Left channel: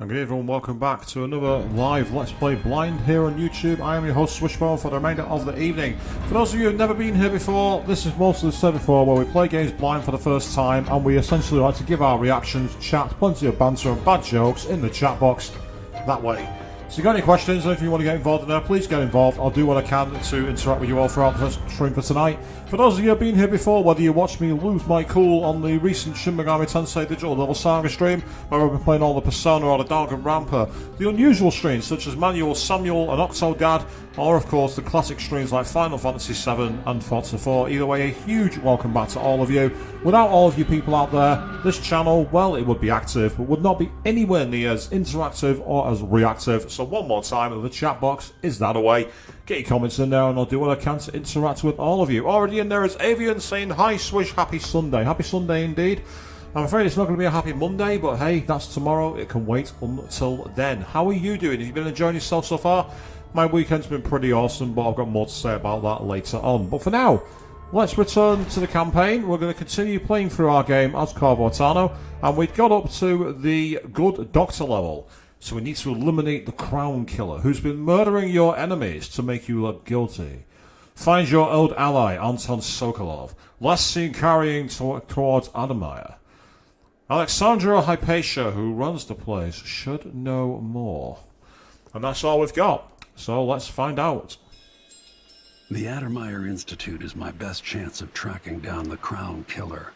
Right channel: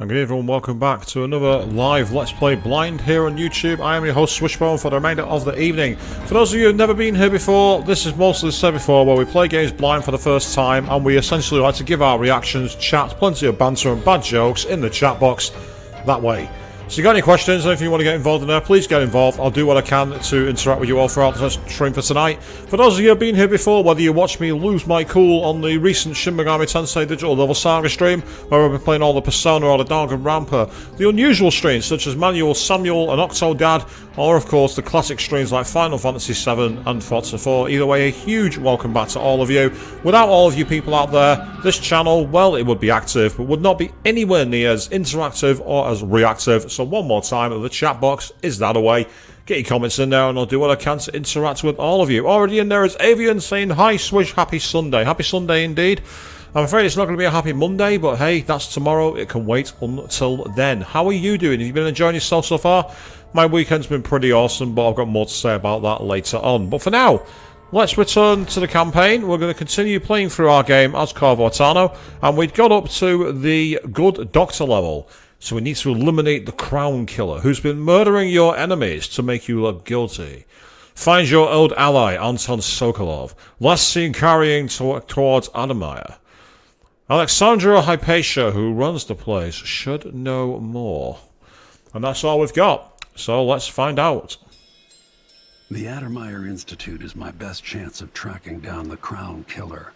And good evening, welcome back to another live Let's Play Blind here on YouTube. I am your host Swishbone for the remainder of the evening. For those of you who have never been here before, this is mostly said before where we play games blind for the first time and we essentially like to give our reactions, chat, plenty of banter and bad jokes in the chat box that way. So if you've got any questions, or if you want to get involved in there, please get involved. I'll do what I can to interact with you all throughout the stream for tonight. For those of you who have been here before, whether you watched me lose my cool on the recent Shin Megami Tensei Digital Devil Saga stream, where I've been playing all the Persona or the Danganronpa, the unusual streams such as Manual, Samuel and Octodad, or of course the classic streams like Final Fantasy VII and Forza 4. Either way, a huge welcome back to all of you. Without all of you people out there, this channel, well, it would be active, but would not be anywhere near as interactive or as reactive. So one more time, the chat box is that away. Get your comments in there and I'll do what I can to interact with all of you. Already in there is Avian saying, "Hi Swish, happy Sunday." Happy Sunday indeed. I'm afraid it's not going to be a happy Monday, but hey, that's tomorrow. It can wait until then. How are you doing? Have you been enjoying yourself so far? My weekend's been pretty awesome, but I've got more to say about that later on. But for now, let's return to the campaign. We're going to continue playing through our game as Corvo, and we've got up to the good doctor level. So we need to eliminate the Crown Killer, who's been murdering your enemies to make you look guilty. Find your old ally, Anton Sokolov, last seen carrying towards Adamaya. Alexandra Hypatia, who runs the place, should know more. And that's all we've got. So let's find out. The Addermeyer Institute is my best chance of tracking down the Crown Killer.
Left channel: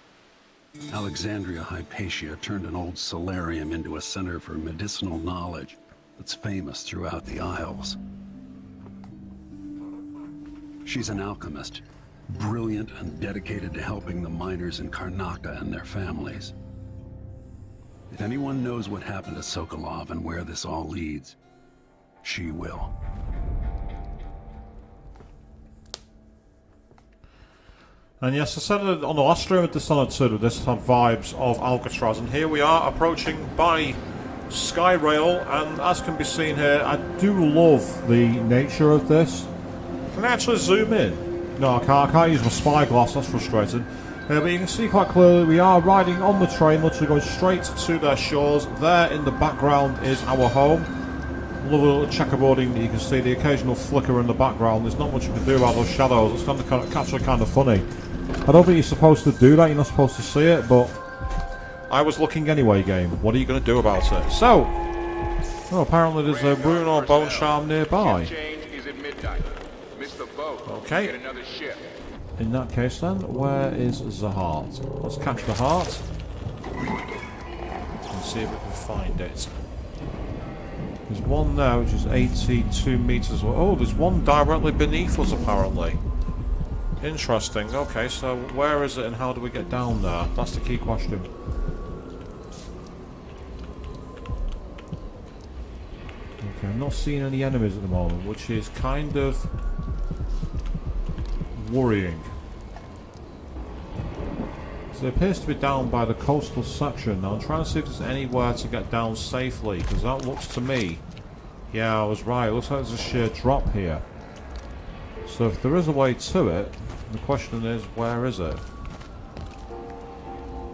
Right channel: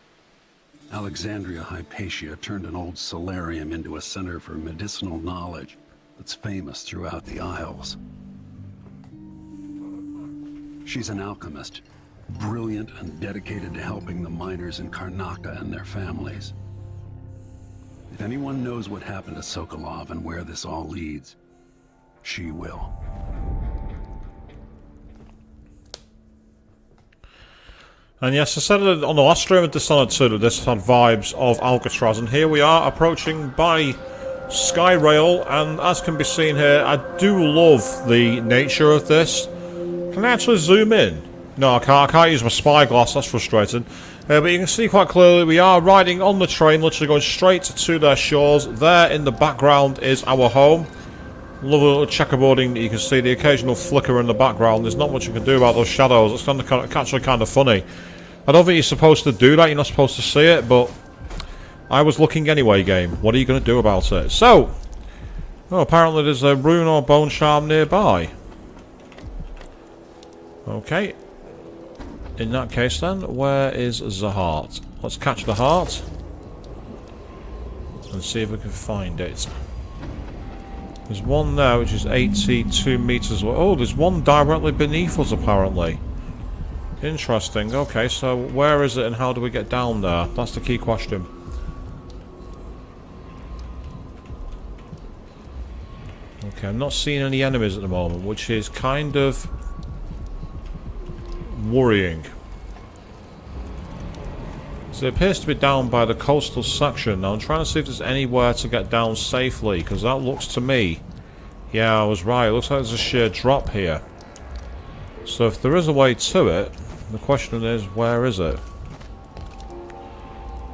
Alexandria Hypatia turned an old solarium into a center for medicinal knowledge that's famous throughout the Isles. She's an alchemist, brilliant and dedicated to helping the miners in Karnaka and their families. If anyone knows what happened to Sokolov and where this all leads, she will. And yes, I said it on the last stream of Dishonored 2 that this had vibes of Alcatraz, and here we are approaching by Skyrail, and as can be seen here, I do love the nature of this. Can I actually zoom in? No, I can't use my spyglass, that's frustrating. But you can see quite clearly we are riding on the train, literally going straight to their shores. There in the background is our home. Love a little checkerboarding that you can see, the occasional flicker in the background. There's not much you can do about those shadows. It's actually kind of funny. I don't think you're supposed to do that, you're not supposed to see it, but I was looking anyway, game. What are you going to do about it? So, well, apparently there's a rune or bone charm nearby. Okay. In that case then, where is the heart? Let's catch the heart and see if we can find it. There's one there which is 82 meters away. Oh, there's one directly beneath us apparently. Interesting. Okay, so where is it and how do we get down there? That's the key question. Okay, I'm not seeing any enemies at the moment, which is kind of worrying. So it appears to be down by the coastal section. Now I'm trying to see if there's anywhere to get down safely, because that looks to me... Yeah, I was right. It looks like there's a sheer drop here. So if there is a way to it, the question is, where is it?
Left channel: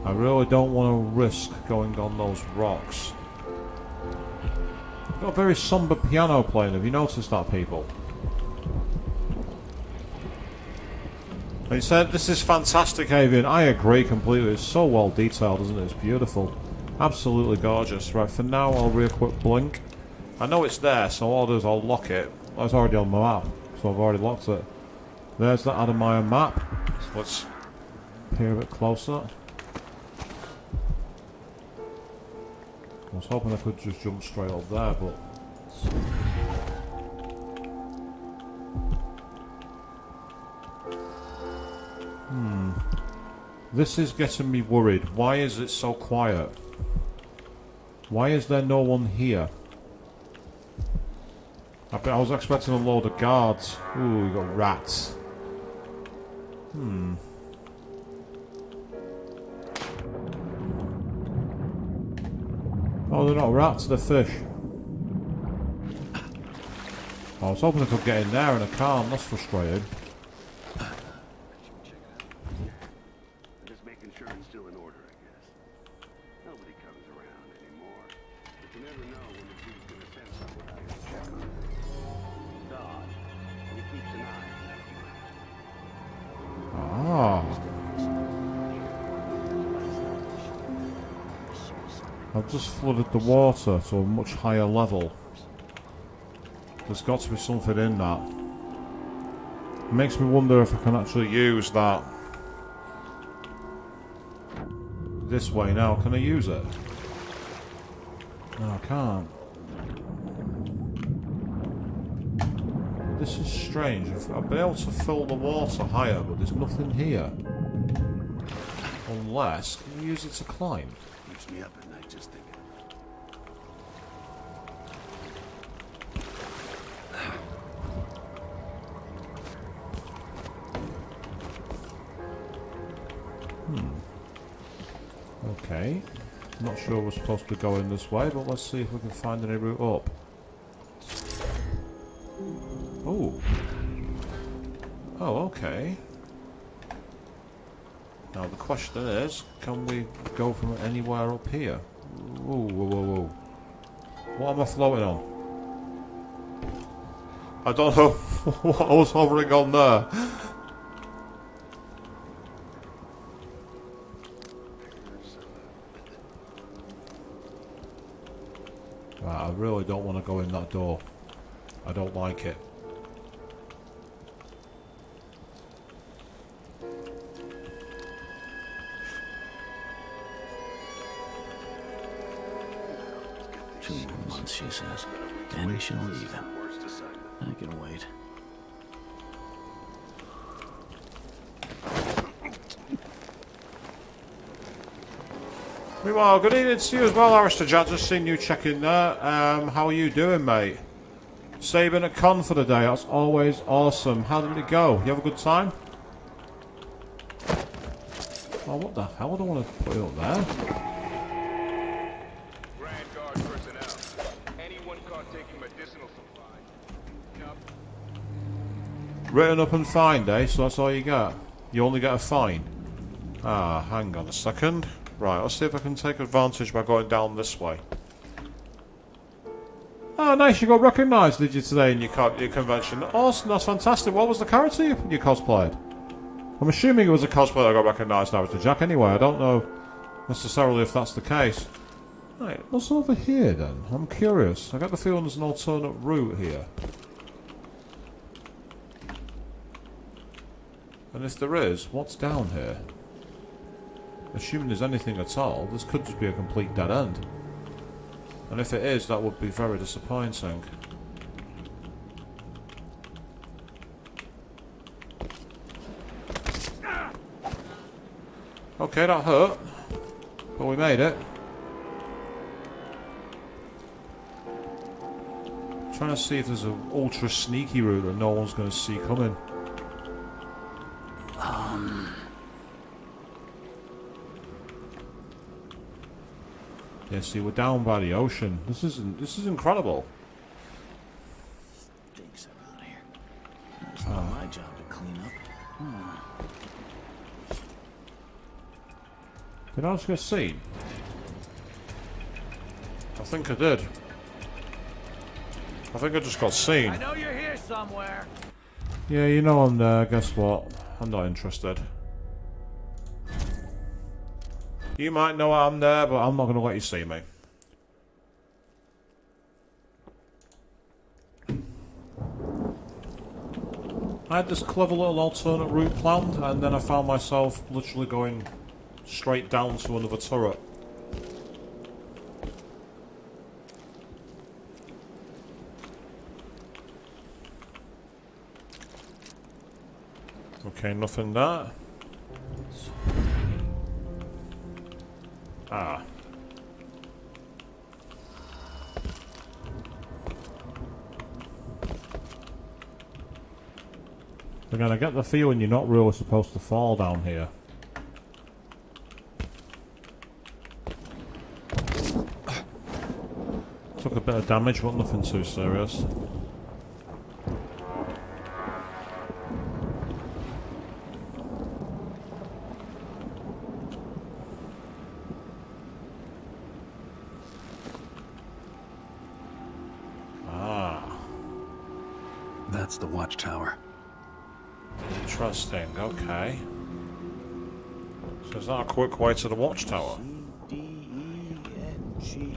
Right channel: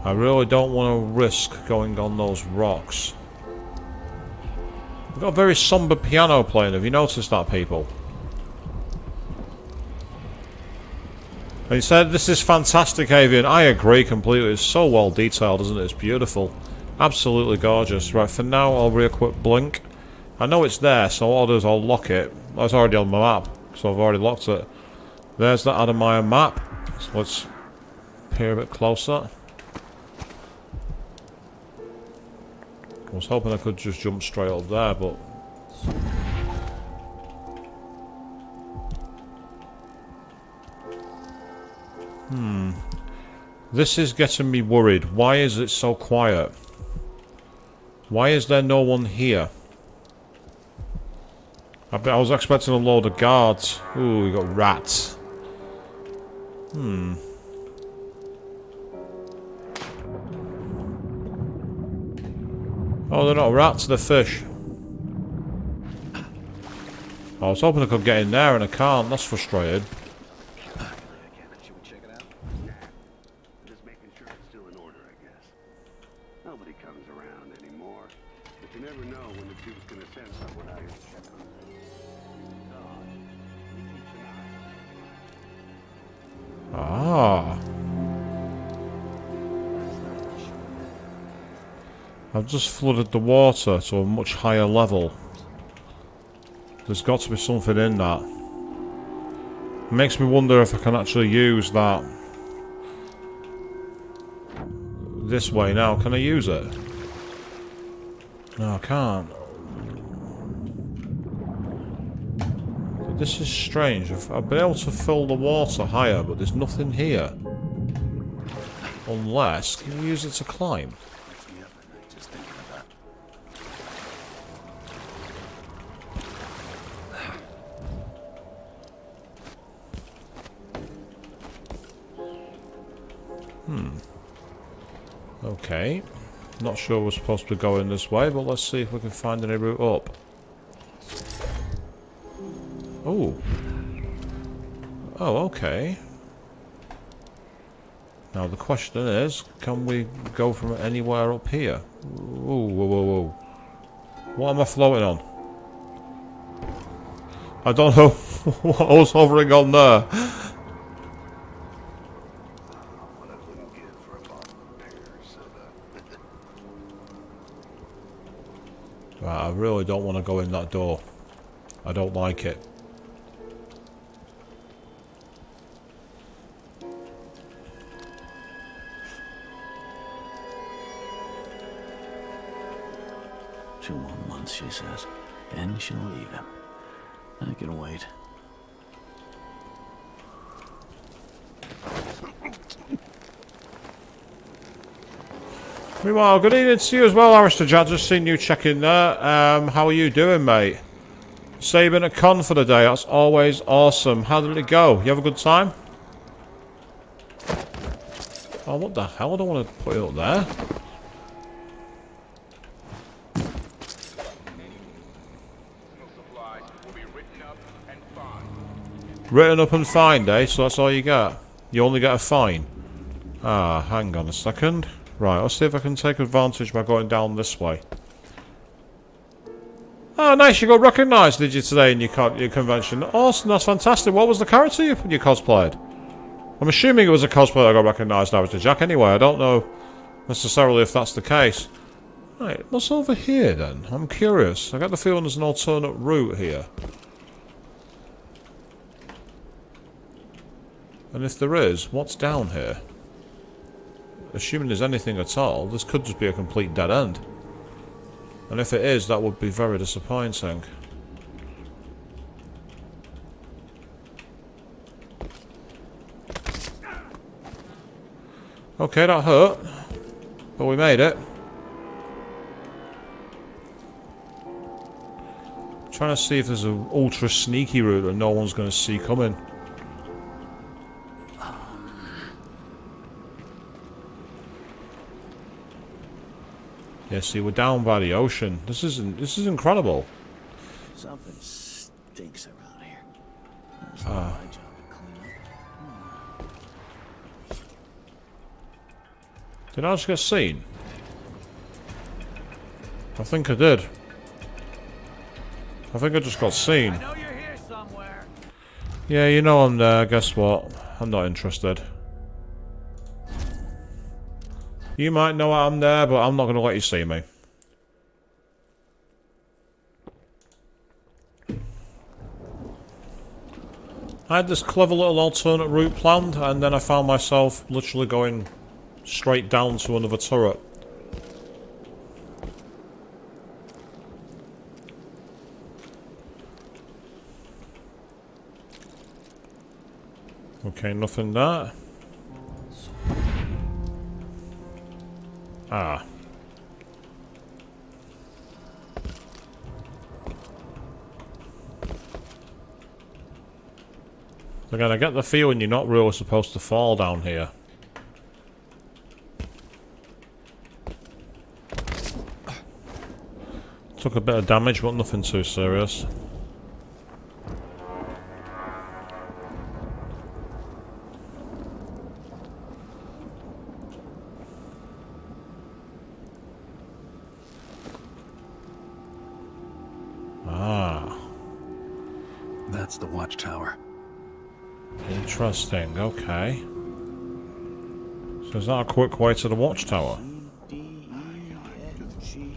I really don't want to risk going on those rocks. We've got a very somber piano playing. Have you noticed that, people? And he said, "This is fantastic, Avian." I agree completely. It's so well detailed, isn't it? It's beautiful. Absolutely gorgeous. Right, for now, I'll re-equip Blink. I know it's there, so all I'll do is I'll lock it. That's already on my map, so I've already locked it. There's the Adamaya map. So let's peer a bit closer. I was hoping I could just jump straight up there, but... This is getting me worried. Why is it so quiet? Why is there no one here? I was expecting a load of guards. Ooh, we got rats. Oh, they're not rats, they're fish. I was hoping I could get in there and I can't. That's frustrating. Nobody comes around anymore. But you never know I've just flooded the water to a much higher level. There's got to be something in that. It makes me wonder if I can actually use that. This way now, can I use it? No, I can't. This is strange. I've been able to fill the water higher, but there's nothing here. Unless, can you use it to climb? Makes me up at night just thinking about it. Okay. Not sure we're supposed to be going this way, but let's see if we can find any route up. Oh. Oh, okay. Now the question is, can we go from anywhere up here? Whoa, whoa, whoa, whoa. What am I floating on? I don't know what I was hovering on there. Right, I really don't want to go in that door. I don't like it. Two more months, she says. Then she'll leave him. I can wait. Meanwhile, good evening to you as well, Aristotle. Just seen you check in there. How are you doing, mate? Say you've been at con for the day. That's always awesome. How did it go? You have a good time? Oh, what the hell? I don't want to put it up there. Written up and fined, eh? So that's all you get? You only get a fine? Ah, hang on a second. Right, let's see if I can take advantage by going down this way. Oh, nice, you got recognised, did you, today in your convention? Awesome, that's fantastic. What was the character you cosplayed? I'm assuming it was a cosplay that got recognised now, Mr. Jack. Anyway, I don't know necessarily if that's the case. Right, what's over here then? I'm curious. I get the feeling there's an alternate route here. And if there is, what's down here? Assuming there's anything at all, this could just be a complete dead end. And if it is, that would be very disappointing. Okay, that hurt. But we made it. Trying to see if there's an ultra sneaky route that no one's going to see coming. Yeah, see, we're down by the ocean. This is incredible. Something stinks around here. It's not my job to clean up. Did I just get seen? I think I did. I think I just got seen. I know you're here somewhere. Yeah, you know I'm there. Guess what? I'm not interested. You might know I'm there, but I'm not going to let you see me. I had this clever little alternate route planned, and then I found myself literally going straight down to another turret. Okay, nothing there. Ah. Again, I get the feeling you're not really supposed to fall down here. Took a bit of damage, but nothing too serious. That's the watchtower. Interesting, okay. So is that a quick way to the watchtower? G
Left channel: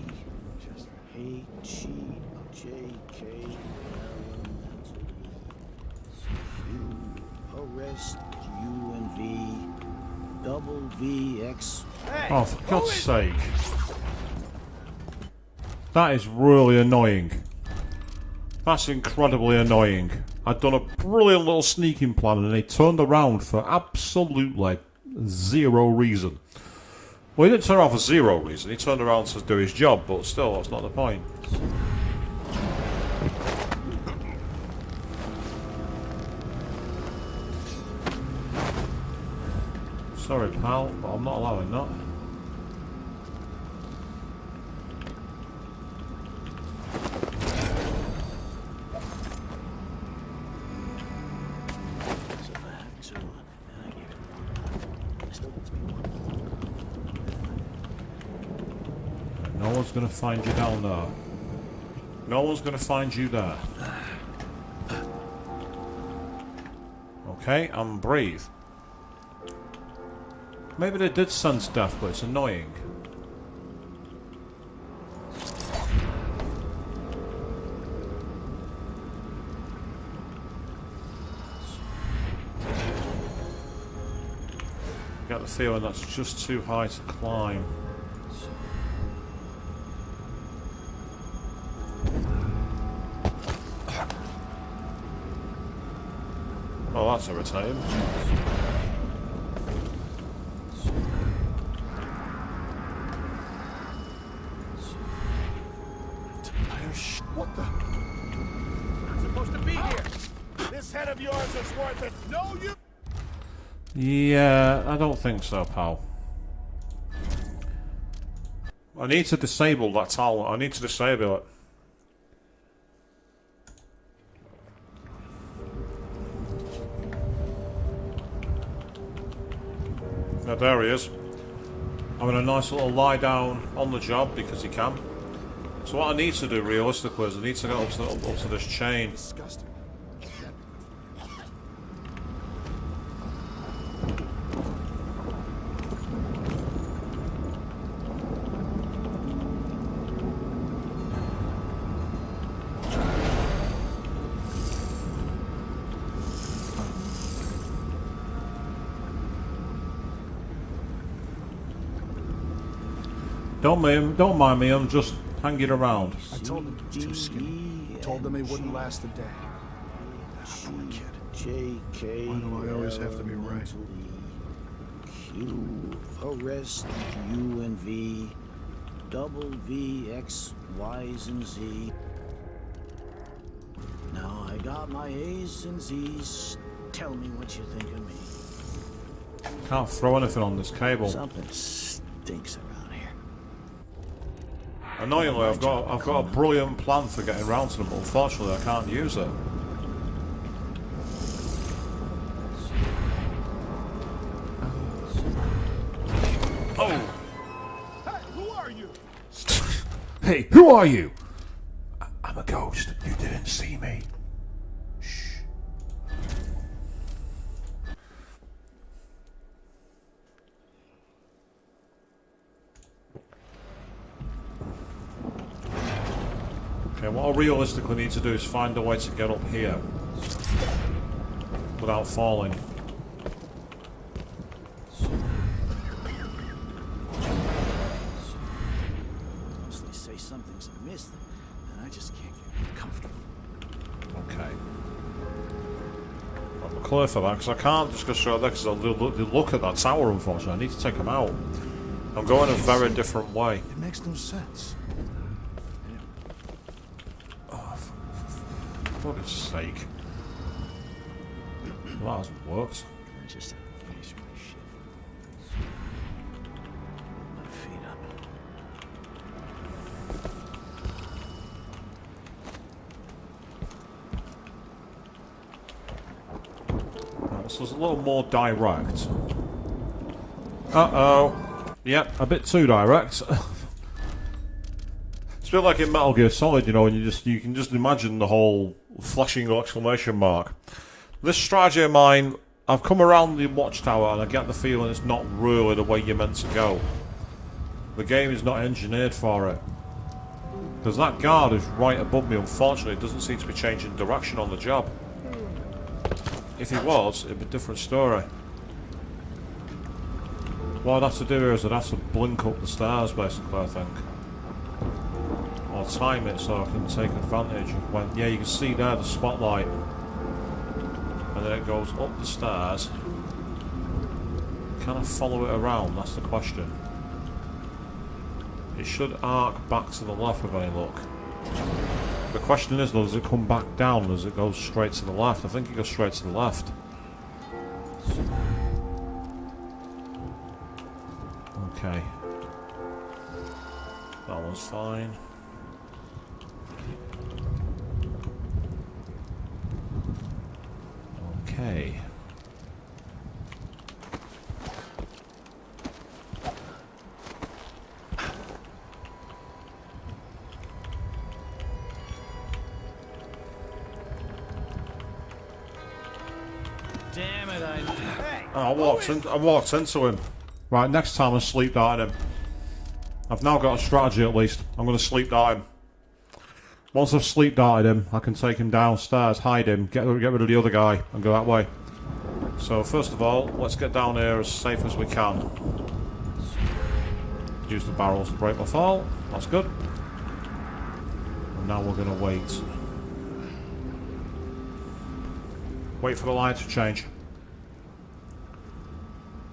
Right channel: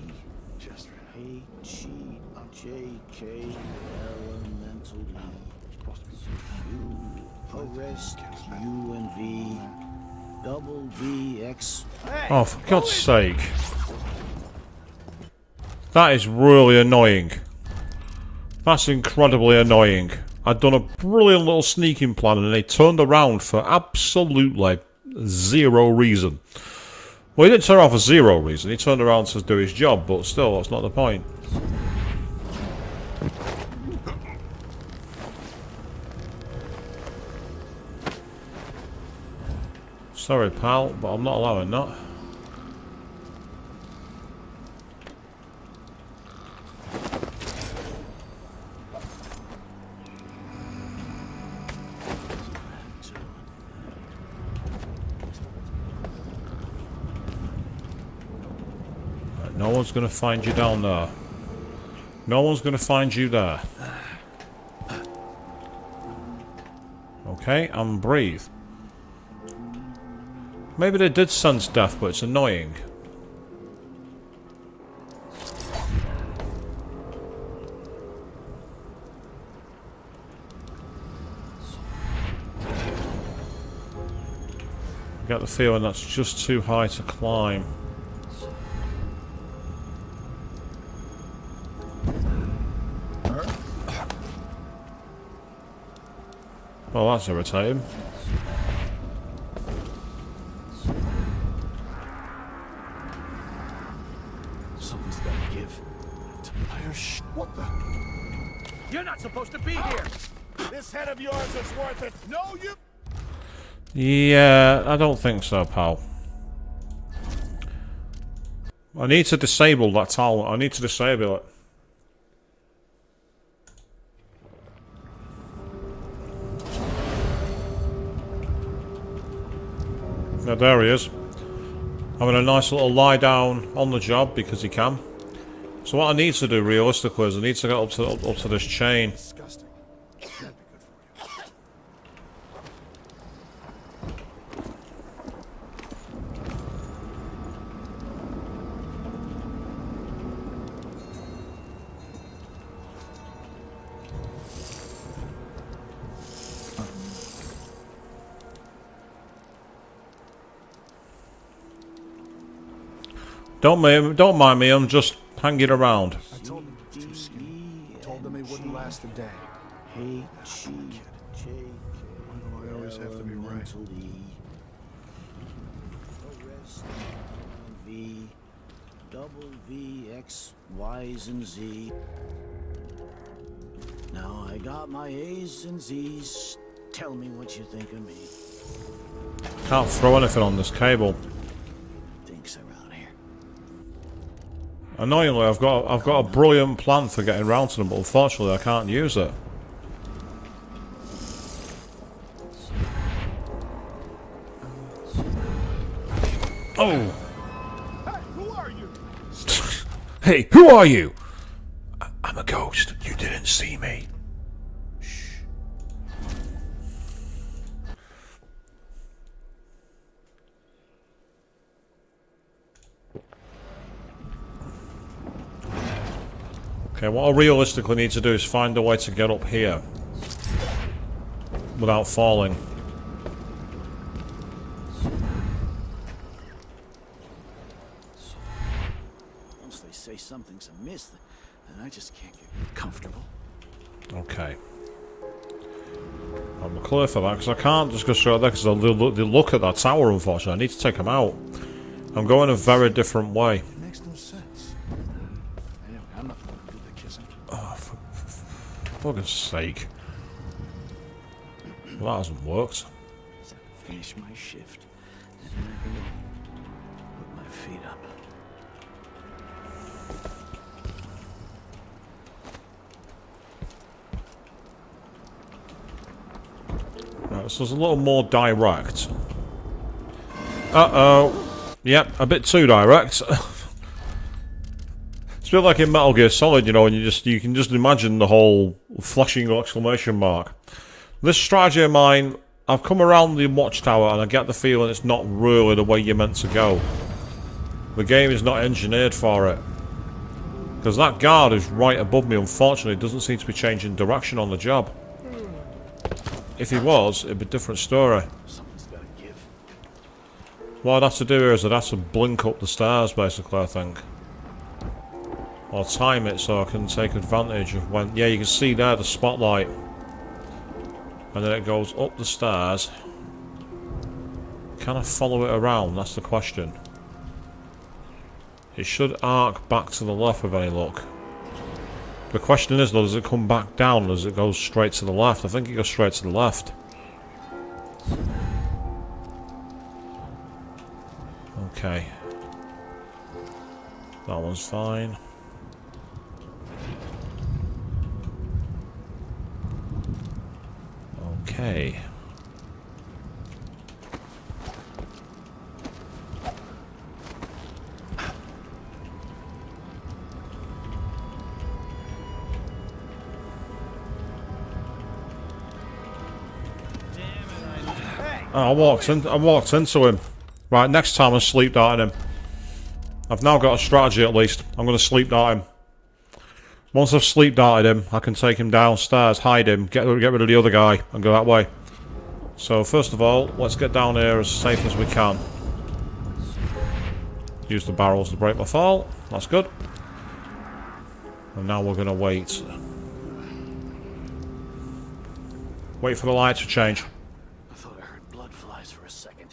H E J K elemental Q arrest U and V double V X. Oh, for God's sake. That is really annoying. That's incredibly annoying. I'd done a brilliant little sneaking plan and they turned around for absolutely zero reason. Well, he didn't turn around for zero reason. He turned around to do his job, but still, that's not the point. Sorry, pal, but I'm not allowing that. No one's gonna find you down there. No one's gonna find you there. Okay, and breathe. Maybe they did sense death, but it's annoying. I get the feeling that's just too high to climb. Oh, that's irritating. What the? You're not supposed to be here. This head of yours is worth it. No, you. Yeah, I don't think so, pal. I need to disable that talent. I need to disable it. Now there he is. Having a nice little lie down on the job because he can. So what I need to do realistically is I need to get up to this chain. Disgusting. Don't mind me, I'm just hanging around. I told them it was too skinny. Told them it wouldn't last a day. H E J K. Why do I always have to be right? Q arrest U and V double V X Y's and Z. Now I got my A's and Z's. Tell me what you think of me. Can't throw anything on this cable. Something stinks around here. Annoyingly, I've got a brilliant plan for getting round to them, but unfortunately I can't use it. Oh! Hey, who are you? Hey, who are you? I'm a ghost. You didn't see me. Shh. Okay, what I realistically need to do is find a way to get up here without falling. Once they say something's amiss, then I just can't get comfortable. Okay. I'm clear for that, because I can't just go straight there, because they'll look at that tower, unfortunately. I need to take them out. I'm going a very different way. It makes no sense. Anyway, I'm not Oh, for goodness sake. Well, that hasn't worked. Just have to finish my shift. Put my feet up. Right, so it's a little more direct. Uh-oh. Yep, a bit too direct. It's a bit like in Metal Gear Solid, you know, and you can just imagine the whole flashing exclamation mark. This strategy of mine, I've come around the watchtower and I get the feeling it's not really the way you're meant to go. The game is not engineered for it. Because that guard is right above me, unfortunately, doesn't seem to be changing direction on the job. If he was, it'd be a different story. What I'd have to do here is I'd have to blink up the stairs, basically, I think. Or time it so I can take advantage of when... Yeah, you can see there the spotlight. And then it goes up the stairs. Can I follow it around? That's the question. It should arc back to the left with any luck. The question is though, does it come back down or does it go straight to the left? I think it goes straight to the left. Okay. That one's fine. Okay. Damn it, Hey! I walked into him. Right, next time I'm sleep darting him. I've now got a strategy at least. I'm going to sleep dart him. Once I've sleep darted him, I can take him downstairs, hide him, get rid of the other guy, and go that way. So first of all, let's get down here as safe as we can. Use the barrels to break my fall. That's good. And now we're going to wait. Wait for the light to change. I thought I heard blood flies for a second.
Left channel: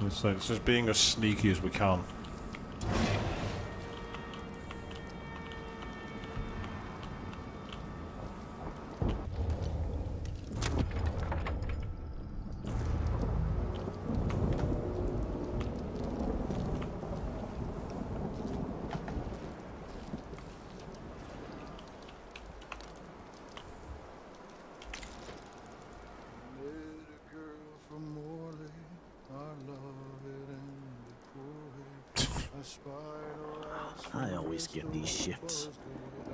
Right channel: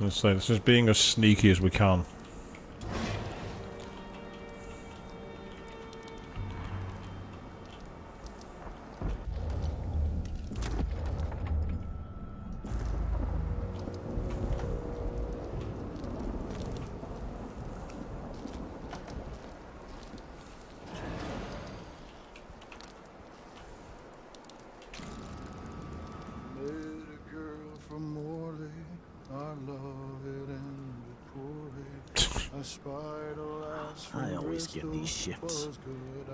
Let's say this is being as sneaky as we can. I always get these shifts.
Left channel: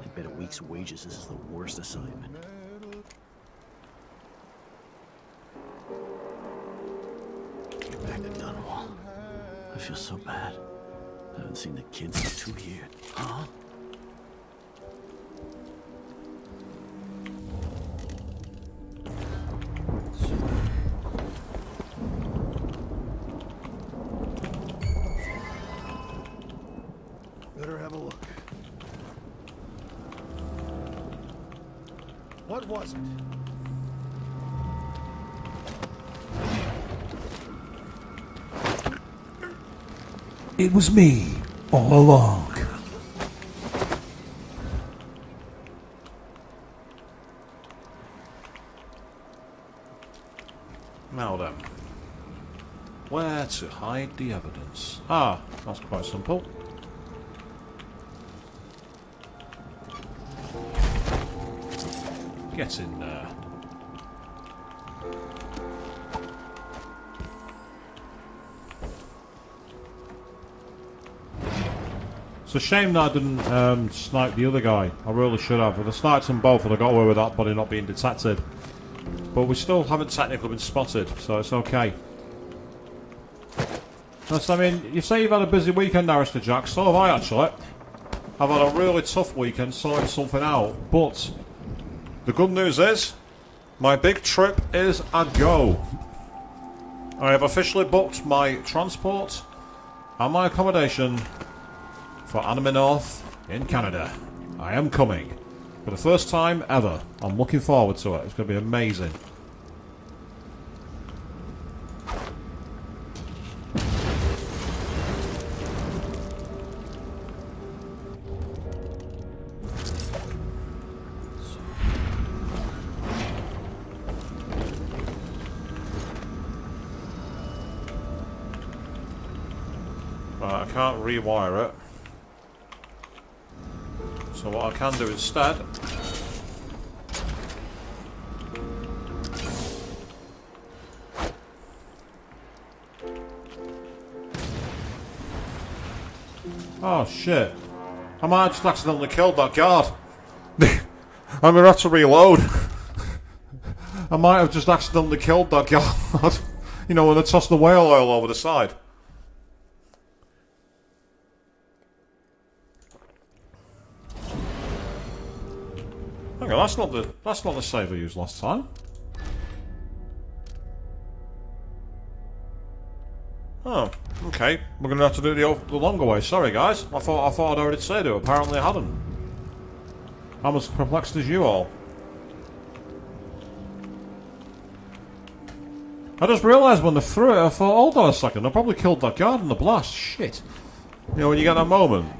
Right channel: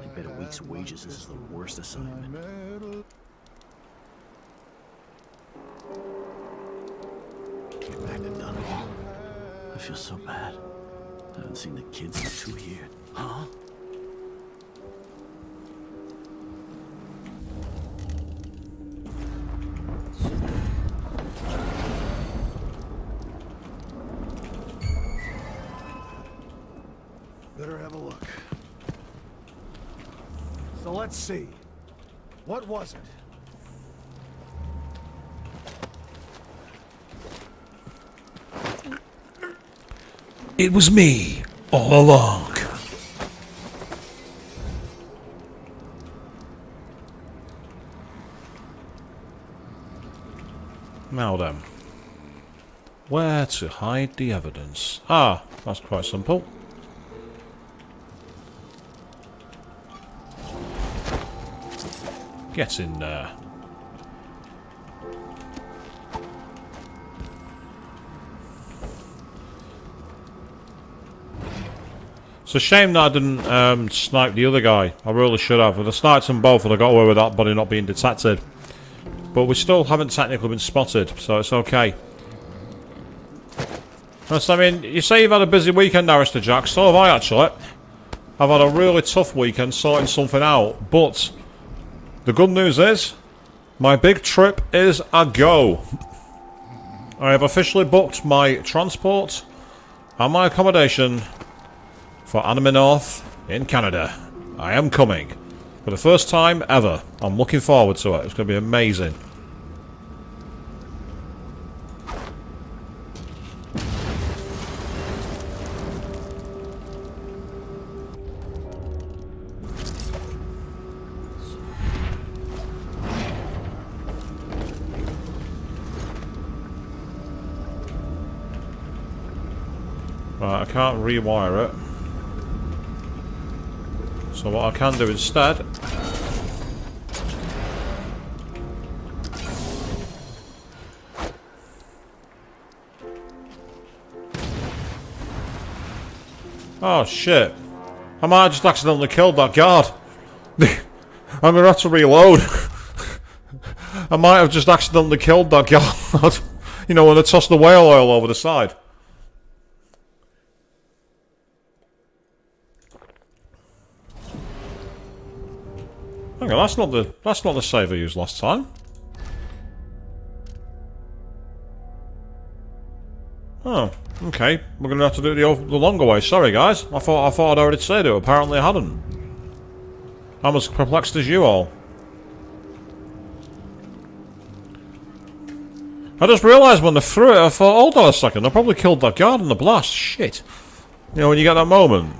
I bet a week's wages is the worst assignment. Get back to Dunwall. I feel so bad. I haven't seen the kids in 2 years. Huh? Better have a look. So let's see. What was it? It was me, all along. Now then. Where to hide the evidence? Ah, that's quite simple. Get in there. It's a shame that I didn't snipe the other guy. I really should have. If I sniped them both, I'd have got away with that body not being detected. But we still haven't technically been spotted, so it's okay. I mean, you say you've had a busy weekend, Arista Jack. So have I, actually. I've had a really tough weekend sorting something out. But the good news is, my big trip is a go. I have officially booked my transport and my accommodation for Anime North in Canada. I am coming. For the first time ever. I'm looking forward to it. It's going to be amazing. Right, I can't rewire it. So what I can do instead Oh shit. I might have just accidentally killed that guard. I'm gonna have to reload. I might have just accidentally killed that guard. You know, when I tossed the whale oil over the side. Hang on, that's not the save I used last time. Oh, okay. We're gonna have to do the longer way. Sorry, guys. I thought I'd already said it. Apparently, I hadn't. I'm as perplexed as you all. I just realised when they threw it, I thought, hold on a second, I probably killed that guard in the blast. Shit. You know, when you get that moment.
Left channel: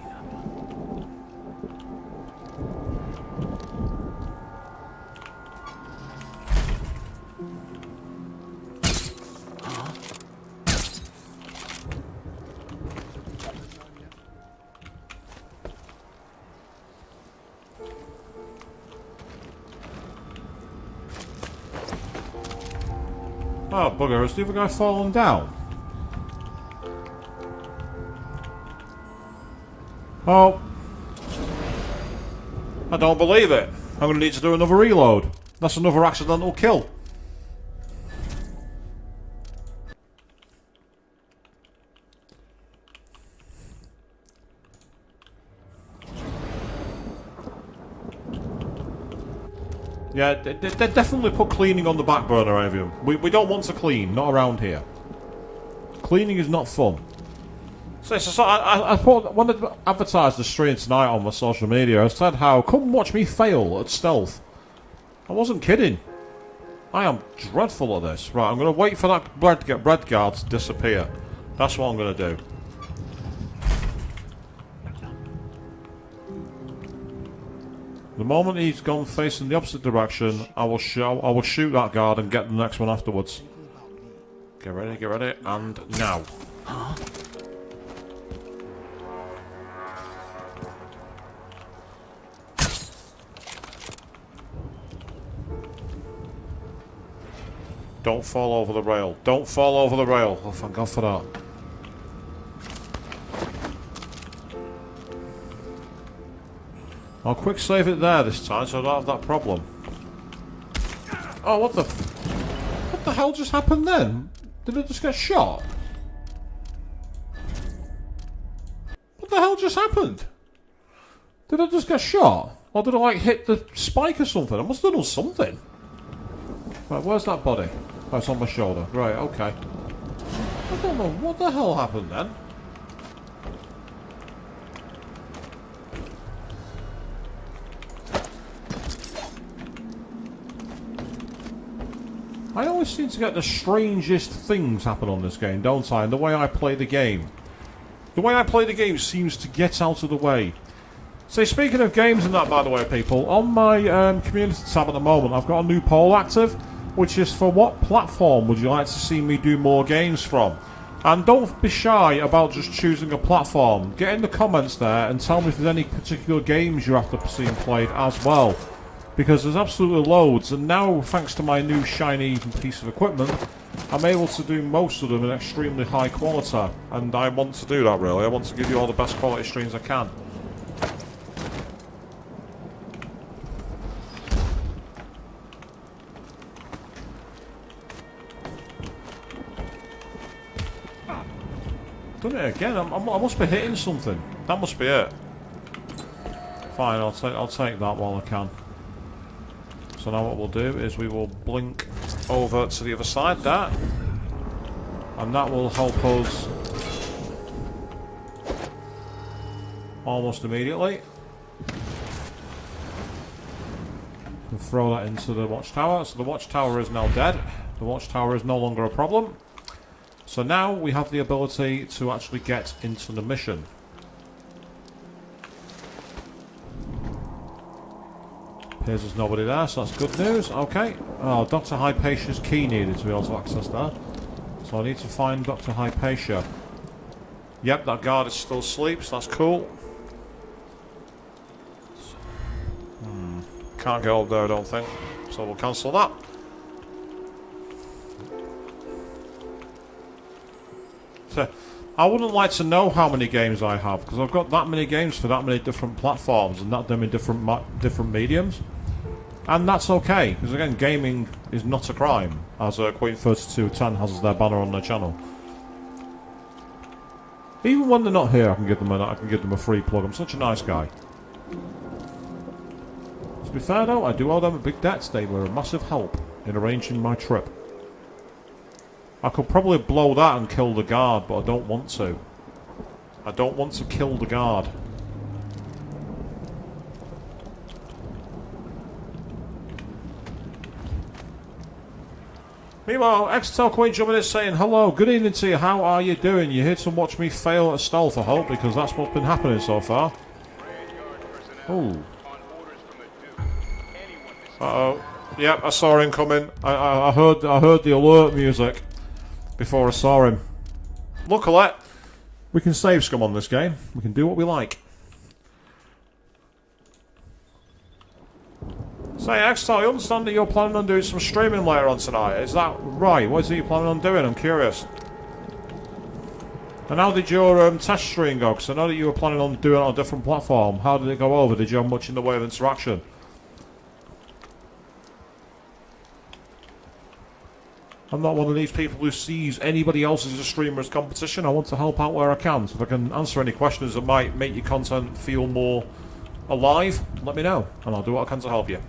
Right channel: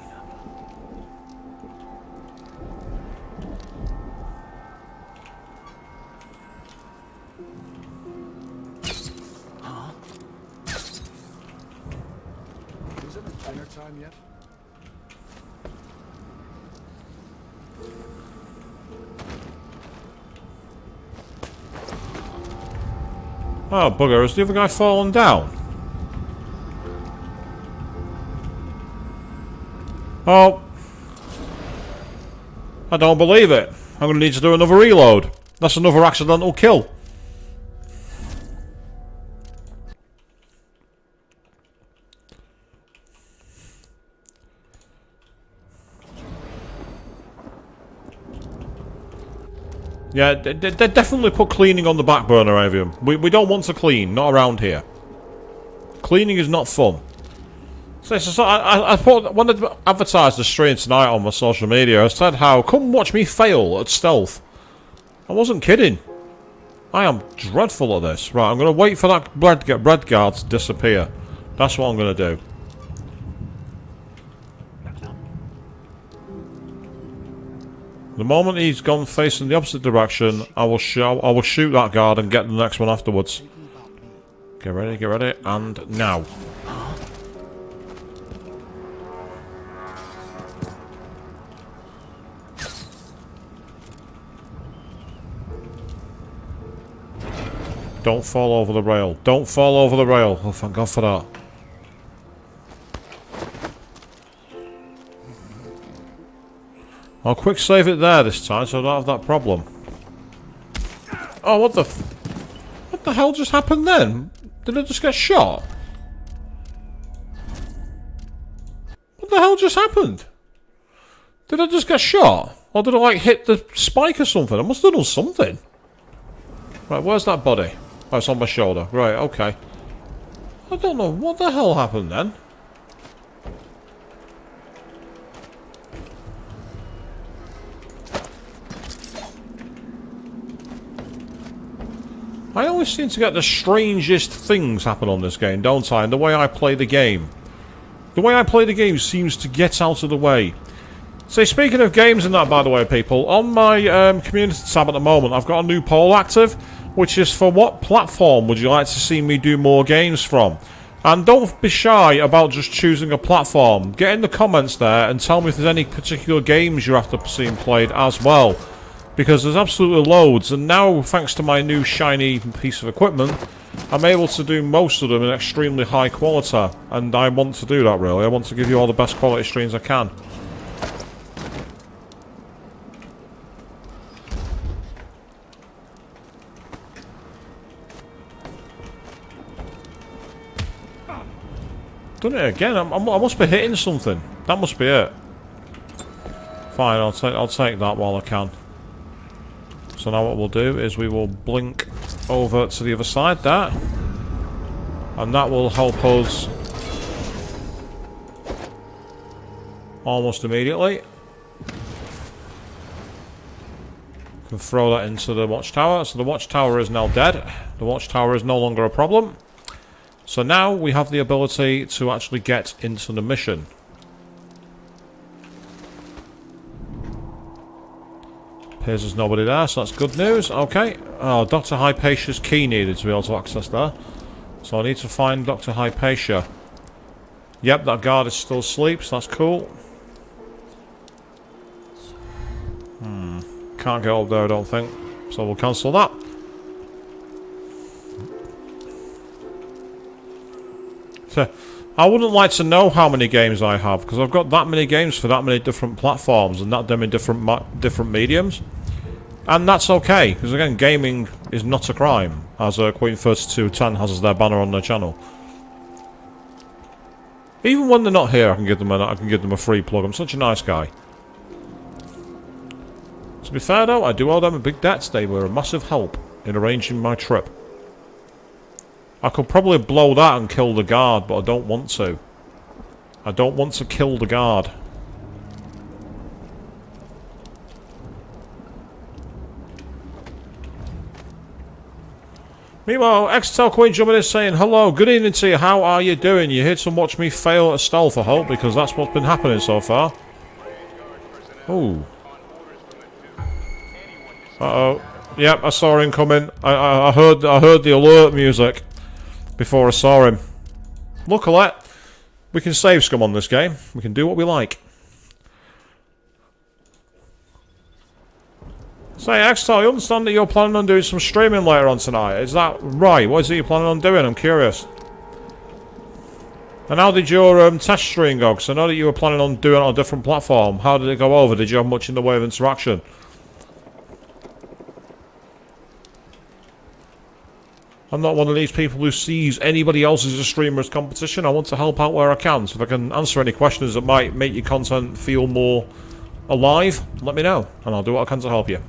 Oh, bugger, has the other guy fallen down? Oh. I don't believe it. I'm going to need to do another reload. That's another accidental kill. Yeah, they definitely put cleaning on the back burner, Avium. We don't want to clean, not around here. Cleaning is not fun. So I thought, when I advertised the stream tonight on my social media, I said how, come watch me fail at stealth. I wasn't kidding. I am dreadful at this. Right, I'm going to wait for that bread guard to disappear. That's what I'm going to do. The moment he's gone facing the opposite direction, I will shoot that guard and get the next one afterwards. Get ready, and now. Don't fall over the rail. Don't fall over the rail. Oh, thank God for that. I'll quick save it there this time so I don't have that problem. Oh, what the hell just happened then? Did I just get shot? What the hell just happened? Did I just get shot? Or did I like hit the spike or something? I must have done something. Right, where's that body? Oh, it's on my shoulder. Right, okay. I don't know what the hell happened then. I always seem to get the strangest things happen on this game, don't I? And the way I play the game. The way I play the game seems to get out of the way. So speaking of games and that, by the way, people, on my community tab at the moment, I've got a new poll active, which is for what platform would you like to see me do more games from? And don't be shy about just choosing a platform. Get in the comments there and tell me if there's any particular games you're after seeing played as well. Because there's absolutely loads, and now, thanks to my new shiny piece of equipment, I'm able to do most of them in extremely high quality. And I want to do that, really. I want to give you all the best quality streams I can. Done it again. I must be hitting something. That must be it. Fine, I'll take that while I can. So now what we'll do is we will blink over to the other side there. And that will help us almost immediately. And throw that into the watchtower. So the watchtower is now dead. The watchtower is no longer a problem. So now we have the ability to actually get into the mission. Appears there's nobody there, so that's good news. Okay. Oh, Dr. Hypatia's key needed to be able to access that. So I need to find Dr. Hypatia. Yep, that guard is still asleep, so that's cool. Can't get up there, I don't think. So we'll cancel that. I wouldn't like to know how many games I have, because I've got that many games for that many different platforms and that many different mediums. And that's okay, because again, gaming is not a crime, as Queen3210 has as their banner on their channel. Even when they're not here, I can give them a free plug. I'm such a nice guy. To be fair though, I do owe them a big debt. They were a massive help in arranging my trip. I could probably blow that and kill the guard, but I don't want to. I don't want to kill the guard. Meanwhile, Extel Queen jumping in saying, hello, good evening to you, how are you doing? You're here to watch me fail at stealth, I hope, because that's what's been happening so far. Ooh. Uh-oh. Yep, I saw him coming. I heard the alert music before I saw him. Luckily, we can save scum on this game. We can do what we like. Say, Extel, you understand that you're planning on doing some streaming later on tonight? Is that right? What is it you're planning on doing? I'm curious. And how did your test stream go? Because I know that you were planning on doing it on a different platform. How did it go over? Did you have much in the way of interaction? I'm not one of these people who sees anybody else as a streamer as competition. I want to help out where I can. So if I can answer any questions that might make your content feel more alive, let me know. And I'll do what I can to help you.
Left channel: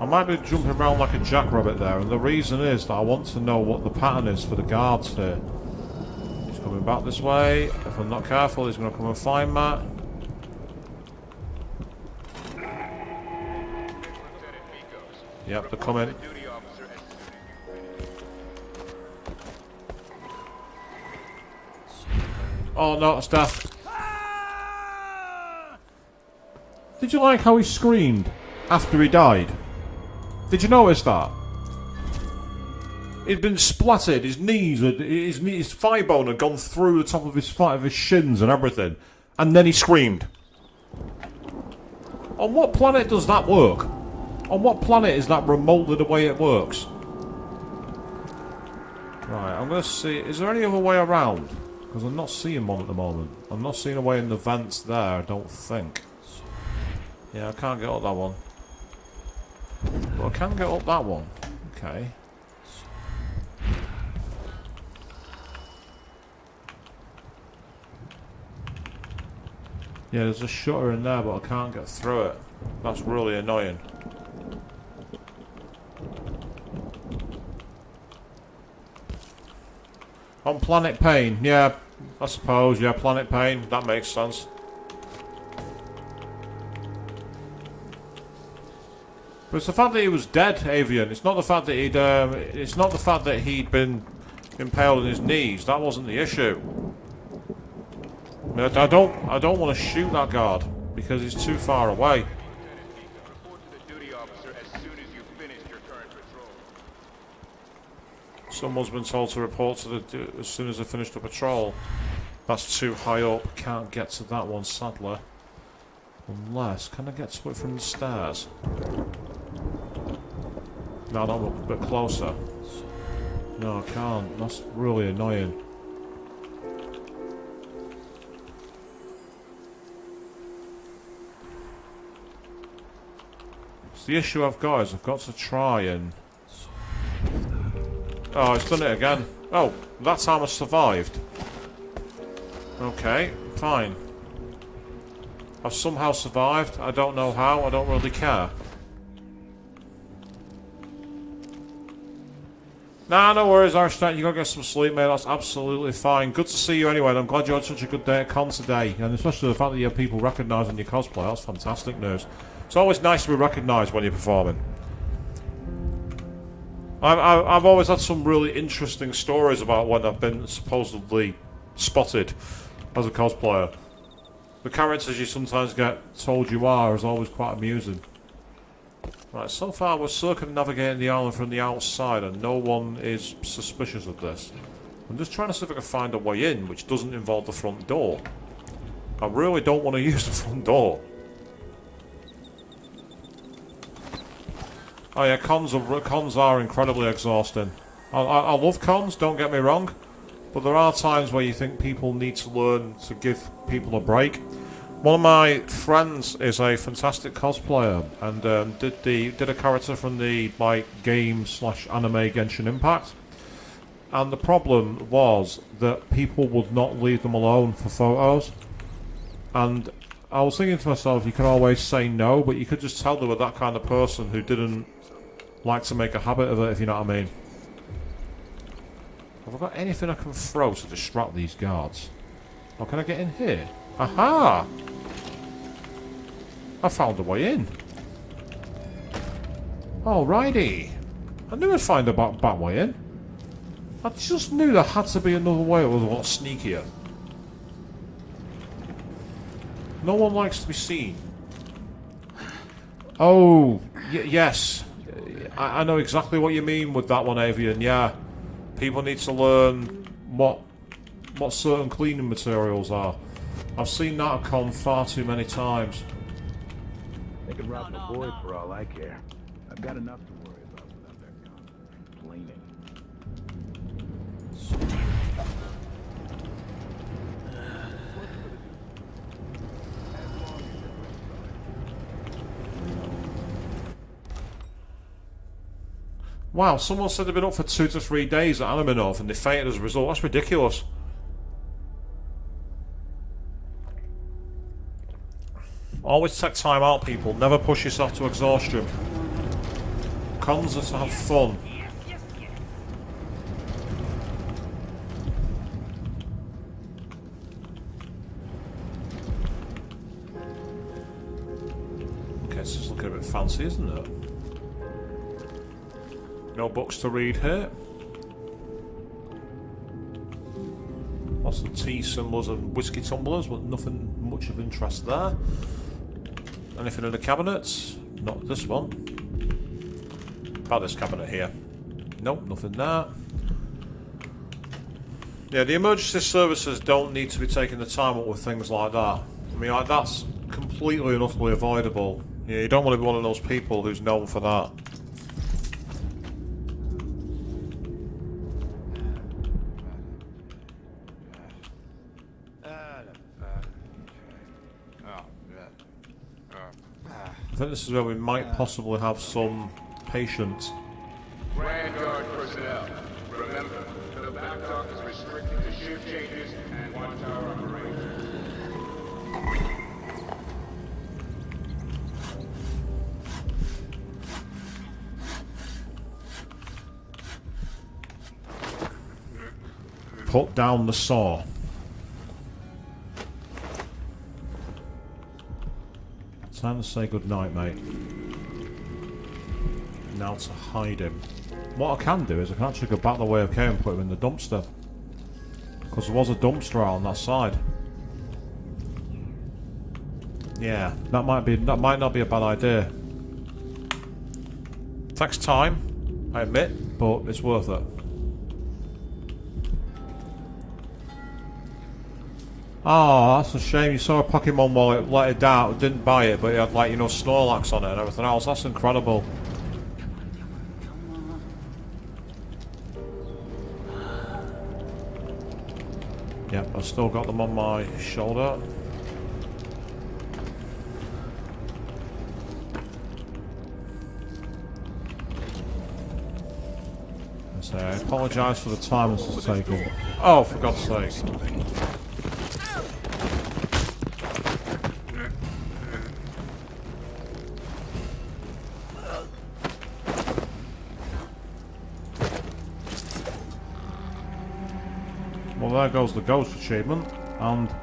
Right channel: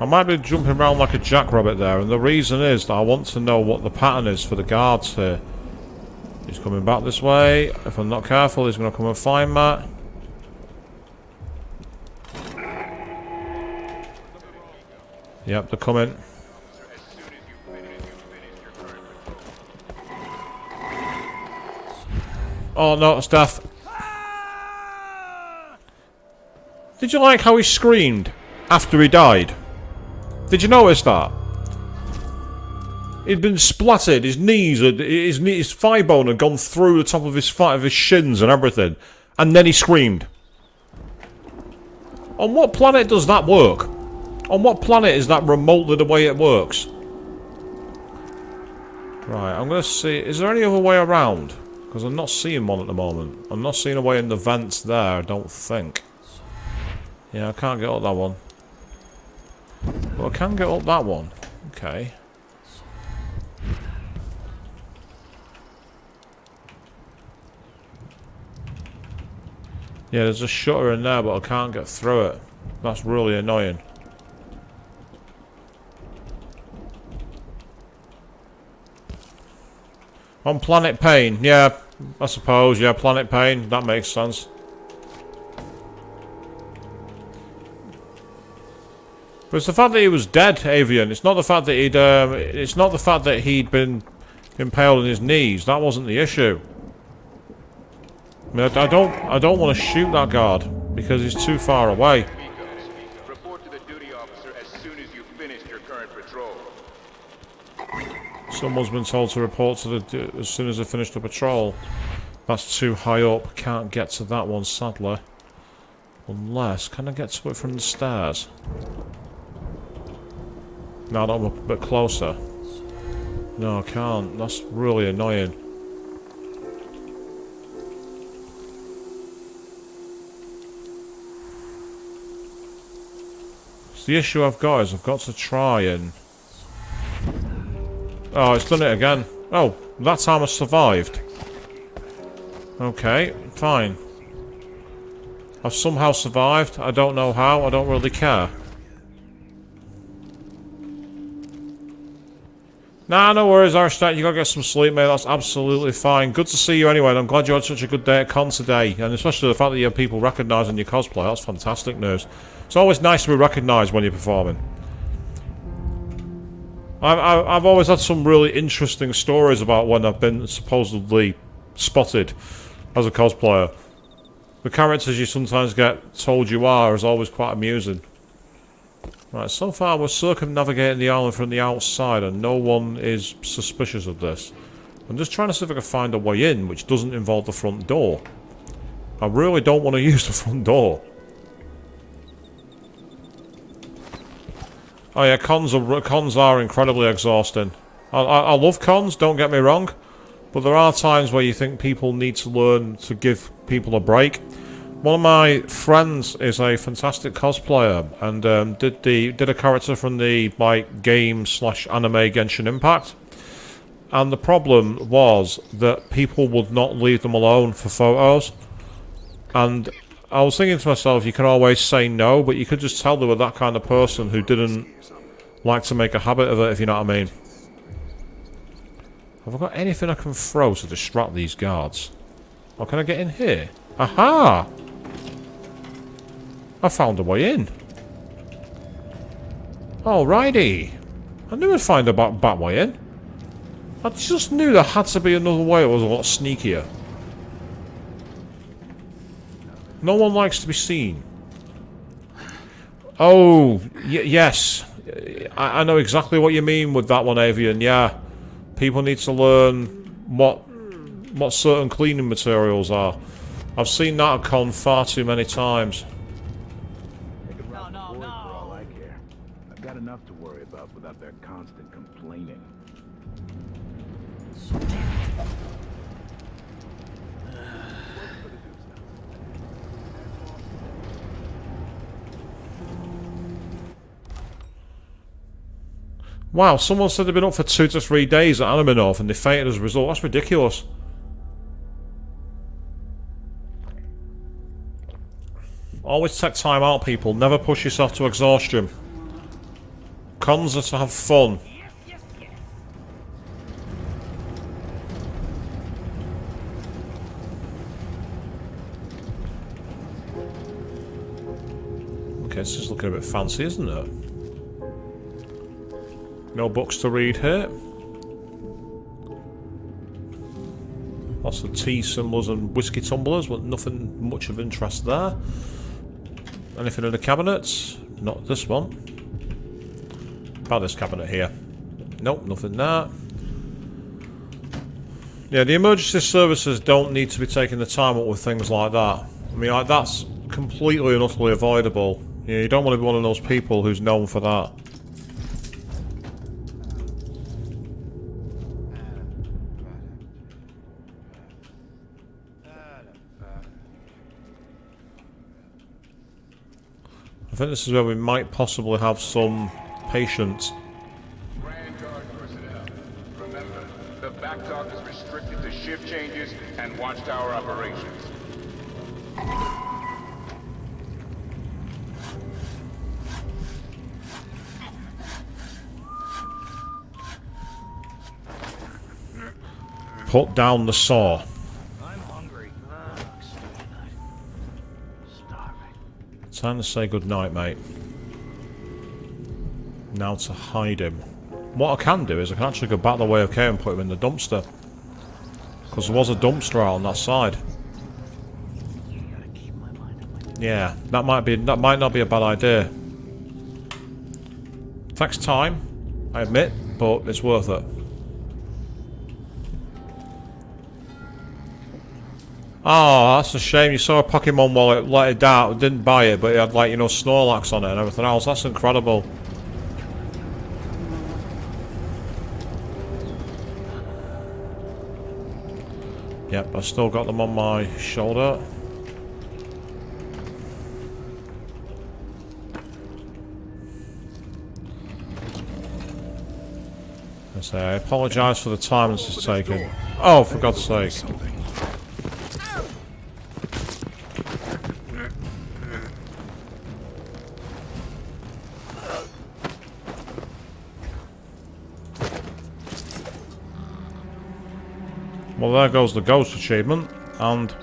I might be jumping around like a jackrabbit there, and the reason is that I want to know what the pattern is for the guards here. He's coming back this way. If I'm not careful, he's going to come and find me. Yep, they're coming. Oh no, it's death. Did you like how he screamed after he died? Did you notice that? He'd been splattered, his knees, his thigh bone had gone through the top of his shins and everything. And then he screamed. On what planet does that work? On what planet is that remotely the way it works? Right, I'm going to see... Is there any other way around? Because I'm not seeing one at the moment. I'm not seeing a way in the vents there, I don't think. Yeah, I can't get up that one. Well, I can get up that one. Okay. Yeah, there's a shutter in there, but I can't get through it. That's really annoying. On Planet Pain, yeah, I suppose, yeah, Planet Pain, that makes sense. But it's the fact that he was dead, Avian. It's not the fact that he'd been impaled on his knees. That wasn't the issue. I mean, I don't want to shoot that guard because he's too far away. Report to the duty officer as soon as you've finished your current patrol. Someone's been told to report to the as soon as they finish the patrol. That's too high up. Can't get to that one, sadly. Unless, can I get to it from the stairs? Now that I'm a bit closer. No, I can't. That's really annoying. So the issue I've got is I've got to try and... Oh, it's done it again. Oh, that time I survived. Okay, fine. I've somehow survived. I don't know how. I don't really care. Nah, no worries, Arstat. You gotta get some sleep, mate. That's absolutely fine. Good to see you anyway. And I'm glad you had such a good day at con today. And especially the fact that you have people recognising your cosplay. That's fantastic news. It's always nice to be recognised when you're performing. I've always had some really interesting stories about when I've been supposedly spotted as a cosplayer. The characters you sometimes get told you are is always quite amusing. Right, so far we're circumnavigating the island from the outside and no one is suspicious of this. I'm just trying to see if I can find a way in which doesn't involve the front door. I really don't want to use the front door. Oh yeah, cons are incredibly exhausting. I love cons, don't get me wrong, but there are times where you think people need to learn to give people a break. One of my friends is a fantastic cosplayer and did a character from the game/anime Genshin Impact. And the problem was that people would not leave them alone for photos. And I was thinking to myself, you can always say no, but you could just tell they were that kind of person who didn't like to make a habit of it, if you know what I mean. Have I got anything I can throw to distract these guards? Or can I get in here? Aha! I found a way in. Alrighty. I knew I'd find a back way in. I just knew there had to be another way. It was a lot sneakier. No one likes to be seen. Oh, yes. I know exactly what you mean with that one, Avian. Yeah. People need to learn what certain cleaning materials are. I've seen that at con far too many times. They can rob my boys for all I care. I've got enough to worry about without their constant complaining. Wow, someone said they've been up for 2 to 3 days at Anime North and they fainted as a result. That's ridiculous. Always take time out, people. Never push yourself to exhaustion. Cons are to have fun. Okay, this is looking a bit fancy, isn't it? No books to read here. Lots of tea symbols and whiskey tumblers, but nothing much of interest there. Anything in the cabinets? Not this one. About this cabinet here. Nope, nothing there. Yeah, the emergency services don't need to be taking the time up with things like that. I mean, like, that's completely and utterly avoidable. Yeah, you don't want to be one of those people who's known for that. I think this is where we might possibly have some patience. Grand Guard personnel, remember, the back dock is restricted to shift changes and watchtower operations. Put down the saw. Time to say goodnight, mate. Now to hide him. What I can do is I can actually go back the way I came and put him in the dumpster. Because there was a dumpster out on that side. Yeah, that might not be a bad idea. Takes time, I admit, but it's worth it. Oh, that's a shame. You saw a Pokemon wallet, let it down, didn't buy it, but it had, like, you know, Snorlax on it and everything else. That's incredible. Yep, I've still got them on my shoulder. So I apologise for the time this is taking. Oh, for God's sake. Well, there goes the ghost achievement, and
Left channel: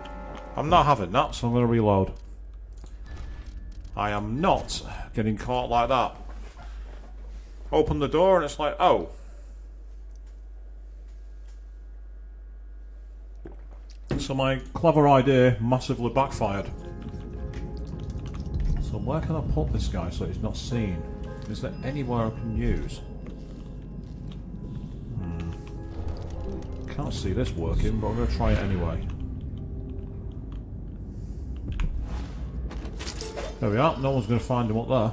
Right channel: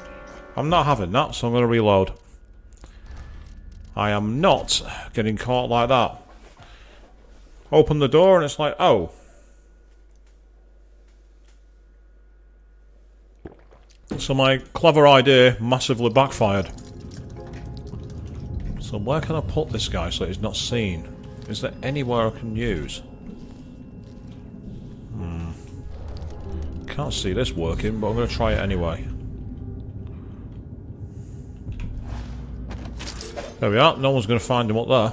I'm not having that, so I'm going to reload. I am not getting caught like that. Open the door and it's like, oh. So my clever idea massively backfired. So where can I put this guy so he's not seen? Is there anywhere I can use? Can't see this working, but I'm going to try it anyway. There we are. No one's going to find him up there.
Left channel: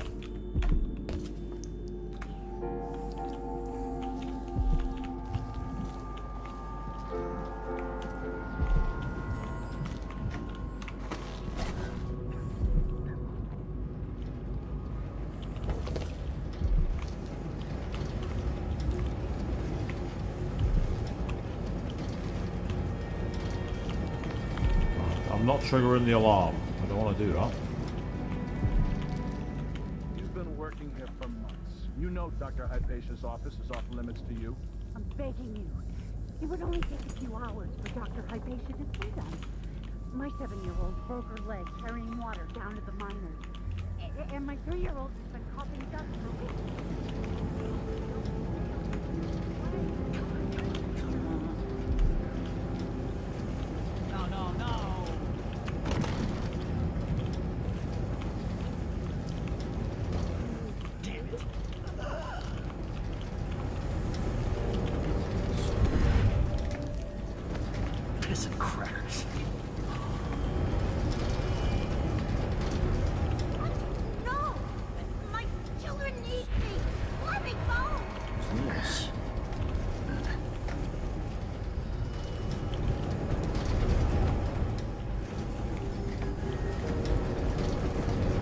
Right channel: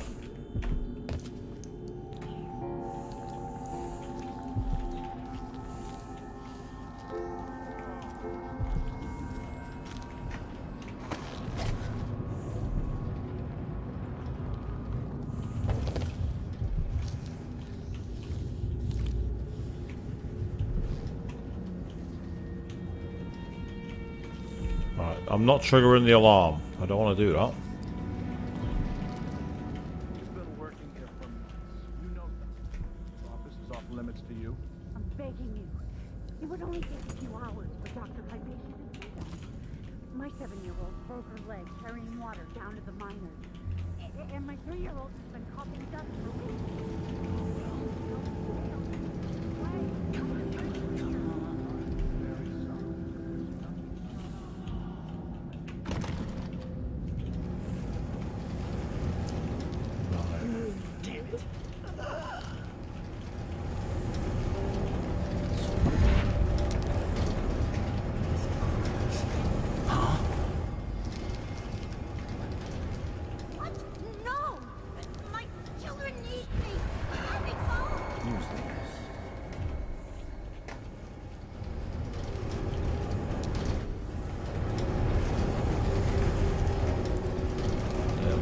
I'm not triggering the alarm. I don't want to do that. You've been working here for months. You know Dr. Hypatia's office is off limits to you. I'm begging you. It would only take a few hours for Dr. Hypatia to see them. My 7-year-old broke her leg carrying water down to the miners. And my 3-year-old has been coughing dust for weeks.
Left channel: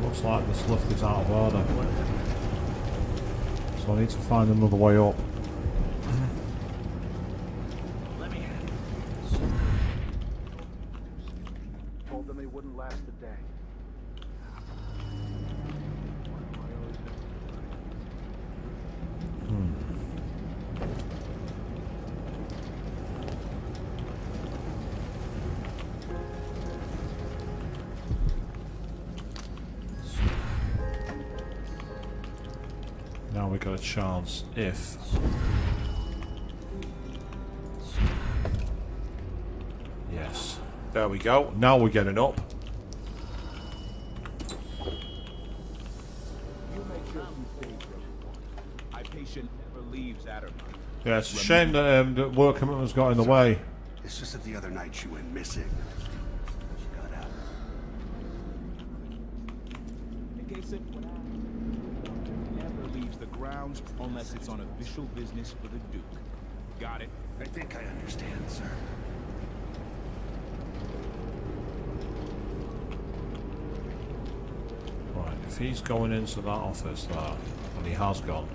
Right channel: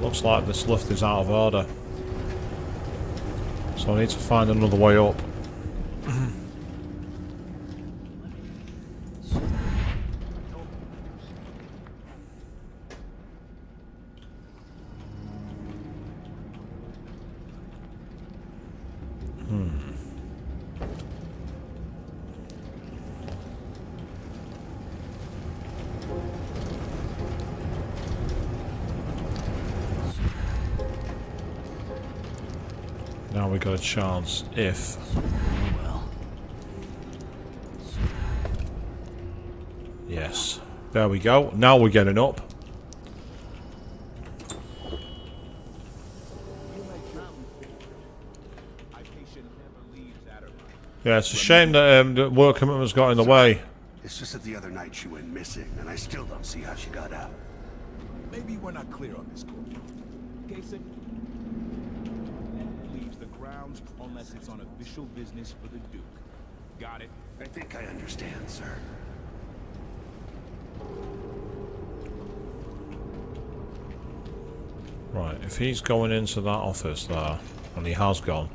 Looks like this lift is out of order. So I need to find another way up. Told them he wouldn't last a day. Now we got a chance if... Yes. There we go. Now we're getting up. You make sure you stay there. Hypatia never leaves Addermire. Yeah, it's a shame that the work commitments got in the way. It's just that the other night she went missing, and I still don't see how she got out. Maybe we're not clear on this. Case in never leaves the grounds unless it's on official business for the Duke. Got it? I think I understand, sir. Right, if he's going into that office there, and he has gone,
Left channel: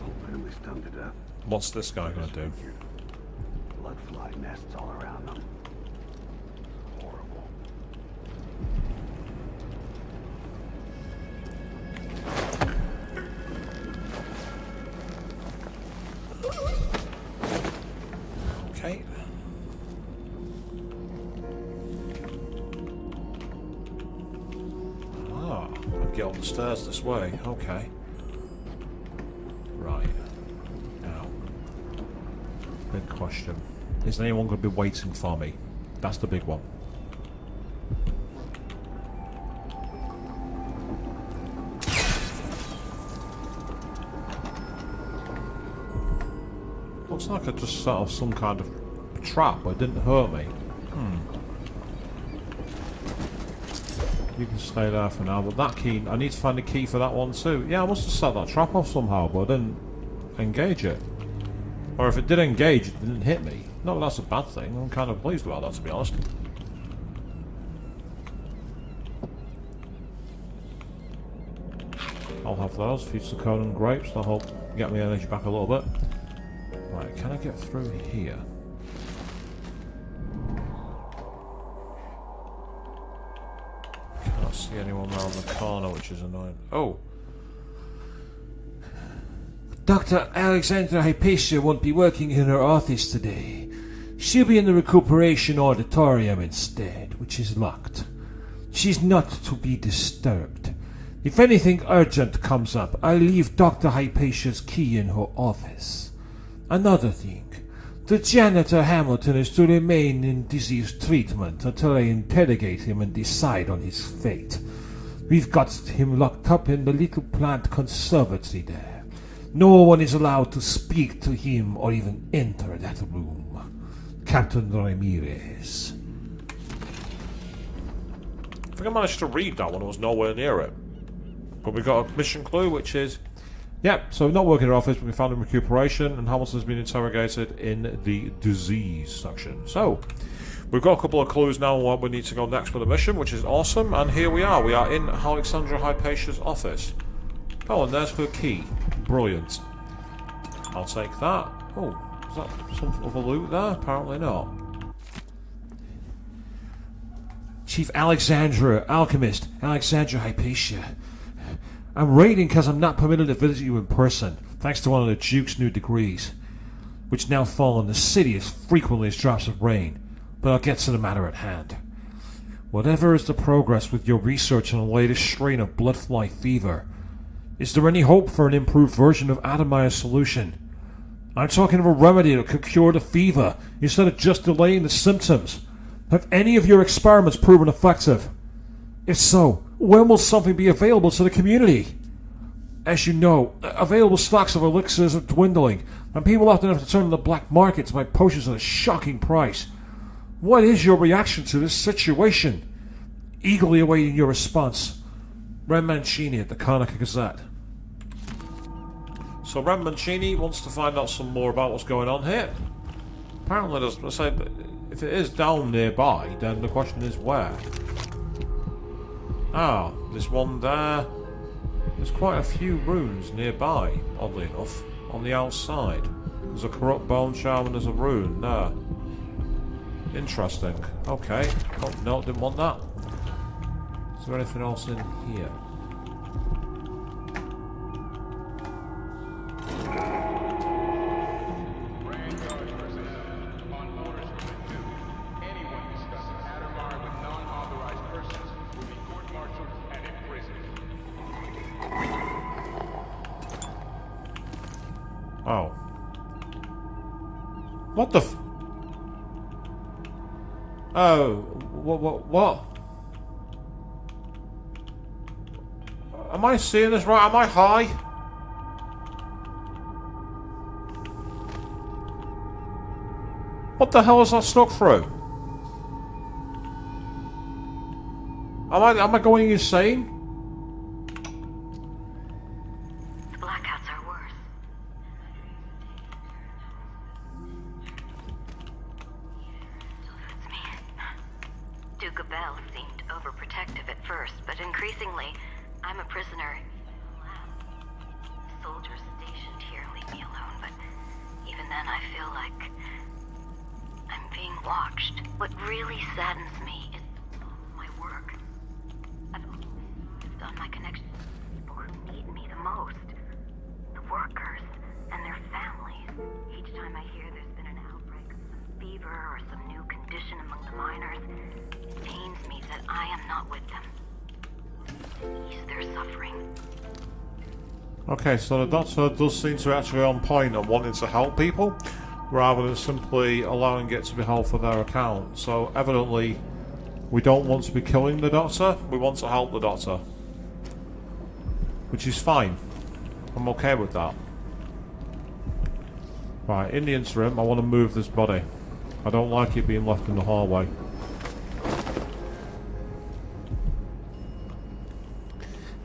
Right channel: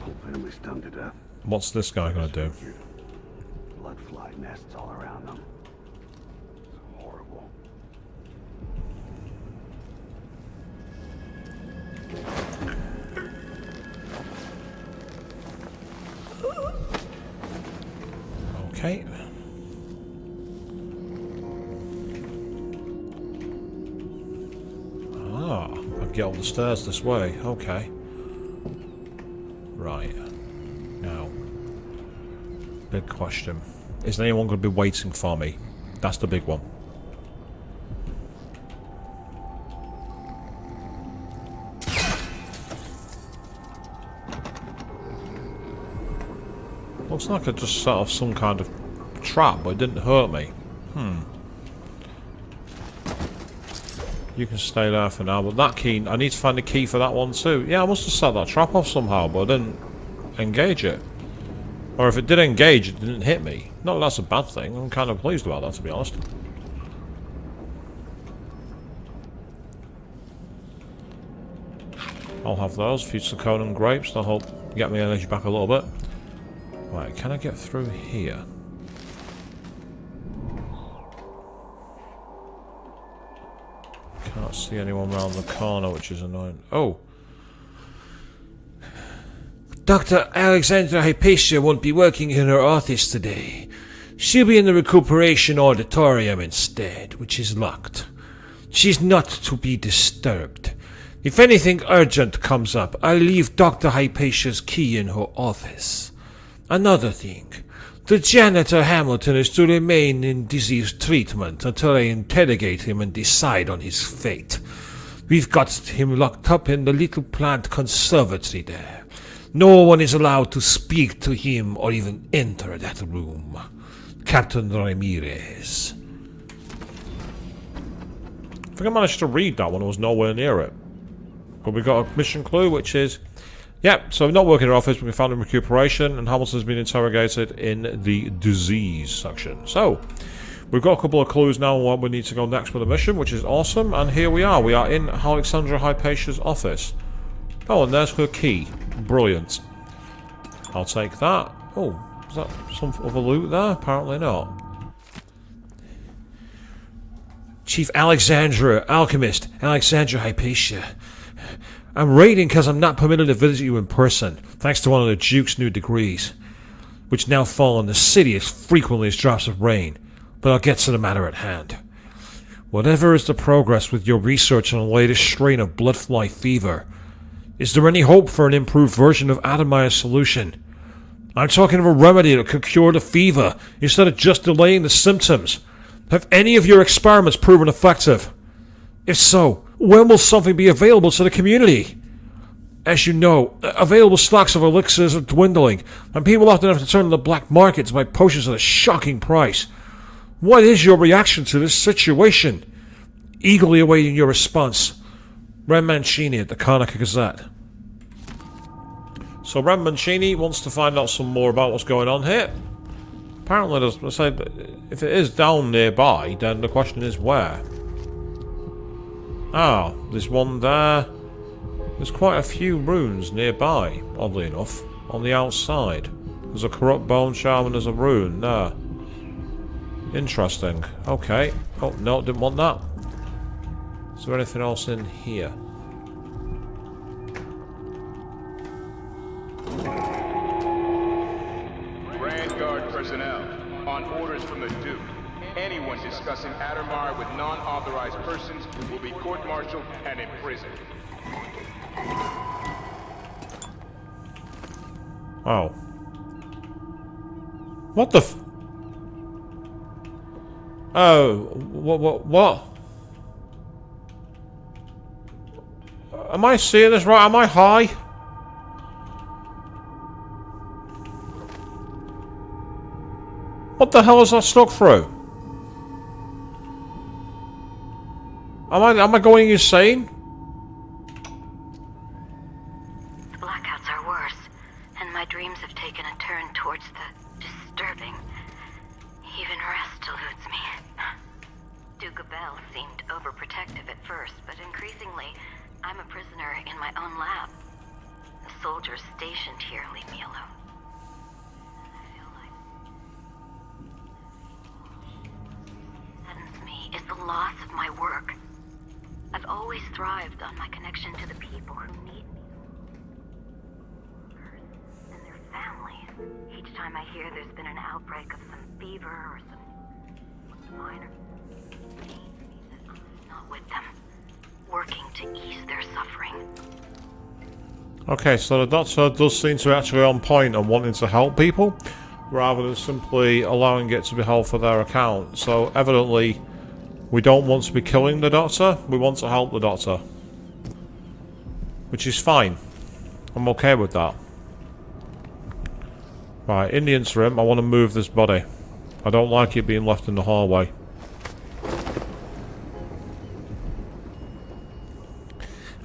Whole family's stung to death. what's this guy going to do? Blood fly nests all around them. It's horrible. Okay. Ah, I get up the stairs this way. Okay. Right. Now, big question. Is anyone going to be waiting for me? That's the big one. Looks like I just set off some kind of trap, but it didn't hurt me. You can stay there for now, but that key, I need to find a key for that one too. Yeah, I must have set that trap off somehow, but I didn't engage it. Or if it did engage, it didn't hit me. Not that that's a bad thing, I'm kind of pleased about that, to be honest. I'll have those, a few Serkonos grapes, that'll help get my energy back a little bit. Right, can I get through here? Can't see anyone round the corner, which is annoying. Oh! Dr. Alexandra Hypatia won't be working in her office today. She'll be in the recuperation auditorium instead, which is locked. She's not to be disturbed. If anything urgent comes up, I'll leave Dr. Hypatia's key in her office. Another thing, the janitor Hamilton is to remain in disease treatment until I interrogate him and decide on his fate. We've got him locked up in the little plant conservatory there. No one is allowed to speak to him or even enter that room. Captain Ramirez. I think I managed to read that when I was nowhere near it. But we got a mission clue, which is... Yep, so not working in our office, but we found in recuperation, and Hamilton's been interrogated in the disease section. So, we've got a couple of clues now on what we need to go next with the mission, which is awesome, and here we are. We are in Alexandra Hypatia's office. Oh, and there's her key. Brilliant. I'll take that. Oh, is that some other loot there? Apparently not. Chief Alexandra, Alchemist, Alexandra Hypatia. I'm raiding because I'm not permitted to visit you in person, thanks to one of the Duke's new decrees, which now fall on the city as frequently as drops of rain. But I'll get to the matter at hand. Whatever is the progress with your research on the latest strain of bloodfly fever, is there any hope for an improved version of Adamire's solution? I'm talking of a remedy that could cure the fever, instead of just delaying the symptoms. Have any of your experiments proven effective? If so, when will something be available to the community? As you know, available stocks of elixirs are dwindling, and people often have to turn to the black market to buy potions at a shocking price. What is your reaction to this situation? Eagerly awaiting your response. Ren Mancini at the Karnaca Gazette. So Ren Mancini wants to find out some more about what's going on here. Apparently, if it is down nearby, then the question is where? Ah, there's one there. There's quite a few runes nearby, oddly enough, on the outside. There's a corrupt bone charm and there's a rune there. Interesting. Okay. Oh, no, didn't want that. Is there anything else in here? Vanguard personnel, on orders from the Duke, anyone discussing Adamar with non-authorized persons will be court-martialed and imprisoned. Oh. What the f... Oh, what? Am I seeing this right? Am I high? What the hell is that stuck through? Am I going insane? Blackouts are worse, and my dreams have taken a turn towards the disturbing. Even rest eludes me. Duke Abel seemed overprotective at first, but increasingly, I'm a prisoner in my own lab. The soldiers stationed here leave me alone, but even then I feel like I'm being watched. What really saddens me is the loss of my work. I've always thrived on my connection to the people who need me the most. The workers and their families. Each time I hear there's been an outbreak of some fever or some new condition among the miners, it pains me that I am not with them, working to ease their suffering. Okay, so the doctor does seem to be actually on point and wanting to help people, rather than simply allowing it to be held for their account. So evidently, we don't want to be killing the doctor, we want to help the doctor. Which is fine. I'm okay with that. Right, in the interim, I want to move this body. I don't like it being left in the hallway.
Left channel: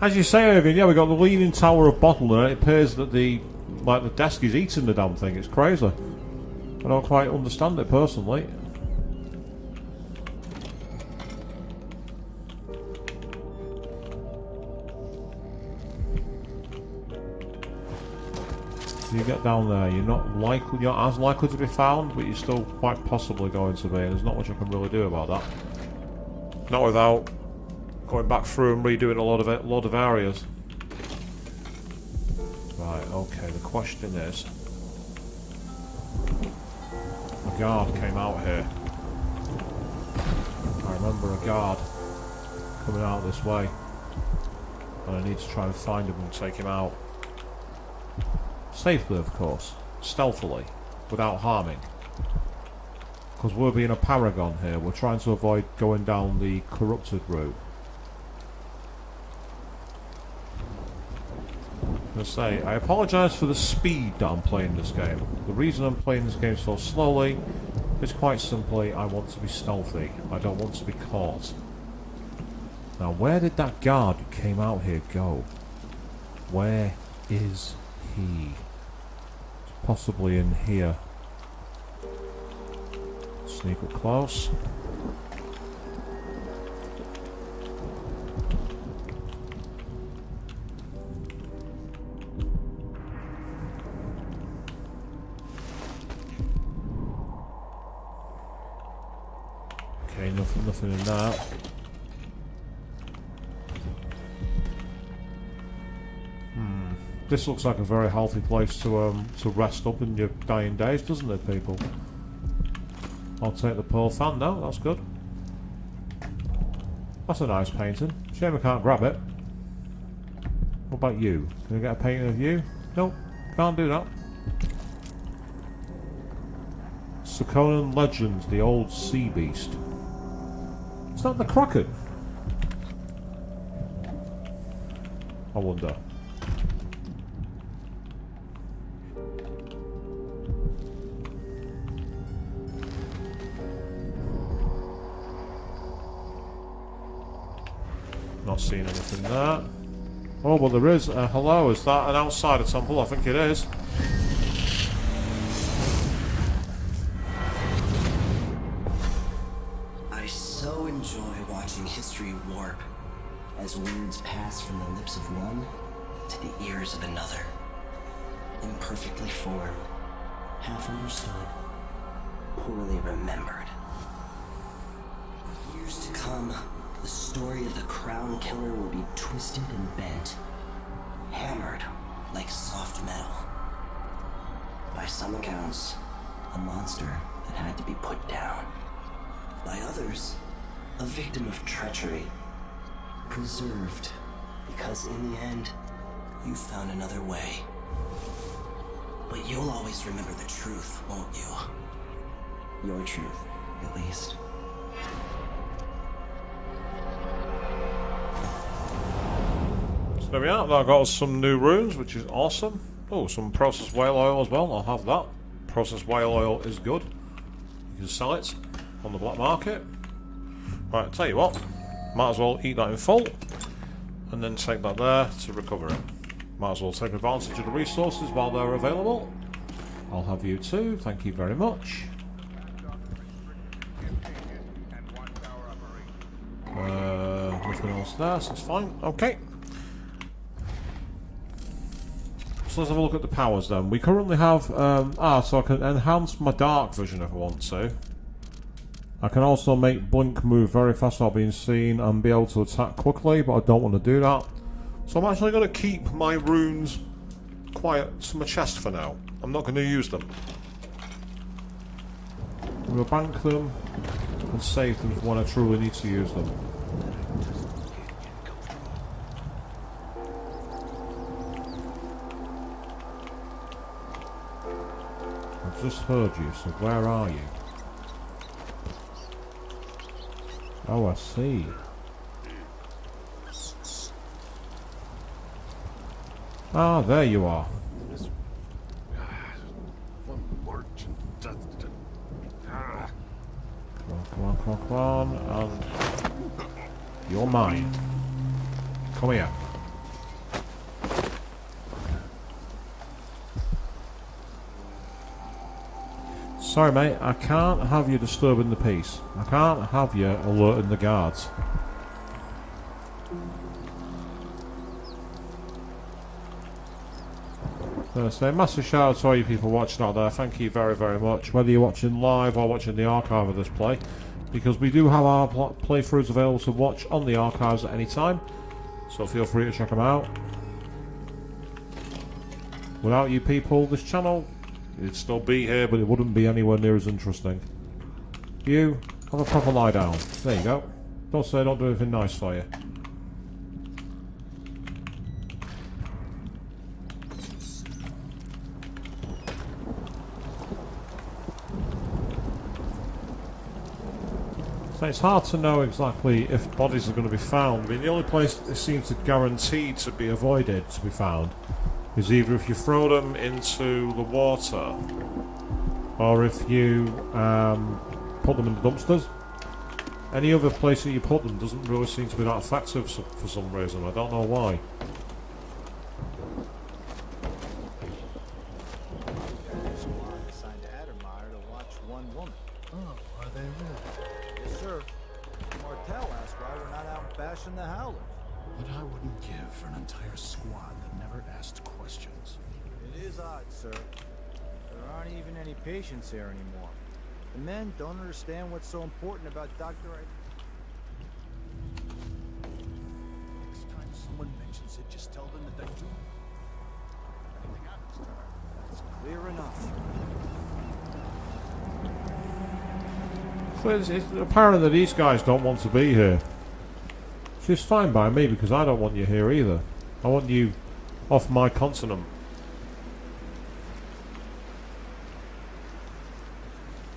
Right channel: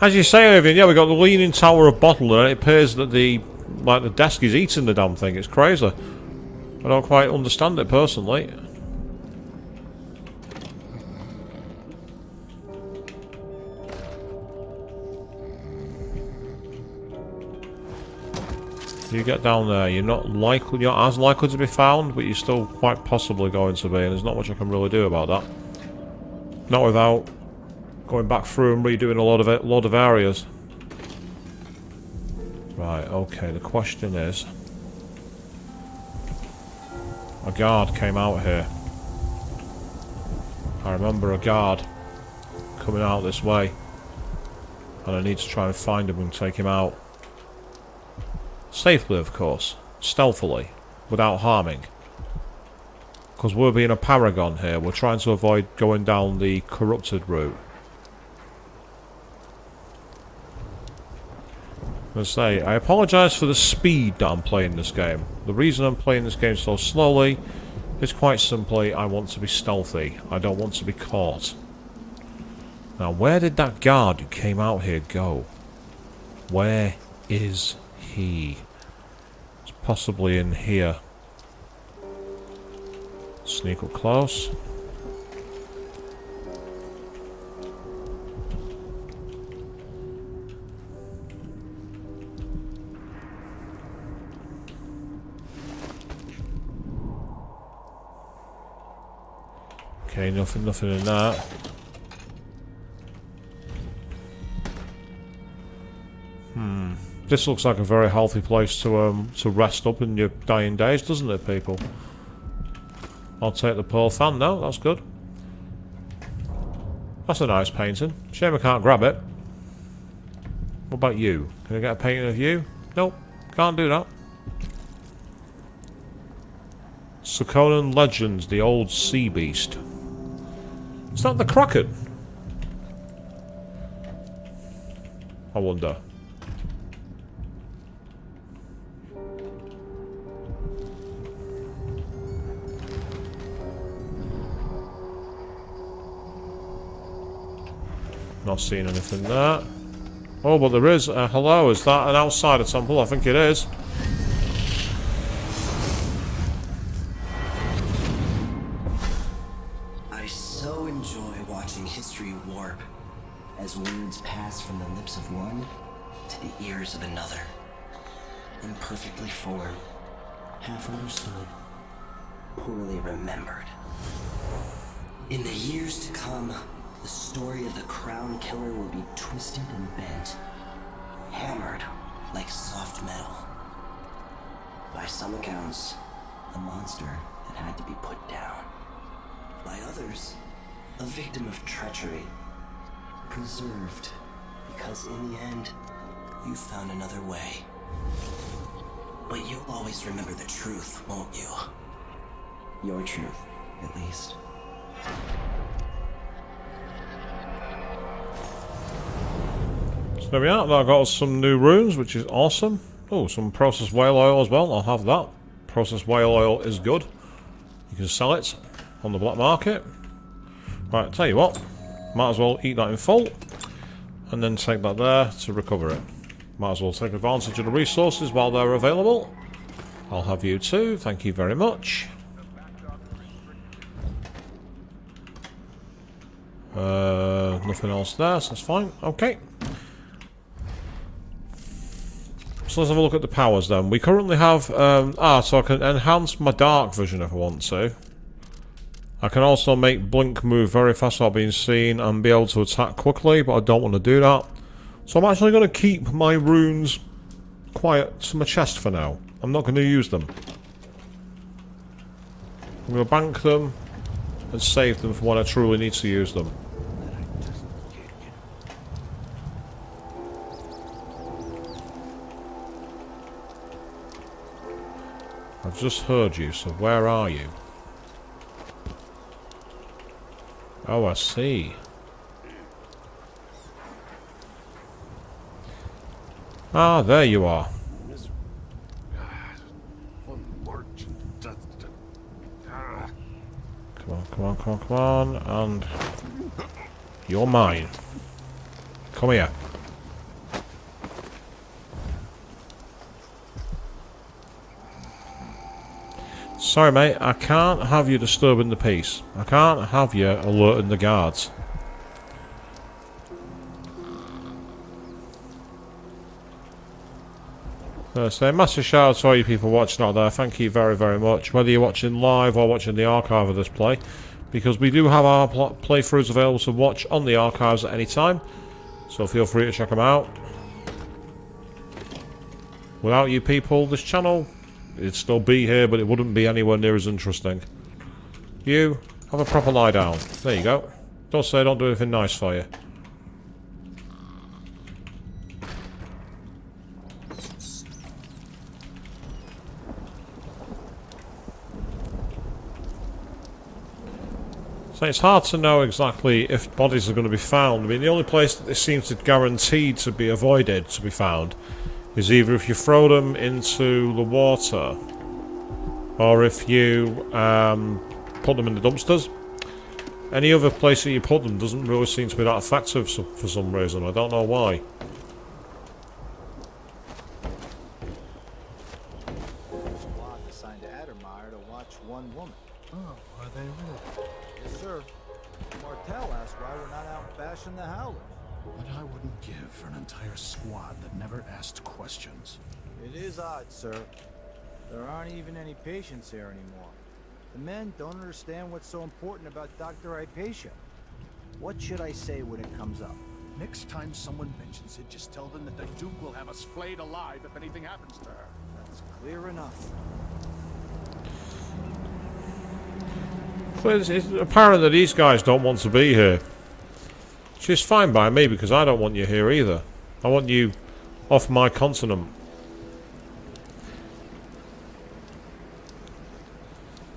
As you say, Irving, yeah, we got the Leaning Tower of Bottle, and it appears that the desk is eating the damn thing. It's crazy. I don't quite understand it personally. You get down there, you're not as likely to be found, but you're still quite possibly going to be, and there's not much I can really do about that. Not without going back through and redoing a lot of areas. Right, okay, the question is... A guard came out here. I remember a guard coming out this way. And I need to try and find him and take him out. Safely, of course. Stealthily. Without harming. Because we're being a paragon here. We're trying to avoid going down the corrupted route. I apologise for the speed that I'm playing this game. The reason I'm playing this game so slowly is quite simply I want to be stealthy. I don't want to be caught. Now, where did that guard who came out here go? Where is he? It's possibly in here. Sneak up close. Okay, nothing in that. This looks like a very healthy place to rest up in your dying days, doesn't it, people? I'll take the pearl fan. No, that's good. That's a nice painting. Shame I can't grab it. What about you? Can I get a painting of you? Nope, can't do that. Serkonos Legends, the old sea beast. Is that the Kraken? I wonder. Not seeing anything there. Oh, but there is. Hello, is that an outsider temple? I think it is. I so enjoy watching history warp as words pass from the lips of one to the ears of another. Imperfectly formed, half understood, poorly remembered. In the years to come, the story of the Crown Killer will be twisted and bent, hammered like soft metal. By some accounts, a monster that had to be put down. By others, a victim of treachery, preserved because in the end, you found another way. But you'll always remember the truth, won't you? Your truth, at least. So there we are. I got us some new runes, which is awesome. Oh, some processed whale oil as well. I'll have that. Processed whale oil is good. You can sell it on the black market. Right, tell you what. Might as well eat that in full. And then take that there to recover it. Might as well take advantage of the resources while they're available. I'll have you too. Thank you very much. Nothing else there, so that's fine. Okay. So let's have a look at the powers then. We currently have... so I can enhance my dark vision if I want to. I can also make blink move very fast without being seen and be able to attack quickly, but I don't want to do that. So I'm actually going to keep my runes quiet to my chest for now. I'm not going to use them. I'm going to bank them and save them for when I truly need to use them. I've just heard you, so where are you? Oh, I see. Ah, there you are. One merchant. Come on, and you're mine. Come here. Sorry, mate, I can't have you disturbing the peace. I can't have you alerting the guards. So a massive shout out to all you people watching out there. Thank you very, very much. Whether you're watching live or watching the archive of this play, because we do have our playthroughs available to watch on the archives at any time. So feel free to check them out. Without you people, this channel, it'd still be here, but it wouldn't be anywhere near as interesting. You, have a proper lie down. There you go. Don't say I don't do anything nice for you. So it's hard to know exactly if bodies are going to be found. I mean, the only place that this seems to guaranteed to be avoided to be found is either if you throw them into the water or if you put them in the dumpsters. any other place that you put them doesn't really seem to be that effective for some reason. I don't know why. Squad assigned to Addermeyer to watch one woman. Oh, are they really? Yes, sir. Martel asked why we're not out bashing the Howlers. What I wouldn't give for an entire squad that never asked questions. It is odd, sir. There aren't even any patients here anymore. The men don't understand what's so important about Dr. Hypatia. What should I say when it comes up? Next time someone mentions it, just tell them that the Duke will have us flayed alive if anything happens to her. That's clear enough. But it's apparent that these guys don't want to be here. Which is fine by me, because I don't want you here either. I want you off my continent.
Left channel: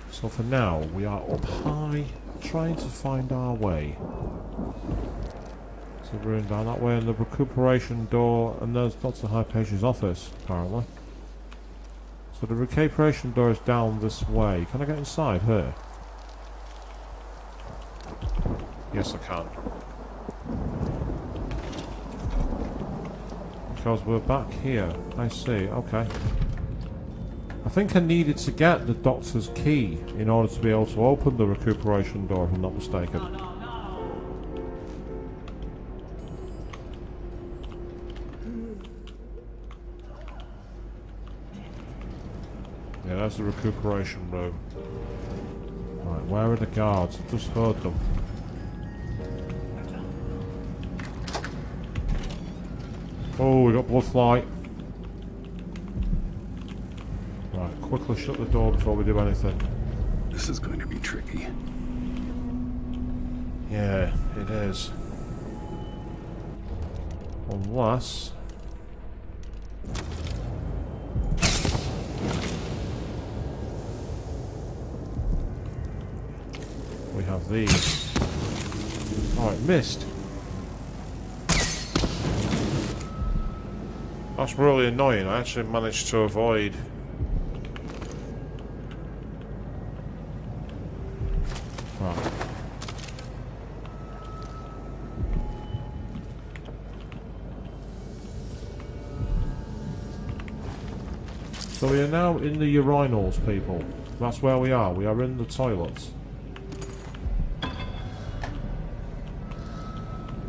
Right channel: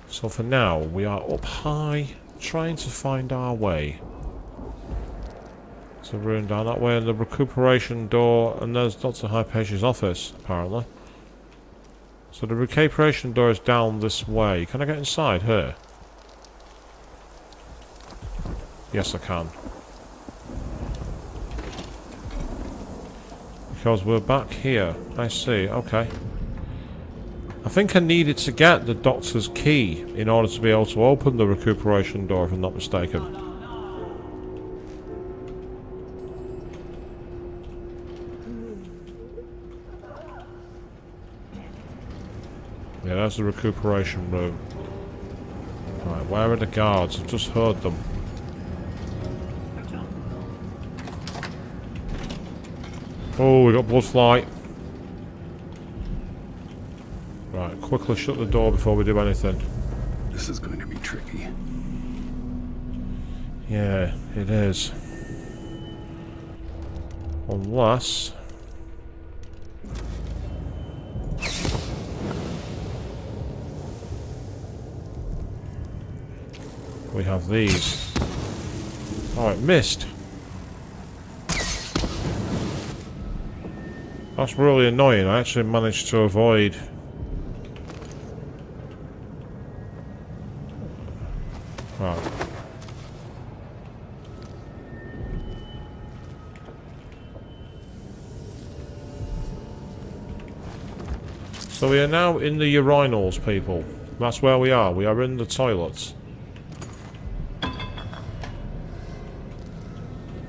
So for now, we are up high, trying to find our way. So we're in down that way, and the recuperation door, and there's Dr. Hypatia's office, apparently. So the recuperation door is down this way. Can I get inside here? Yes, I can. Because we're back here. I see, okay. I think I needed to get the doctor's key in order to be able to open the recuperation door, if I'm not mistaken. Yeah, that's the recuperation room. Right, where are the guards? I've just heard them. Oh, we got blood flight. Right, quickly shut the door before we do anything. This is going to be tricky. Yeah, it is. Unless... we have these. Oh, it missed. That's really annoying. I actually managed to avoid... right. So we are now in the urinals, people. That's where we are. We are in the toilets.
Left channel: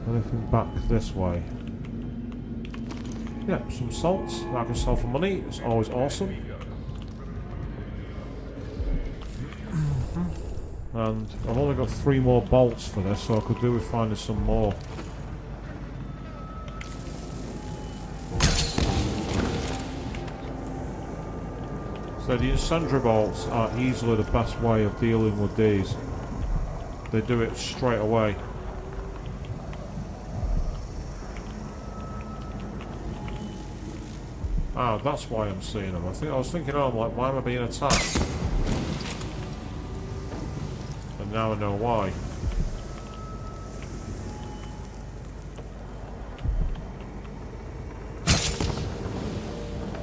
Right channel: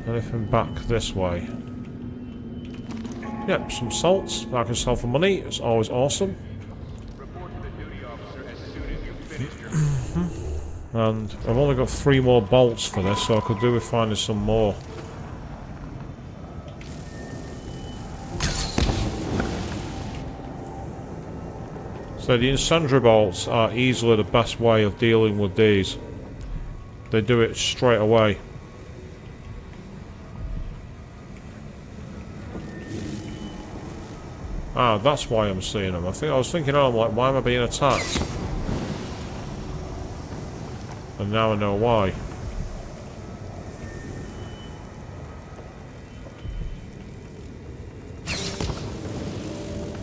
Anything back this way? Yep, some salts that I can sell for money. It's always awesome. And I've only got 3 more bolts for this, so I could do with finding some more. So the incendiary bolts are easily the best way of dealing with these. They do it straight away. Ah, that's why I'm seeing them. I was thinking, oh, I'm like, why am I being attacked? And now I know why.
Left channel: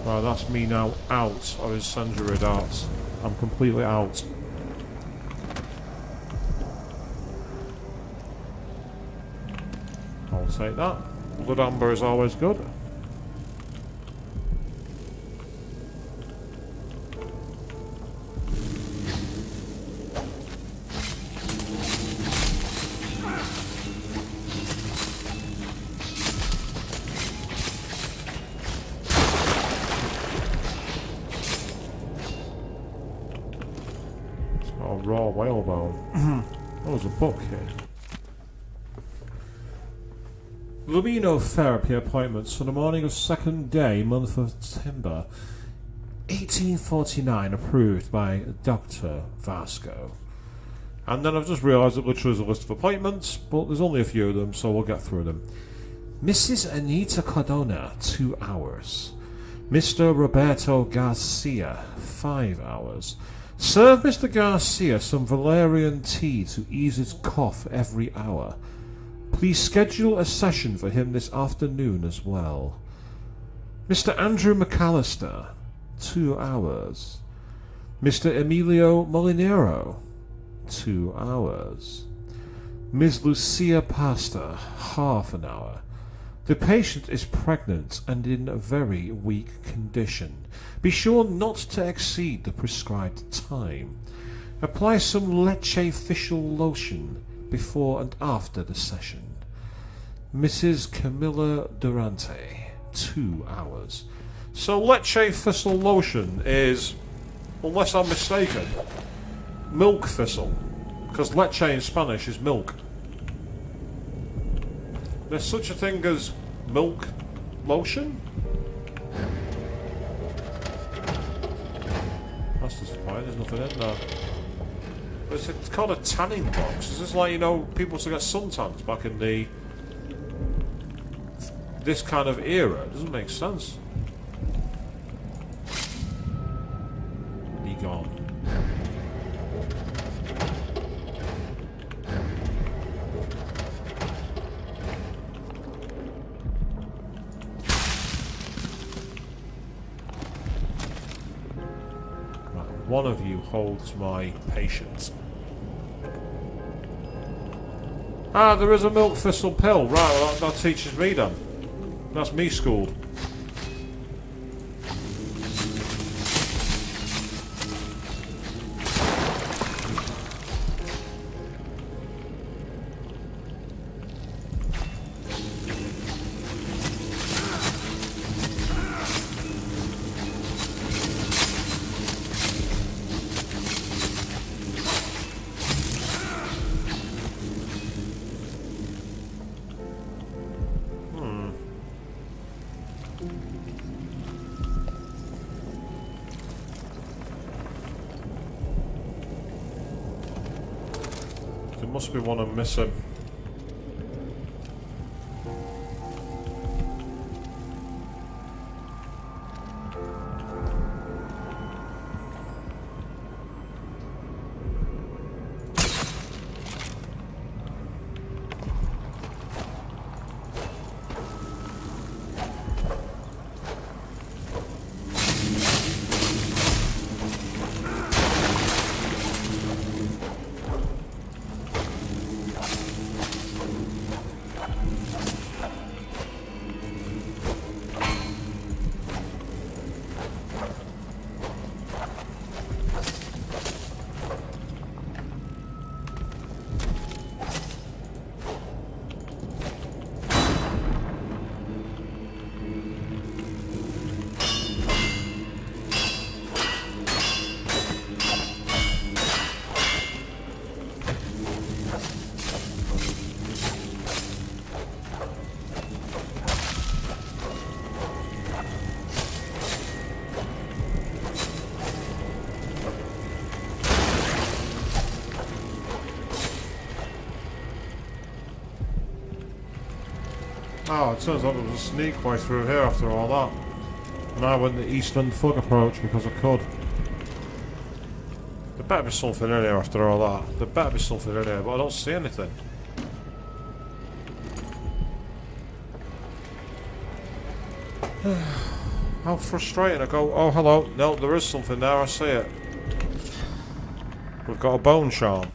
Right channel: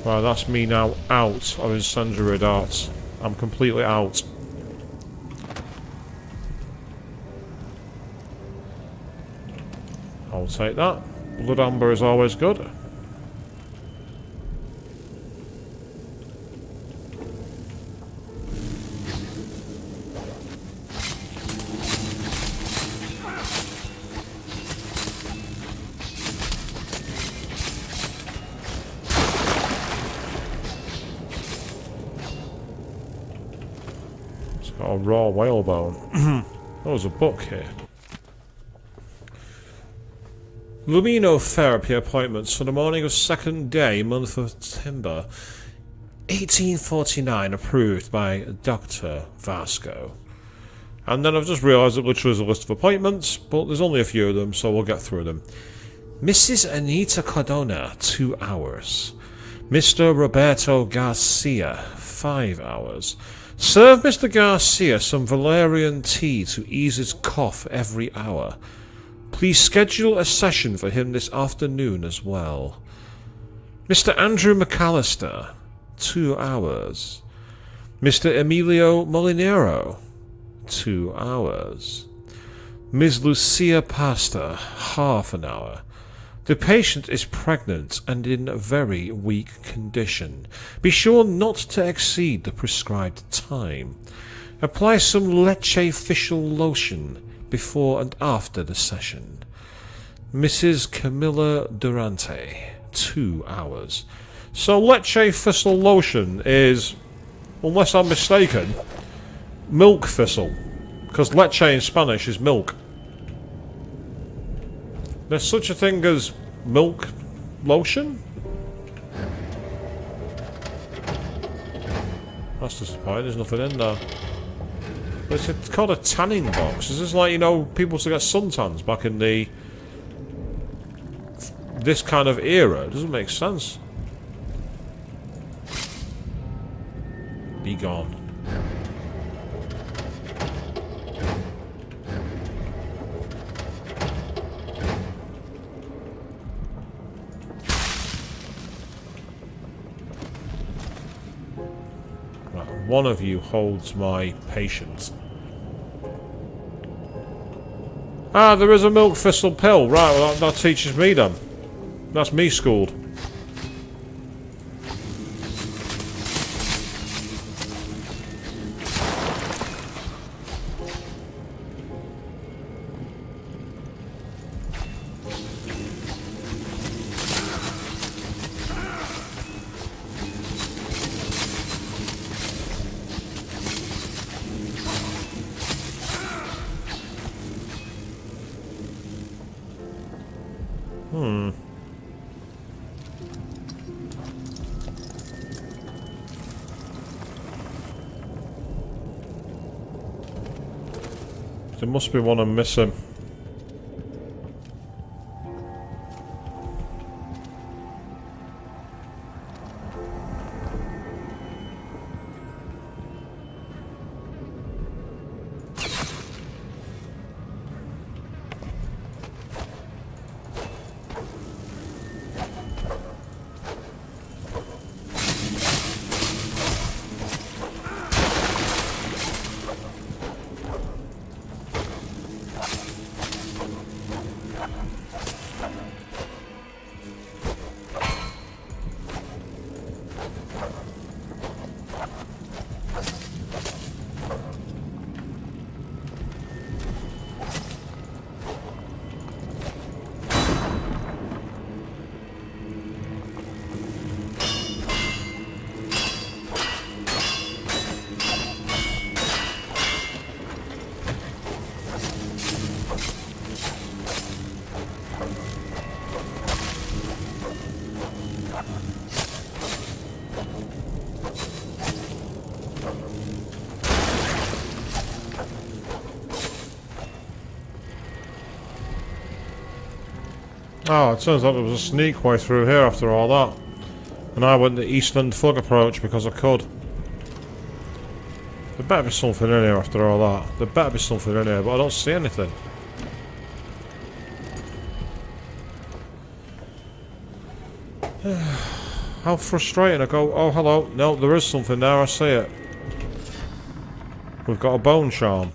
Right, that's me now out of incendiary darts. I'm completely out. I'll take that. Blood amber is always good. Raw whalebone. There was a book here. Luminotherapy appointments for the morning of 2nd day, month of September, 1849, approved by Dr. Vasco. And then I've just realised it literally is a list of appointments, but there's only a few of them, so we'll get through them. Mrs. Anita Cardona, 2 hours. Mr. Roberto Garcia, 5 hours. Serve Mr. Garcia some valerian tea to ease his cough every hour. Please schedule a session for him this afternoon as well. Mr. Andrew McAllister, 2 hours. Mr. Emilio Molinero, 2 hours. Ms. Lucia Pastor, half an hour. The patient is pregnant and in very weak condition. Be sure not to exceed the prescribed time. Apply some leche facial lotion before and after the session. Mrs. Camilla Durante, 2 hours. So leche thistle lotion is, unless I'm mistaken, milk thistle. Because leche in Spanish is milk. There's such a thing as milk lotion? That's disappointing, there's nothing in there. It's called a tanning box. Is this like, you know, people used to get suntans back in the... this kind of era? It doesn't make sense. Be gone. One of you holds my patient. Ah, there is a milk thistle pill. Right, well, that teaches me then. That's me schooled. There must be one I'm missing. Oh, it turns out there was a sneak way through here after all that. And I went the East End Thug approach because I could. There better be something in here after all that. There better be something in here, but I don't see anything. How frustrating. I go, oh hello, no, there is something there, I see it. We've got a bone charm.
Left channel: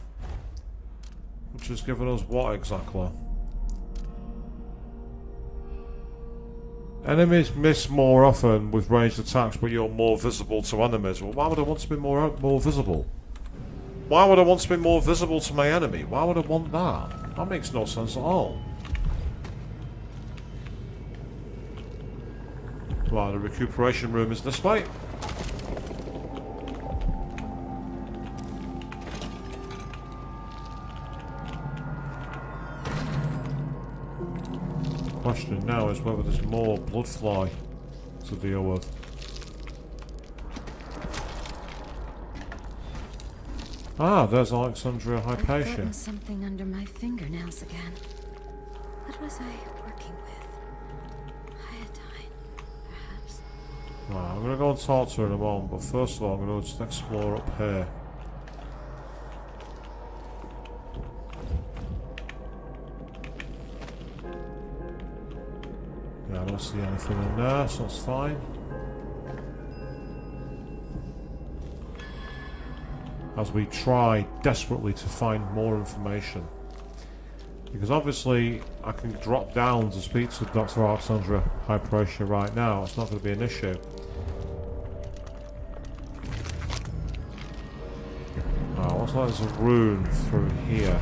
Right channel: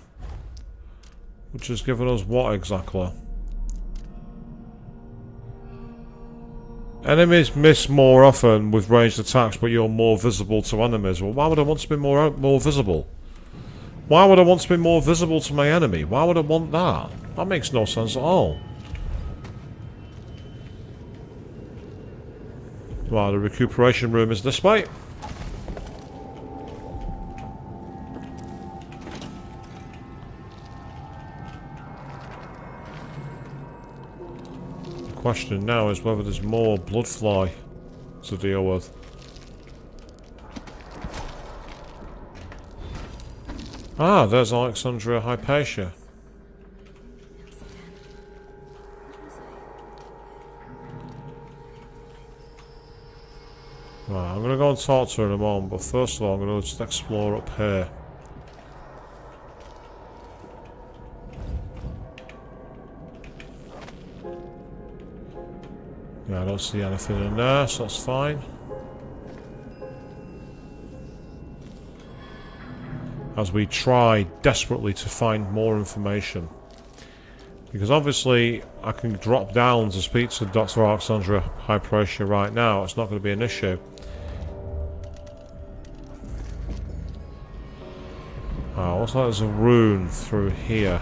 Which has given us what exactly? Enemies miss more often with ranged attacks, but you're more visible to enemies. Well, why would I want to be more visible? Why would I want to be more visible to my enemy? Why would I want that? That makes no sense at all. Right, the recuperation room is this way. The question now is whether there's more blood fly to deal with. Ah, there's Alexandria Hypatia. Something under my fingernails again. What was I working with? Iodine, perhaps. Right, I'm gonna go and talk to her in a moment, but first of all, I'm gonna just explore up here. Yeah, I don't see anything in there, so that's fine. As we try desperately to find more information. Because obviously I can drop down to speak to Dr. Alexandria Hypatia right now. It's not going to be an issue. Oh, what's that? There's a rune through here.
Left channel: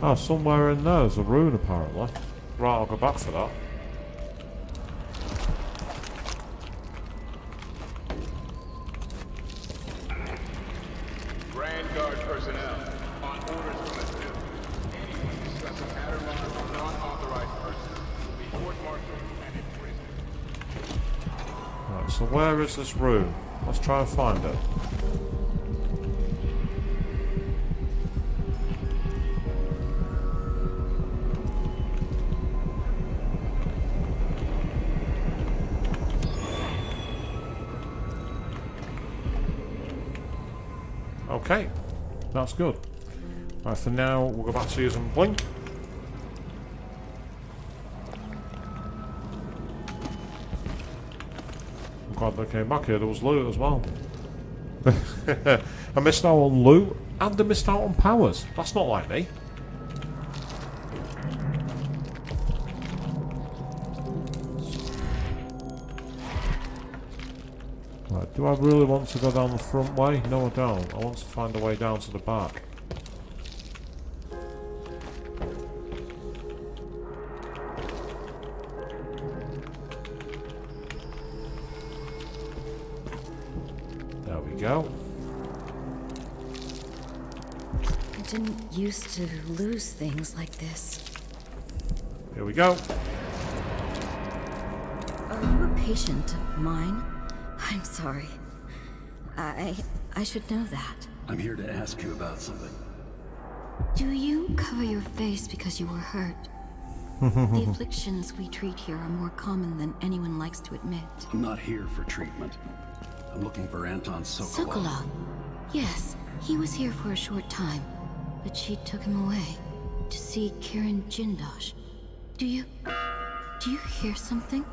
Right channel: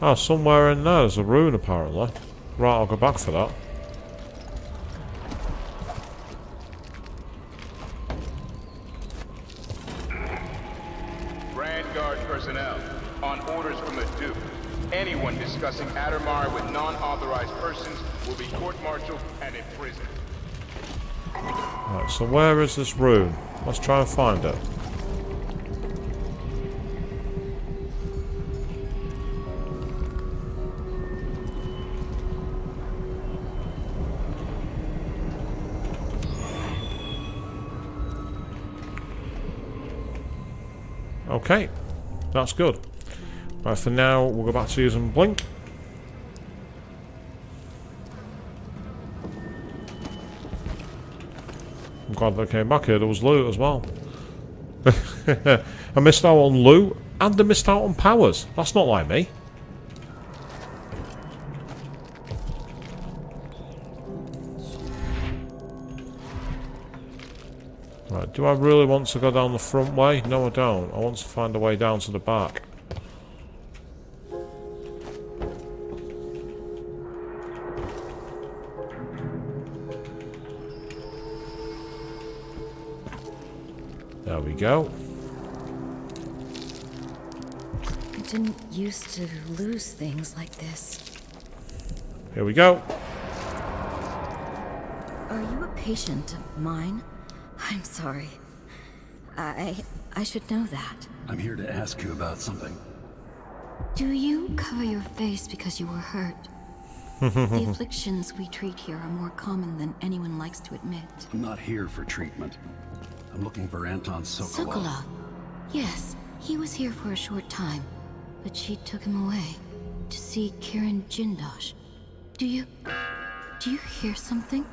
Oh, somewhere in there there's a rune apparently. Right, I'll go back for that. Grand Guard personnel, on orders from the Duke, anyone discussing Addermire with non-authorized persons will be court-martialed and imprisoned. Right, so where is this rune? Let's try and find it. Okay, that's good. Right, for now, we'll go back to using Blink. I'm glad they came back here. There was loot as well. I missed out on loot, and I missed out on powers. That's not like me. Do I really want to go down the front way? No, I don't. I want to find a way down to the back. There we go. I didn't used to lose things like this. Here we go. Are you a patient of mine? I'm sorry. I should know that. I'm here to ask you about something. Do you cover your face because you were hurt? The afflictions we treat here are more common than anyone likes to admit. I'm not here for treatment. I'm looking for Anton Sokolov. Sokolov? Yes, he was here for a short time, but she took him away to see Kirin Jindosh. Do you hear something?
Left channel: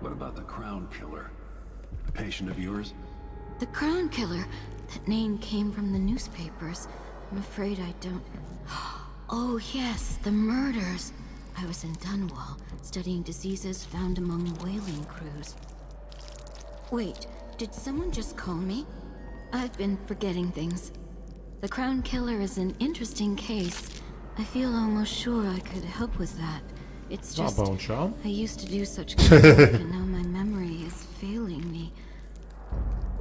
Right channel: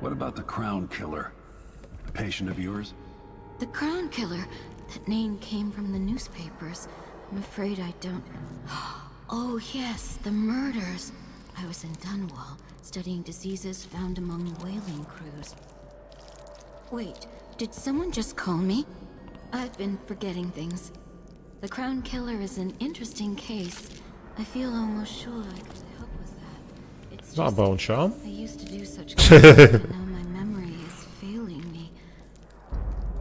What about the Crown Killer? A patient of yours? The Crown Killer? That name came from the newspapers. I'm afraid I don't... Oh yes, the murders. I was in Dunwall, studying diseases found among whaling crews. Wait, did someone just call me? I've been forgetting things. The Crown Killer is an interesting case. I feel almost sure I could help with that. It's just... Bone charm. I used to do such good work, and now my memory is failing me.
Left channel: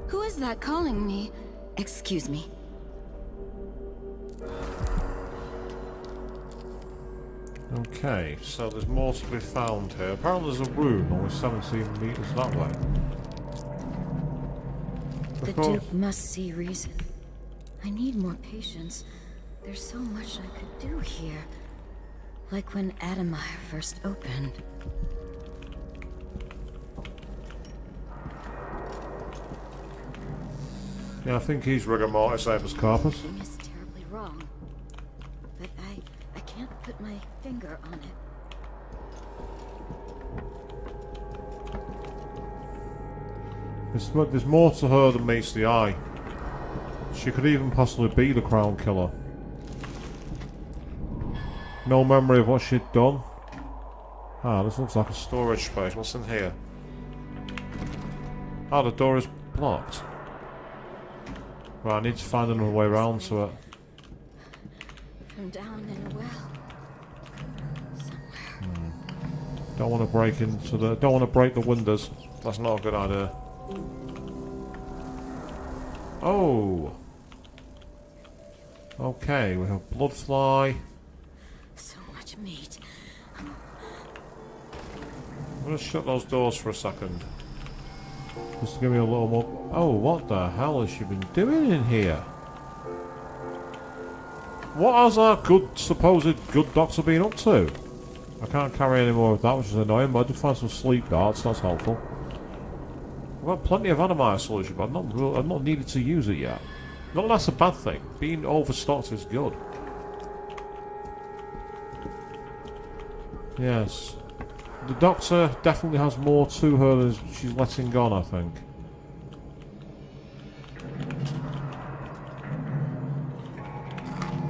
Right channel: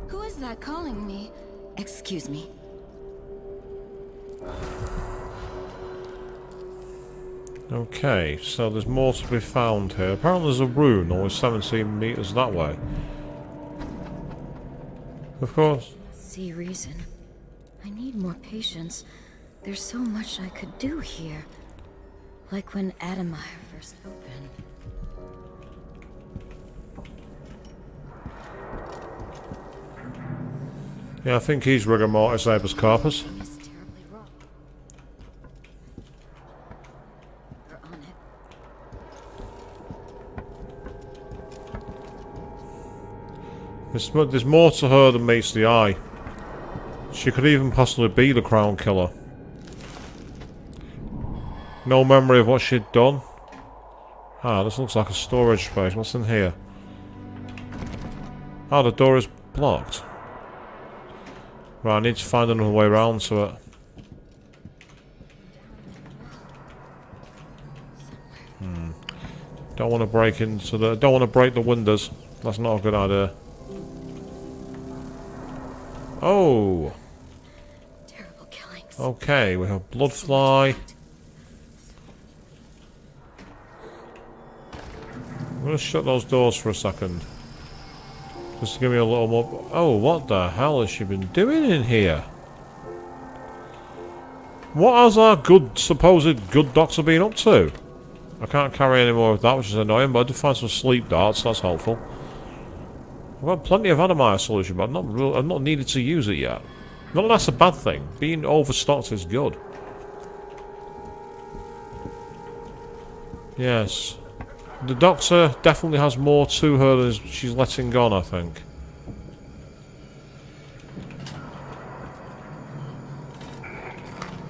Who is that calling me? Excuse me. Okay, so there's more to be found here. Apparently there's a rune, only 17 meters that way. Of course. Duke must see reason. I need more patience. There's so much I could do here. Like when Addermire first opened. Yeah, I think he's rigor mortis habeas corpus. Something is terribly wrong, but I can't put my finger on it. There's more to her than meets the eye. She could even possibly be the Crown Killer. No memory of what she'd done. Ah, this looks like a storage space. What's in here? Ah, the door is blocked. Right, I need to find another way around to it. From down in a well. Somewhere. Don't want to break into the... Don't want to break the windows. That's not a good idea. Oh! Terrible killings. Okay, we have bloodfly. So much meat. I'm going to shut those doors for a second. Just to give me a little more... Oh, what the hell has she been doing in here? What has our supposed good doctor been up to? I can't carry any more of that, which is annoying, but I did find some sleep darts, that's helpful. I've got plenty of Addermire solution, but I've not needed to use it yet. Not that that's a bad thing. Being overstocked is good. Yes. The doctor definitely has more to her than she's letting on, I think.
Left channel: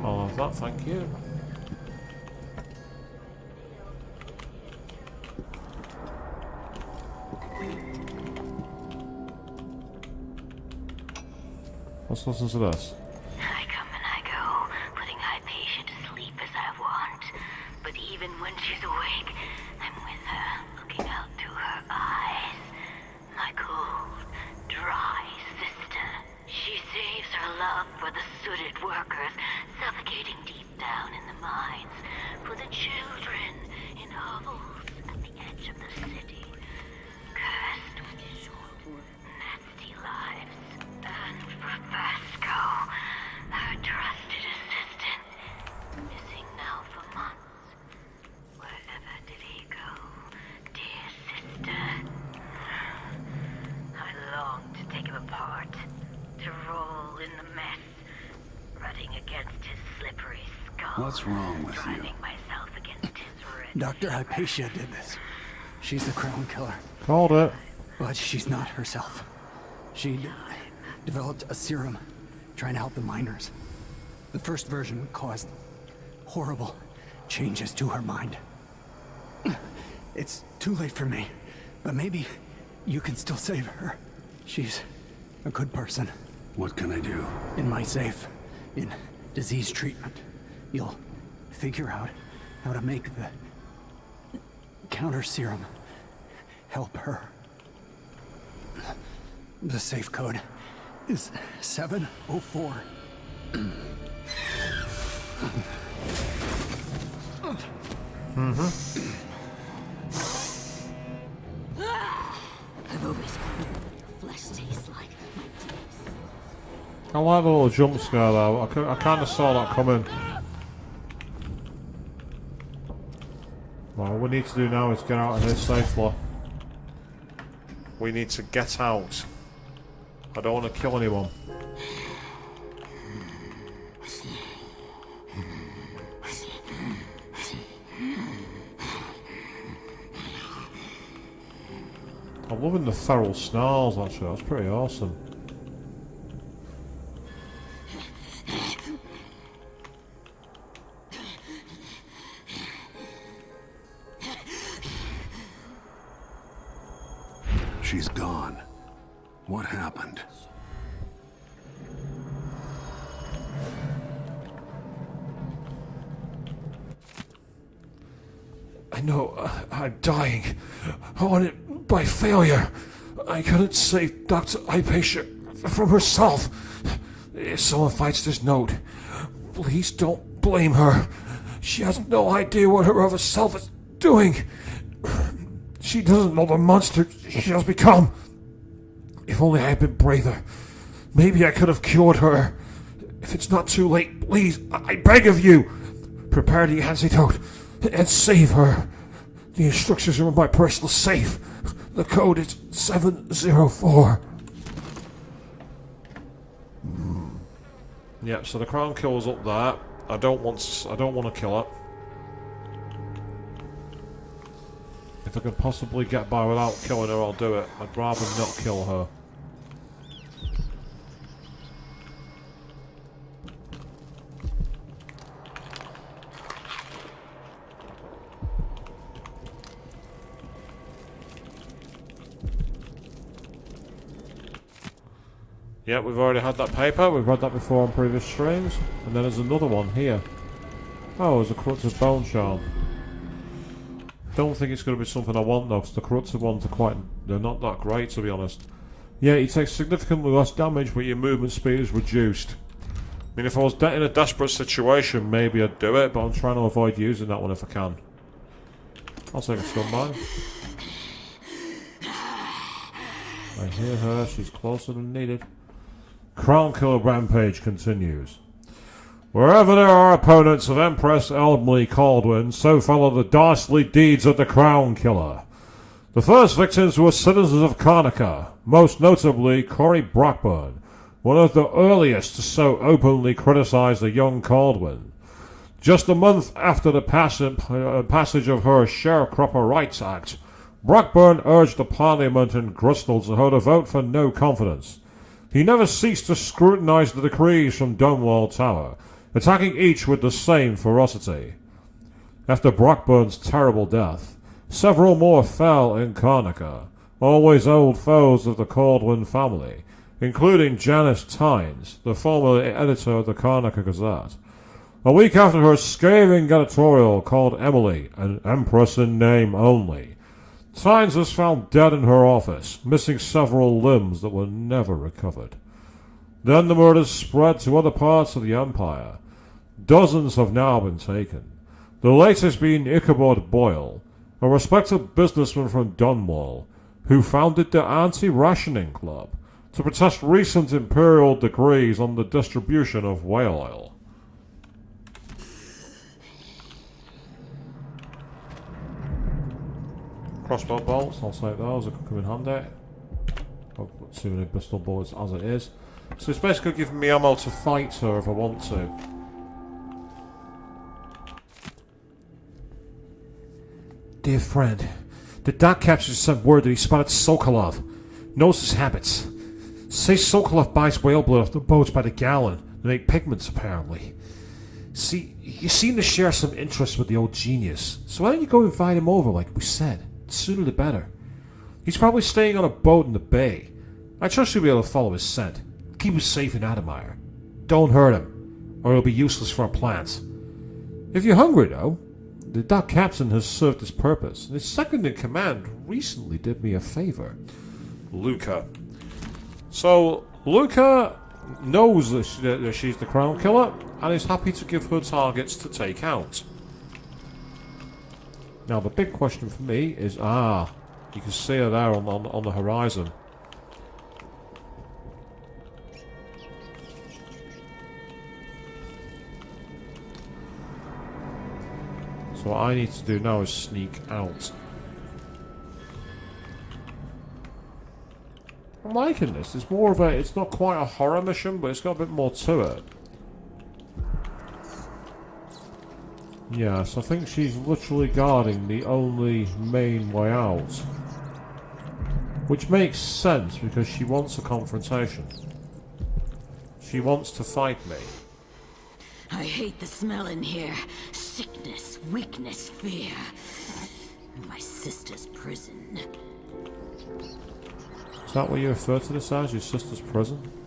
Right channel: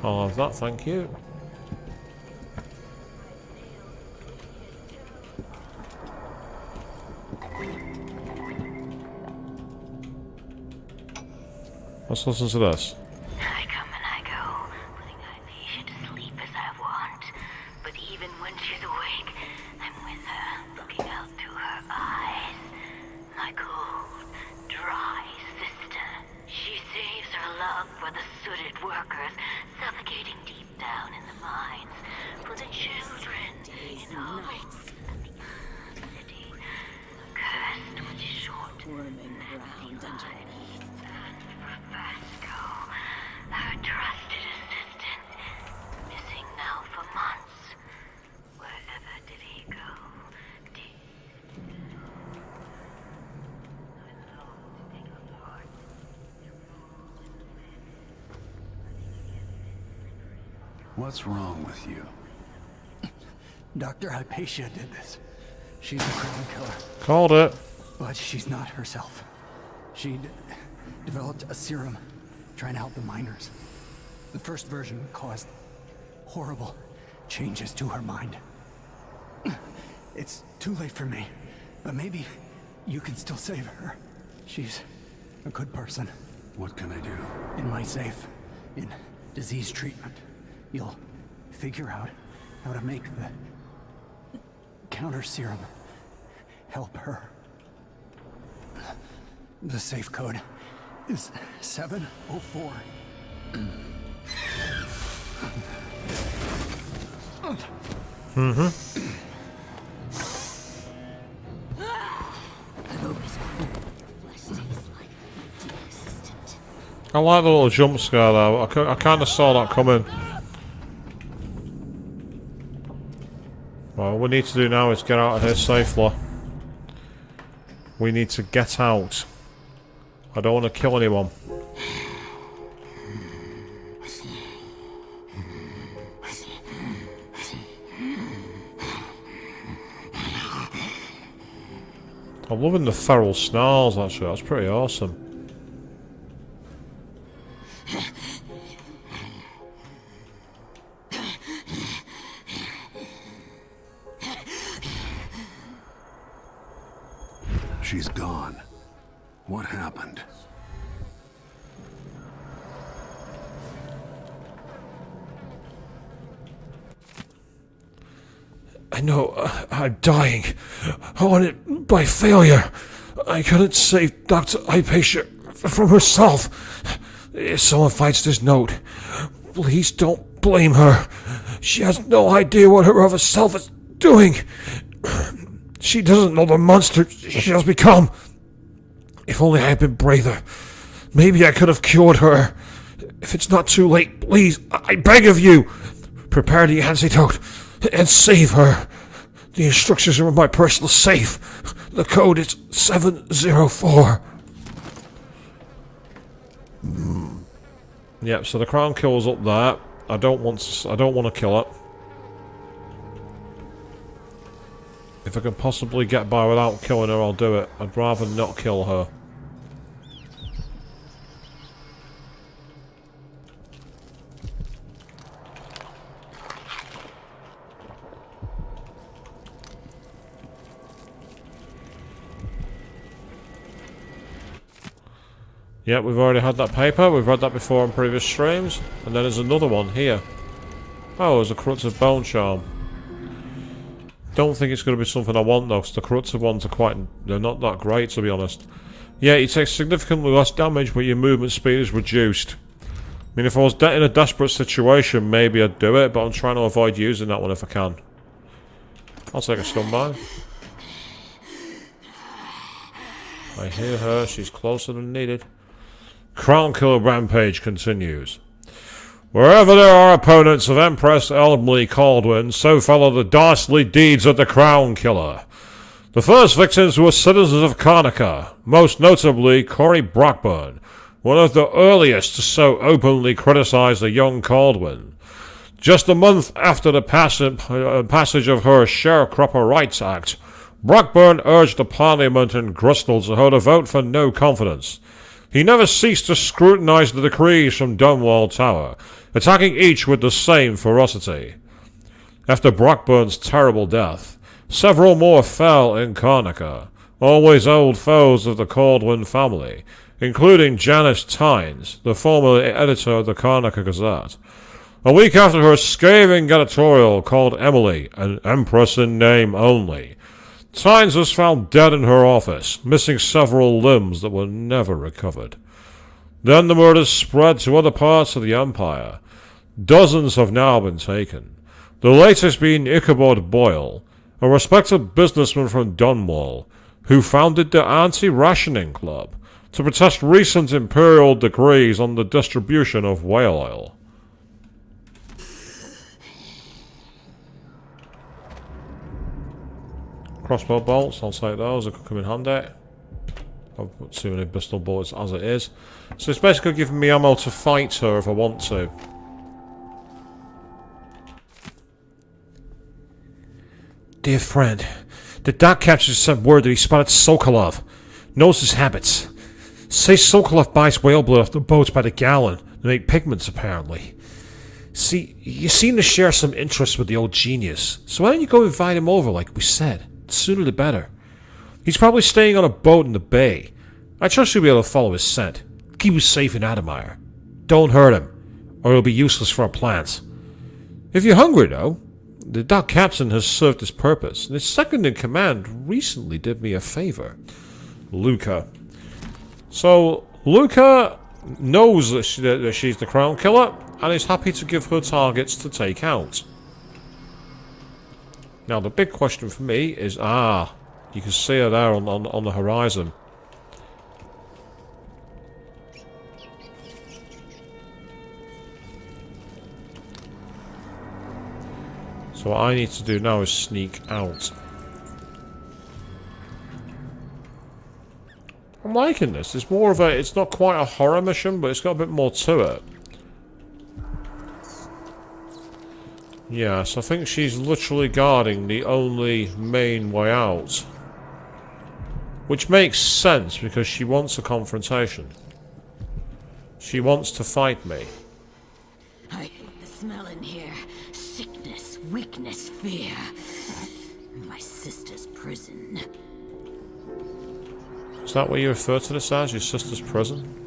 I'll have that, thank you. Let's listen to this. I come and I go, putting Hypatia to sleep as I want. But even when she's awake, I'm with her, looking out through her eyes. My cold, dry sister. She saves her love for the sooted workers, suffocating deep down in the mines. For the children in hovels at the edge of the city, cursed with short, nasty lives. And for Vasco, her trusted assistant, missing now for months. Wherever did he go, dear sister? I long to take him apart, to roll in the mess, rutting against his slippery skull. What's wrong with you? Myself against his ribs. Dr. Hypatia did this. She's the crown killer. Called it. But she's not herself. She developed a serum trying to help the miners. The first version caused horrible changes to her mind. It's too late for me, but maybe you can still save her. She's a good person. What can I do? In my safe, in disease treatment, you'll figure out how to make the counter serum help her. The safe code is 704. I've always wondered what your flesh tastes like, my dear assistant. I like the little jump scare though. I kind of saw that coming. Well, what we need to do now is get out of here safely. We need to get out. I don't want to kill anyone. I'm loving the feral snarls actually, that's pretty awesome. She's gone. What happened? I know, I'm dying. On it by failure. I couldn't save Dr. Hypatia from herself. If someone finds this note, please don't blame her. She has no idea what her other self is doing. She doesn't know the monster she has become. If only I had been braver. Maybe I could have cured her. If it's not too late, please, I beg of you, prepare the antidote and save her. The instructions are in my personal safe. The code is 704. Yep, so the crown killer's up there. I don't want to kill it. If I can possibly get by without killing her, I'll do it. I'd rather not kill her. Yeah, we've already had that paper. We've read that before on previous streams. And then there's another one here. Oh, there's a corrupted bone charm. Don't think it's going to be something I want though, because the corrupted ones are they're not that great to be honest. Yeah, you take significantly less damage, but your movement speed is reduced. I mean, if I was in a desperate situation, maybe I'd do it, but I'm trying to avoid using that one if I can. I'll take a stun by. I hear her, she's closer than needed. Crown Killer Rampage continues. Wherever there are opponents of Empress Elmley Caldwin, so follow the dastardly deeds of the Crown Killer. The first victims were citizens of Karnaca, most notably Corey Brockburn, one of the earliest to so openly criticize the young Caldwin. Just a month after the passage of her Sharecropper Rights Act, Brockburn urged the Parliament in Bristol to hold a vote for no confidence. He never ceased to scrutinize the decrees from Dunwall Tower, attacking each with the same ferocity. After Brockburn's terrible death, several more fell in Karnaca, always old foes of the Caldwin family, including Janet Tynes, the former editor of the Karnaca Gazette. A week after her scathing editorial called Emily an empress in name only, Tynes was found dead in her office, missing several limbs that were never recovered. Then the murders spread to other parts of the Empire. Dozens have now been taken, the latest being Ichabod Boyle, a respected businessman from Dunwall, who founded the Anti-Rationing Club to protest recent imperial decrees on the distribution of whale oil. Crossbow bolts, I'll take those, they could come in handy. I've got too many pistol bullets as it is. So it's basically giving me ammo to fight her if I want to. Dear friend, the dock captain sent word that he spotted Sokolov. Knows his habits. Says Sokolov buys whale blood off the boats by the gallon to make pigments, apparently. See, you seem to share some interest with the old genius, so why don't you go invite him over like we said? The sooner the better. He's probably staying on a boat in the bay. I trust you'll be able to follow his scent. Keep him safe in Adamire. Don't hurt him, or he'll be useless for our plans. If you're hungry, though, the dock captain has served his purpose, and his second in command recently did me a favor. Luca. So, Luca knows that she's the crown killer, and is happy to give her targets to take out. Now, the big question for me is, you can see her there on the horizon. So what I need to do now is sneak out. I'm liking this. It's more of a, it's not quite a horror mission, but it's got a bit more to it. Yes, I think she's literally guarding the only main way out. Which makes sense, because she wants a confrontation. She wants to fight me. I hate the smell in here. Sickness, weakness, fear. My sister's prison. Is that what you refer to this as? Your sister's prison?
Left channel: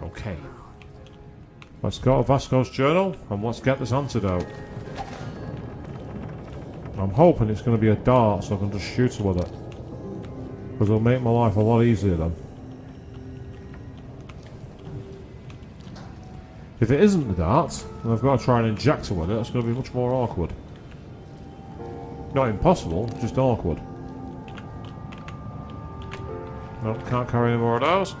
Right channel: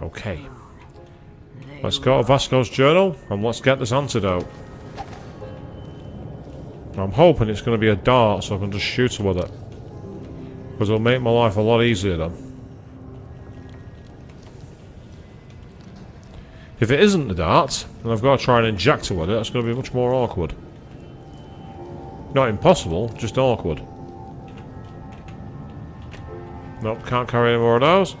Okay. Let's go to Vasco's journal and let's get this antidote. I'm hoping it's going to be a dart so I can just shoot her with it. Because it'll make my life a lot easier then. If it isn't the dart, and I've got to try and inject her with it, it's going to be much more awkward. Not impossible, just awkward. Nope, can't carry any more of those.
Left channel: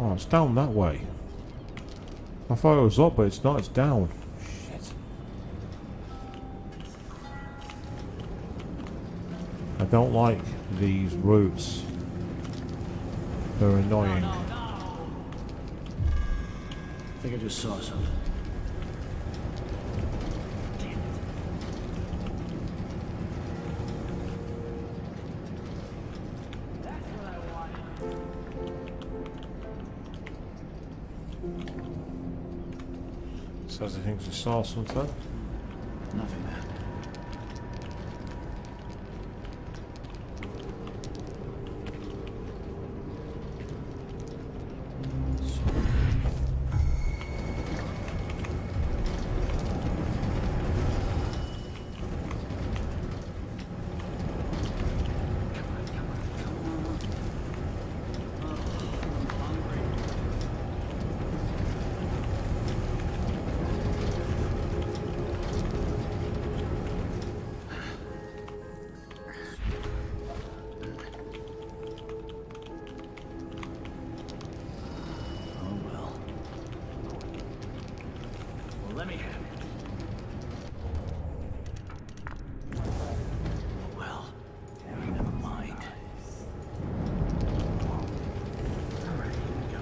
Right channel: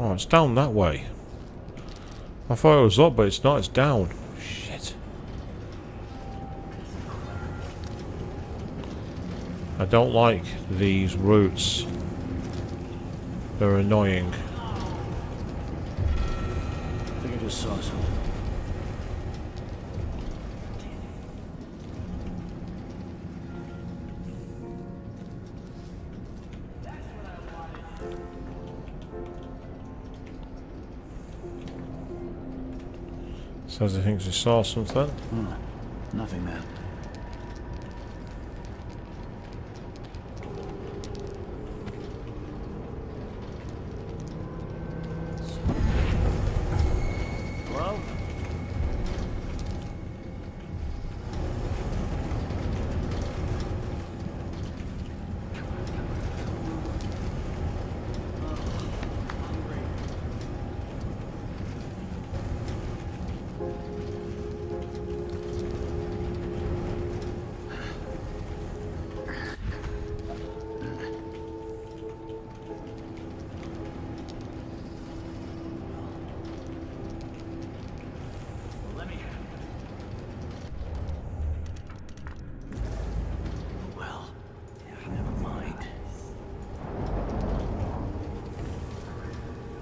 Oh, it's down that way. I thought it was up, but it's not, it's down. Shit. I don't like these routes. They're annoying. I think I just saw something. Says he thinks he saw something. Nothing there. Let me have it. Well, never mind. Alright, here we go.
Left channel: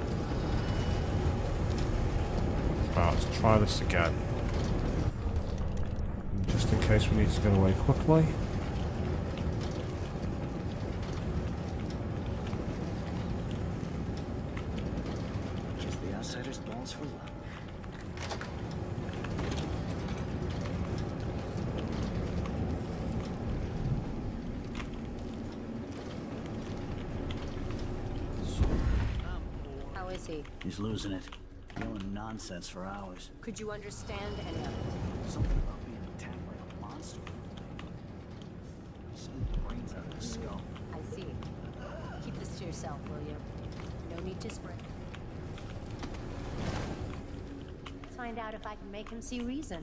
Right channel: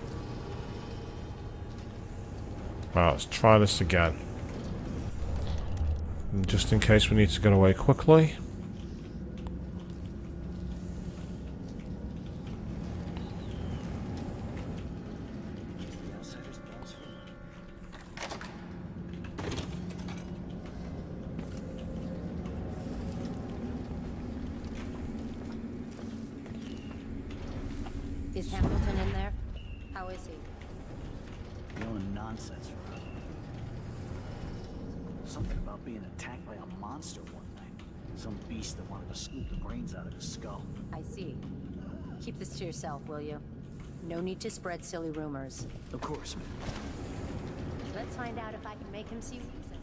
Right, let's try this again. Just in case we need to get away quickly. Just the outsider's balls for luck. Is Hamilton in there? How is he? He's losing it. Yelling nonsense for hours. Could you understand any of it? Something about being attacked by a monster one night. Some beast that wanted to scoop the brains out of his skull. I see. Keep this to yourself, will you? No need to spread silly rumors. Of course. Let's find out if I can make him see reason.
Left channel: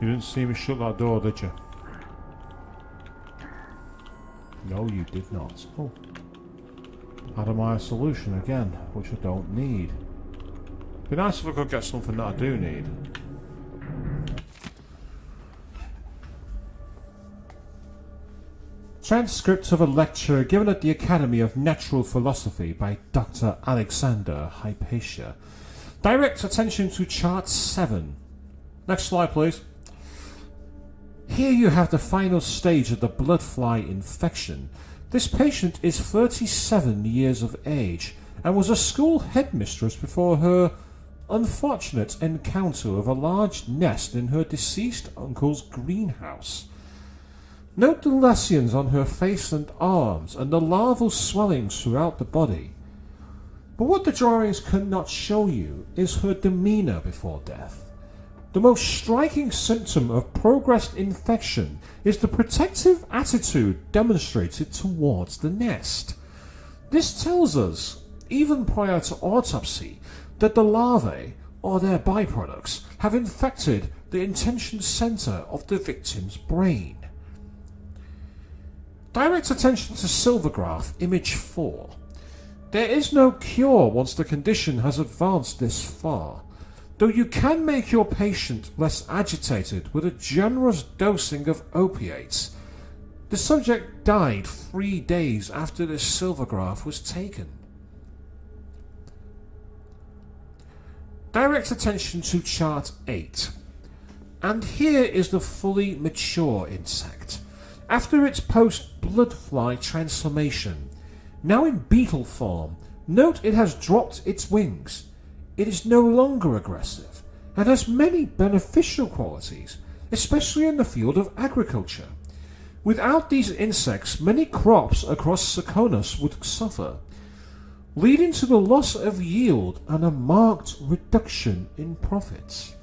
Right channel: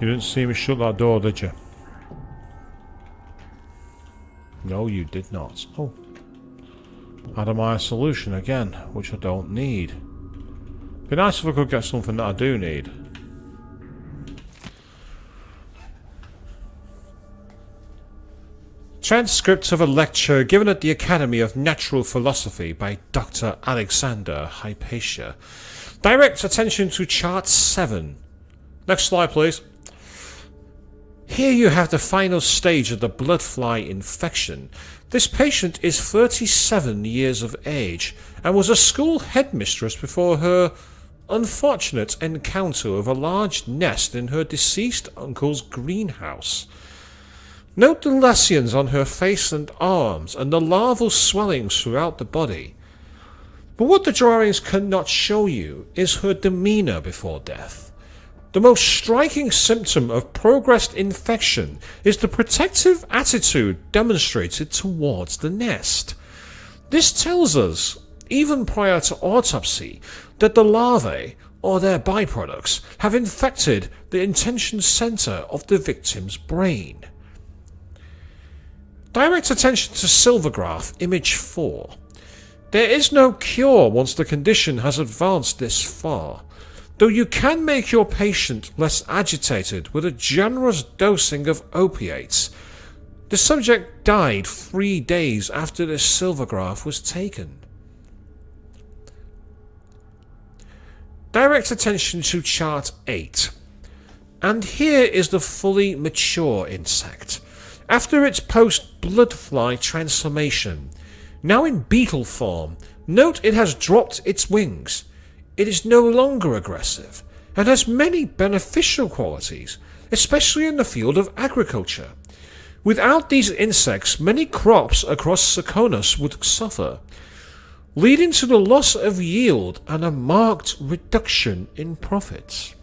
You didn't see me shut that door, did you? No, you did not. Oh. Adamire solution again, which I don't need. Be nice if I could get something that I do need. Transcript of a lecture given at the Academy of Natural Philosophy by Dr. Alexander Hypatia. Direct attention to chart 7. Next slide, please. Here you have the final stage of the blood fly infection. This patient is 37 years of age and was a school headmistress before her unfortunate encounter with a large nest in her deceased uncle's greenhouse. Note the lesions on her face and arms and the larval swellings throughout the body. But what the drawings cannot show you is her demeanour before death. The most striking symptom of progressed infection is the protective attitude demonstrated towards the nest. This tells us, even prior to autopsy, that the larvae, or their byproducts, have infected the intention centre of the victim's brain. Direct attention to Silvergraph, image 4. There is no cure once the condition has advanced this far, though you can make your patient less agitated with a generous dosing of opiates. The subject died 3 days after this Silvergraph was taken. Direct attention to chart 8. And here is the fully mature insect. After its post-bloodfly transformation, now in beetle form, note it has dropped its wings. It is no longer aggressive and has many beneficial qualities, especially in the field of agriculture. Without these insects, many crops across Serkonos would suffer, leading to the loss of yield and a marked reduction in profits.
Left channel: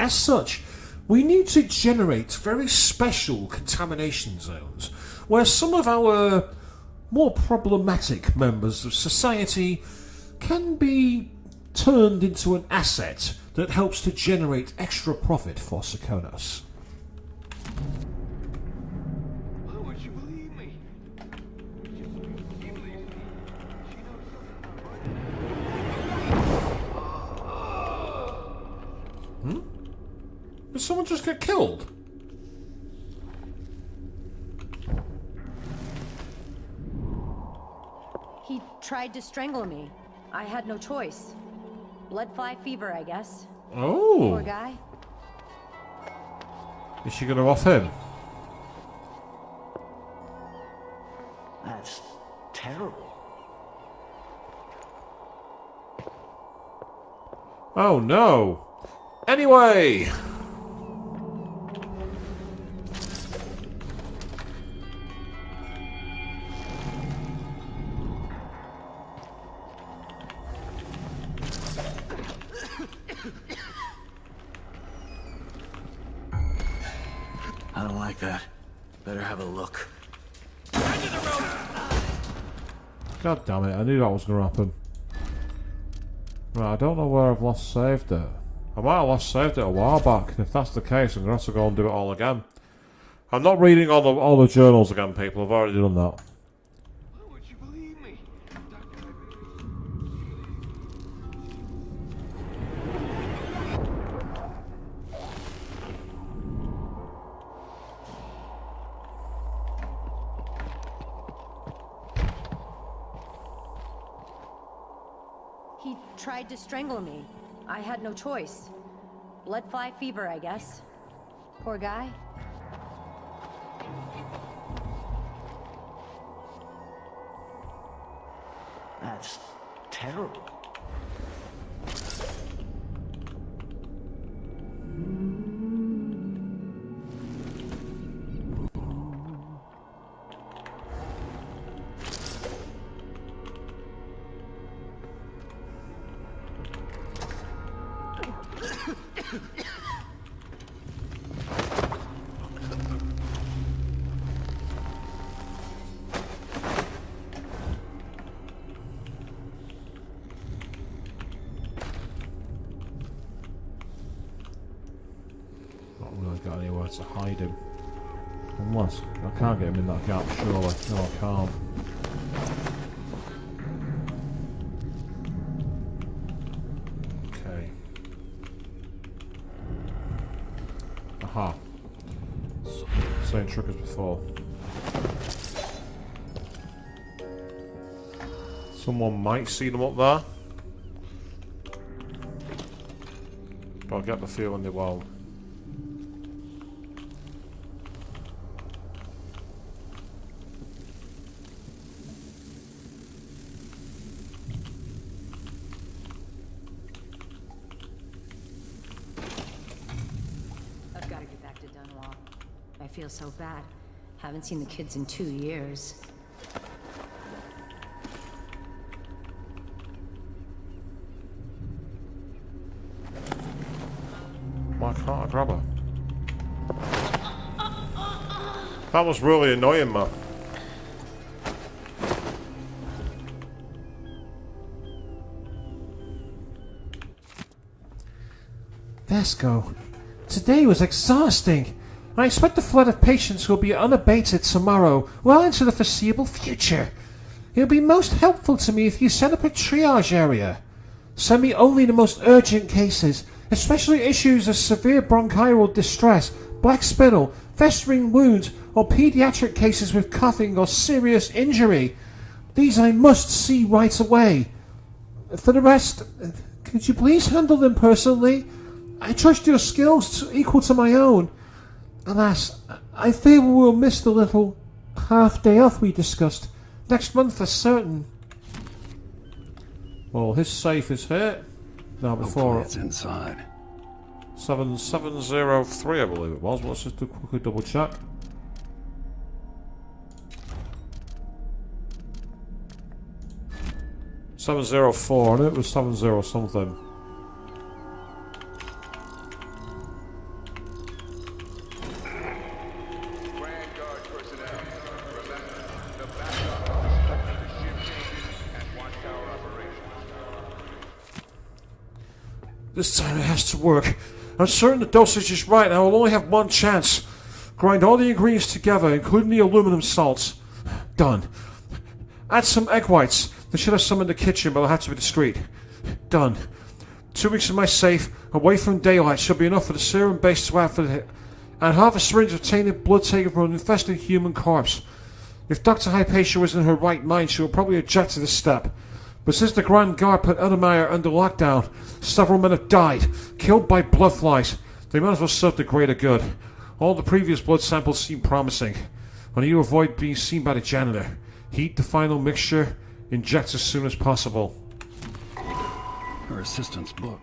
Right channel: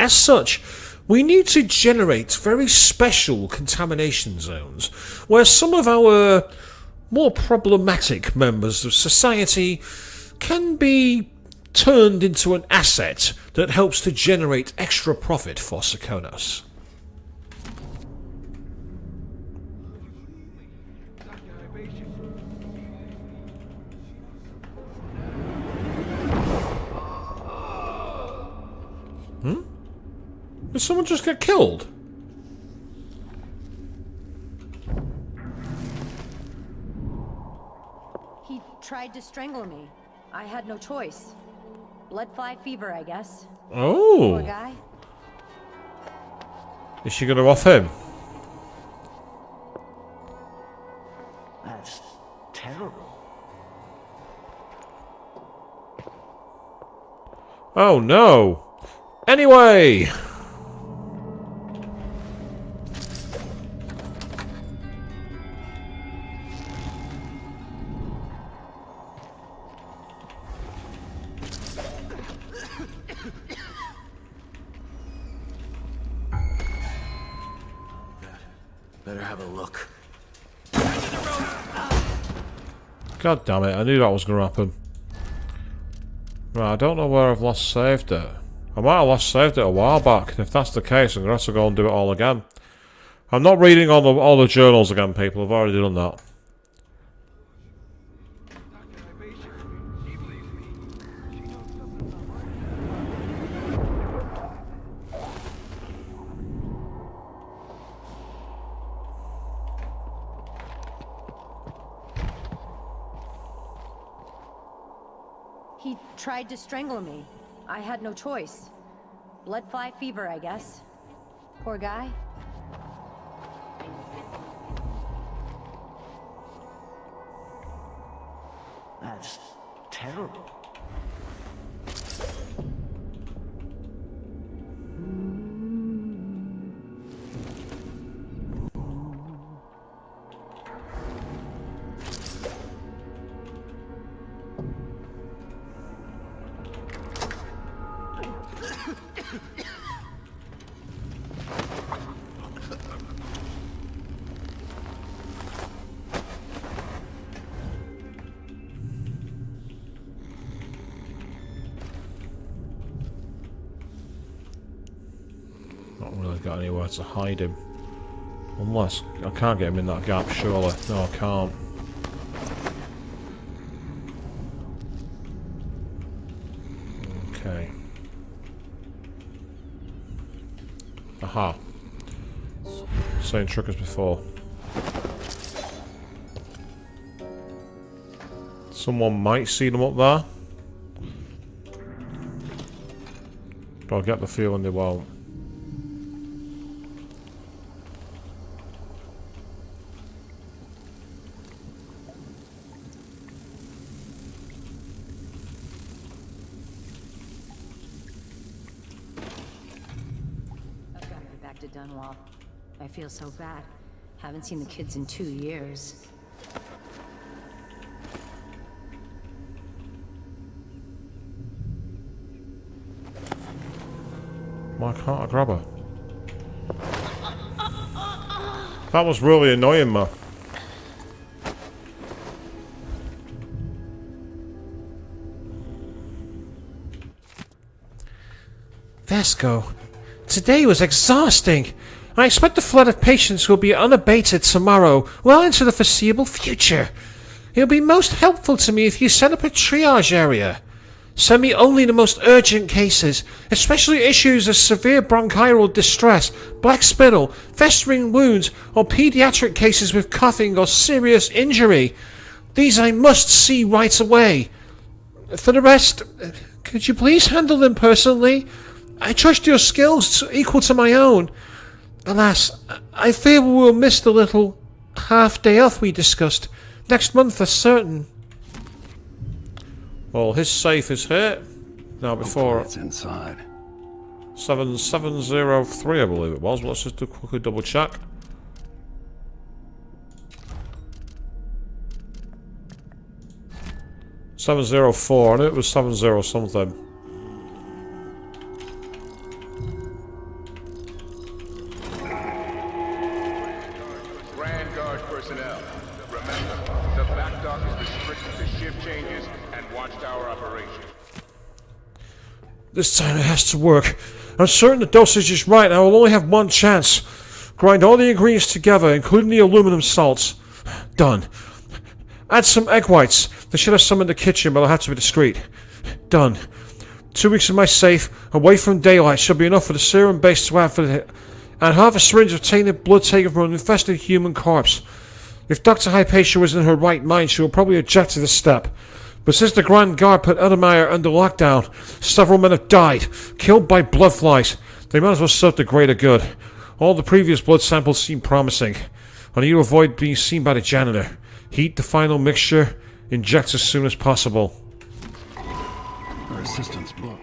As such, we need to generate very special contamination zones where some of our more problematic members of society can be turned into an asset that helps to generate extra profit for Serkonos. Did someone just get killed? He tried to strangle me. I had no choice. Bloodfly fever, I guess. Oh. Poor guy. Is she gonna off him? That's terrible. Oh no. Anyway. I don't like that. Better have a look. God damn it, I knew that was going to happen. Right, I don't know where I've last saved it. I might have last saved it a while back. If that's the case, I'm going to have to go and do it all again. I'm not reading all the journals again, people. I've already done that. He tried to strangle me. I had no choice. Blood fly fever, I guess. Poor guy. That's terrible. Got anywhere to hide him. Unless I can't get him in that gap, surely. No, I can't. Okay. Aha. Same trick as before. Someone might see them up there. But I get the feeling they won't. To Dunwall. I feel so bad. Haven't seen the kids in 2 years. Why can't I grab her? That was really annoying me. Vasco, today was exhausting. I expect the flood of patients will be unabated tomorrow, well into the foreseeable future. It will be most helpful to me if you set up a triage area. Send me only the most urgent cases, especially issues of severe bronchial distress, black spittle, festering wounds, or pediatric cases with coughing or serious injury. These I must see right away. For the rest, could you please handle them personally? I trust your skills equal to my own. Alas, I fear we will miss the little half-day off we discussed. Next month for certain. Well, his safe is here. Now before it's inside. 7703, I believe it was. Let's just quickly double check. $704. I knew it was 70 something. This time it has to work. I'm certain the dosage is right and I will only have one chance. Grind all the ingredients together, including the aluminum salts. Done. Add some egg whites. They should have some in the kitchen, but I'll have to be discreet. Done. 2 weeks in my safe, away from daylight, should be enough for the serum base to add for the... And half a syringe of tainted blood taken from an infested human corpse. If Dr. Hypatia was in her right mind, she would probably object to this step. But since the Grand Guard put Ademeyer under lockdown, several men have died, killed by bloodflies. They might as well serve the greater good. All the previous blood samples seem promising. I need to avoid being seen by the janitor. Heat the final mixture, inject as soon as possible. Her assistant's book.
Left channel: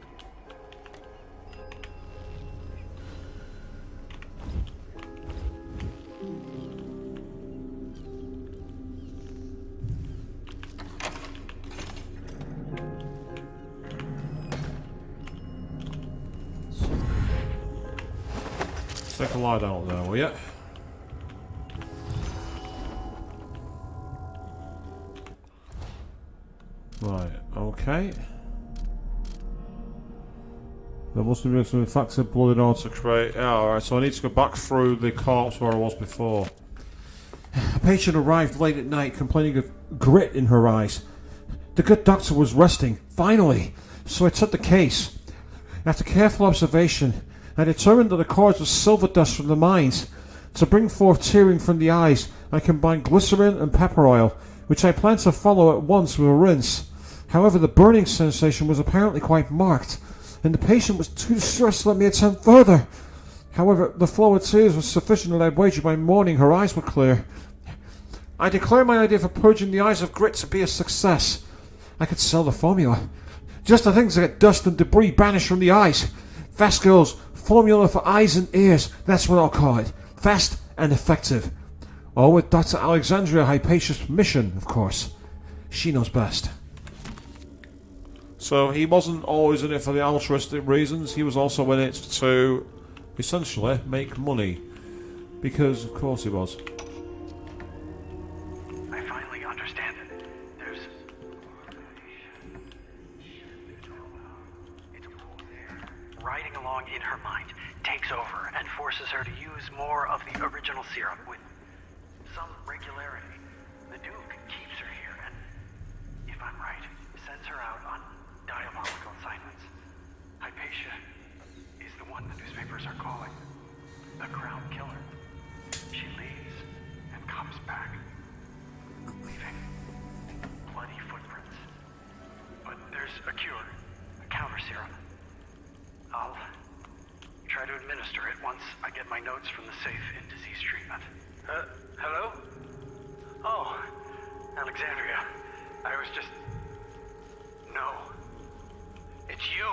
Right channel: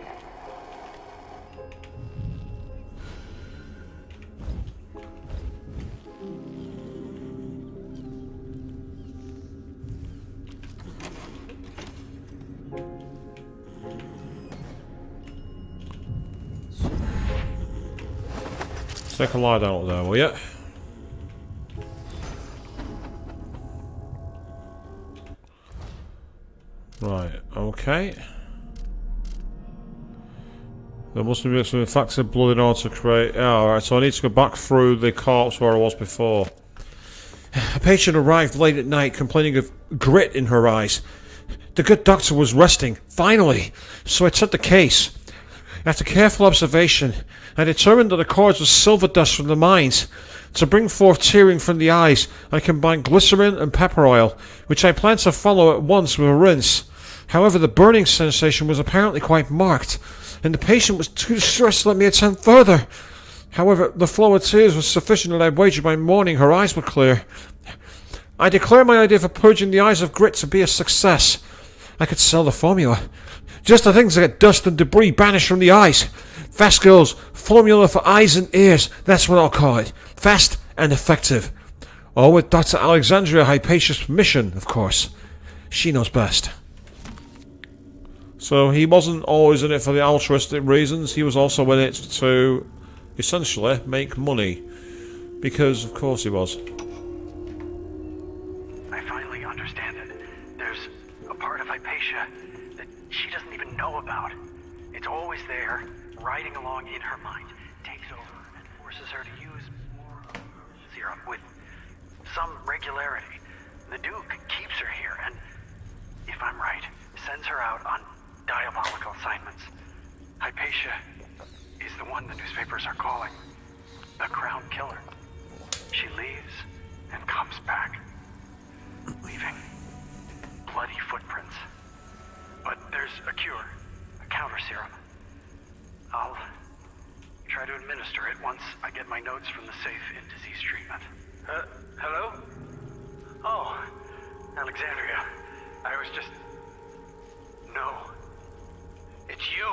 Take a lie down up there, will you? Right, okay. There must be some infected blood in order to create... Yeah, alright, so I need to go back through the corpse where I was before. A patient arrived late at night complaining of grit in her eyes. The good doctor was resting, finally, so I took the case. After careful observation, I determined that the cause was silver dust from the mines. To bring forth tearing from the eyes, I combined glycerin and pepper oil, which I plan to follow at once with a rinse. However, the burning sensation was apparently quite marked, and the patient was too distressed to let me attend further. However, the flow of tears was sufficient, and I wagered by morning her eyes were clear. I declare my idea for purging the eyes of grit to be a success. I could sell the formula. Just the things that get dust and debris banished from the eyes. Fast Girl's formula for eyes and ears, that's what I'll call it. Fast and effective. All with Dr. Alexandria Hypatia's permission, of course. She knows best. So he wasn't always in it for the altruistic reasons, he was also in it to essentially make money. Because of course he was. I finally understand it. There's a part of Hypatia that she doesn't even know about. It's always there, riding along in her mind, takes over and forces her to use more of the original serum with some regularity. The Duke keeps her here and, if I'm right, sends her out on diabolical assignments. Hypatia is the one the newspapers are calling the Crown Killer. She leaves and comes back, leaving bloody footprints. But there's a cure, a counter serum. I'll try to administer it once I get my notes from the safe in disease treatment. Hello? Oh, Alexandria. I was just... No. It's you.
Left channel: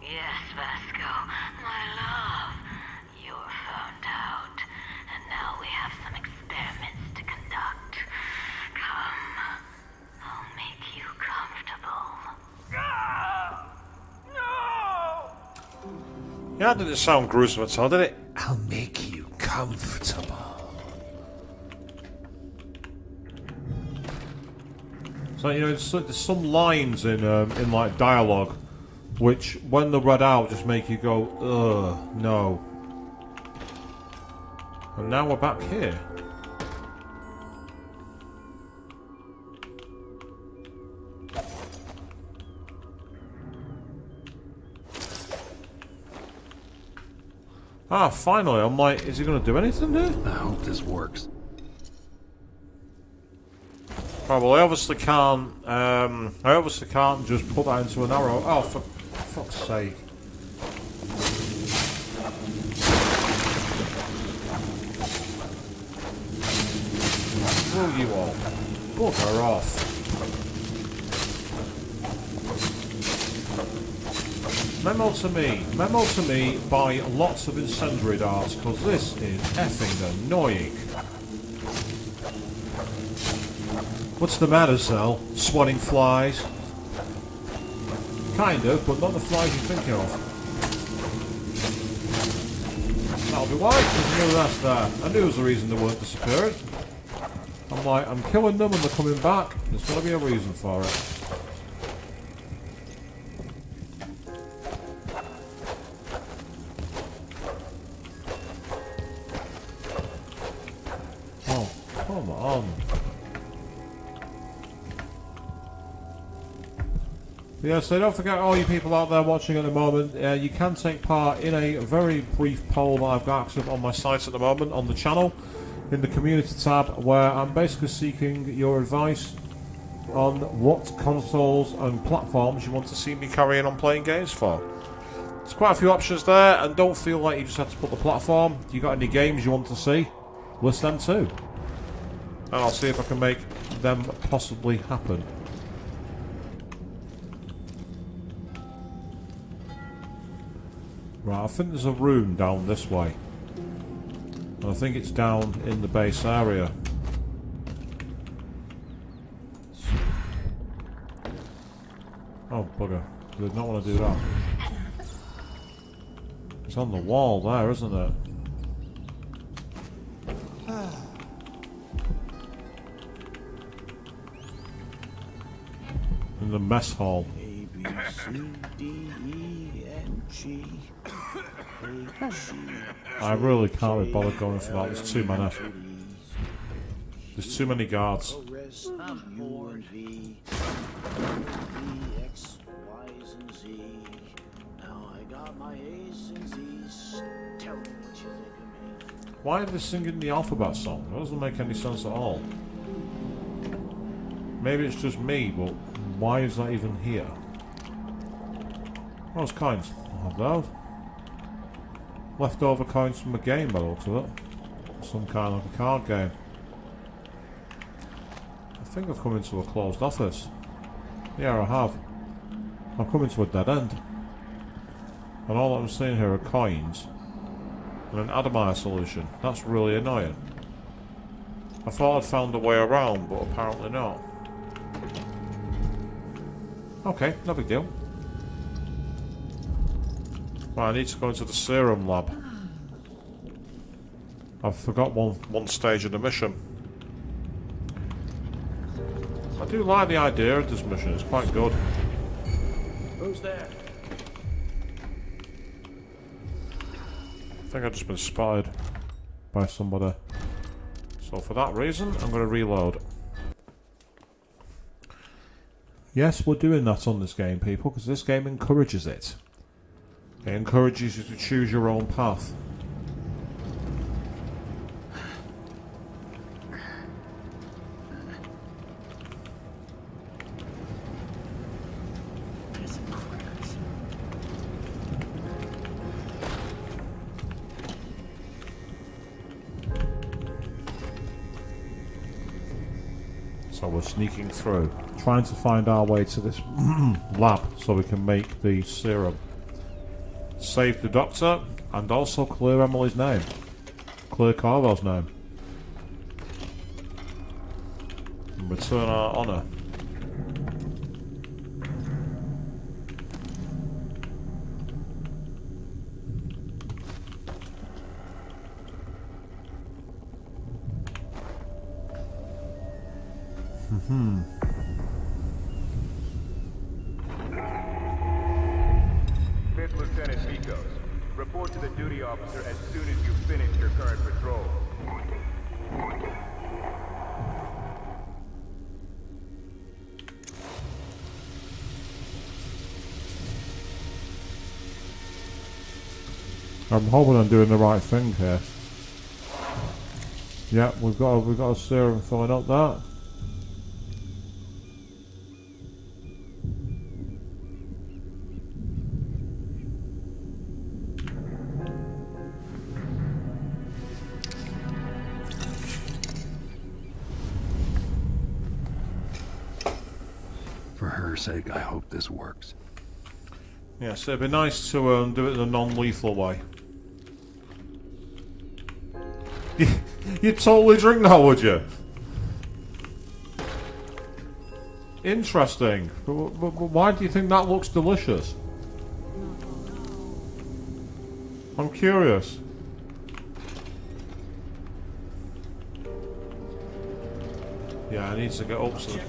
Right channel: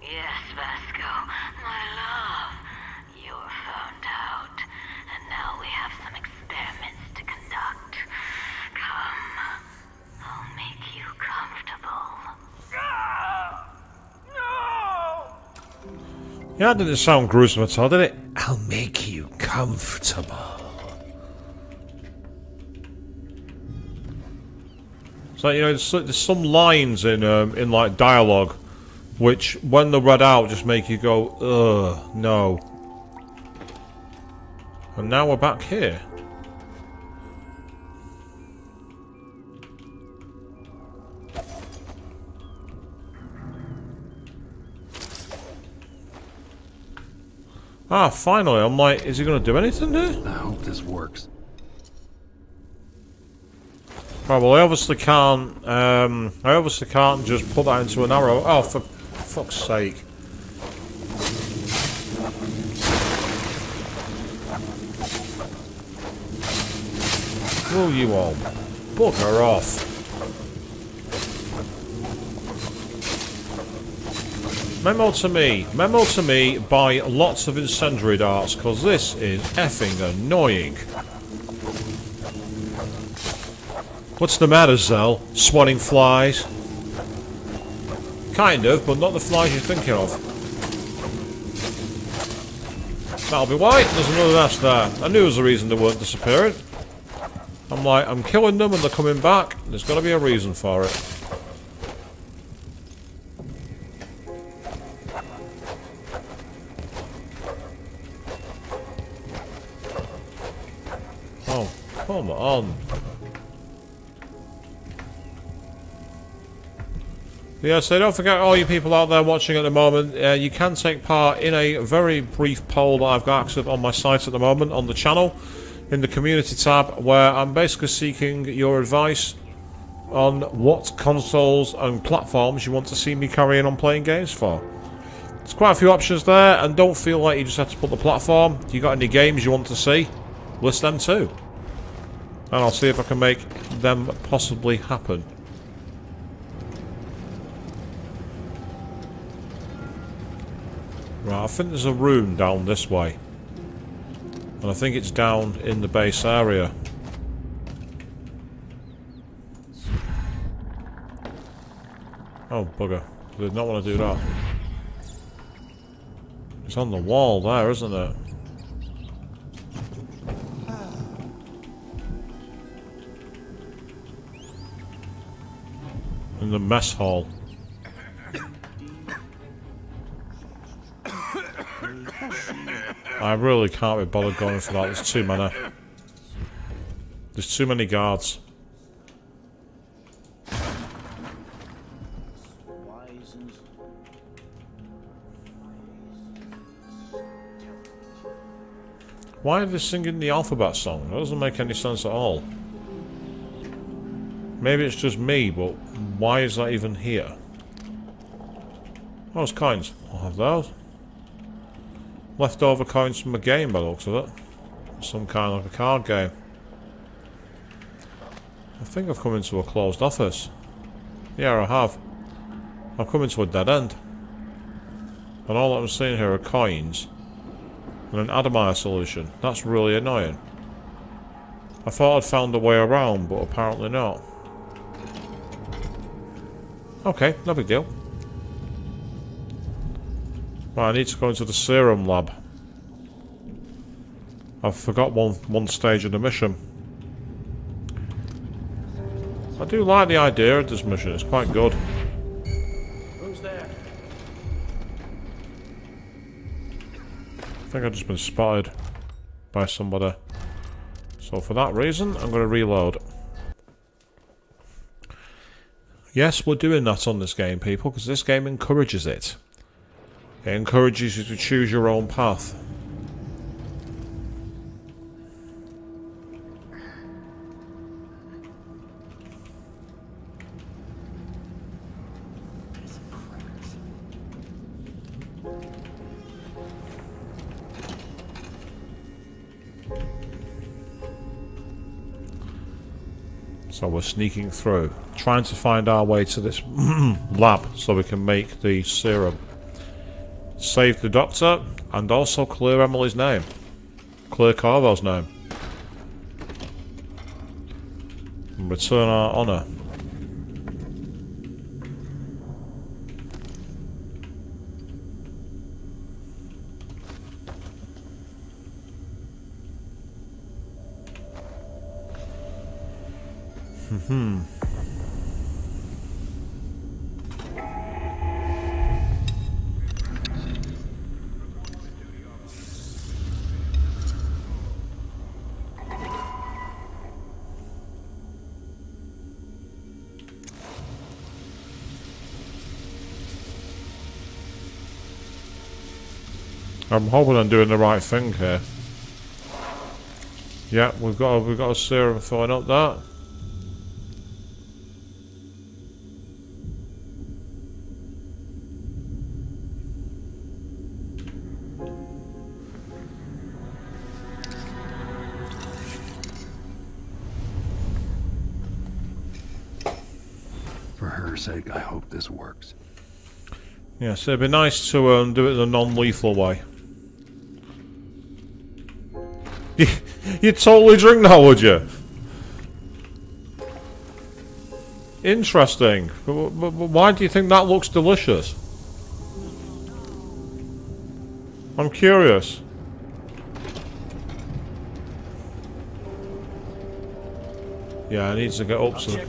Yes, Vasco, my love. You were found out, and now we have some experiments to conduct. Come, I'll make you comfortable. No! Yeah, that didn't sound gruesome at all, did it? I'll make you comfortable. So, you know, there's some lines in like dialogue which, when they're read out, just make you go, ugh, no. And now we're back here. Ah, finally. I'm like, is he going to do anything here? I hope this works. Right, well, I obviously can't just put that into an arrow. Oh, for fuck's sake. Will you all bugger off? Memo to me, buy lots of incendiary darts, because this is effing annoying. What's the matter, Cell? Swatting flies? Kind of, but not the flies you're thinking of. That'll be why. There's another nest there. I knew there was a reason they weren't disappearing. I'm like, I'm killing them and they're coming back. There's got to be a reason for it. Oh, come on. Yeah, so don't forget, all you people out there watching at the moment, you can take part in a very brief poll that I've got active on my site at the moment, on the channel, in the community tab, where I'm basically seeking your advice on what consoles and platforms you want to see me carrying on playing games for. There's quite a few options there, and don't feel like you just have to put the platform. If you got any games you want to see, list them too. And I'll see if I can make them possibly happen. Right, I think there's a room down this way. And I think it's down in the base area. Oh, bugger. I did not want to do that. It's on the wall there, isn't it? In the mess hall. I really can't be bothered going for that. There's too many. There's too many guards. Why are they singing the alphabet song? That doesn't make any sense at all. Maybe it's just me, but why is that even here? Those coins. I'll have those. Leftover coins from a game by the looks of it. Some kind of a card game. I think I've come into a closed office. Yeah, I have. I've come into a dead end. And all that I'm seeing here are coins. And an Adamire solution. That's really annoying. I thought I'd found a way around, but apparently not. Okay, no big deal. Right, I need to go into the serum lab. I forgot one stage of the mission. I do like the idea of this mission, it's quite good. Who's there? I think I've just been spotted by somebody. So for that reason, I'm going to reload. Yes, we're doing that on this game, people, because this game encourages it. It encourages you to choose your own path. So we're sneaking through, trying to find our way to this lab so we can make the serum. Save the doctor, and also clear Emily's name. Clear Corvo's name. And return our honour. Fifth Lieutenant Nikos, report to the duty officer as soon as you finish your current patrol. I'm hoping I'm doing the right thing here. Yeah, we've got a serum throwing up that. For her sake, I hope this works. Yes, it'd be nice to do it in a non-lethal way. You'd totally drink that, would you? Interesting. But why do you think that looks delicious? I'm curious. Yeah, I need to get up some.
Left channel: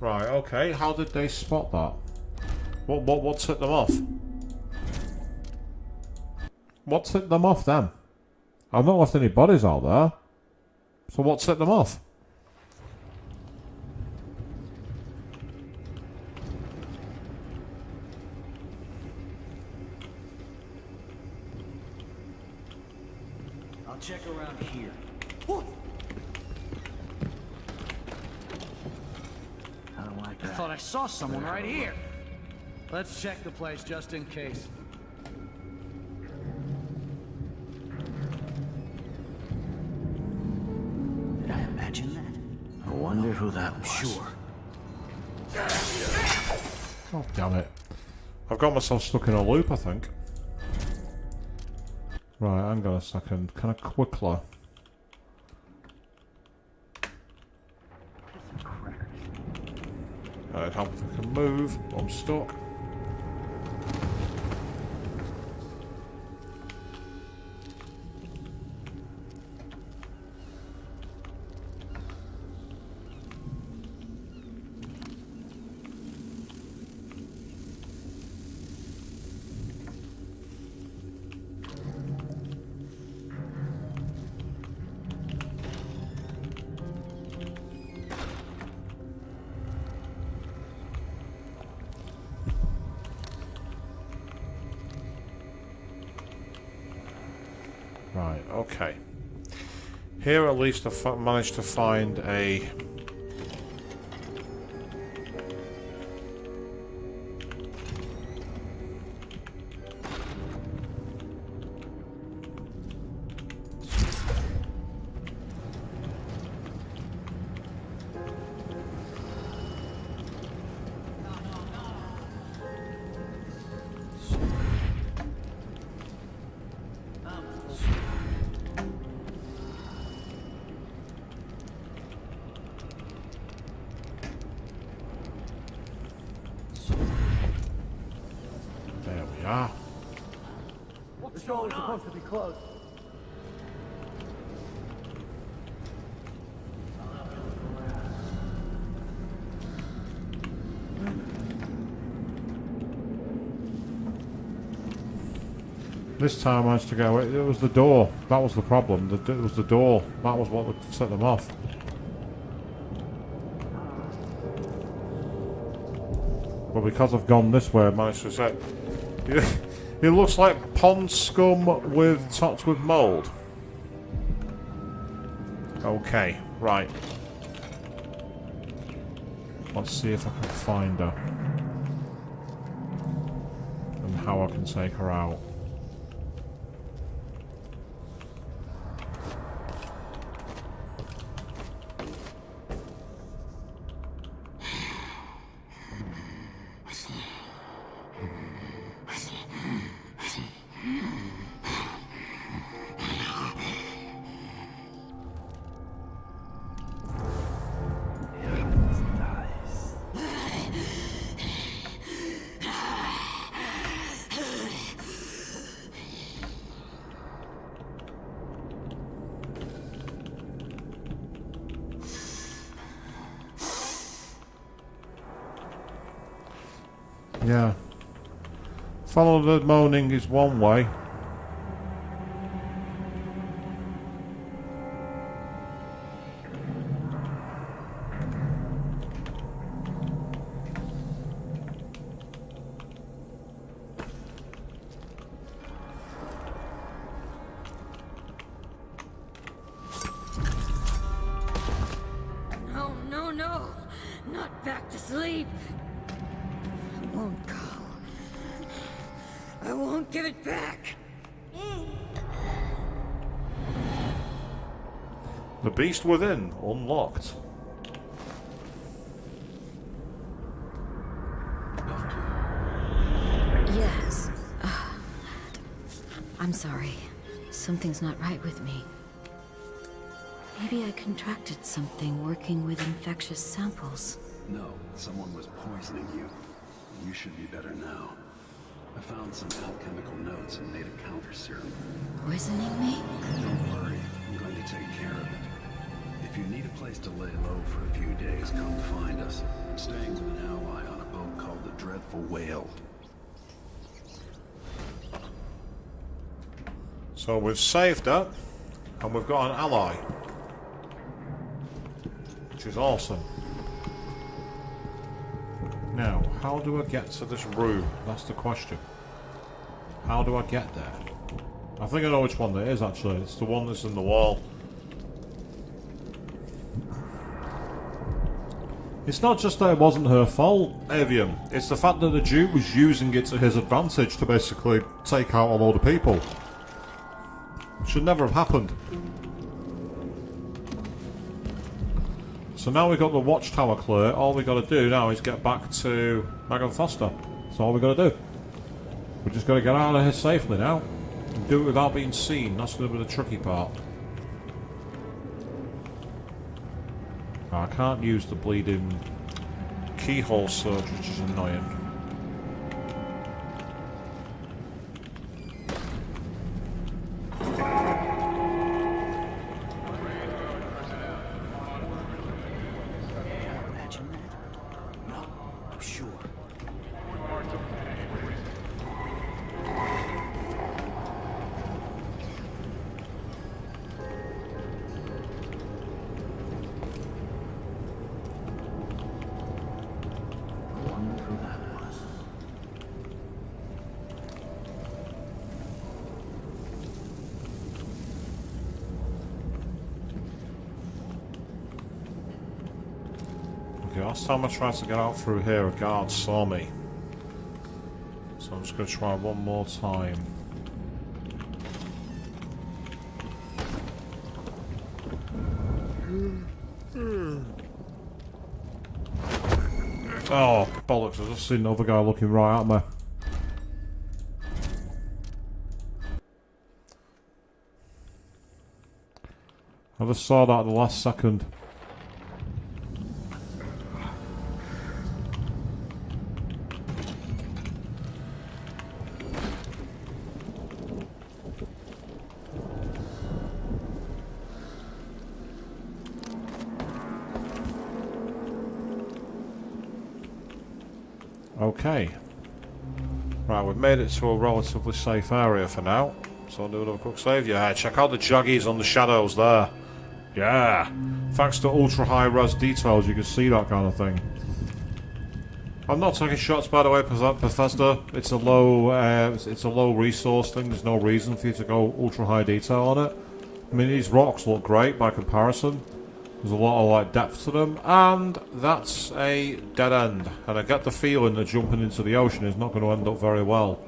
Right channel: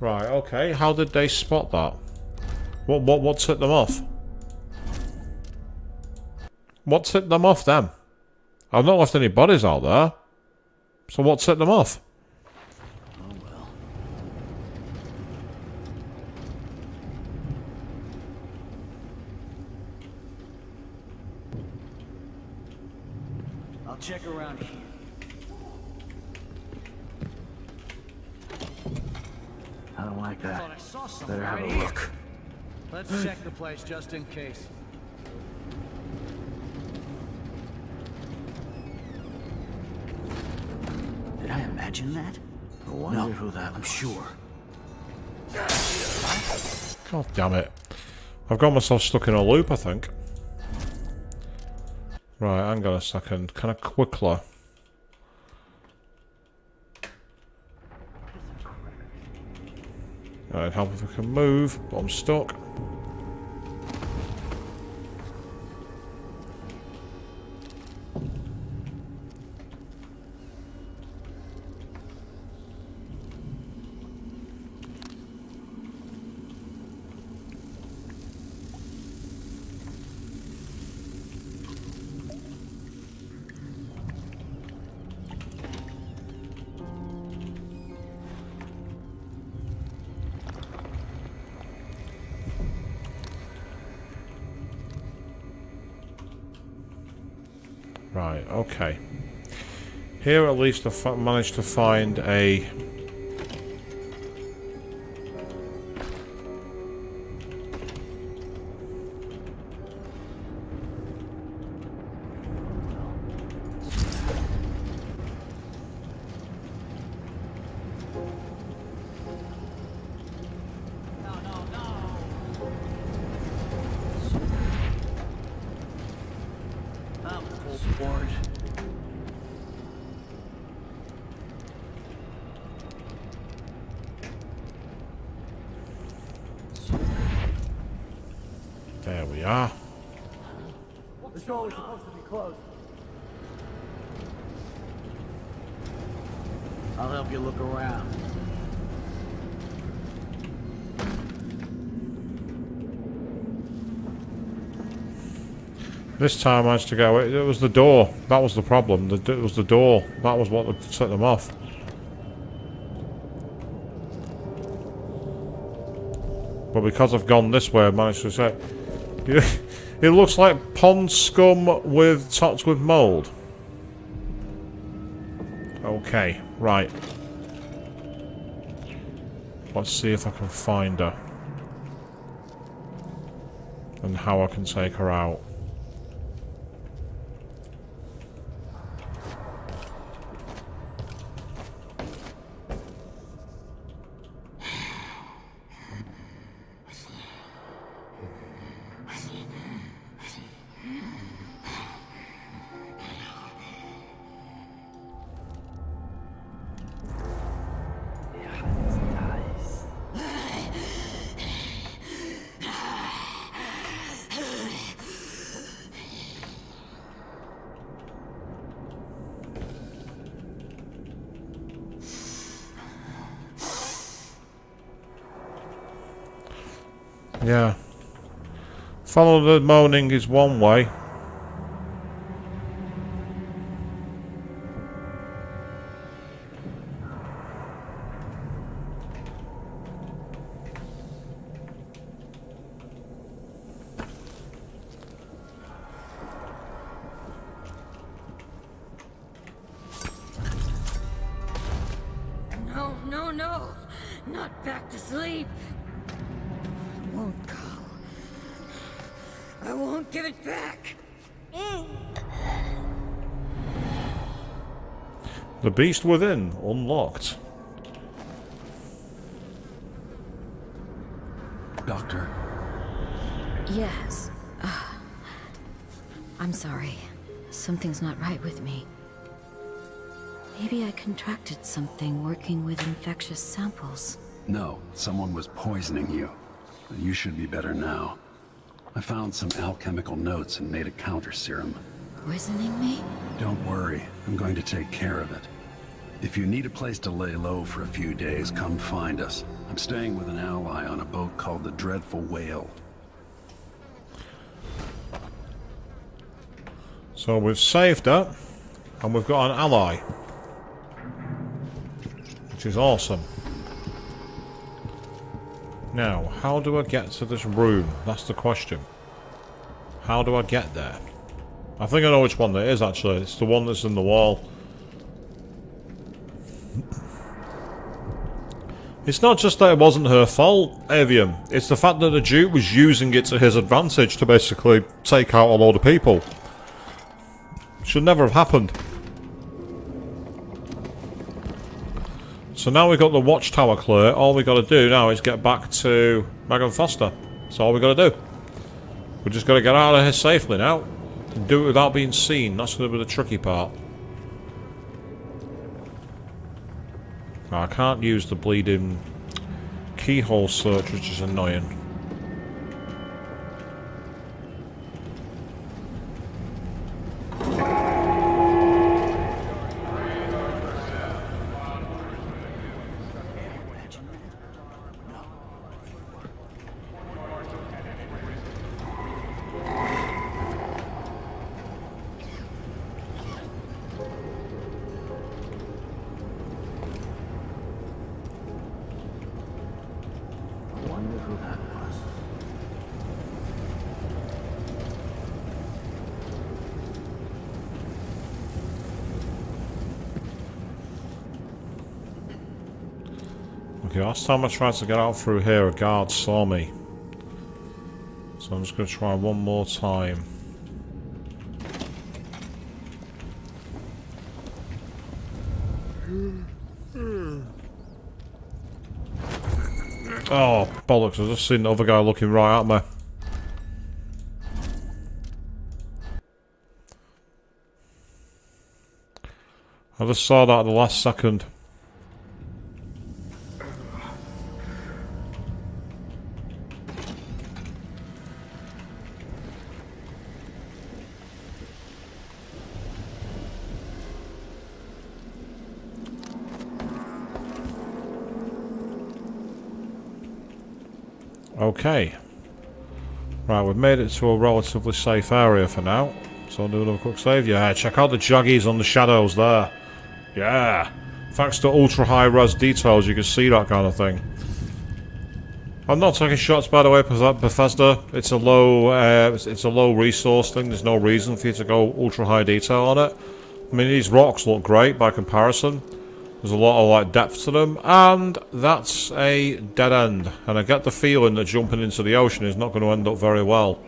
Right, okay. How did they spot that? What set them off? What set them off then? I've not left any bodies out there. So what set them off? I'll check around here. I don't like that. I thought I saw someone Better have right a here. look. Let's check the place just in case. Did I imagine that? I wonder who that was. Sure. God damn it. I've got myself stuck in a loop, I think. Right, hang on a second. Can I quickly? I'd help if I can move, but I'm stuck. Right, okay. Here at least I've managed to find a we are. The door is supposed to be closed. I'll help you look around. This time I managed to get away. It was the door. That was the problem. It was the door. That was what set them off. But because I've gone this way, I managed to say... It looks like pond scum topped with mould. Okay, right. Let's see if I can find her. And how I can take her out. Yeah. Follow the moaning is one way. No, no, no! Not back to sleep! I won't go. I won't give it back! The beast within unlocked. Doctor. Yes. I'm sorry. Something's not right with me. Maybe I contracted something working with infectious samples. No, someone was poisoning you. You should be better now. I found some alchemical notes and made a counter serum. Poisoning me? Don't worry, I'm going to take care of it. If you need a place to lay low for a few days, come find us. I'm staying with an ally on a boat called the Dreadful Whale. So we've saved her, and we've got an ally. Which is awesome. Now, how do I get to this room? That's the question. How do I get there? I think I know which one that is, actually. It's the one that's in the wall. It's not just that it wasn't her fault, Avian. It's the fact that the Duke was using it to his advantage to basically take out a load of people. Should never have happened. So now we've got the watchtower clear. All we got to do now is get back to Megan Foster. That's all we got to do. We just got to get out of here safely now. Do it without being seen. That's going to be the tricky part. I can't use the bleeding keyhole search, which is annoying. Okay, last time I tried to get out through here, a guard saw me. So I'm just going to try one more time. Oh, bollocks, I've just seen the other guy looking right at me. I just saw that at the last second. Okay. Right, we've made it to a relatively safe area for now. So I'll do another quick save. Yeah, check out the jaggies on the shadows there. Yeah. Thanks to ultra high res details, you can see that kind of thing. I'm not taking shots, by the way, Bethesda. It's a low resource thing. There's no reason for you to go ultra high detail on it. I mean, these rocks look great by comparison. There's a lot of like depth to them, and that's a dead end. And I get the feeling that jumping into the ocean is not going to end up very well.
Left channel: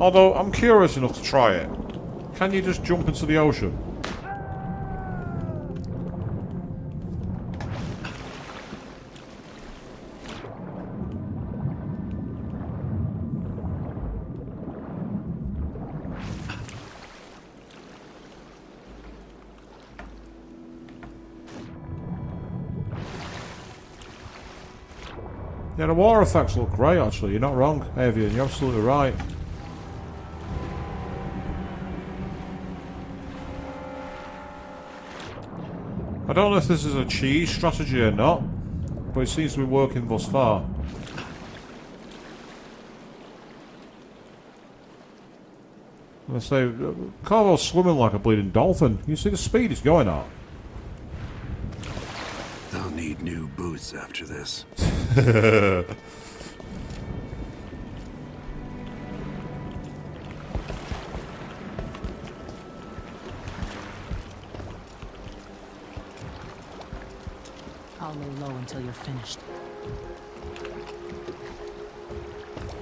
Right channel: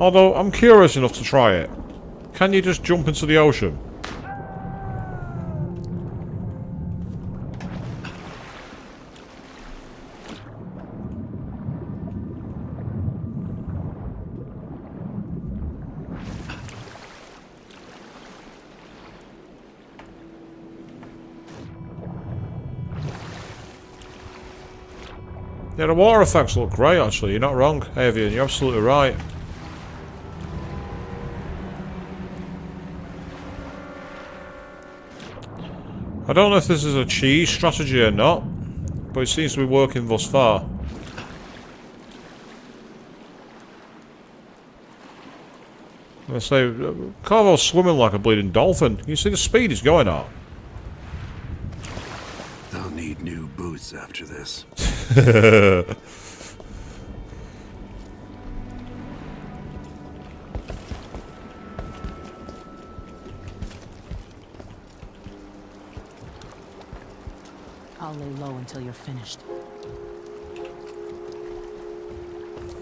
Although I'm curious enough to try it. Can you just jump into the ocean? Yeah, the water effects look great actually, you're not wrong, Avian, you're absolutely right. I don't know if this is a cheese strategy or not, but it seems to be working thus far. Let's say, Corvo's swimming like a bleeding dolphin. You see the speed he's going at. I'll need new boots after this. I'll lay low until you're finished.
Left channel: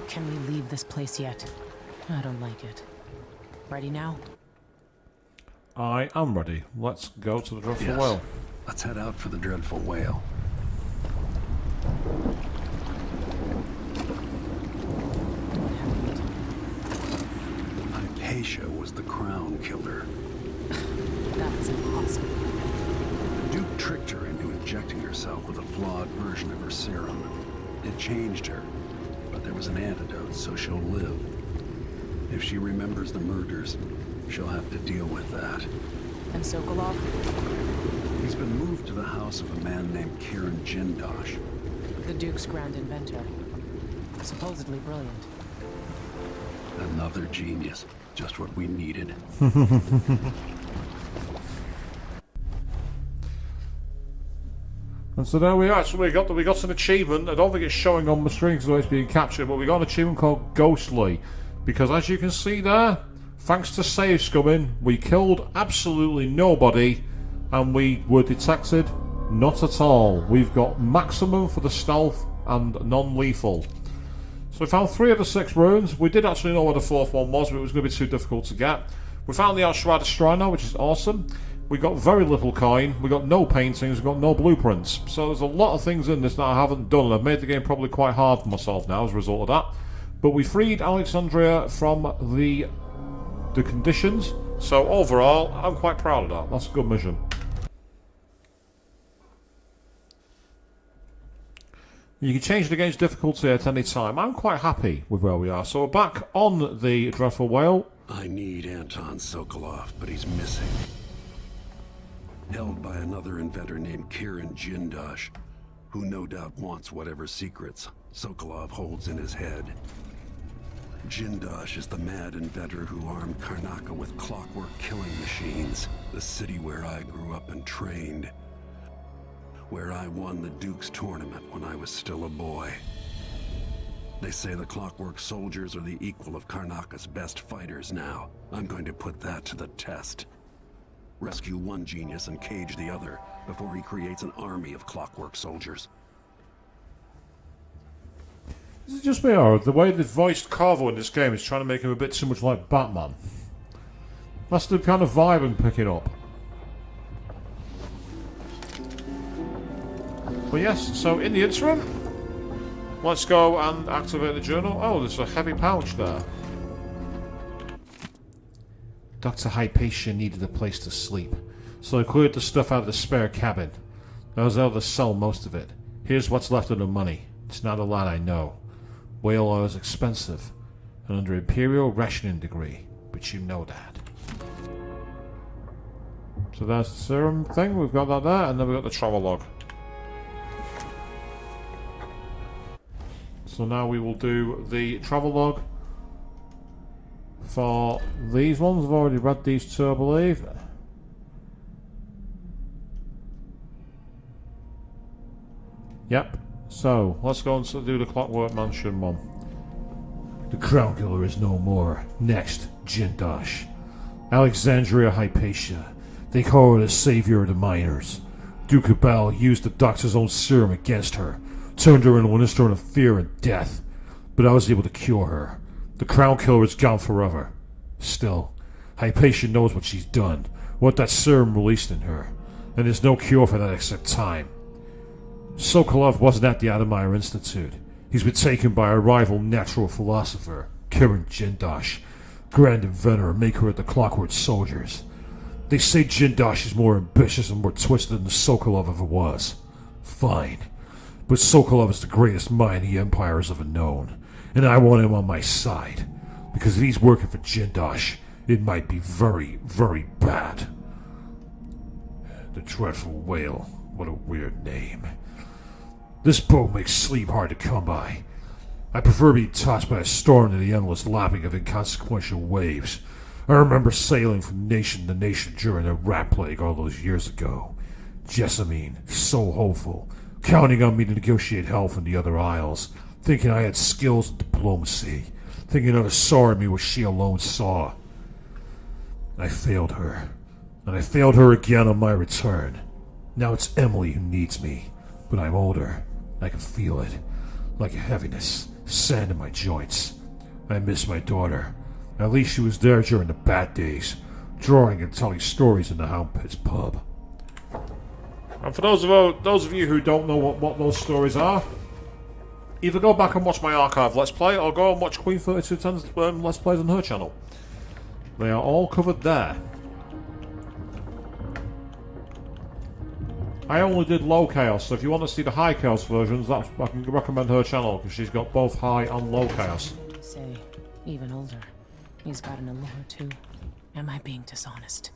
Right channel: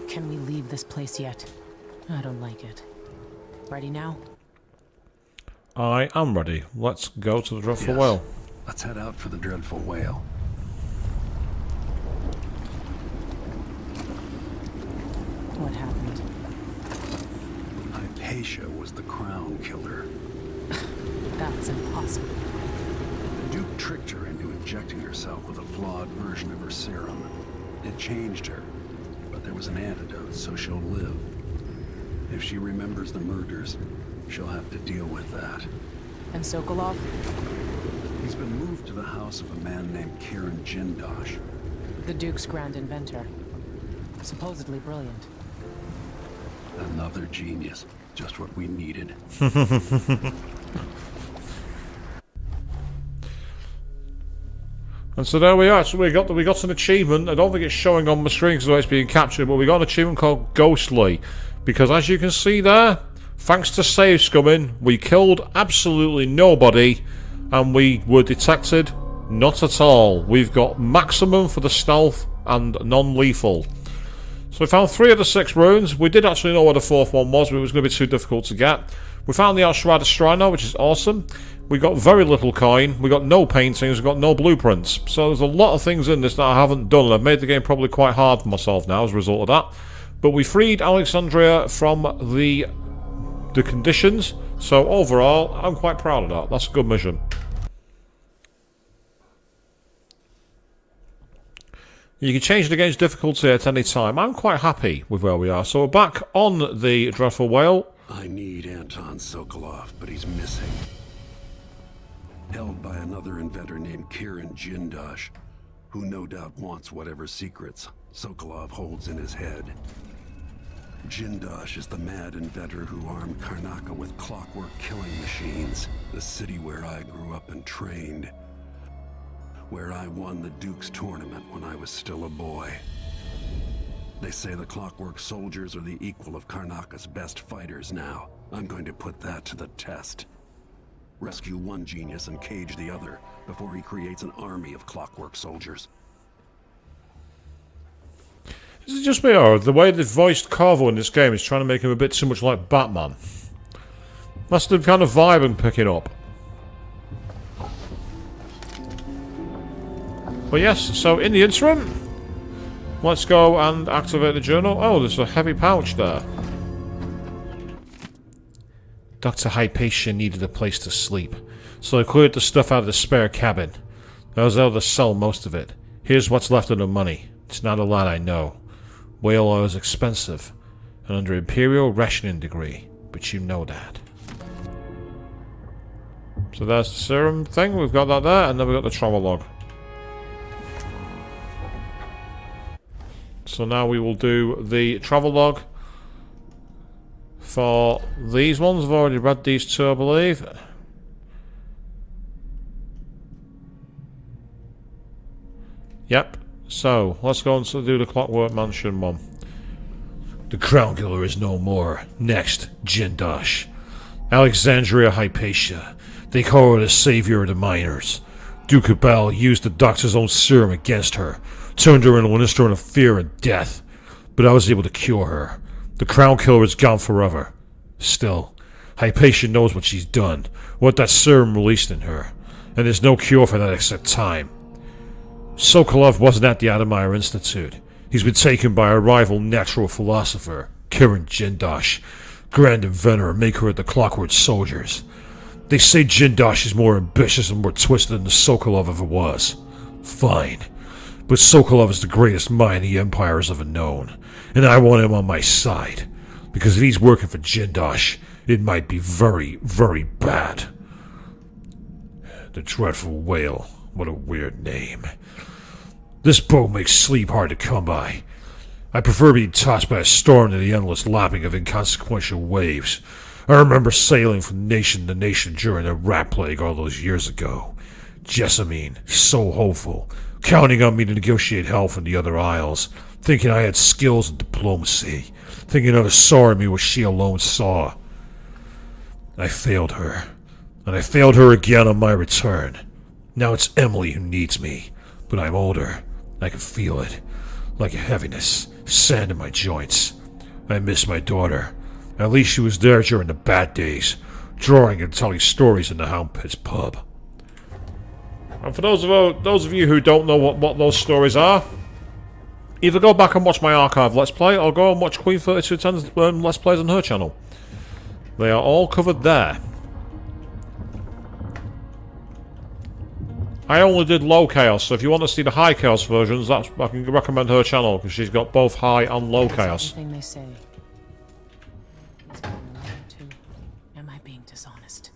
Can we leave this place yet? I don't like it. Ready now? I am ready. Let's go to the Dreadful Yes. Whale. Let's head out for the Dreadful Whale. What happened? Hypatia was the crown killer. That's impossible. The Duke tricked her into injecting herself with a flawed version of her serum. It changed her, but there was an antidote, so she'll live. If she remembers the murders, she'll have to deal with that. And Sokolov? He's been moved to the house of a man named Kieran Jindosh. The Duke's grand inventor. Supposedly brilliant. Another genius. Just what we needed. And so there we are. So we got an achievement. I don't think it's showing on the screen because it's being captured, but we got an achievement called Ghostly. Because as you can see there, thanks to save scumming, we killed absolutely nobody, and we were detected not at all. We've got maximum for the stealth and non-lethal. So we found 3 of the 6 runes. We did actually know where the 4th one was, but it was going to be too difficult to get. We found the Ashwada Shrine now, which is awesome. We got very little coin. We got no paintings. We got no blueprints. So there's a lot of things in this that I haven't done, and I've made the game probably quite hard for myself now as a result of that. But we freed Alexandria from the conditions. So overall, I'm quite proud of that. That's a good mission. You can change the game's difficulty at any time. I'm quite happy with where we are. So we're back on the Dreadful Whale. I need Anton Sokolov, but he's missing. Held by another inventor named Kieran Jindosh, who no doubt wants whatever secrets Sokolov holds in his head. Jindosh is the mad inventor who armed Karnaca with clockwork killing machines, the city where I grew up and trained. Where I won the Duke's tournament when I was still a boy. They say the clockwork soldiers are the equal of Karnaca's best fighters now. I'm going to put that to the test. Rescue one genius and cage the other before he creates an army of clockwork soldiers. Is it just me, or the way they've voiced Corvo in this game is trying to make him a bit too much like Batman? That's the kind of vibe I'm picking up. But yes, so in the interim, let's go and activate the journal. Oh, there's a heavy pouch there. Dr. Hypatia needed a place to sleep, so I cleared the stuff out of the spare cabin. I was able to sell most of it. Here's what's left of the money. It's not a lot, I know. Whale oil is expensive, and under Imperial rationing degree, but you know that. So there's the serum thing, we've got that there, and then we've got the travel log. So now we will do the travel log for these ones. I've already read these two, I believe. Yep. So, let's go and do the Clockwork Mansion one. The Crown Killer is no more. Next, Jindosh. Alexandria Hypatia. They call her the savior of the miners. Duke Bell used the doctor's own serum against her, turned her into an instrument of fear and death. But I was able to cure her. The Crown Killer is gone forever. Still, Hypatia knows what she's done, what that serum released in her, and there's no cure for that except time. Sokolov wasn't at the Adamir Institute. He's been taken by a rival natural philosopher, Kirin Jindosh, grand inventor and maker of the Clockwork Soldiers. They say Jindosh is more ambitious and more twisted than Sokolov ever was. Fine. But Sokolov is the greatest mind the Empire has ever known, and I want him on my side. Because if he's working for Jindosh, it might be very, very bad. The Dreadful Whale. What a weird name. This boat makes sleep hard to come by. I prefer being tossed by a storm to the endless lapping of inconsequential waves. I remember sailing from nation to nation during the rat plague all those years ago. Jessamine, so hopeful, counting on me to negotiate help from the other isles, thinking I had skills in diplomacy, thinking others saw in me what she alone saw. I failed her, and I failed her again on my return. Now it's Emily who needs me, but I'm older. I can feel it, like a heaviness, sand in my joints. I miss my daughter. At least she was there during the bad days, drawing and telling stories in the Hound Pit's pub. And for those of you who don't know what those stories are, either go back and watch my archive Let's Play, or go and watch Queen 3210's Let's Plays on her channel. They are all covered there. I only did low chaos, so if you want to see the high chaos versions, I can recommend her channel, because she's got both high and low chaos. Something they say, even older. He's gotten a little too. Am I being dishonest?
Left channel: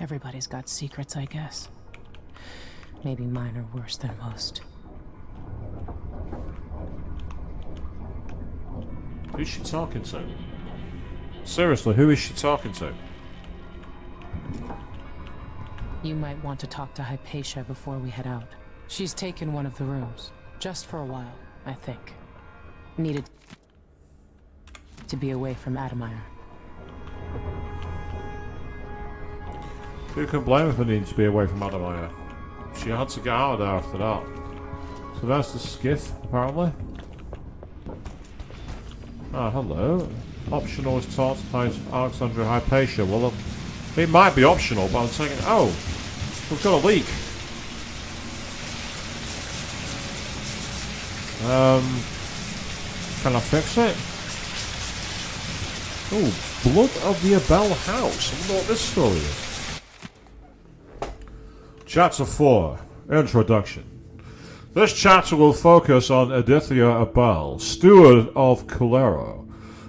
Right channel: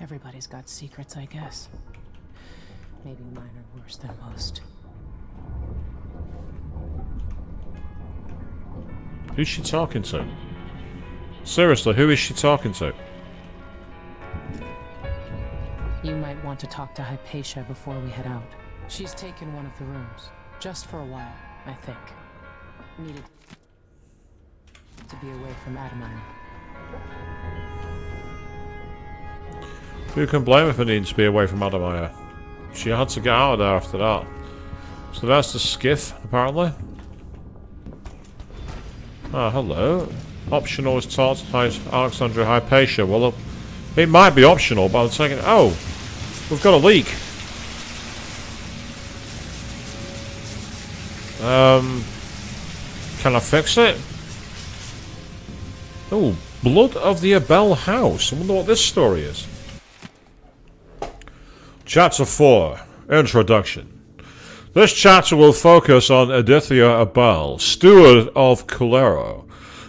Everybody's got secrets, I guess. Maybe mine are worse than most. Who's she talking to? Seriously, who is she talking to? You might want to talk to Hypatia before we head out. She's taken one of the rooms. Just for a while, I think. Needed to be away from Adamir. Who can blame her for needing to be away from Adamir? She had to get out of there after that. So that's the skiff, apparently. Ah, hello. Optional is taught by Alexandria Hypatia. Well, it might be optional, but I'm taking... Oh! We've got a leak. Can I fix it? Oh, Blood of the Abel House. I wonder what this story is. Chapter 4. Introduction. This chapter will focus on Adithia Abel, steward of Culero.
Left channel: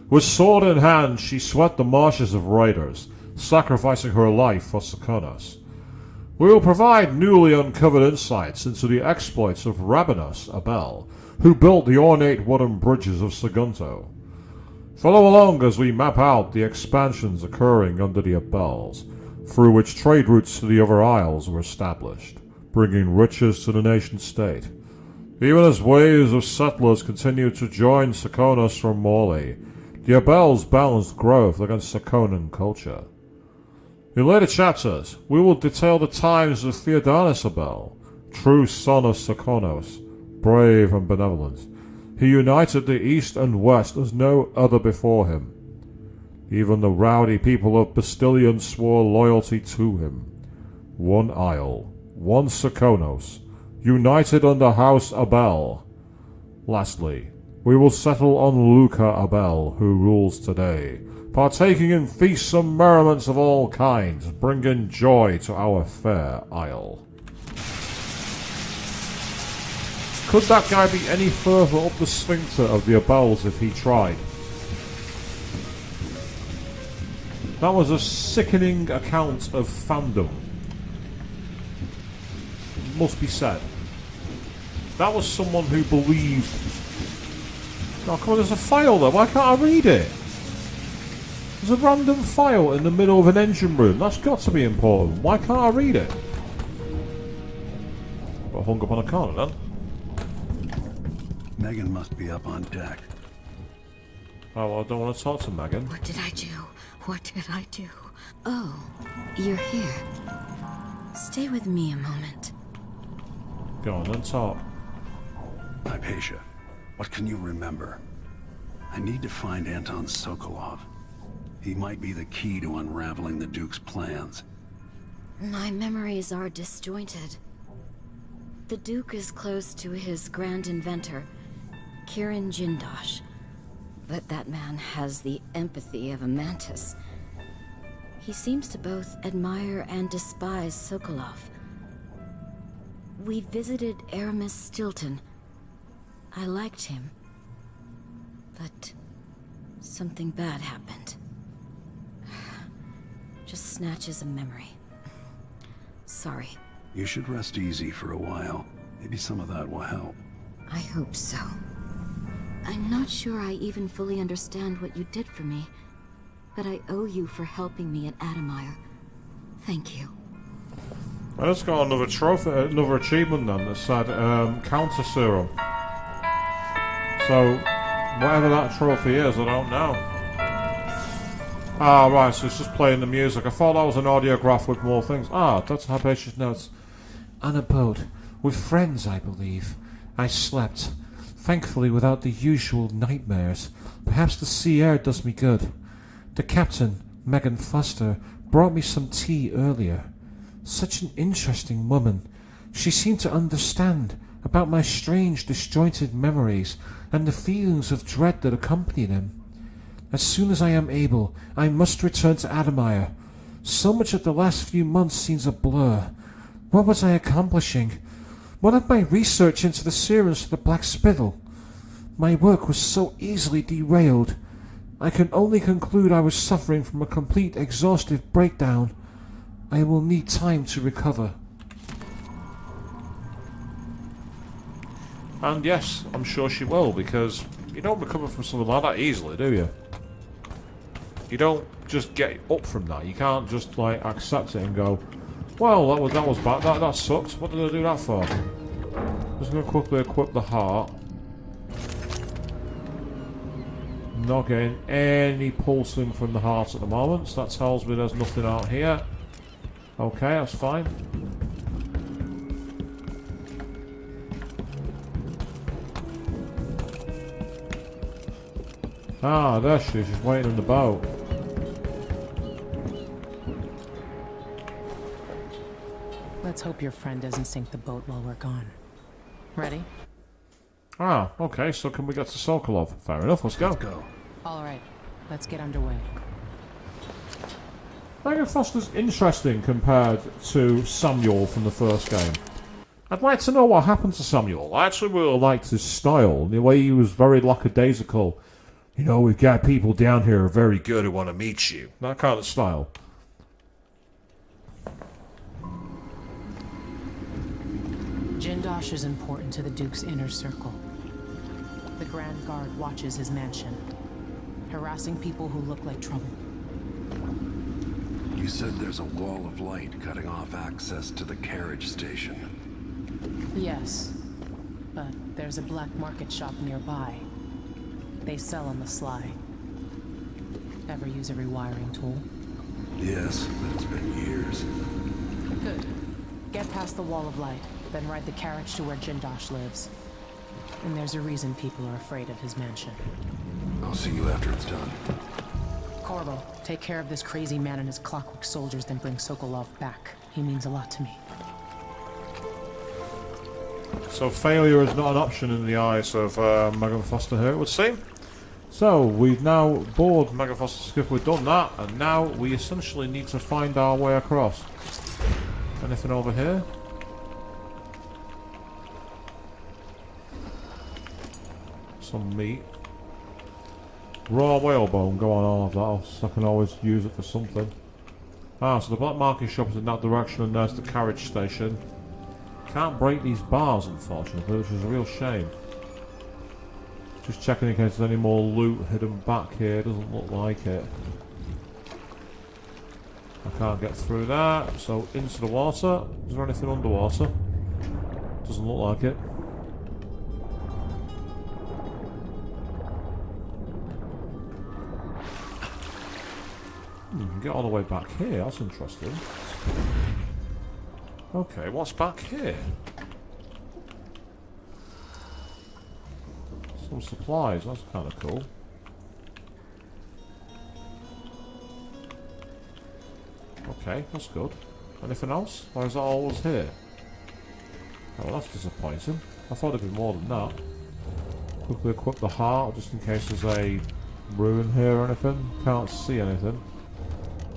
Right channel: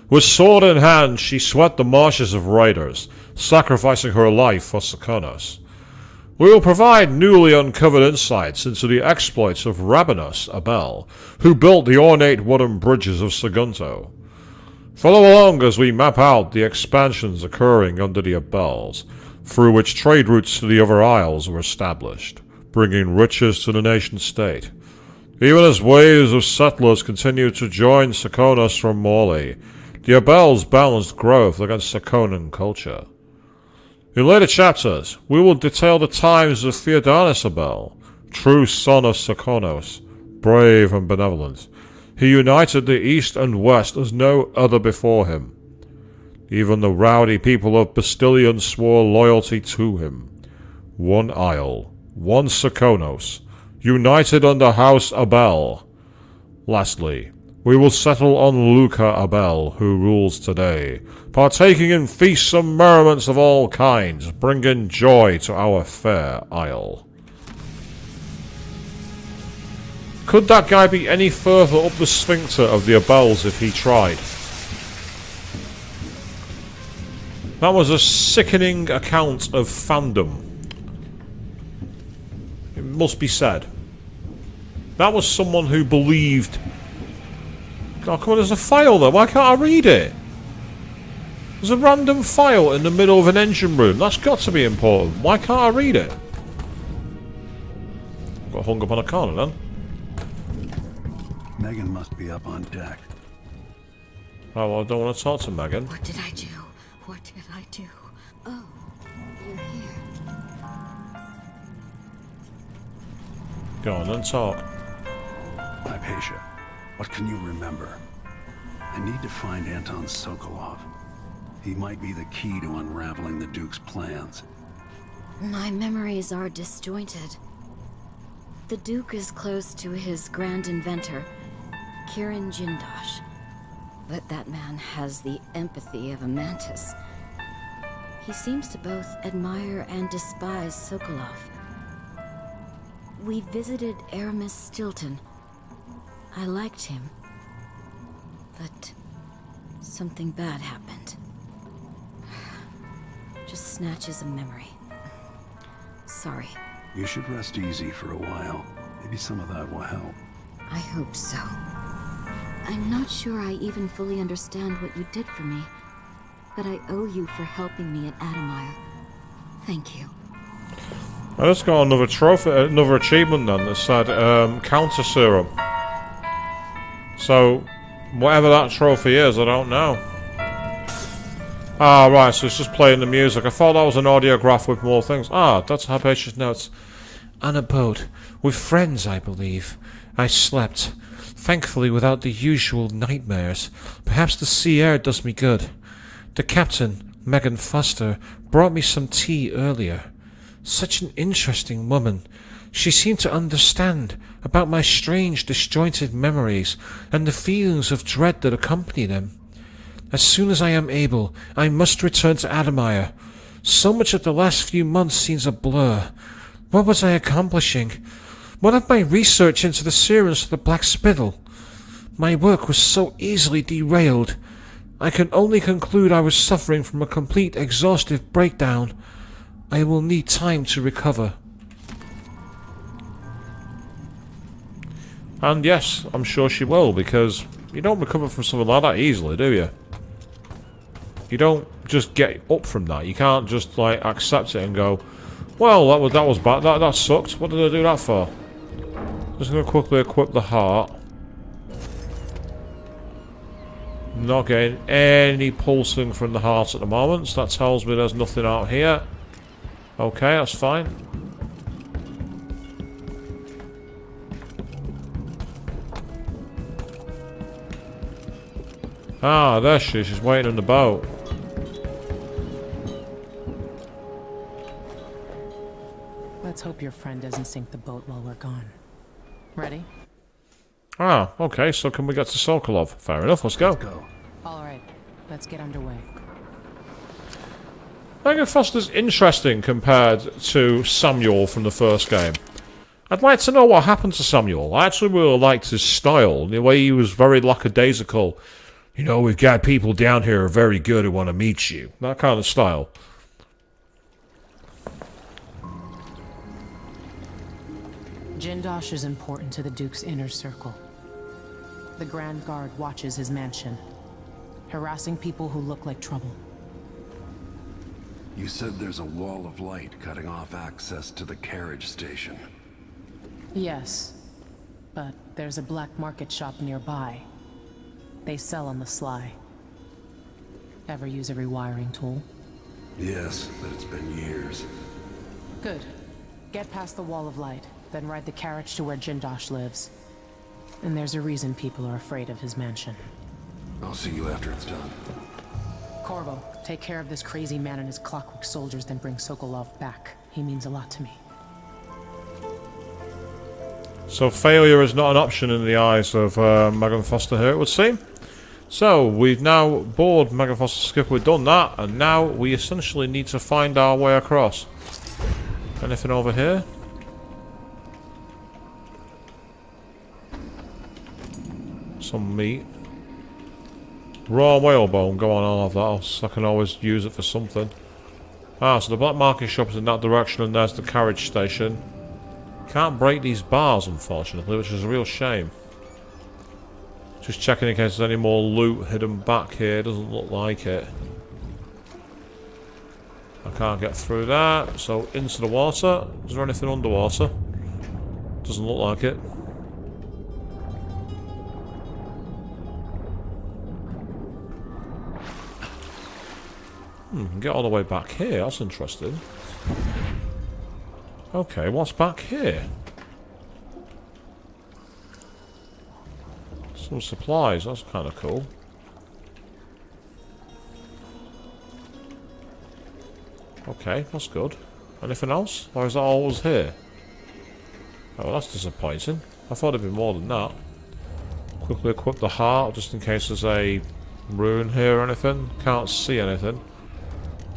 With sword in hand, she swept the marshes of raiders, sacrificing her life for Serkonos. We will provide newly uncovered insights into the exploits of Rabanus Abel, who built the ornate wooden bridges of Sagunto. Follow along as we map out the expansions occurring under the Abels, through which trade routes to the other isles were established, bringing riches to the nation-state. Even as waves of settlers continued to join Serkonos from Morley, the Abels balanced growth against Serkonan culture. In later chapters, we will detail the times of Theodanis Abel, true son of Serkonos, brave and benevolent. He united the East and West as no other before him. Even the rowdy people of Bastillion swore loyalty to him. One isle, one Serkonos, united under House Abel. Lastly, we will settle on Luca Abel, who rules today, partaking in feasts and merriments of all kinds, bringing joy to our fair isle. Could that guy be any further up the sphincter of the Abels if he tried? That was a sickening account of fandom. It must be said. That was someone who believed Oh, come on, there's a file there. Why can't I read it? There's a random file in the middle of an engine room. That's got to be important. Why can't I read it? Got hung up on a corner then. Megan must be up on deck. Oh, well, I don't want to talk to Megan. What did I do? What did I do? Oh, you're here. Stay with me a moment. Go on and talk. Hypatia, what can you remember? I need to find Anton Sokolov. He might be the key to unraveling the Duke's plans. My memories are disjointed. The Duke is close to his grand inventor, Kirin Jindosh. But that man has the empathy of a mantis. He seems to both admire and despise Sokolov. We visited Aramis Stilton. I liked him. But something bad happened. Just snatches of memory. Sorry. You should rest easy for a while. Maybe some of that will help. I hope so. I'm not sure I even fully understand what you did for me, but I owe you for helping me at Adamire. Thank you. I just got another trophy, another achievement then that said counter serum. So, whatever that trophy is, I don't know. Ah, right, so it's just playing the music. I thought that was an audiograph with more things. Ah, that's Hypatia's notes. On a boat, with friends, I believe. I slept. Thankfully without the usual nightmares. Perhaps the sea air does me good. The captain, Megan Foster, brought me some tea earlier. Such an interesting woman. She seemed to understand about my strange, disjointed memories and the feelings of dread that accompany them. As soon as I am able, I must return to Adamire. So much of the last few months seems a blur. What was I accomplishing? What of my research into the serums of the Black Spittle? My work was so easily derailed. I can only conclude I was suffering from a complete exhaustive breakdown. I will need time to recover. And yes, I'm sure she will, because you don't recover from something like that easily, do you? You don't just get up from that. You can't just like accept it and go, well, that was bad. That sucked. What did I do that for? Just gonna quickly equip the heart. Not getting any pulsing from the heart at the moment, so that tells me there's nothing out here. Okay, that's fine. Ah, there she is. She's waiting on the boat. Let's hope your friend doesn't sink the boat while we're gone. Ready? Ah, okay, so can we get to Sokolov? Fair enough, let's go. Let's go. Alright, let's get underway. Megan Foster's interesting compared to Samuel from the first game. I'd like to know what happened to Samuel. I actually really liked his style, the way he was very lackadaisical. You know, we've got people down here who are very good who want to meet you. That kind of style. Jindosh is important to the Duke's inner circle. The Grand Guard watches his mansion, harassing people who look like trouble. You said there's a wall of light cutting off access to the carriage station. Yes, but there's a black market shop nearby. They sell on the sly. Ever use a rewiring tool? Yes, but it's been years. Good. Get past the wall of light, then ride the carriage to where Jindosh lives. And there's a reason people are afraid of his mansion. I'll see you after it's done. Corvo, take care of this crazy man and his clockwork soldiers, then bring Sokolov back. He means a lot to me. So failure is not an option in the eyes of Megan Foster here, it would seem. So, we've now boarded Megan Foster's skip, we've done that, and now we essentially need to find our way across. Anything over here? Some meat. Raw whalebone, go on, I'll have that, so I can always use it for something. Ah, so the black market shop is in that direction, and there's the carriage station. Can't break these bars, unfortunately, which is a real shame. Just checking in case there's any more loot hidden back here. Doesn't look like it. I can't get through that. So into the water. Is there anything underwater? Doesn't look like it. You can get all the way back here. That's interesting. Okay, what's back here? Some supplies. That's kind of cool. Okay, that's good. Anything else? Or is that all was here? Oh, that's disappointing. I thought it'd be more than that. Quickly equip the heart, just in case there's a rune here or anything. Can't see anything.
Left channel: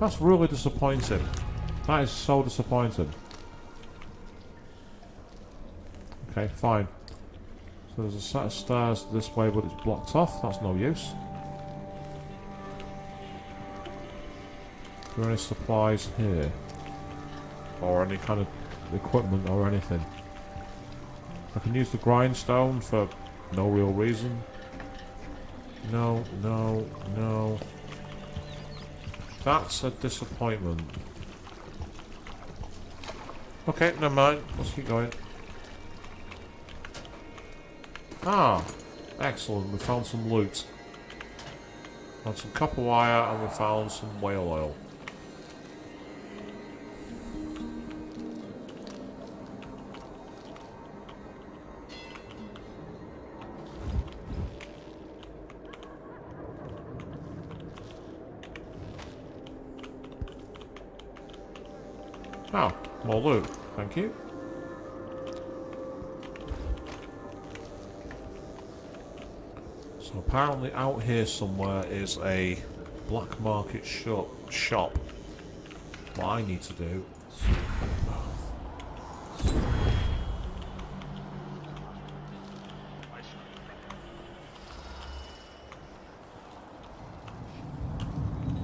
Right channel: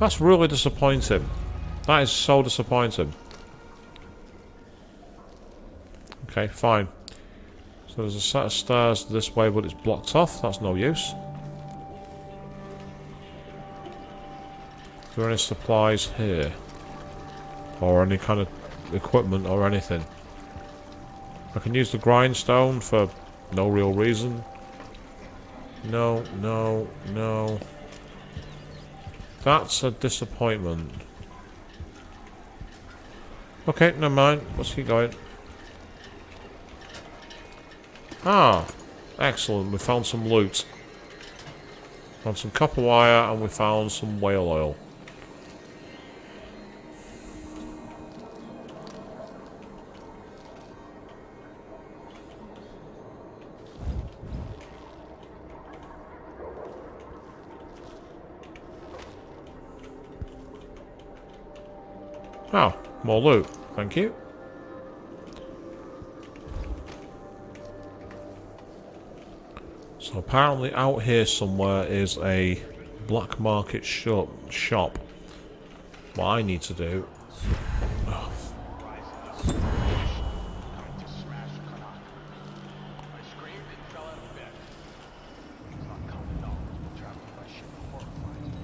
That's really disappointing. That is so disappointing. Okay, fine. So there's a set of stairs this way, but it's blocked off. That's no use. Are there any supplies here? Or any kind of equipment or anything? I can use the grindstone for no real reason. No, no, no. That's a disappointment. Okay, never mind. Let's keep going. Ah, excellent. We found some loot. Found some copper wire and we found some whale oil. Oh, more loot. Thank you. So apparently out here somewhere is a black market shop. What I need to do... Oh.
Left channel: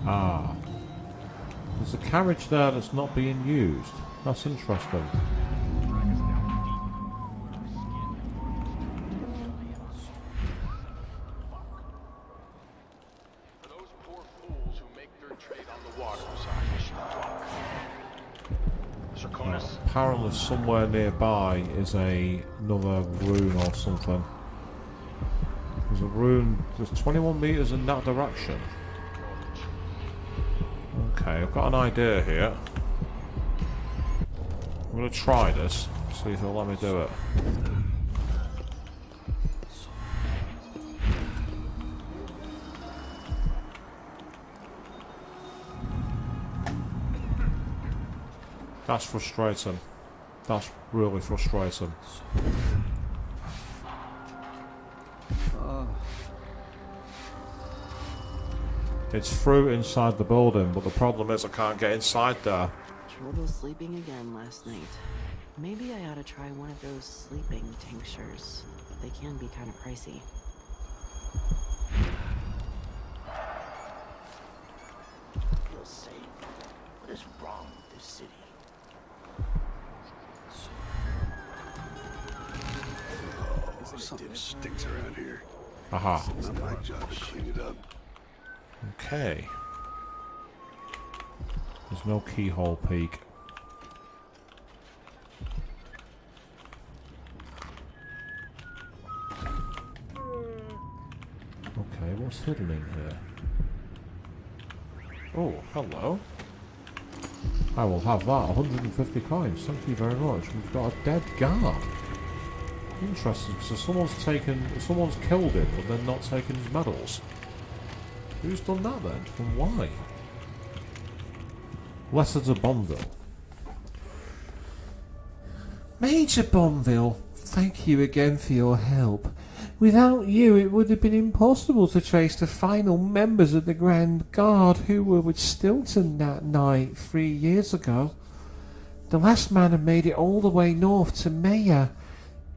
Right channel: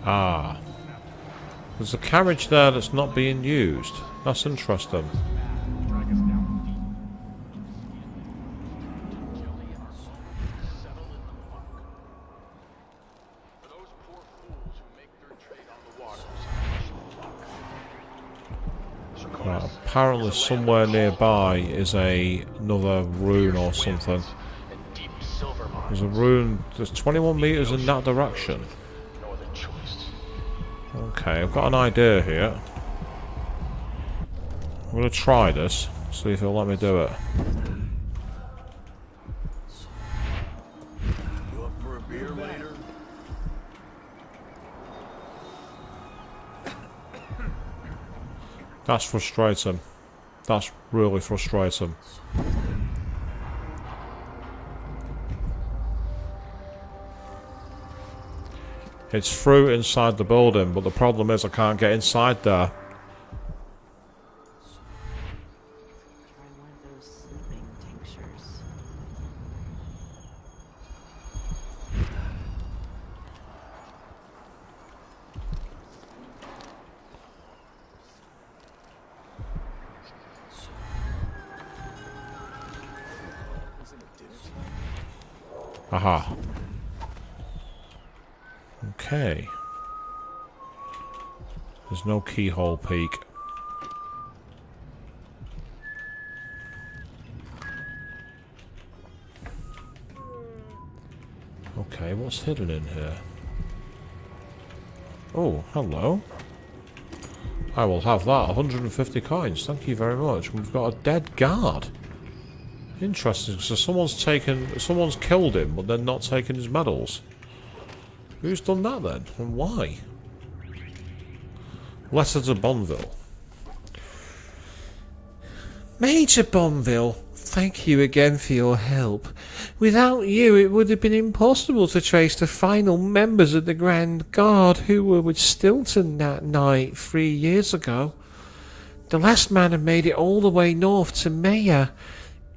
Ah. There's a carriage there that's not being used. That's interesting. Apparently somewhere nearby is another rune or something. There's a rune, there's 21 meters in that direction. Okay, I've got an idea here. I'm going to try this, see if it'll let me do it. That's frustrating. That's really frustrating. It's through inside the building, but the problem is I can't get inside there. Trouble sleeping again last night. Maybe I ought to try one of those sleeping tinctures. They can be kind of pricey. What is wrong with this city? Sticks around here. Aha. Okay. There's no keyhole peak. Okay, what's hidden in here? Oh, hello. I will have that. 150 coins. Thank you very much. We've got a dead guard. Interesting. So someone's killed him, but then not taken his medals. Who's done that then? And why? Letter to Bonville. Major Bonville, thank you again for your help. Without you, it would have been impossible to trace the final members of the Grand Guard who were with Stilton that night 3 years ago. The last man had made it all the way north to Maya,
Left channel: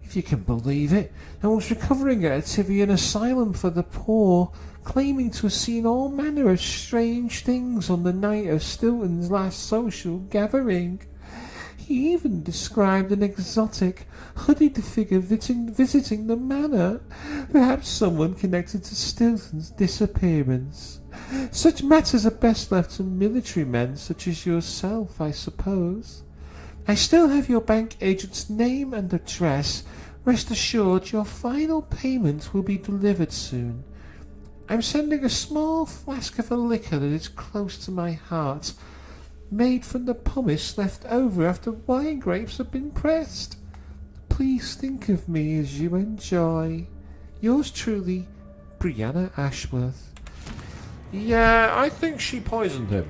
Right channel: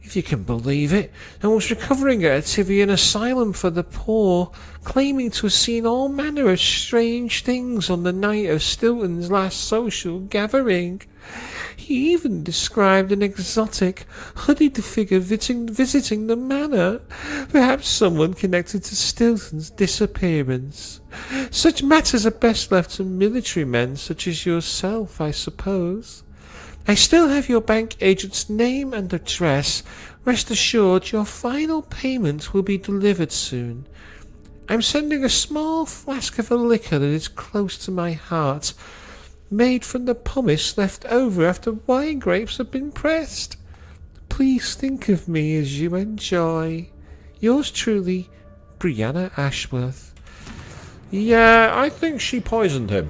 if you can believe it, and was recovering at a Tivian asylum for the poor, claiming to have seen all manner of strange things on the night of Stilton's last social gathering. He even described an exotic, hooded figure visiting the manor. Perhaps someone connected to Stilton's disappearance. Such matters are best left to military men such as yourself, I suppose. I still have your bank agent's name and address. Rest assured your final payment will be delivered soon. I'm sending a small flask of a liquor that is close to my heart, made from the pomace left over after wine grapes have been pressed. Please think of me as you enjoy. Yours truly, Brianna Ashworth. Yeah, I think she poisoned him.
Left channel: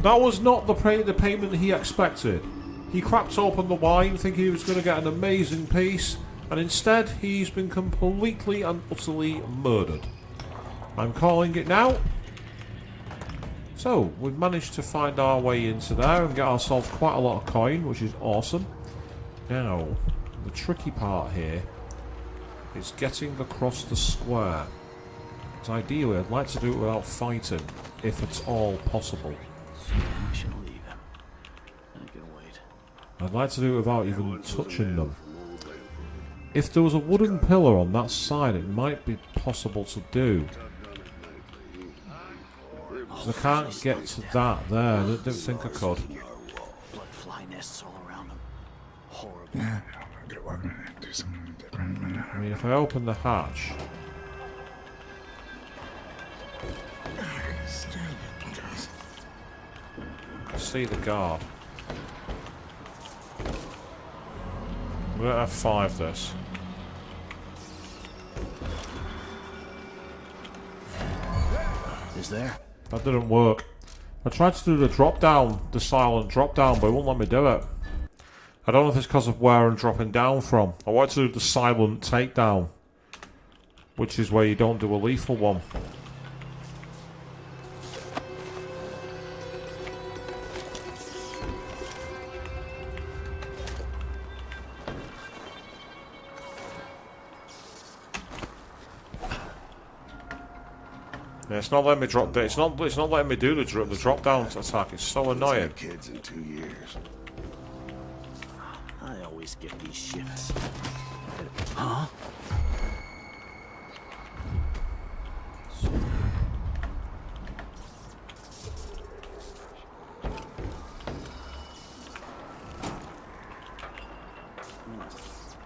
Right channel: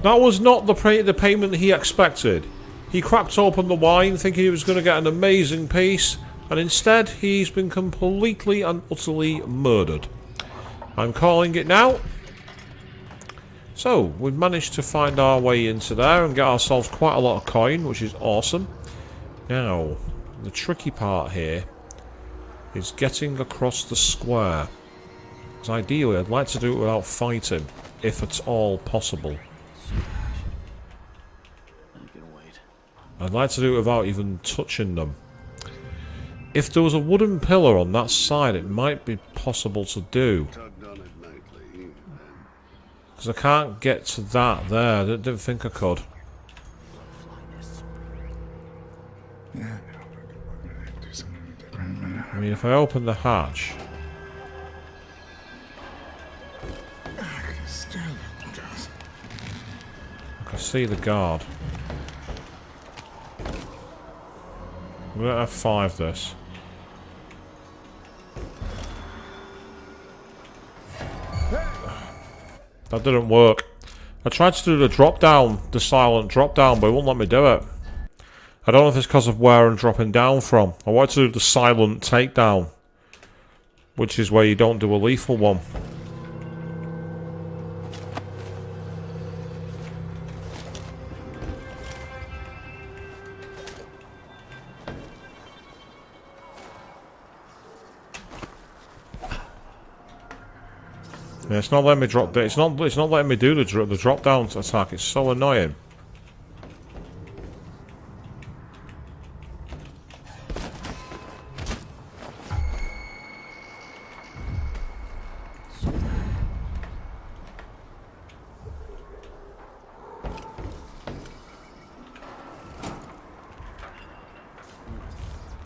That was not the payment he expected. He cracked open the wine thinking he was going to get an amazing piece, and instead he's been completely and utterly murdered. I'm calling it now. So, we've managed to find our way into there and get ourselves quite a lot of coin, which is awesome. Now, the tricky part here is getting across the square. Because ideally I'd like to do it without fighting, if at all possible. I'd like to do it without even touching them. If there was a wooden pillar on that side, it might be possible to do. Because I can't get to that there. I didn't think I could. I mean, if I open the hatch... I can see the guard. I'm going to F5 this. That didn't work. I tried to do the drop down, the silent drop down, but it won't let me do it. I don't know if it's because of where I'm dropping down from. I wanted to do the silent takedown, which is where you don't do a lethal one. Yeah, it's not letting me drop. It's not letting me do the drop down attack. It's so annoying. I always get these shifts. Huh?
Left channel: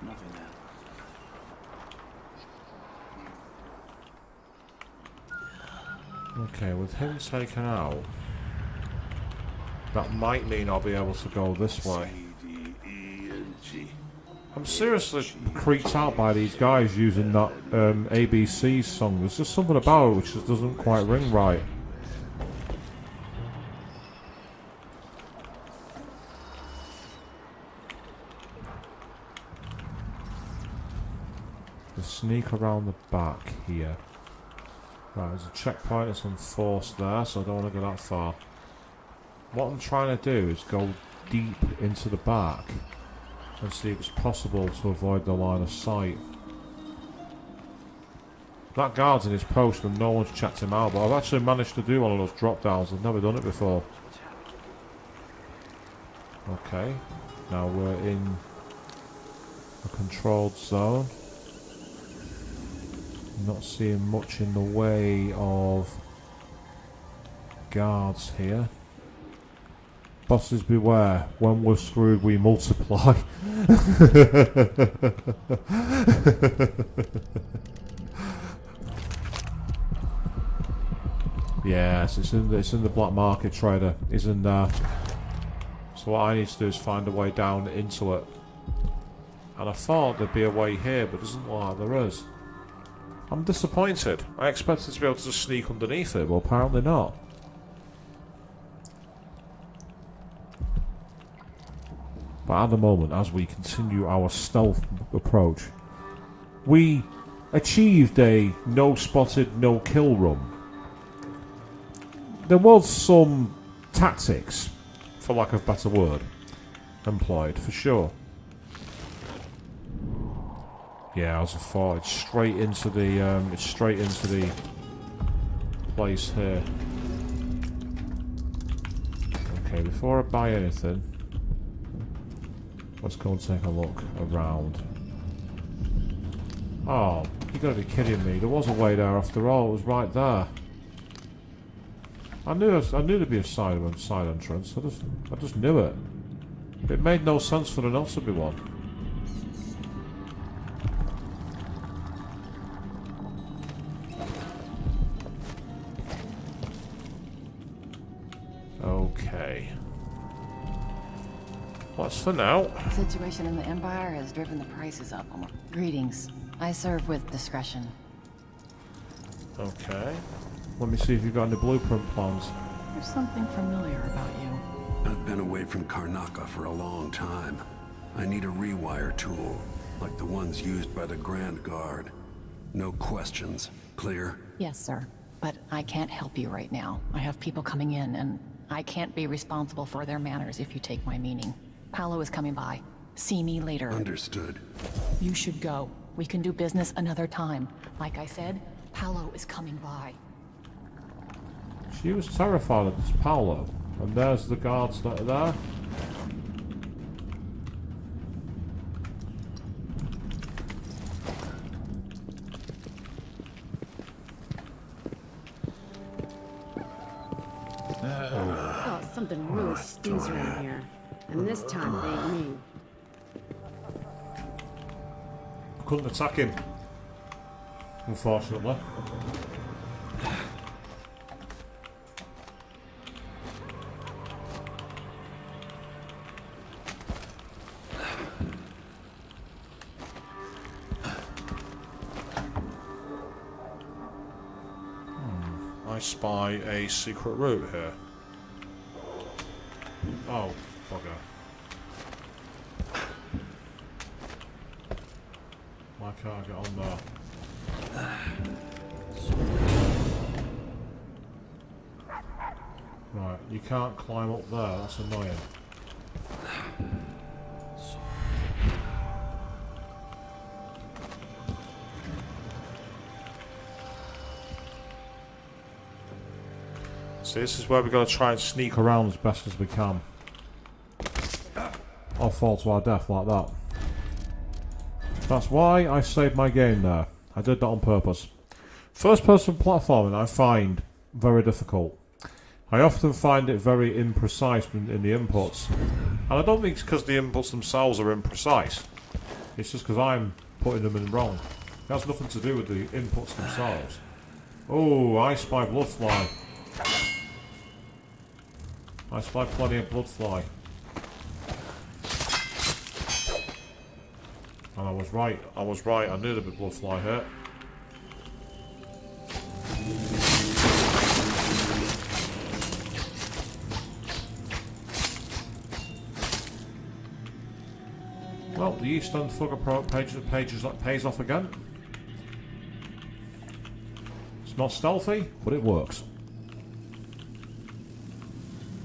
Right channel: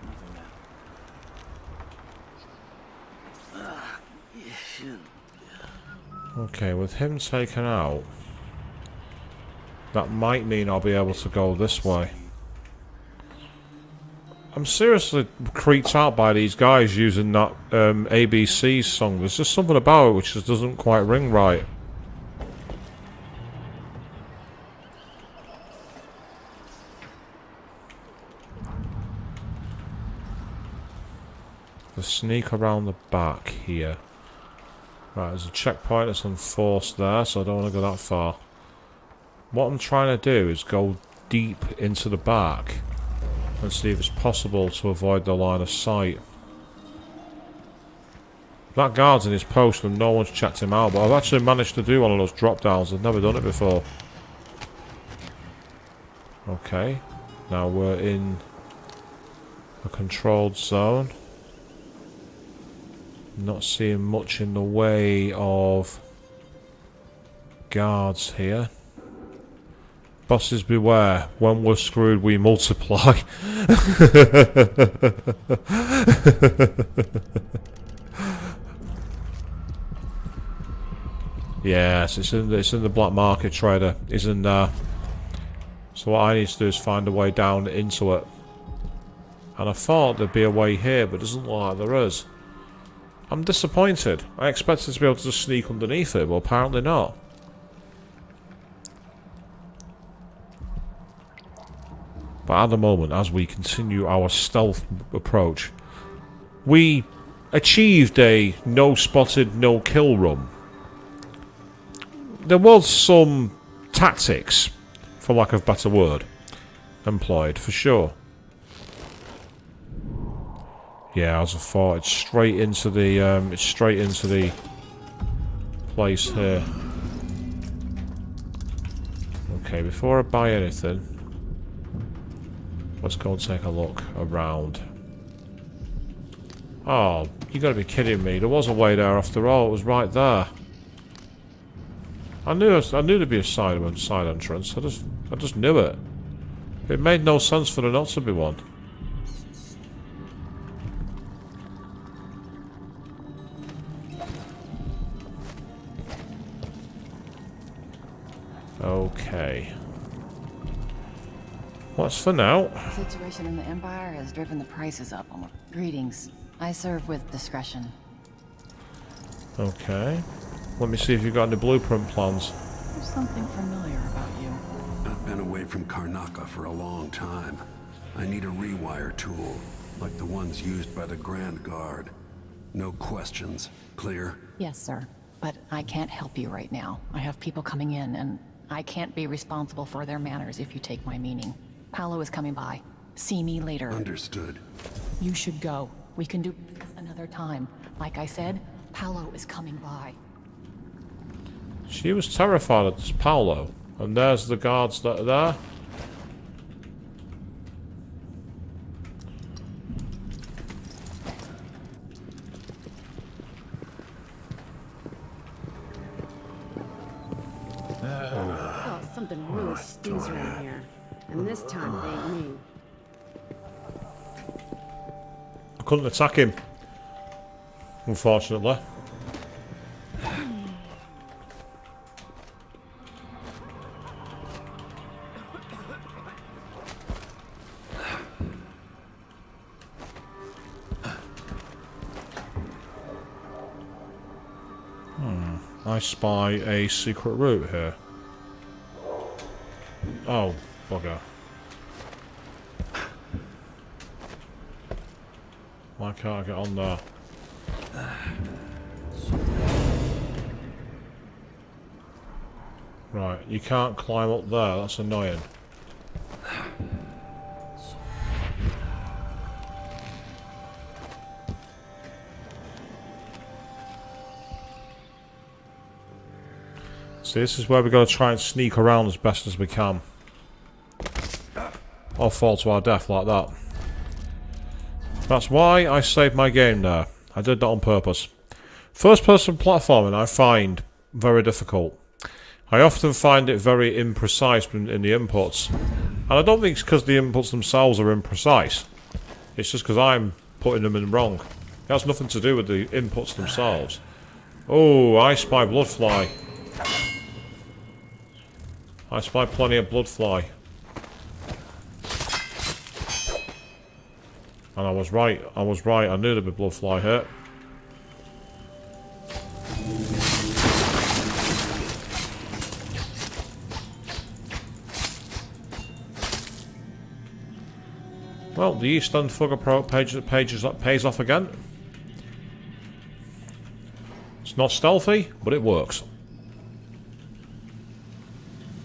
Nothing now. Okay, with him taken out, that might mean I'll be able to go this way. I'm seriously creeped out by these guys using that ABC song. There's just something about it which just doesn't quite ring right. The sneak around the back here. Right, there's a checkpoint that's enforced there, so I don't want to go that far. What I'm trying to do is go deep into the back and see if it's possible to avoid the line of sight. That guard's in his post and no one's checked him out, but I've actually managed to do one of those drop downs. I've never done it before. Okay, now we're in a controlled zone. Not seeing much in the way of guards here. Bosses beware, when we're screwed we multiply. Yes, it's in the black market trader. It's in there. So what I need to do is find a way down into it. And I thought there'd be a way here, but it doesn't look like there is. I'm disappointed. I expected to be able to just sneak underneath it, but apparently not. But at the moment, as we continue our stealth approach, we achieved a no-spotted, no-kill run. There was some tactics, for lack of a better word, employed, for sure. Yeah, as I thought, it's straight into the place here. Okay, before I buy anything, let's go and take a look around. Oh, you gotta be kidding me. There was a way there after all. It was right there. I knew there'd be a side entrance. I just knew it. It made no sense for there not to be one. Okay. What's for now? The situation in the Empire has driven the prices up. Greetings. I serve with discretion. Okay. Let me see if you've got any blueprint plans. There's something familiar about you. I've been away from Karnaca for a long time. I need a rewire tool, like the ones used by the Grand Guard. No questions. Clear? Yes, sir. But I can't help you right now. I have people coming in, and I can't be responsible for their manners if you take my meaning. Paolo is coming by. See me later. Understood. You should go. We can do business another time. Like I said, Paolo is coming by. She was terrified of this Paolo. And there's the guards that are there. Oh, something really stinks around here. And this time it ain't me. I couldn't attack him, unfortunately. I spy a secret route here. Oh, bugger. Why can't I get on there? Right, you can't climb up there, that's annoying. See, this is where we've got to try and sneak around as best as we can. Or fall to our death like that. That's why I saved my game there. I did that on purpose. First person platforming I find very difficult. I often find it very imprecise in the inputs. And I don't think it's because the inputs themselves are imprecise. It's just because I'm putting them in wrong. It has nothing to do with the inputs themselves. Oh, I spy bloodfly. I spy plenty of bloodfly. And I was right, I knew there'd be bloodfly here. Well, the East End Fugger Pro pages that pays off again. It's not stealthy, but it works.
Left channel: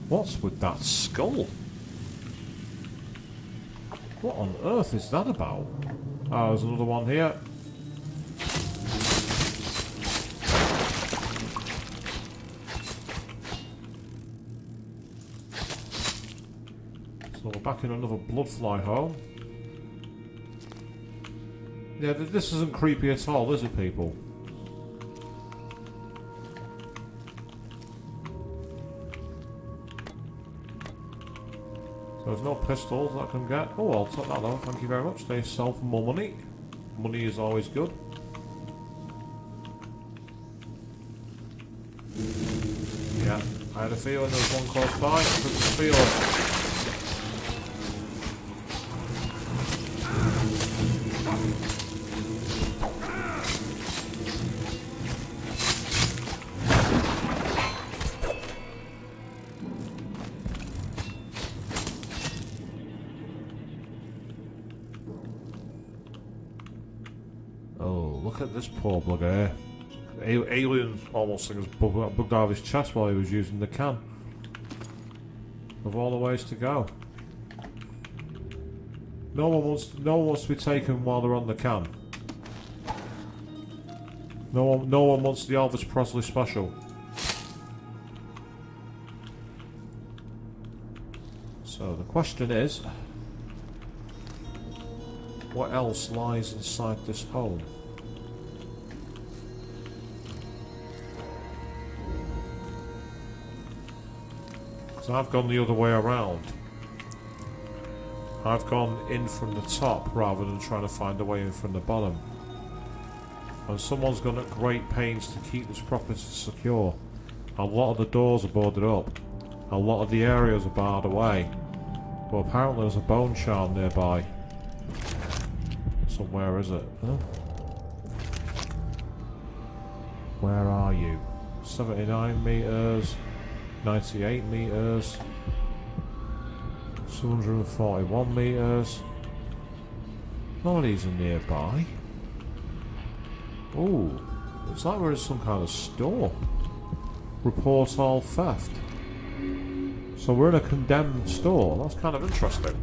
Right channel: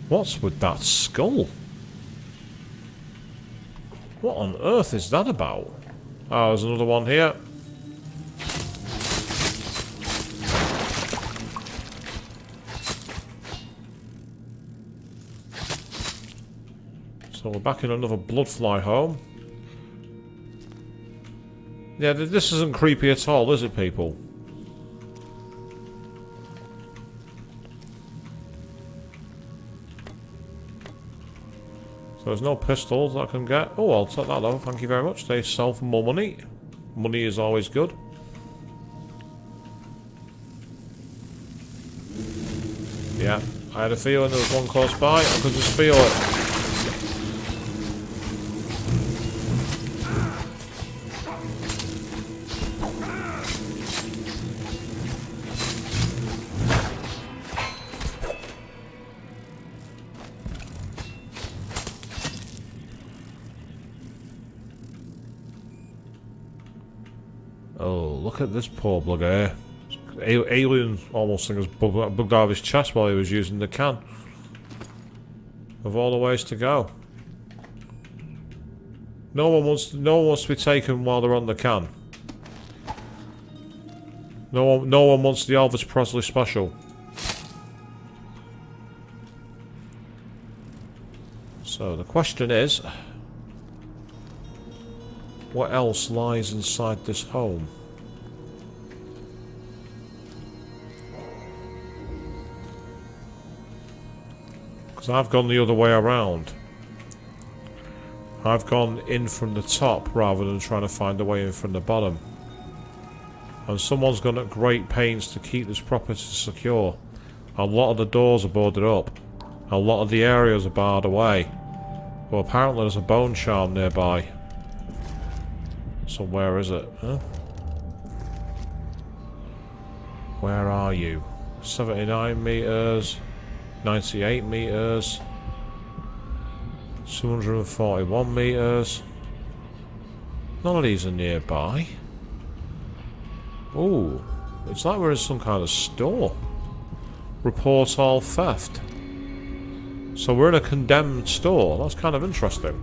What's with that skull? What on earth is that about? Oh, there's another one here. So we're back in another bloodfly home. Yeah, this isn't creepy at all, is it, people? There's no pistols I can get. Oh, I'll take that though, thank you very much. They sell for more money. Money is always good. Yeah, I had a feeling there was one close by. I could just feel it. Look at this poor bugger. Alien almost thing was bugged out of his chest while he was using the can. Of all the ways to go. No one wants to be taken while they're on the can. No one wants the Elvis Presley special. question is, what else lies inside this home? Because I've gone the other way around. I've gone in from the top rather than trying to find a way in from the bottom. And someone's gone at great pains to keep this property secure. A lot of the doors are boarded up. A lot of the areas are barred away. But apparently there's a bone charm nearby. So where is it? Huh? Where are you? 79 meters, 98 meters, 241 meters. None of these are nearby. Ooh, it's like we're in some kind of store. Report all theft. So we're in a condemned store. That's kind of interesting.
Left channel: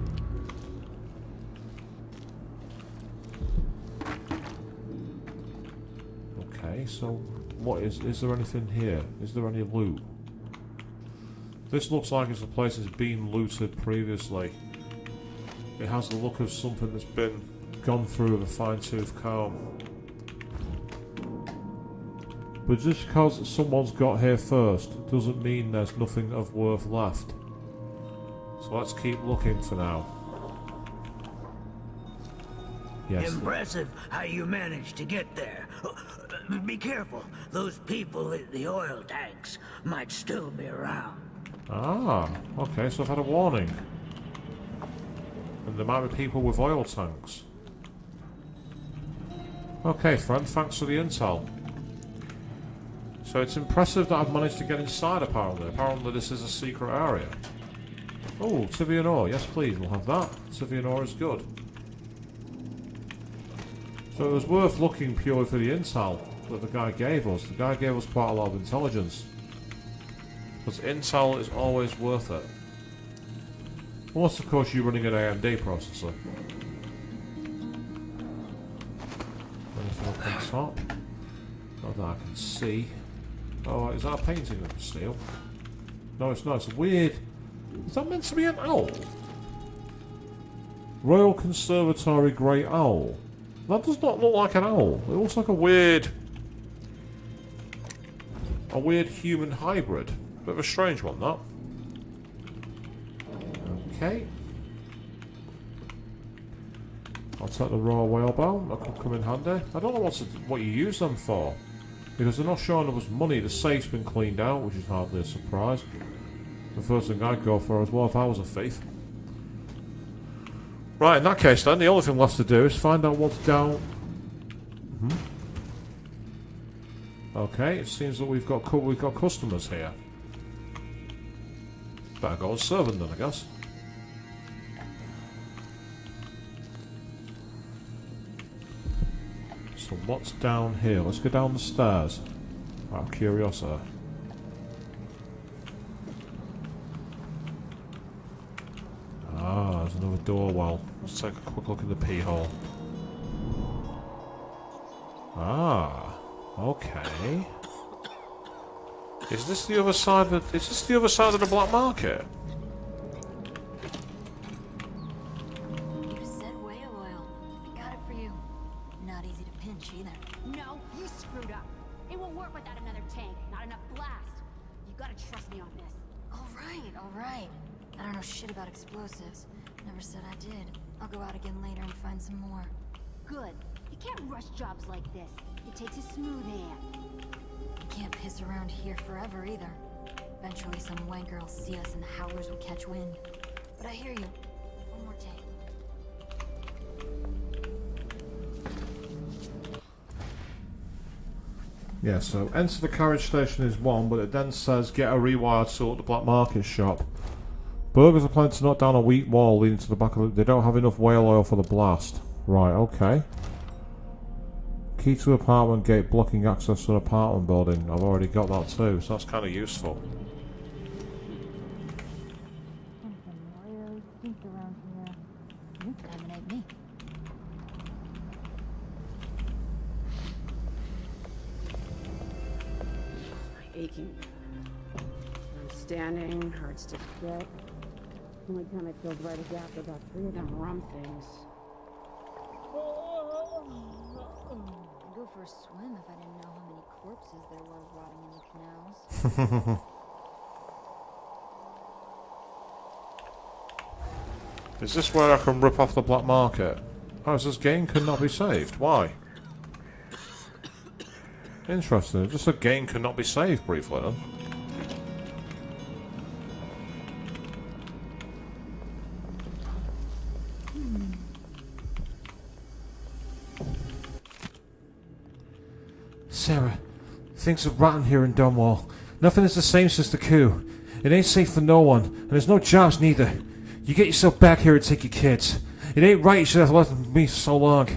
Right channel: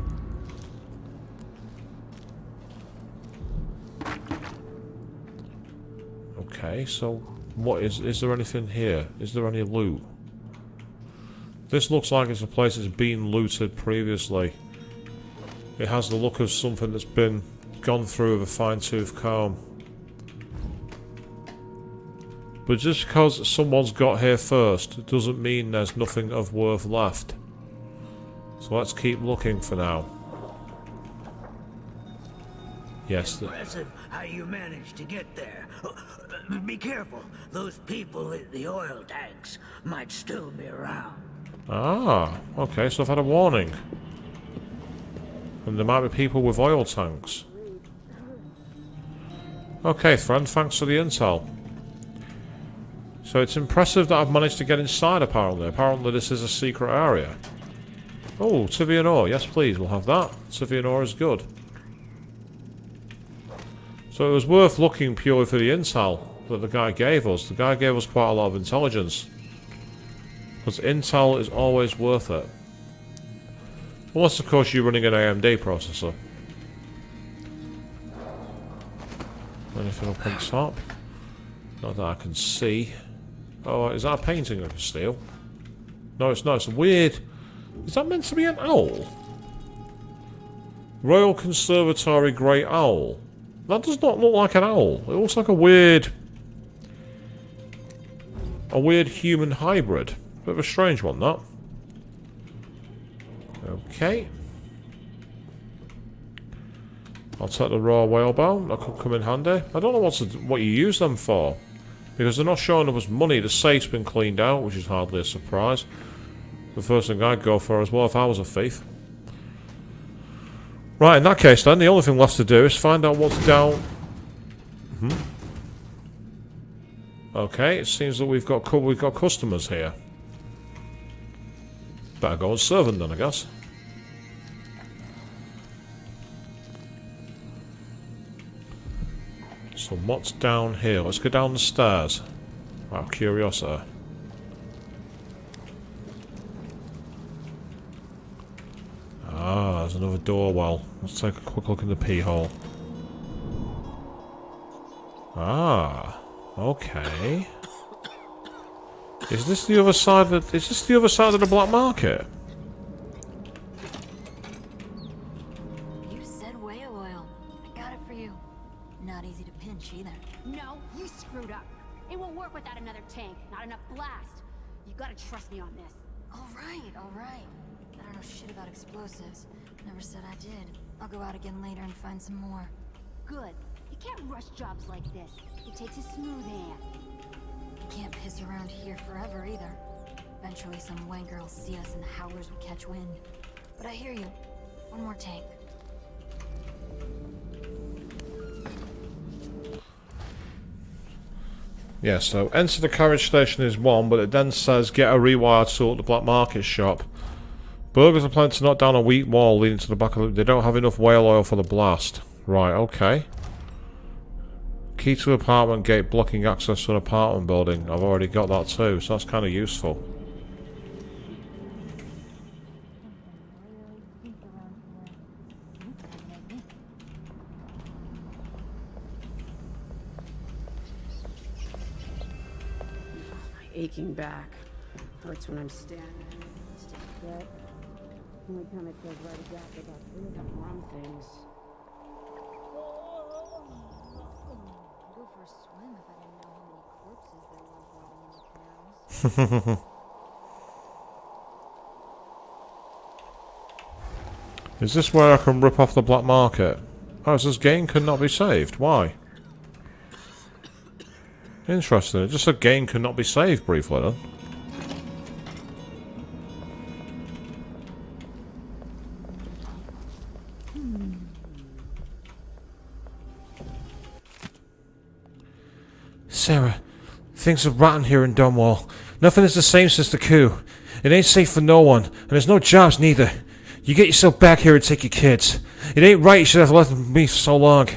Okay, so what is there anything here? Is there any loot? This looks like it's a place that's been looted previously. It has the look of something that's been gone through with a fine-tooth comb. But just because someone's got here first doesn't mean there's nothing of worth left. So let's keep looking for now. Yes. Impressive how you managed to get there. Be careful. Those people in the oil tanks might still be around. Ah, okay, so I've had a warning. And there might be people with oil tanks. Okay, friend, thanks for the intel. So it's impressive that I've managed to get inside, apparently. Apparently this is a secret area. Oh, Tivian ore. Yes, please, we'll have that. Tivian ore is good. So it was worth looking purely for the intel that the guy gave us. The guy gave us quite a lot of intelligence. Because intel is always worth it. Unless, of course, you're running an AMD processor. Anything up on top? Not that I can see. Oh, is that a painting I can steal? No, it's not. It's weird. Is that meant to be an owl? Royal Conservatory Grey Owl. That does not look like an owl. It looks like a weird human hybrid. Bit of a strange one, that. Okay. I'll take the raw whalebone. That could come in handy. I don't know what you use them for. Because they're not showing up as money. The safe's been cleaned out, which is hardly a surprise. The first thing I'd go for as well if I was a thief. Right, in that case then, the only thing left to do is find out what's down... Okay, it seems that we've got customers here. Better go and serve them then, I guess. So what's down here? Let's go down the stairs. Out of curiosity. Ah, there's another door well. Let's take a quick look in the pee hole. Ah, okay. Is this the other side of the black market? You said whale oil. I got it for you. Not easy to pinch either. No, you screwed up. It won't work without another tank. Not enough blast. You gotta trust me on this. All right. I don't know shit about explosives. Never said I did. I'll go out again later and find some more. Good. You can't rush jobs like this. It takes a smooth hand. You can't piss around here forever either. Eventually some wanker will see us and the howlers will catch wind. But I hear you. One more tank. Yeah, so enter the carriage station is one, but it then says get a rewire tool at the black market shop. Burglars are planning to knock down a weak wall leading to the back of the... They don't have enough whale oil for the blast. Right, okay. Key to apartment gate blocking access to an apartment building. I've already got that too, so that's kind of useful. Aching back. Hurts when I'm standing, hurts to get. Only time it feels right is after about 3 of them rum things. I'd go for a swim if I didn't know how many corpses there were rotting in the canals. Is this where I can rip off the black market? Oh, it says game could not be saved. Why? Interesting. It just said game could not be saved briefly then. Sarah, things are rotten here in Dunwall. Nothing is the same since the coup. It ain't safe for no one, and there's no jobs neither. You get yourself back here and take your kids. It ain't right you should have left me so long.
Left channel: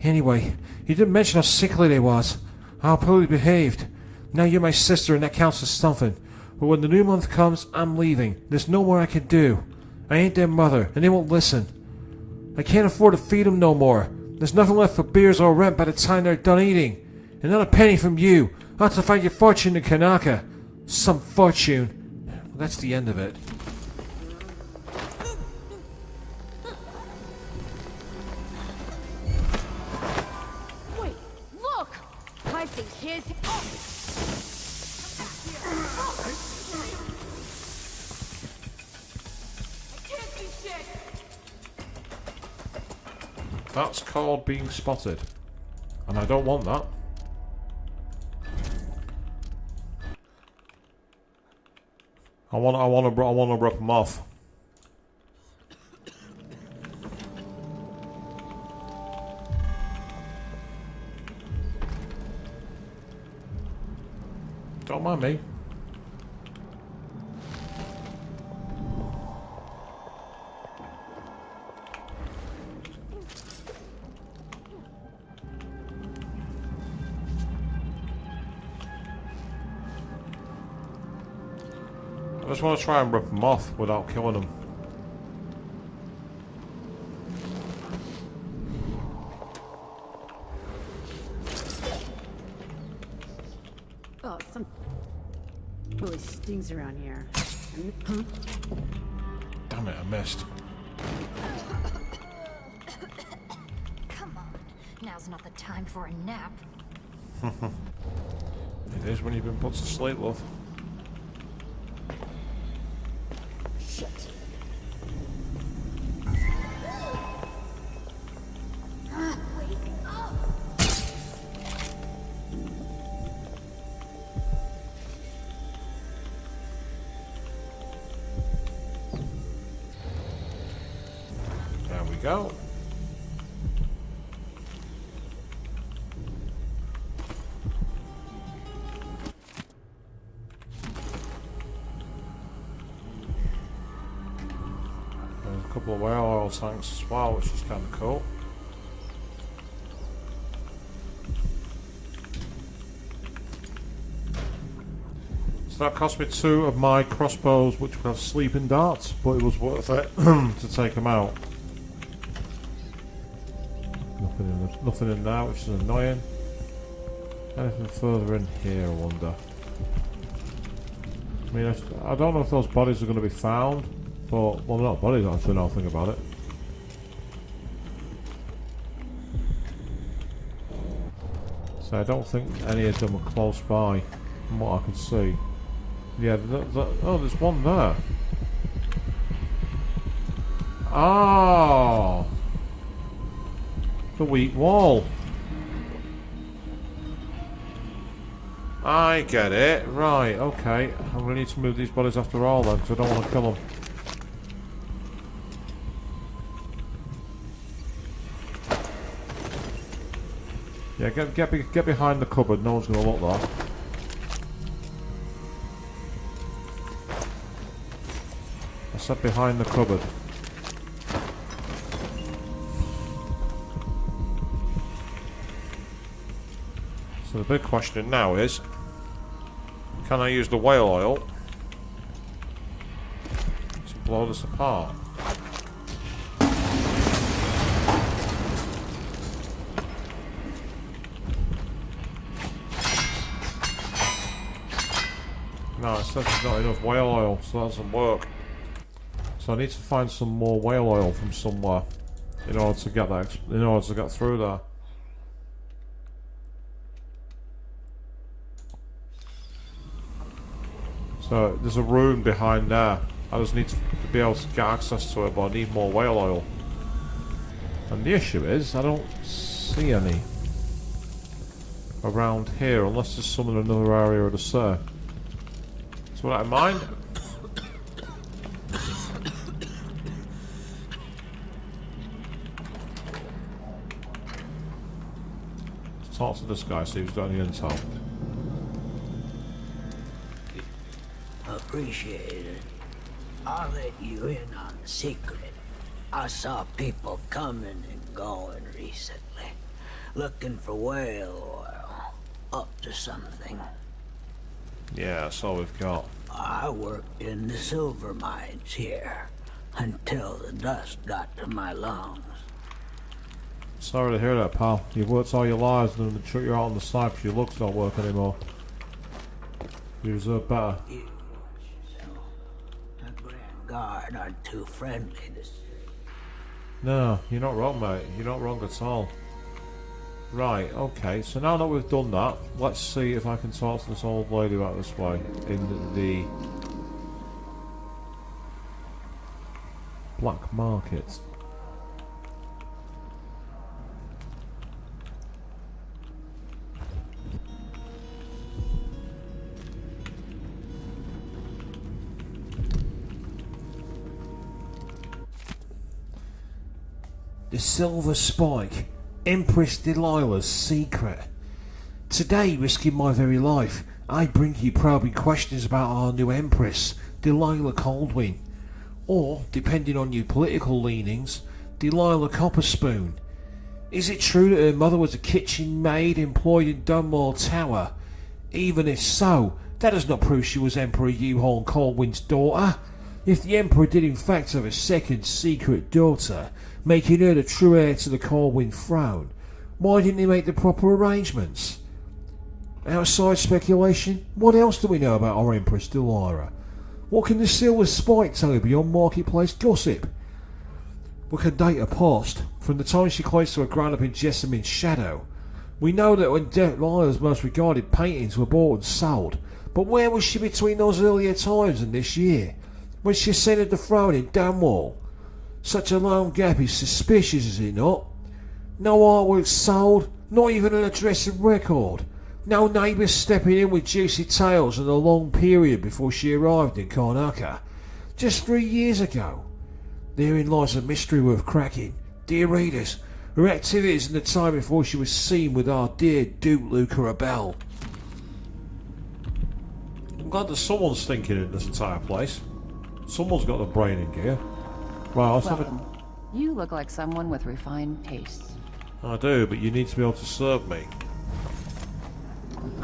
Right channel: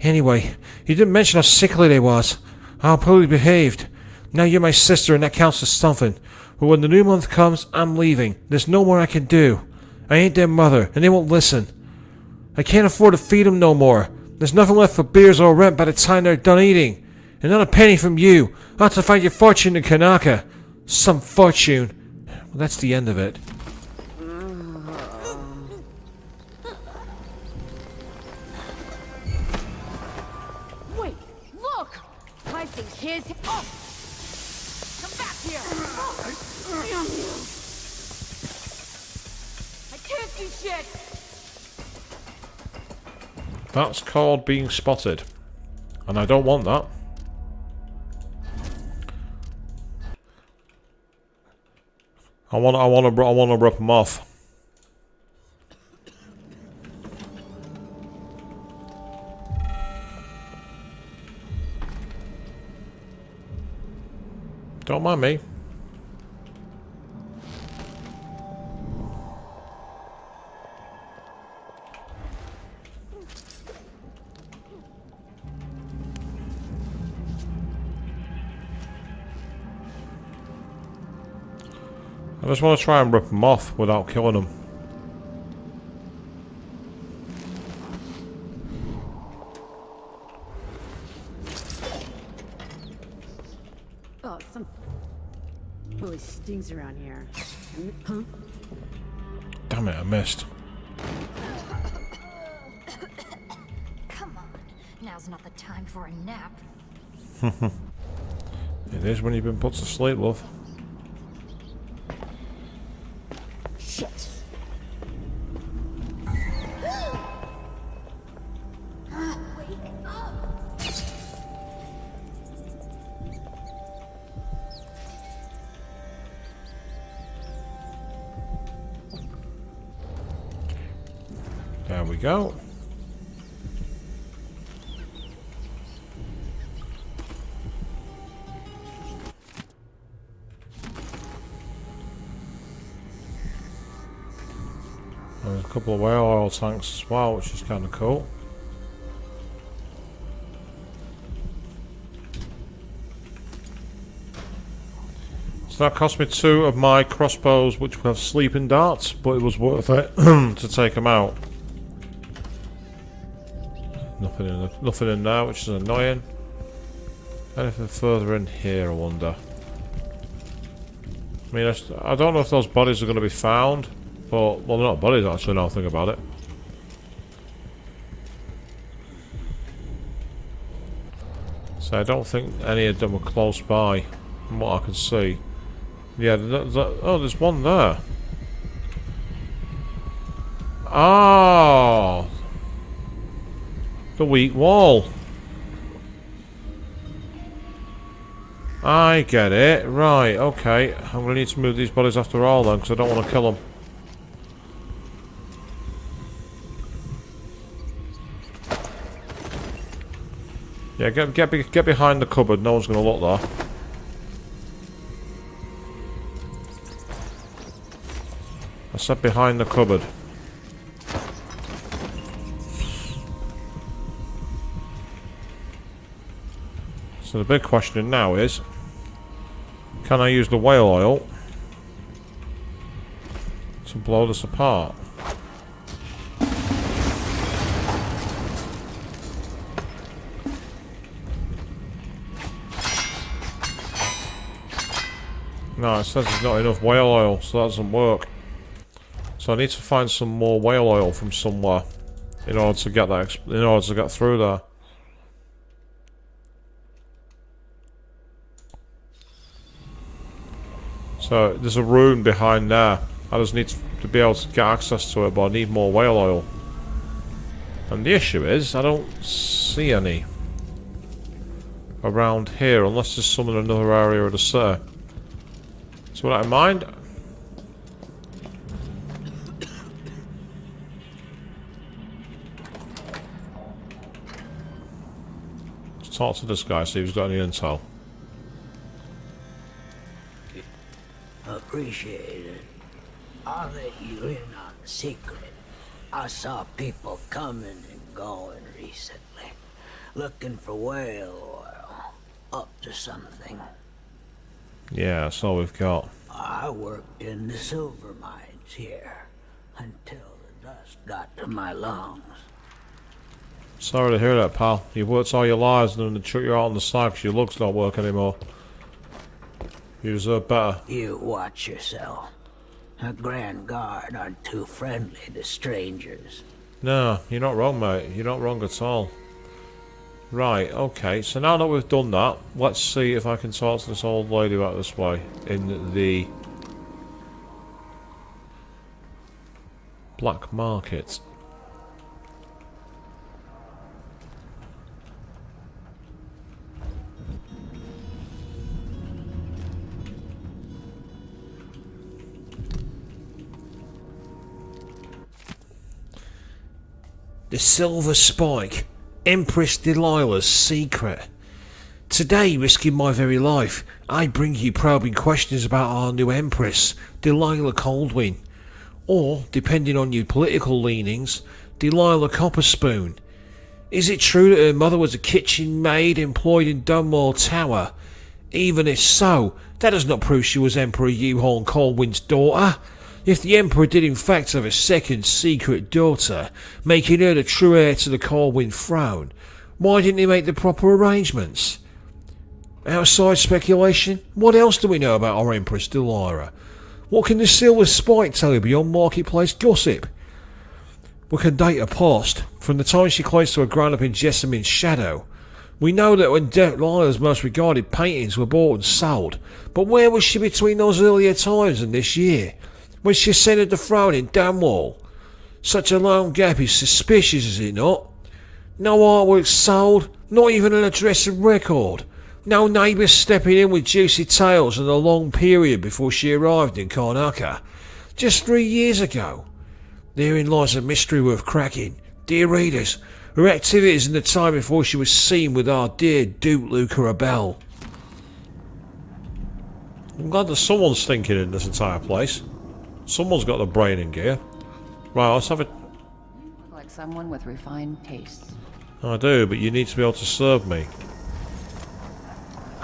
Anyway, you didn't mention how sickly they was. How poorly behaved. Now you're my sister and that counts as something. But when the new month comes, I'm leaving. There's no more I can do. I ain't their mother, and they won't listen. I can't afford to feed them no more. There's nothing left for beers or rent by the time they're done eating. And not a penny from you. I'll have to find your fortune in Kanaka. Some fortune. Well, that's the end of it. Wait, look! I think his... Oh! Come back here! Oh! Damn you! I can't see shit! That's called being spotted. And I don't want that. I want to rip them off. Don't mind me. I just want to try and rip them off without killing them. Oh, some... really stings around here. Huh? Damn it, I missed. Come on, now's not the time for a nap. It is when you've been put to sleep, love. Shit. Wake up! There we go. There's a couple of whale oil tanks as well, which is kind of cool. So that cost me 2 of my crossbows, which have sleeping darts, but it was worth it to take them out. Nothing in there, which is annoying. Anything further in here, I wonder. I mean, I don't know if those bodies are going to be found, but, well, they're not bodies actually, now I think about it. So I don't think any of them are close by, from what I can see. Yeah, oh, there's one there. Oh! The weak wall. I get it. Right, okay. I'm going to need to move these bodies after all then, because I don't want to kill them. Yeah, get behind the cupboard. No one's going to look there. I said behind the cupboard. So the big question now is, can I use the whale oil to blow this apart? No, it says there's not enough whale oil, so that doesn't work. So So I need to find some more whale oil from somewhere in order to get that. In order to get through there. So there's a room behind there. I just need to be able to get access to it, but I need more whale oil. And the issue is, I don't see any around here, unless there's some in another area of the city. So with that in mind, let's talk to this guy, see if he's got any intel. Appreciate it. I'll let you in on the secret. I saw people coming and going recently, looking for whale oil, up to something. Yeah, that's all we've got. I worked in the silver mines here until the dust got to my lungs. Sorry to hear that, pal. You've worked all your lives and then they chuck you out on the side because your lugs don't work anymore. You deserve better. You watch yourself. The Grand Guard aren't too friendly to strangers. No, you're not wrong, mate. You're not wrong at all. Right, okay. So now that we've done that, let's see if I can talk to this old lady about this way in the black market. The Silver Spike, Empress Delilah's secret. Today, risking my very life, I bring you probing questions about our new Empress, Delilah Coldwin. Or, depending on your political leanings, Delilah Copperspoon. Is it true that her mother was a kitchen maid employed in Dunwall Tower? Even if so, that does not prove she was Emperor Yuhorn Coldwin's daughter. If the Emperor did in fact have a second secret daughter, making her the true heir to the Corwin throne, why didn't he make the proper arrangements? Outside speculation, what else do we know about our Empress Delilah? What can the Silver Spike tell you beyond marketplace gossip? We can date her past, from the time she claims to have grown up in Jessamine's shadow. We know that when Delilah's most regarded paintings were bought and sold, but where was she between those earlier times and this year? When she ascended the throne in Dunwall. Such a long gap is suspicious, is it not? No artwork sold, not even an address and record. No neighbours stepping in with juicy tales in the long period before she arrived in Karnaca. Just 3 years ago. Therein lies a mystery worth cracking. Dear readers, her activities in the time before she was seen with our dear Duke Luca Abel. I'm glad that someone's thinking in this entire place. Someone's got the brain in gear. Right, let's have it. You look like someone with refined tastes. I do, but you need to be able to serve me.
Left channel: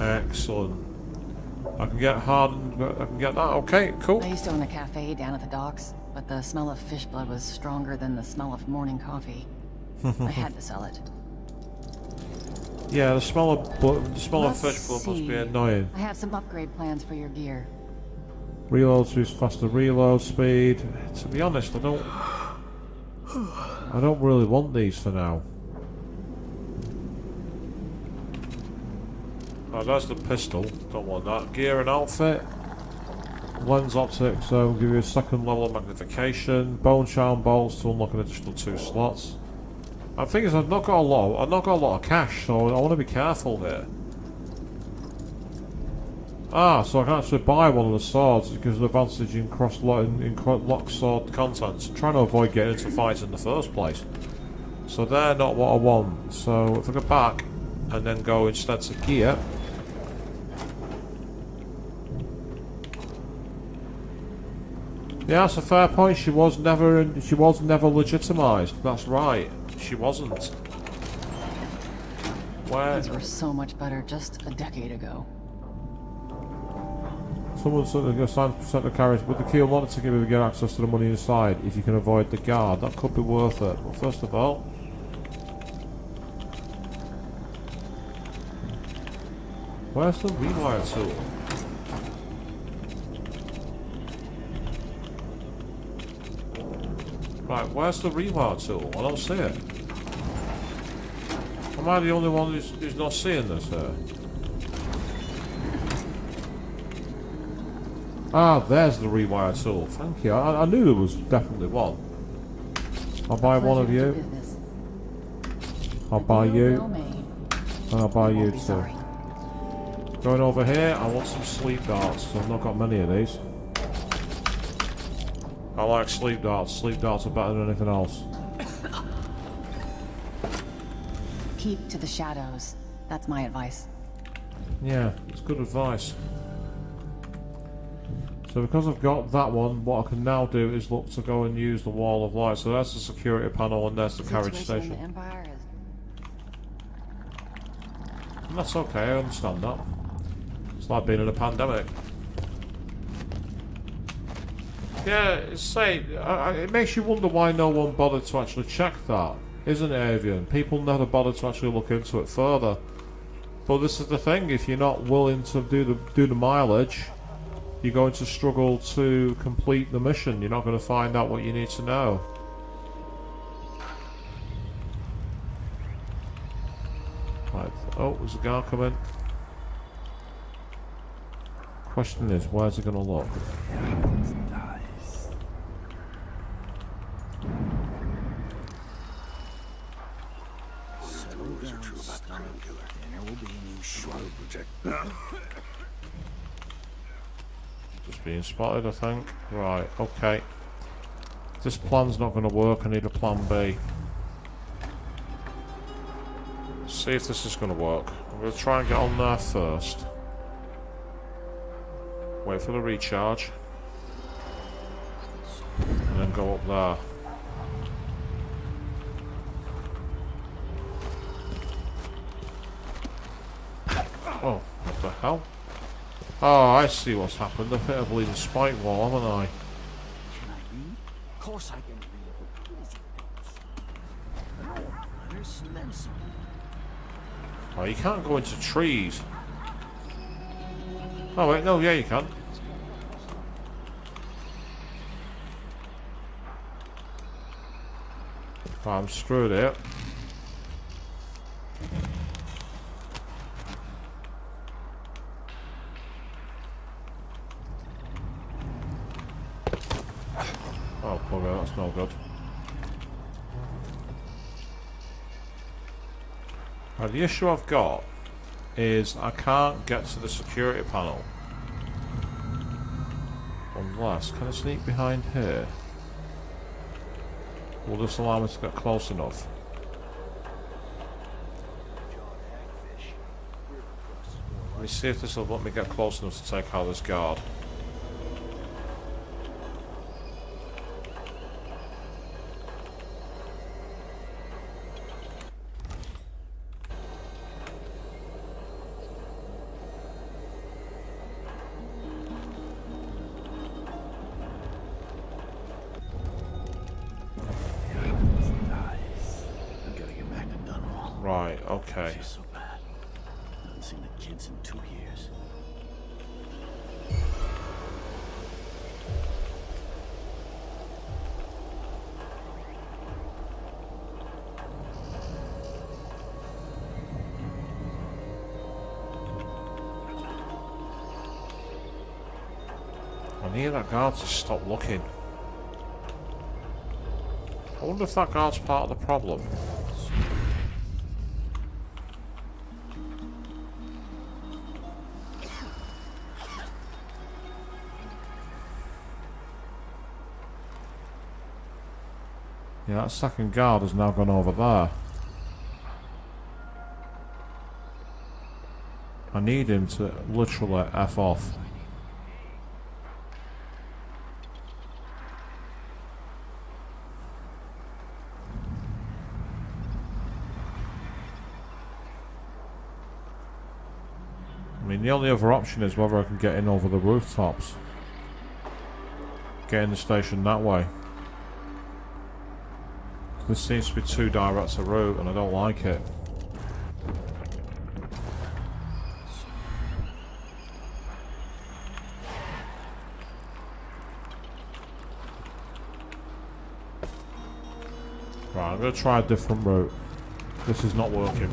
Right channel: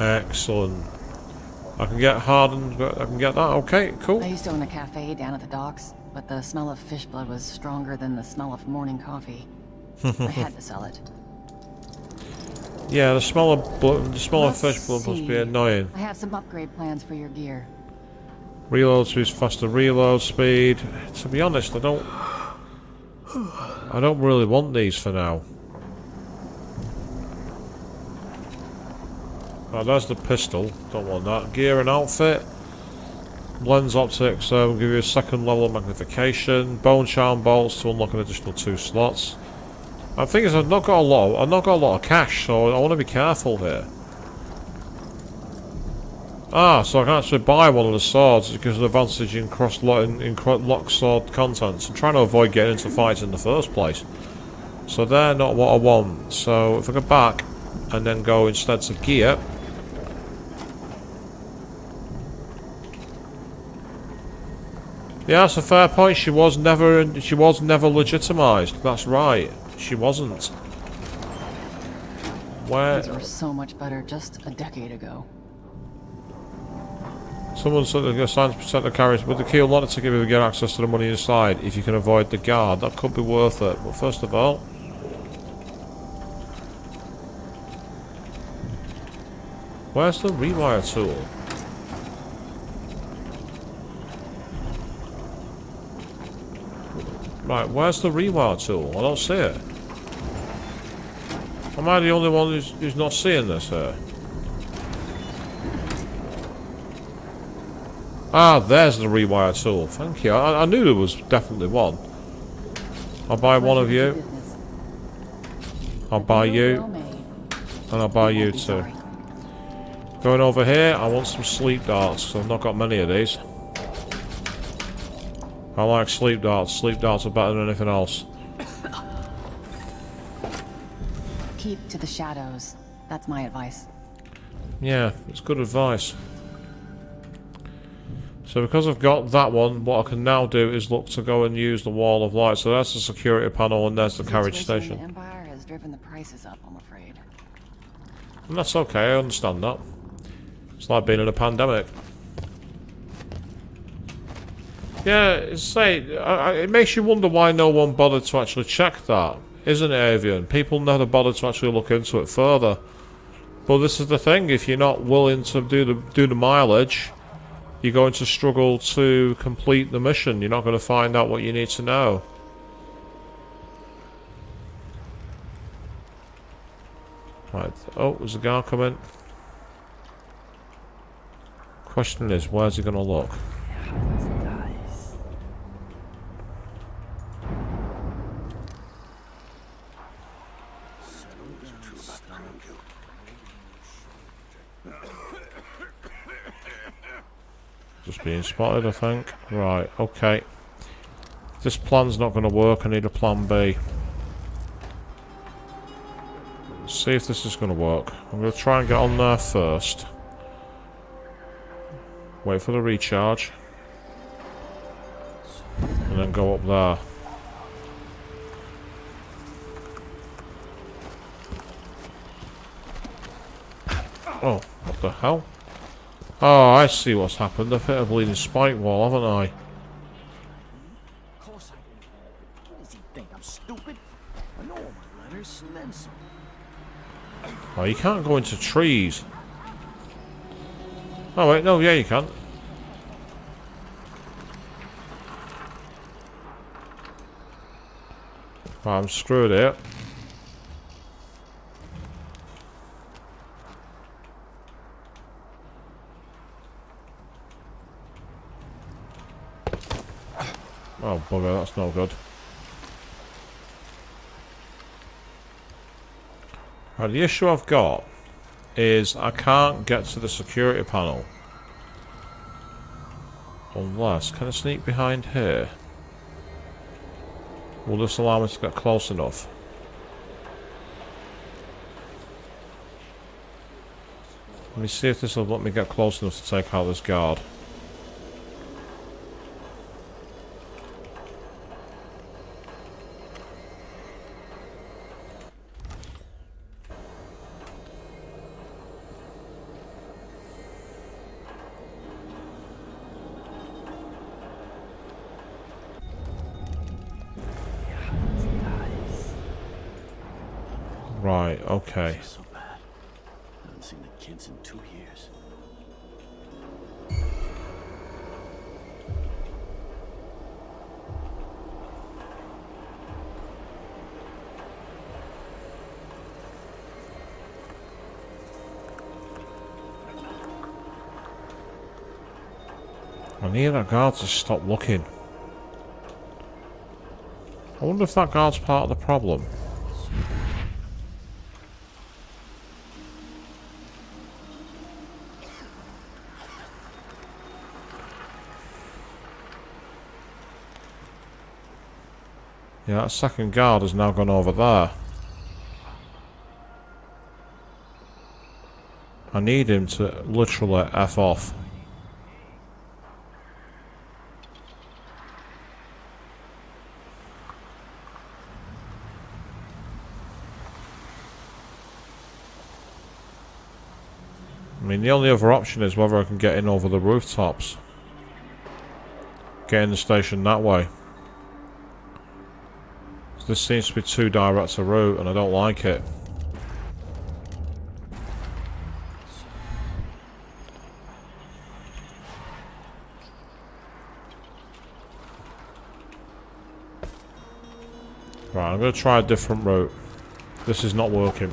Excellent. I can get hardened, I can get that. Okay, cool. I used to own a cafe down at the docks, but the smell of fish blood was stronger than the smell of morning coffee. I had to sell it. Yeah, the smell of blood, the smell of fish blood must be annoying. I have some upgrade plans for your gear. Reload speed, faster reload speed. To be honest, I don't really want these for now. Oh, there's the pistol. Don't want that. Gear and outfit. Lens optics will give you a second level of magnification. Bone charm bolts to unlock an additional 2 slots. And the thing is, I've not got a lot of cash, so I want to be careful here. Ah, so I can actually buy one of the swords because of the advantage in lock sword contents. I'm trying to avoid getting into fights in the first place. So they're not what I want. So if I go back and then go instead to gear. Yeah, that's a fair point. She was never legitimised. That's right. She wasn't. Where? These were so much better just a decade ago. Someone said they're assigned to protect the carriage, but the key will not to give you get access to the money inside if you can avoid the guard. That could be worth it. But first of all, where's the rewire tool? Right, where's the rewire tool? I don't see it. Am I the only one who's not seeing this here? Ah, there's the rewire tool. Thank you. I knew there was definitely one. I'll buy one of you. I'll buy you. And I'll buy you too. Going over here, I want some sleep darts, because I've not got many of these. I like sleep darts. Sleep darts are better than anything else. Keep to the shadows. That's my advice. Yeah, it's good advice. So because I've got that one, what I can now do is look to go and use the wall of light. So that's the security panel and there's the carriage station. The Empire has driven the prices up, I'm afraid. And that's okay, I understand that. It's like being in a pandemic. Yeah, it makes you wonder why no one bothered to actually check that, isn't it, Avian? People never bothered to actually look into it further. But this is the thing: if you're not willing to do the mileage, you're going to struggle to complete the mission. You're not going to find out what you need to know. Right. Oh, there's a guard coming. Question is, where's he going to look? Just being spotted, I think. Right, okay. This plan's not going to work. I need a plan B. See if this is going to work. I'm going to try and get on there first. Wait for the recharge. And then go up there. Oh, what the hell? Oh, I see what's happened. I've hit a bleeding spike wall, haven't I? Can I read? Of course I can read. What does he think? I'm stupid? I know all my letters and then some. Oh, you can't go into trees. Oh wait, no, yeah you can. Right, I'm screwed here. Oh bugger, that's no good. Right, the issue I've got is I can't get to the security panel. Unless, can I sneak behind here? Will this allow me to get close enough? Let me see if this will let me get close enough to take out this guard. Right, okay. This is so bad. I haven't seen the kids in 2 years. I need that guard to stop looking. I wonder if that guard's part of the problem. Yeah, that second guard has now gone over there. I need him to literally F off. I mean, the only other option is whether I can get in over the rooftops. Get in the station that way. This seems to be too direct a route and I don't like it. I'm going to try a different route. This is not working.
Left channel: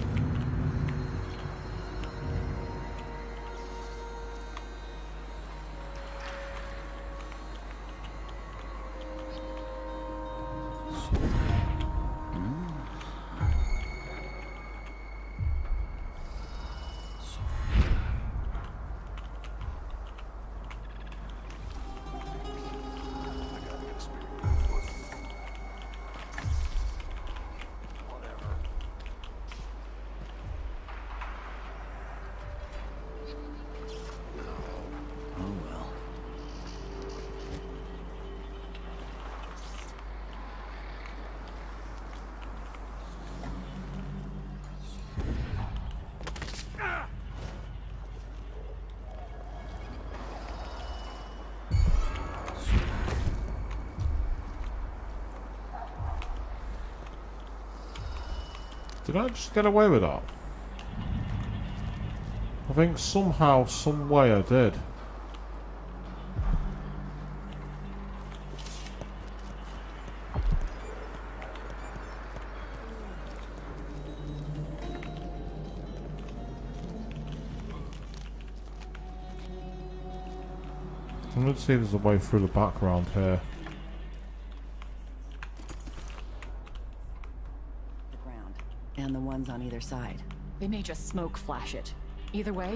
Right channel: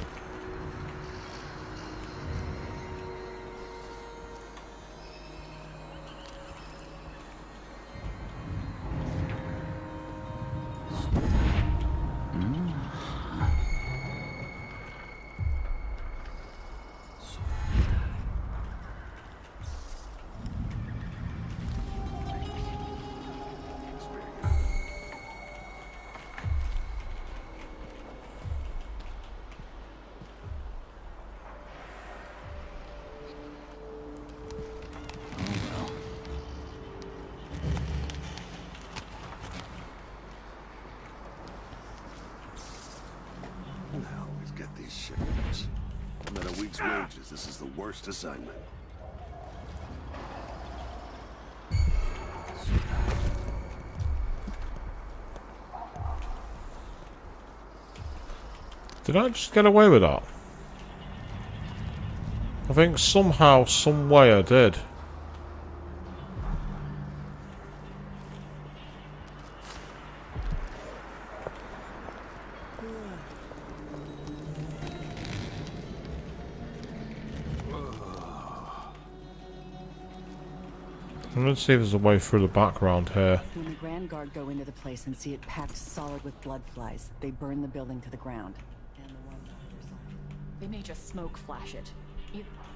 This is the worst assignment. Did I just get away with that? I think somehow, some way I did. Let's see if there's a way through the background here. When the Grand Guard go into the place and see it packed solid with blood flies, they burn the building to the ground. And the ones on either side. They may just smoke flash it. Either way,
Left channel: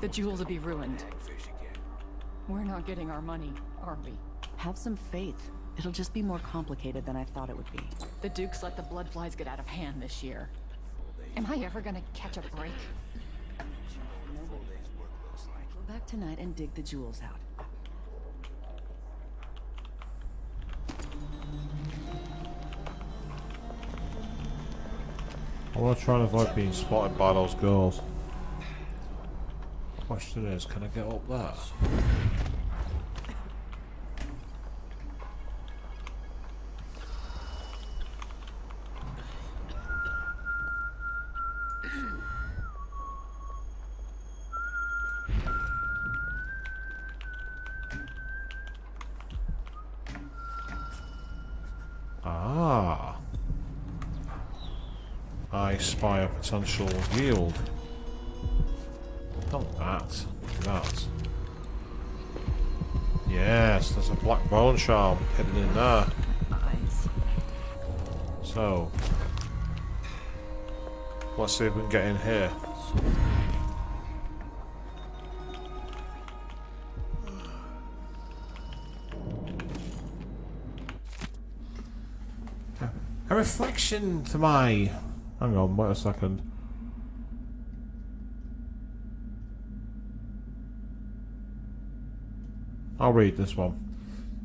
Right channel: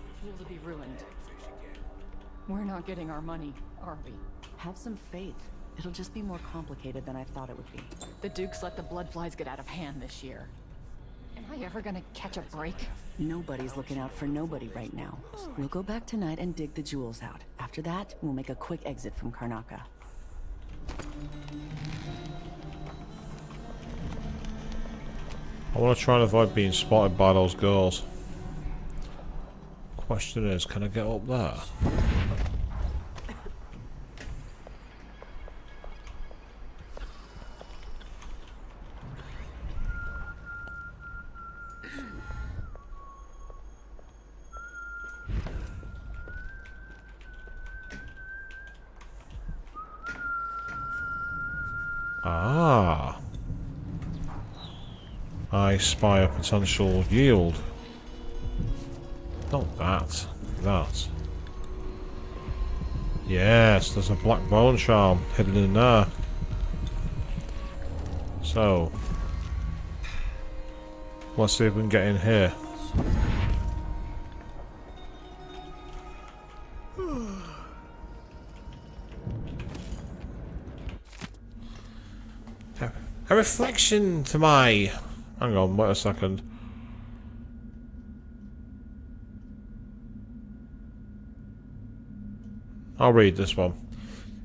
the jewels will be ruined. We're not getting our money, are we? Have some faith. It'll just be more complicated than I thought it would be. The Dukes let the blood flies get out of hand this year. Am I ever gonna catch a break? Nobody's looking out for nobody right now. We'll go back tonight and dig the jewels out. After that, we'll make a quick exit from Karnaca. I want to try and avoid being spotted by those girls. Question is, can I get up there? Ah. I spy a potential yield. Not that. That. Yes, there's a black bone charm hidden in there. So, let's see if we can get in here. A reflection to my... Hang on, wait a second. I'll read this one.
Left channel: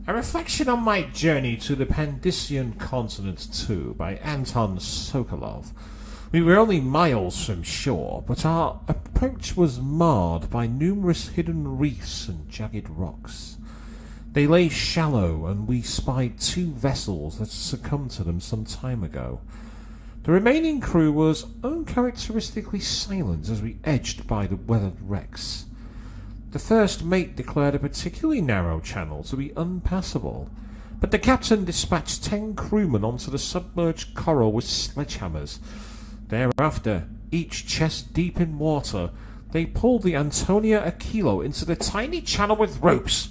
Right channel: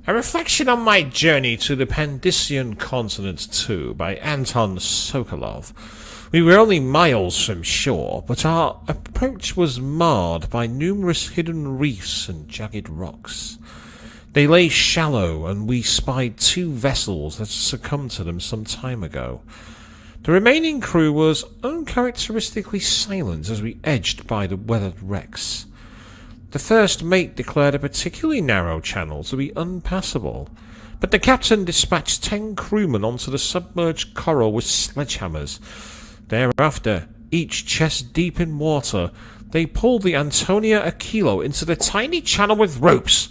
A reflection on my journey to the Pandician continent 2 by Anton Sokolov. We were only miles from shore, but our approach was marred by numerous hidden reefs and jagged rocks. They lay shallow, and we spied 2 vessels that succumbed to them some time ago. The remaining crew was uncharacteristically silent as we edged by the weathered wrecks. The first mate declared a particularly narrow channel to be unpassable, but the captain dispatched 10 crewmen onto the submerged coral with sledgehammers. Thereafter, each chest deep in water, they pulled the Antonia Aquilo into the tiny channel with ropes.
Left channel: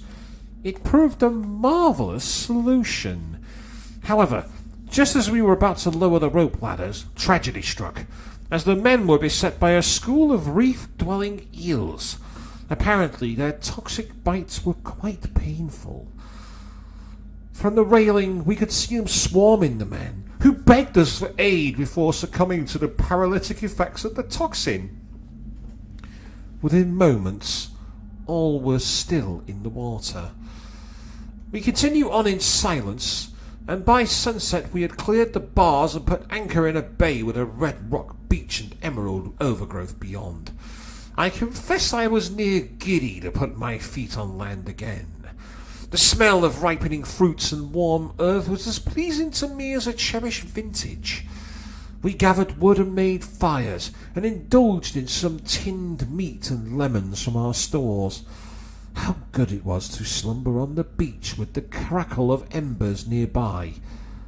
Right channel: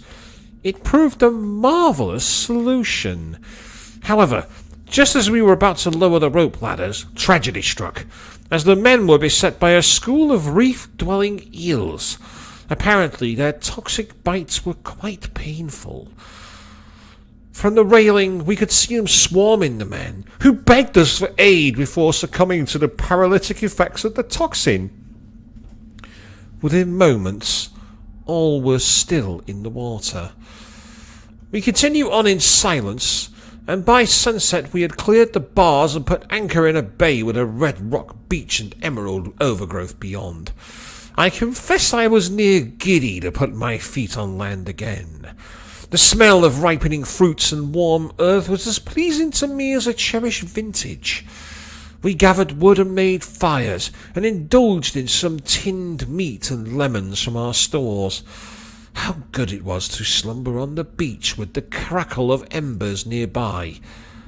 It proved a marvellous solution. However, just as we were about to lower the rope ladders, tragedy struck, as the men were beset by a school of reef-dwelling eels. Apparently, their toxic bites were quite painful. From the railing, we could see them swarming the men, who begged us for aid before succumbing to the paralytic effects of the toxin. Within moments, all was still in the water. We continued on in silence, and by sunset we had cleared the bars and put anchor in a bay with a red rock beach and emerald overgrowth beyond. I confess I was near giddy to put my feet on land again. The smell of ripening fruits and warm earth was as pleasing to me as a cherished vintage. We gathered wood and made fires, and indulged in some tinned meat and lemons from our stores. How good it was to slumber on the beach with the crackle of embers nearby.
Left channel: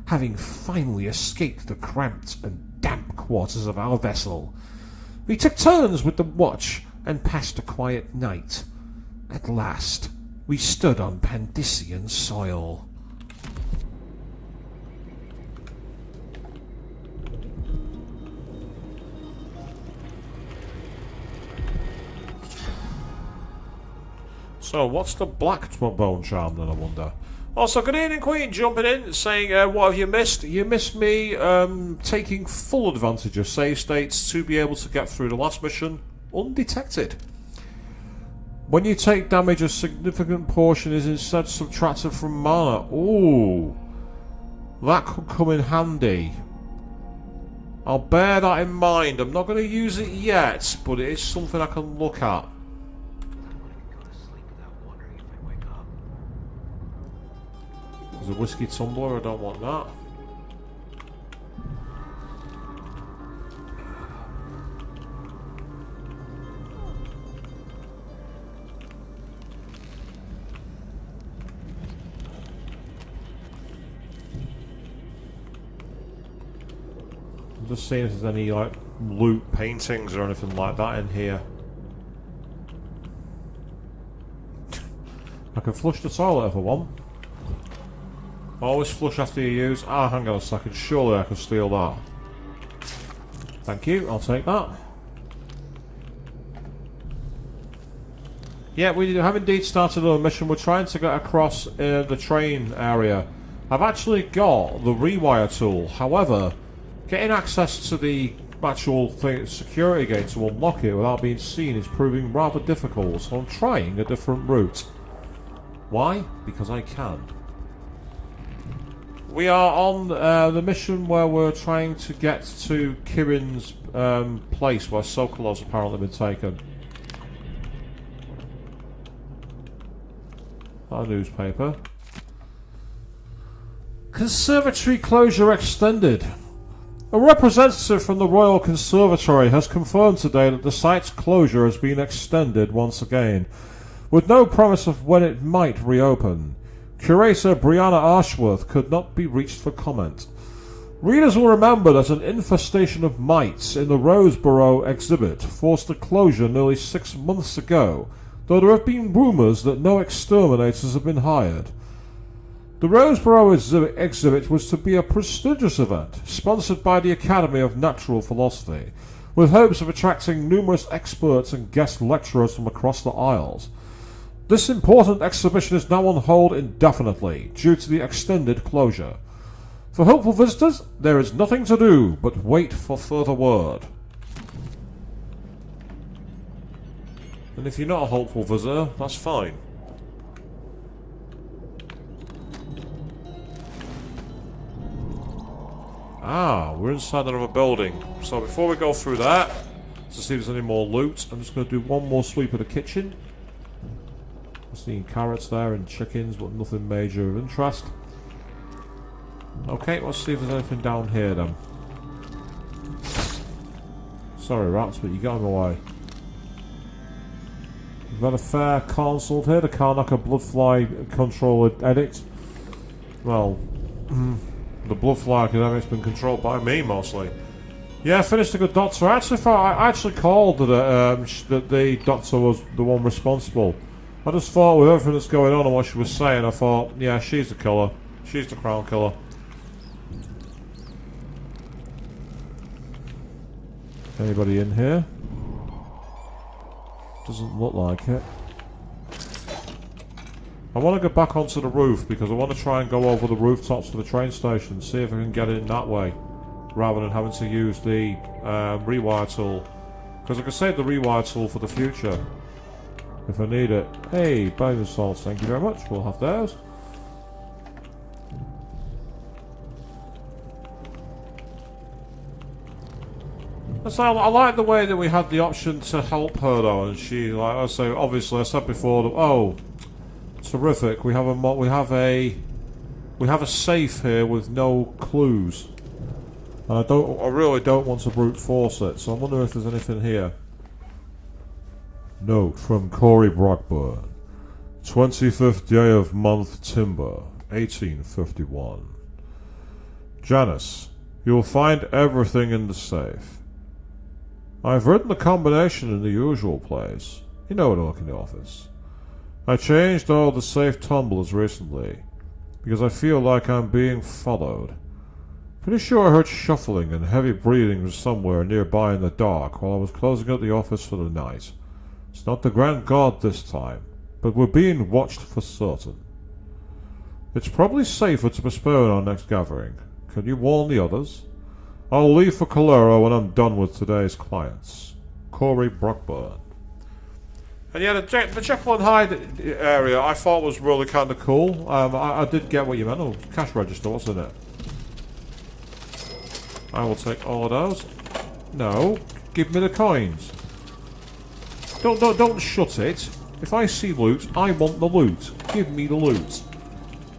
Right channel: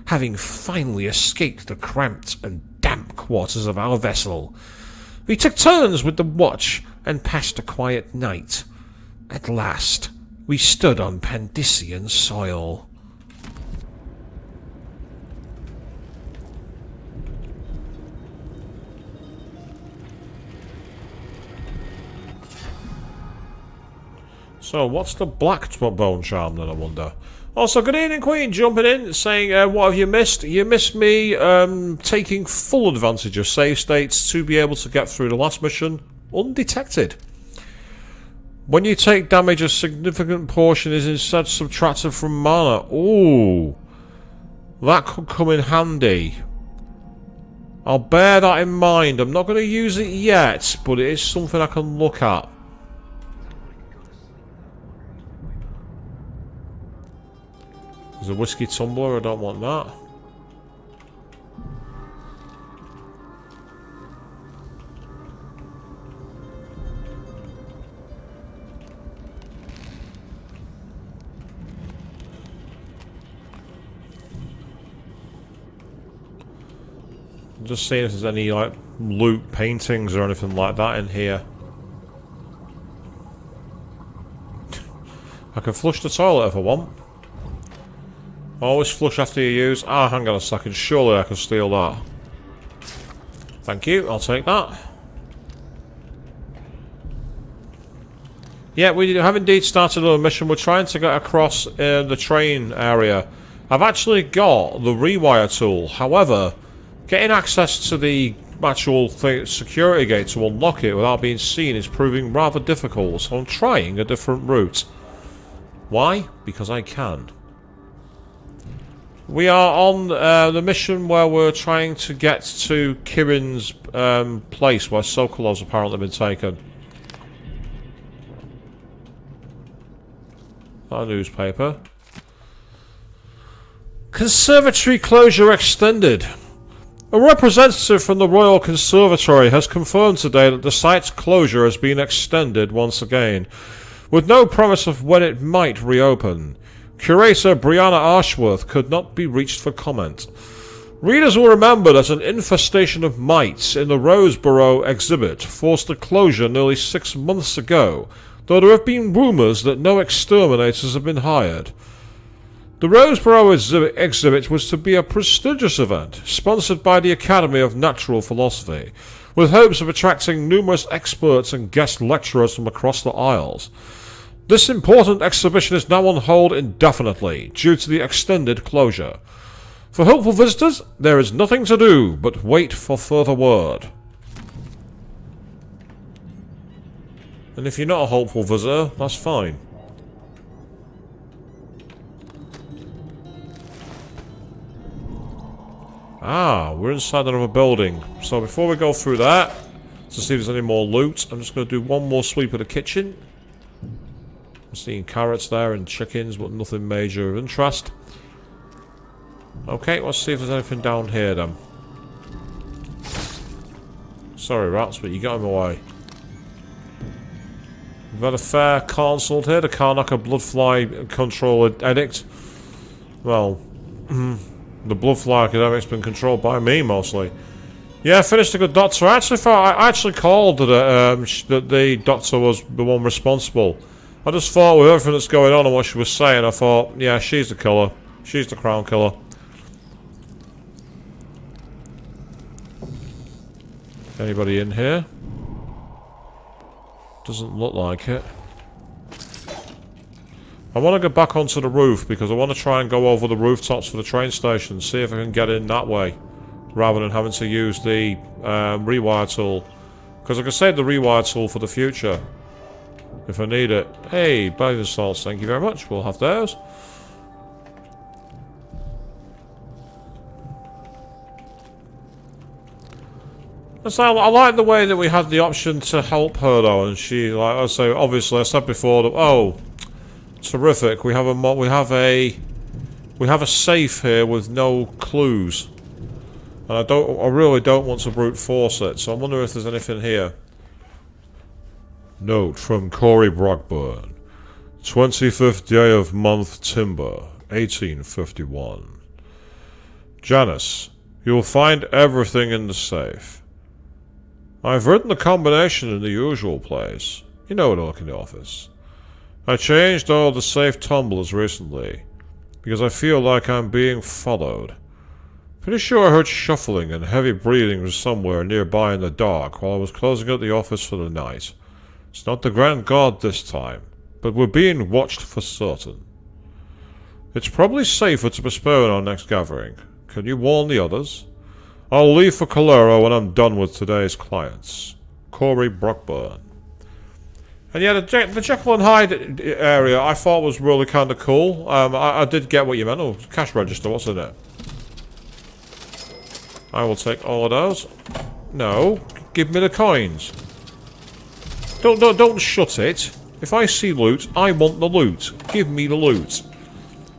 having finally escaped the cramped and damp quarters of our vessel. We took turns with the watch and passed a quiet night. At last, we stood on Pandician soil. So, what's the black bone charm then, I wonder? Also, good evening, Queen, jumping in, saying, what have you missed? You missed me taking full advantage of save states to be able to get through the last mission undetected. When you take damage, a significant portion is instead subtracted from mana. Ooh, that could come in handy. I'll bear that in mind. I'm not going to use it yet, but it is something I can look at. There's a whiskey tumbler, I don't want that. I'm just seeing if there's any like loot paintings or anything like that in here. I can flush the toilet if I want. Always flush after you use. Ah, hang on a second. Surely I can steal that. Thank you. I'll take that. Yeah, we have indeed started a mission. We're trying to get across the train area. I've actually got the rewire tool. However, getting access to the actual security gate to unlock it without being seen is proving rather difficult. So I'm trying a different route. Why? Because I can. We are on the mission where we're trying to get to Kirin's place where Serkonos apparently been taken. That newspaper. Conservatory closure extended. A representative from the Royal Conservatory has confirmed today that the site's closure has been extended once again, with no promise of when it might reopen. Curator Brianna Ashworth could not be reached for comment. Readers will remember that an infestation of mites in the Roseboro exhibit forced a closure nearly 6 months ago, though there have been rumours that no exterminators have been hired. The Roseboro exhibit was to be a prestigious event, sponsored by the Academy of Natural Philosophy, with hopes of attracting numerous experts and guest lecturers from across the Isles. This important exhibition is now on hold indefinitely due to the extended closure. For hopeful visitors, there is nothing to do but wait for further word. And if you're not a hopeful visitor, that's fine. Ah, we're inside another building. So before we go through that, to see if there's any more loot, I'm just going to do one more sweep of the kitchen. Seeing carrots there and chickens, but nothing major of interest. Okay, let's see if there's anything down here then. Sorry rats, but you got in my way. We've had a fair consult here, the Karnaca Bloodfly Control Edict. Well, the Bloodfly Academic's been controlled by me mostly. Yeah, finished a good doctor. I actually called that the doctor was the one responsible. I just thought with everything that's going on and what she was saying, I thought, yeah, she's the killer. She's the crown killer. Anybody in here? Doesn't look like it. I want to go back onto the roof because I want to try and go over the rooftops for the train station, see if I can get in that way, rather than having to use the rewire tool. Because I can save the rewire tool for the future. If I need it. Hey, bag of salts, thank you very much. We'll have those. So I like the way that we had the option to help her though, and she, like I say, obviously I said before that, oh, terrific. We have a safe here with no clues. And I really don't want to brute force it. So I'm wondering if there's anything here. Note from Corey Brockburn, 25th day of month Timber, 1851. Janice, you will find everything in the safe. I've written the combination in the usual place. You know it, in the office. I changed all the safe tumblers recently, because I feel like I'm being followed. Pretty sure I heard shuffling and heavy breathing from somewhere nearby in the dark while I was closing out the office for the night. It's not the Grand Guard this time, but we're being watched for certain. It's probably safer to postpone our next gathering. Can you warn the others? I'll leave for Calero when I'm done with today's clients. Corey Brockburn. And yeah, the Jekyll and Hyde area I thought was really kind of cool. I did get what you meant. Oh, cash register, what's in it? I will take all of those. No, give me the coins. Don't shut it. If I see loot, I want the loot. Give me the loot.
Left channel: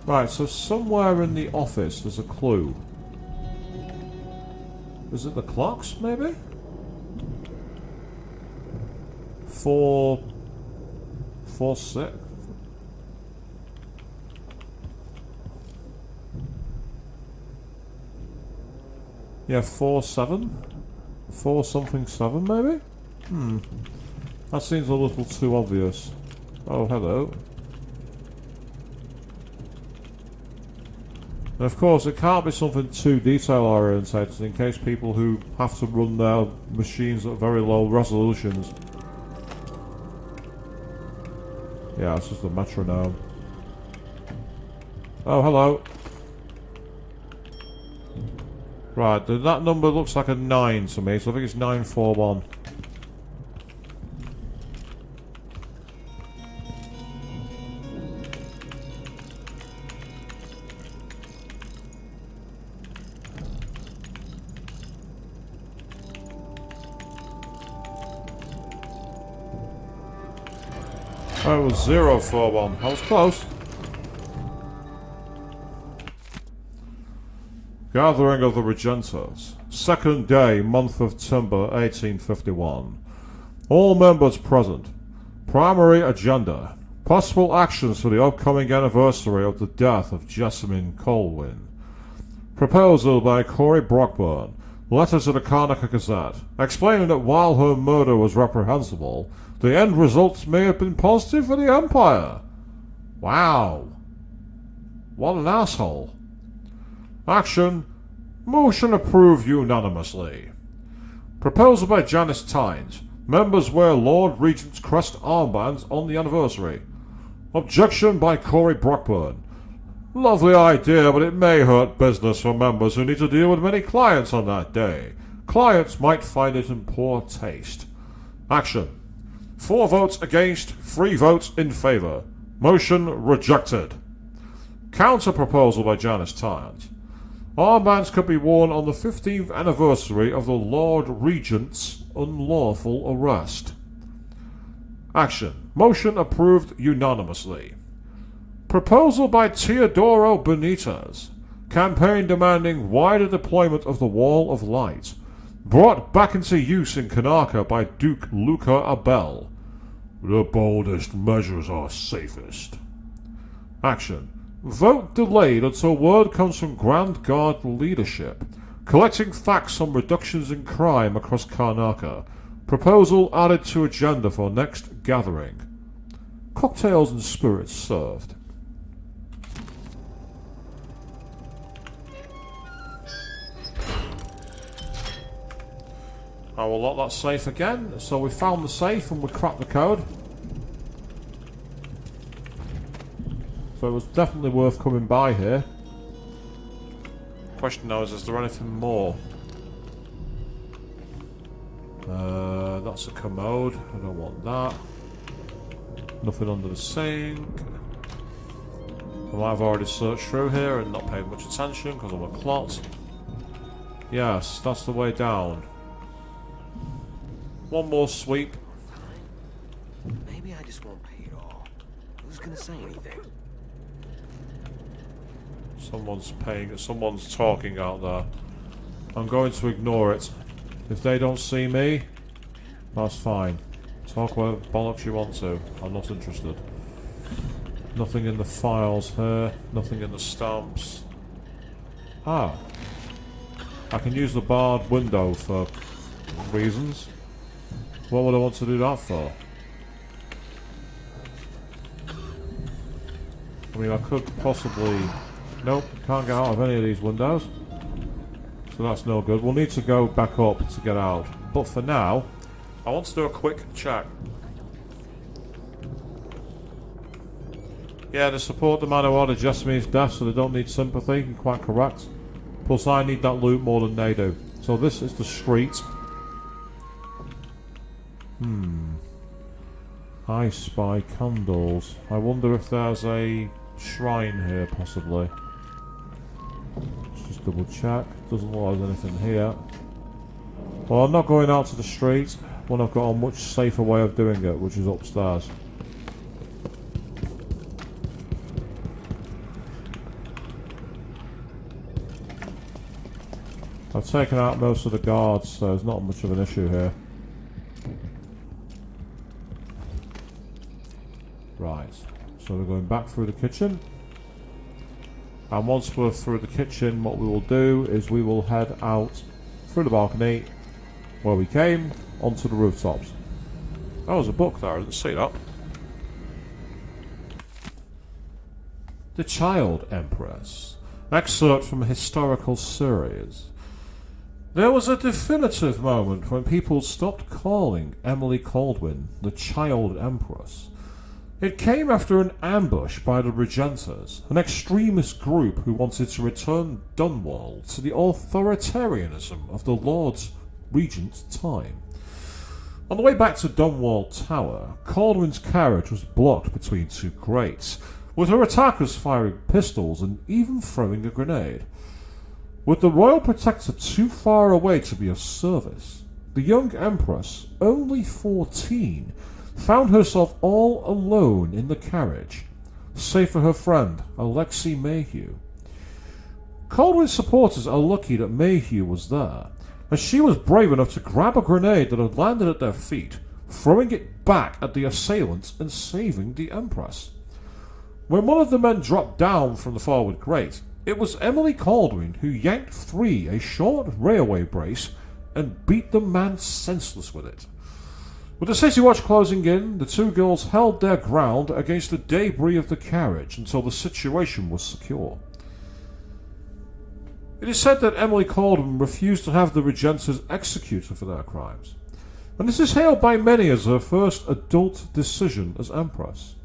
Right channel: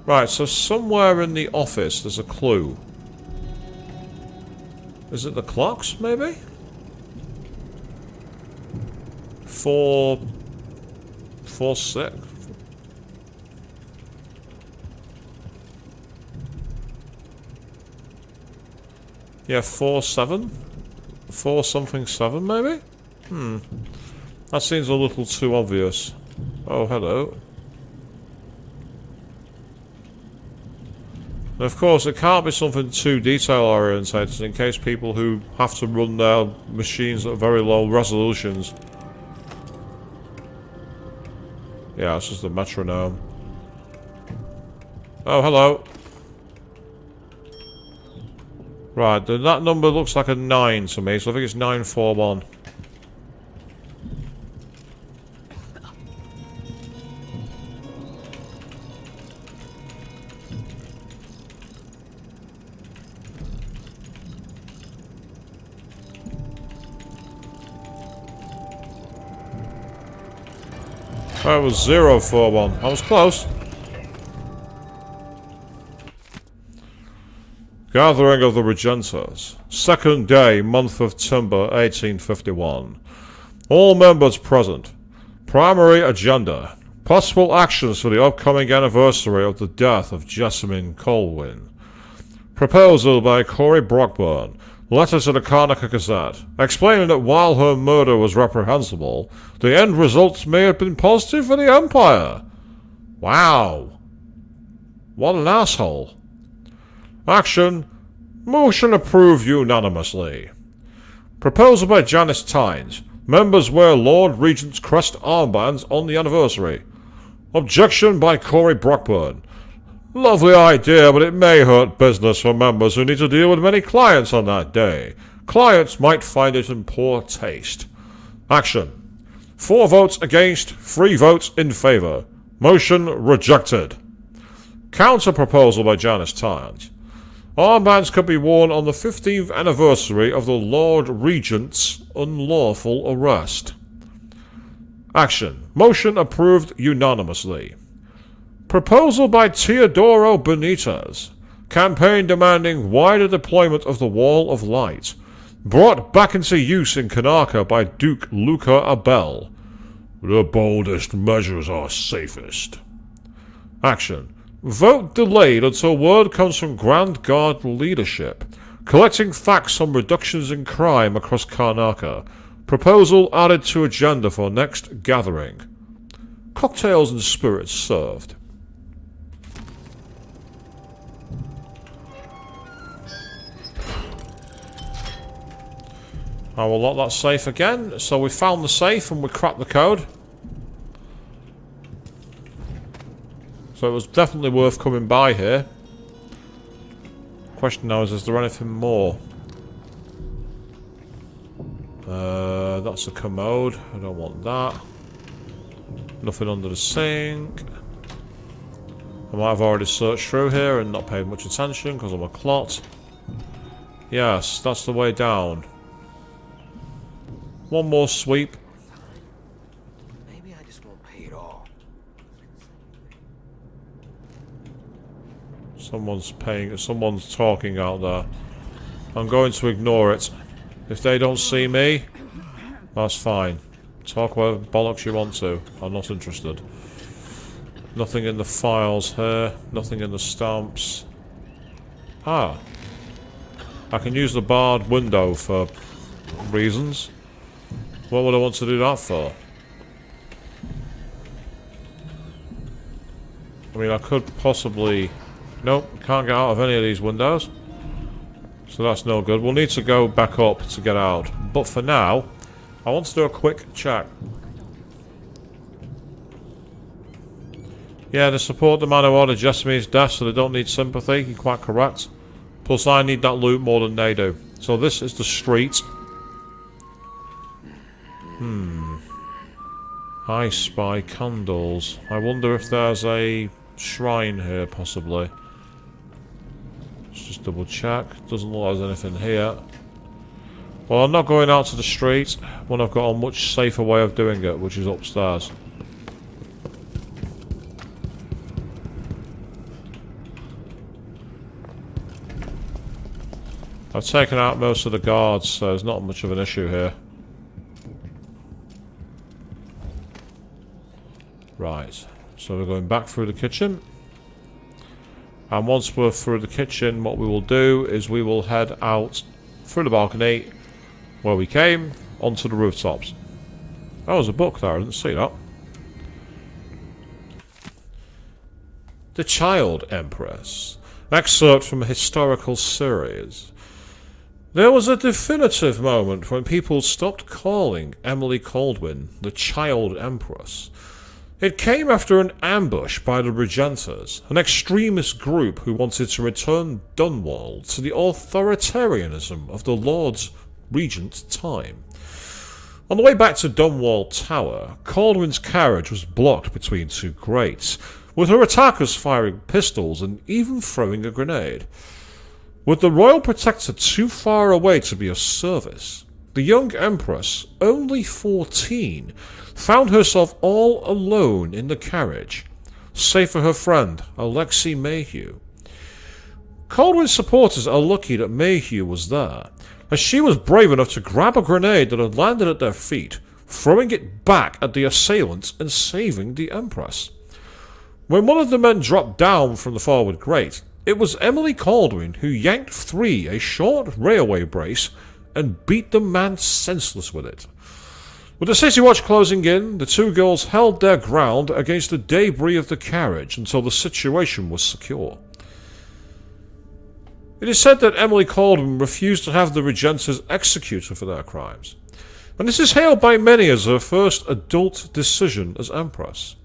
Right, so somewhere in the office there's a clue. Is it the clocks, maybe? 4-6. Yeah, 4-7? 4-something-7, maybe? That seems a little too obvious. Oh, hello. And of course, it can't be something too detail-oriented in case people who have to run their machines at very low resolutions. Yeah, it's just a metronome. Oh, hello. Right, that number looks like a 9 to me, so I think it's 941. That was 041. I was close. Gathering of the Regentas. Second day, month of Timber, 1851. All members present. Primary agenda. Possible actions for the upcoming anniversary of the death of Jessamine Colwyn. Proposal by Corey Brockburn. Letter to the Karnaca Gazette, explaining that while her murder was reprehensible, the end results may have been positive for the Empire. Wow. What an asshole. Action. Motion approved unanimously. Proposal by Janice Tynes. Members wear Lord Regent's crest armbands on the anniversary. Objection by Corey Brockburn. Lovely idea, but it may hurt business for members who need to deal with many clients on that day. Clients might find it in poor taste. Action. 4 votes against, 3 votes in favour. Motion rejected. Counter proposal by Janice Tynes. Armbands could be worn on the 15th anniversary of the Lord Regent's unlawful arrest. Action. Motion approved unanimously. Proposal by Teodoro Benitez. Campaign demanding wider deployment of the Wall of Light. Brought back into use in Karnaca by Duke Luca Abel. The boldest measures are safest. Action. Vote delayed until word comes from Grand Guard leadership. Collecting facts on reductions in crime across Karnaca. Proposal added to agenda for next gathering. Cocktails and spirits served. I will lock that safe again. So we found the safe and we cracked the code. So it was definitely worth coming by here. Question now is there anything more? That's a commode. I don't want that. Nothing under the sink. I might have already searched through here and not paid much attention because I'm a clot. Yes, that's the way down. One more sweep. Maybe I just won't pay it all. Who's gonna say anything? Someone's talking out there. I'm going to ignore it. If they don't see me, that's fine. Talk whatever bollocks you want to. I'm not interested. Nothing in the files here. Nothing in the stamps. Ah. I can use the barred window for reasons. What would I want to do that for? I mean, I could possibly... Nope, can't get out of any of these windows. So that's no good. We'll need to go back up to get out. But for now, I want to do a quick check. Yeah, the support the man who ordered Jessamy's death, so they don't need sympathy. You're quite correct. Plus, I need that loot more than they do. So this is the street. I spy candles. I wonder if there's a shrine here, possibly. Let's just double check. Doesn't look like there's anything here. Well, I'm not going out to the street when I've got a much safer way of doing it, which is upstairs. I've taken out most of the guards, so there's not much of an issue here. Right, so we're going back through the kitchen. And once we're through the kitchen, what we will do is we will head out through the balcony where we came, onto the rooftops. That was a book there, I didn't see that. The Child Empress. Excerpt from a historical series. There was a definitive moment when people stopped calling Emily Kaldwin the Child Empress. It came after an ambush by the Regenters, an extremist group who wanted to return Dunwall to the authoritarianism of the Lord's Regent's time. On the way back to Dunwall Tower, Kaldwin's carriage was blocked between two grates, with her attackers firing pistols and even throwing a grenade. With the royal protector too far away to be of service, the young Empress, only 14, found herself all alone in the carriage, save for her friend, Alexei Mayhew. Kaldwin's supporters are lucky that Mayhew was there, as she was brave enough to grab a grenade that had landed at their feet, throwing it back at the assailants and saving the Empress. When one of the men dropped down from the forward grate, it was Emily Kaldwin who yanked free a short railway brace and beat the man senseless with it. With the city watch closing in, the two girls held their ground against the debris of the carriage until the situation was secure. It is said that Emily Kaldwin refused to have the Regenters executed for their crimes, and this is hailed by many as her first adult decision as Empress.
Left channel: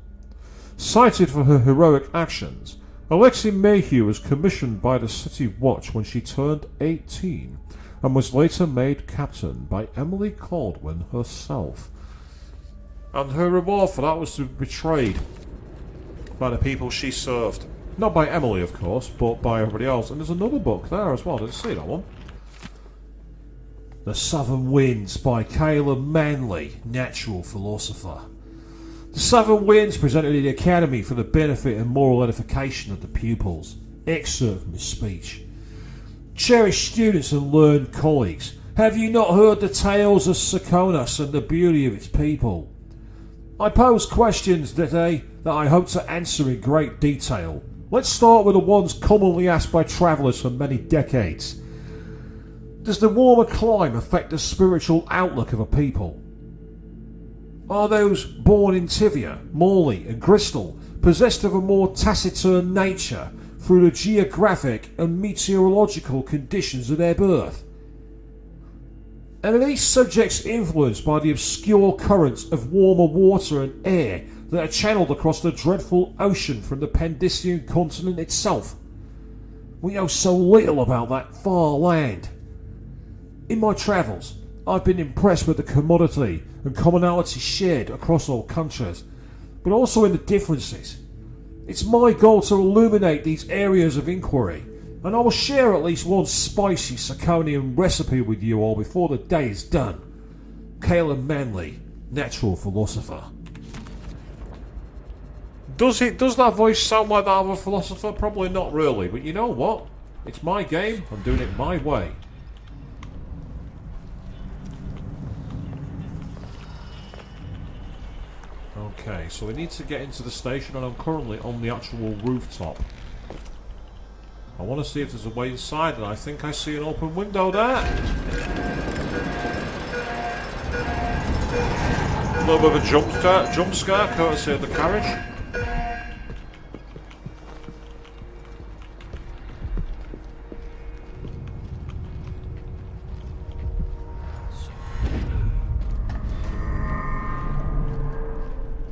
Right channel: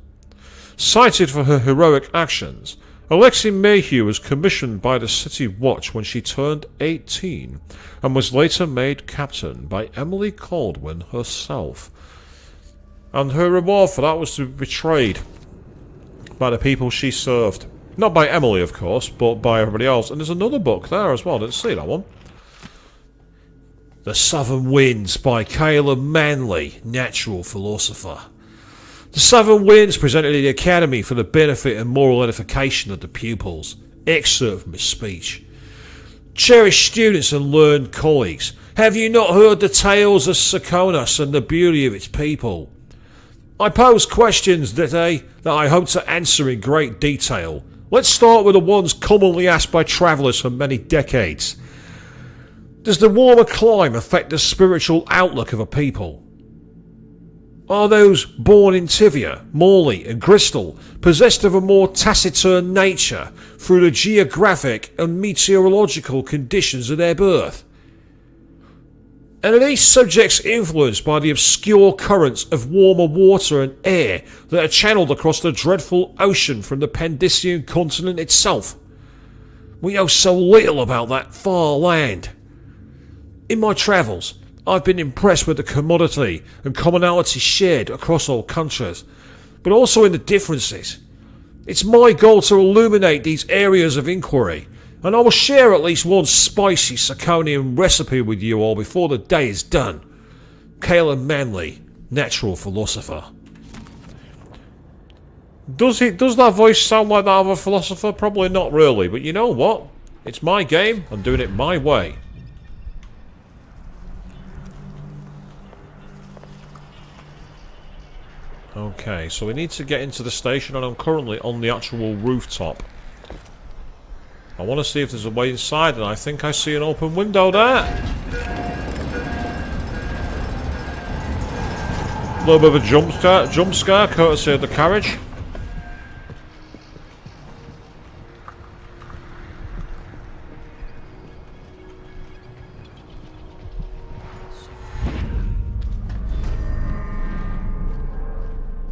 Cited for her heroic actions, Alexei Mayhew was commissioned by the City Watch when she turned 18 and was later made captain by Emily Kaldwin herself. And her reward for that was to be betrayed by the people she served. Not by Emily, of course, but by everybody else. And there's another book there as well, I didn't see that one. The Southern Winds by Caleb Manley, natural philosopher. The Southern Winds presented at the Academy for the benefit and moral edification of the pupils. Excerpt from his speech. Cherished students and learned colleagues, have you not heard the tales of Serkonos and the beauty of its people? I pose questions that I hope to answer in great detail. Let's start with the ones commonly asked by travellers for many decades. Does the warmer climate affect the spiritual outlook of a people? Are those born in Tivia, Morley and Bristol possessed of a more taciturn nature through the geographic and meteorological conditions of their birth? And are these subjects influenced by the obscure currents of warmer water and air that are channeled across the dreadful ocean from the Pandician continent itself? We know so little about that far land. In my travels, I've been impressed with the commodity and commonality shared across all countries, but also in the differences. It's my goal to illuminate these areas of inquiry, and I will share at least one spicy Serkonian recipe with you all before the day is done. Caleb Manley, natural philosopher. Does that voice sound like that of a philosopher? Probably not really, but you know what? It's my game, I'm doing it my way. Okay, so we need to get into the station, and I'm currently on the actual rooftop. I want to see if there's a way inside, and I think I see an open window there. A little bit of a jump scare courtesy of the carriage.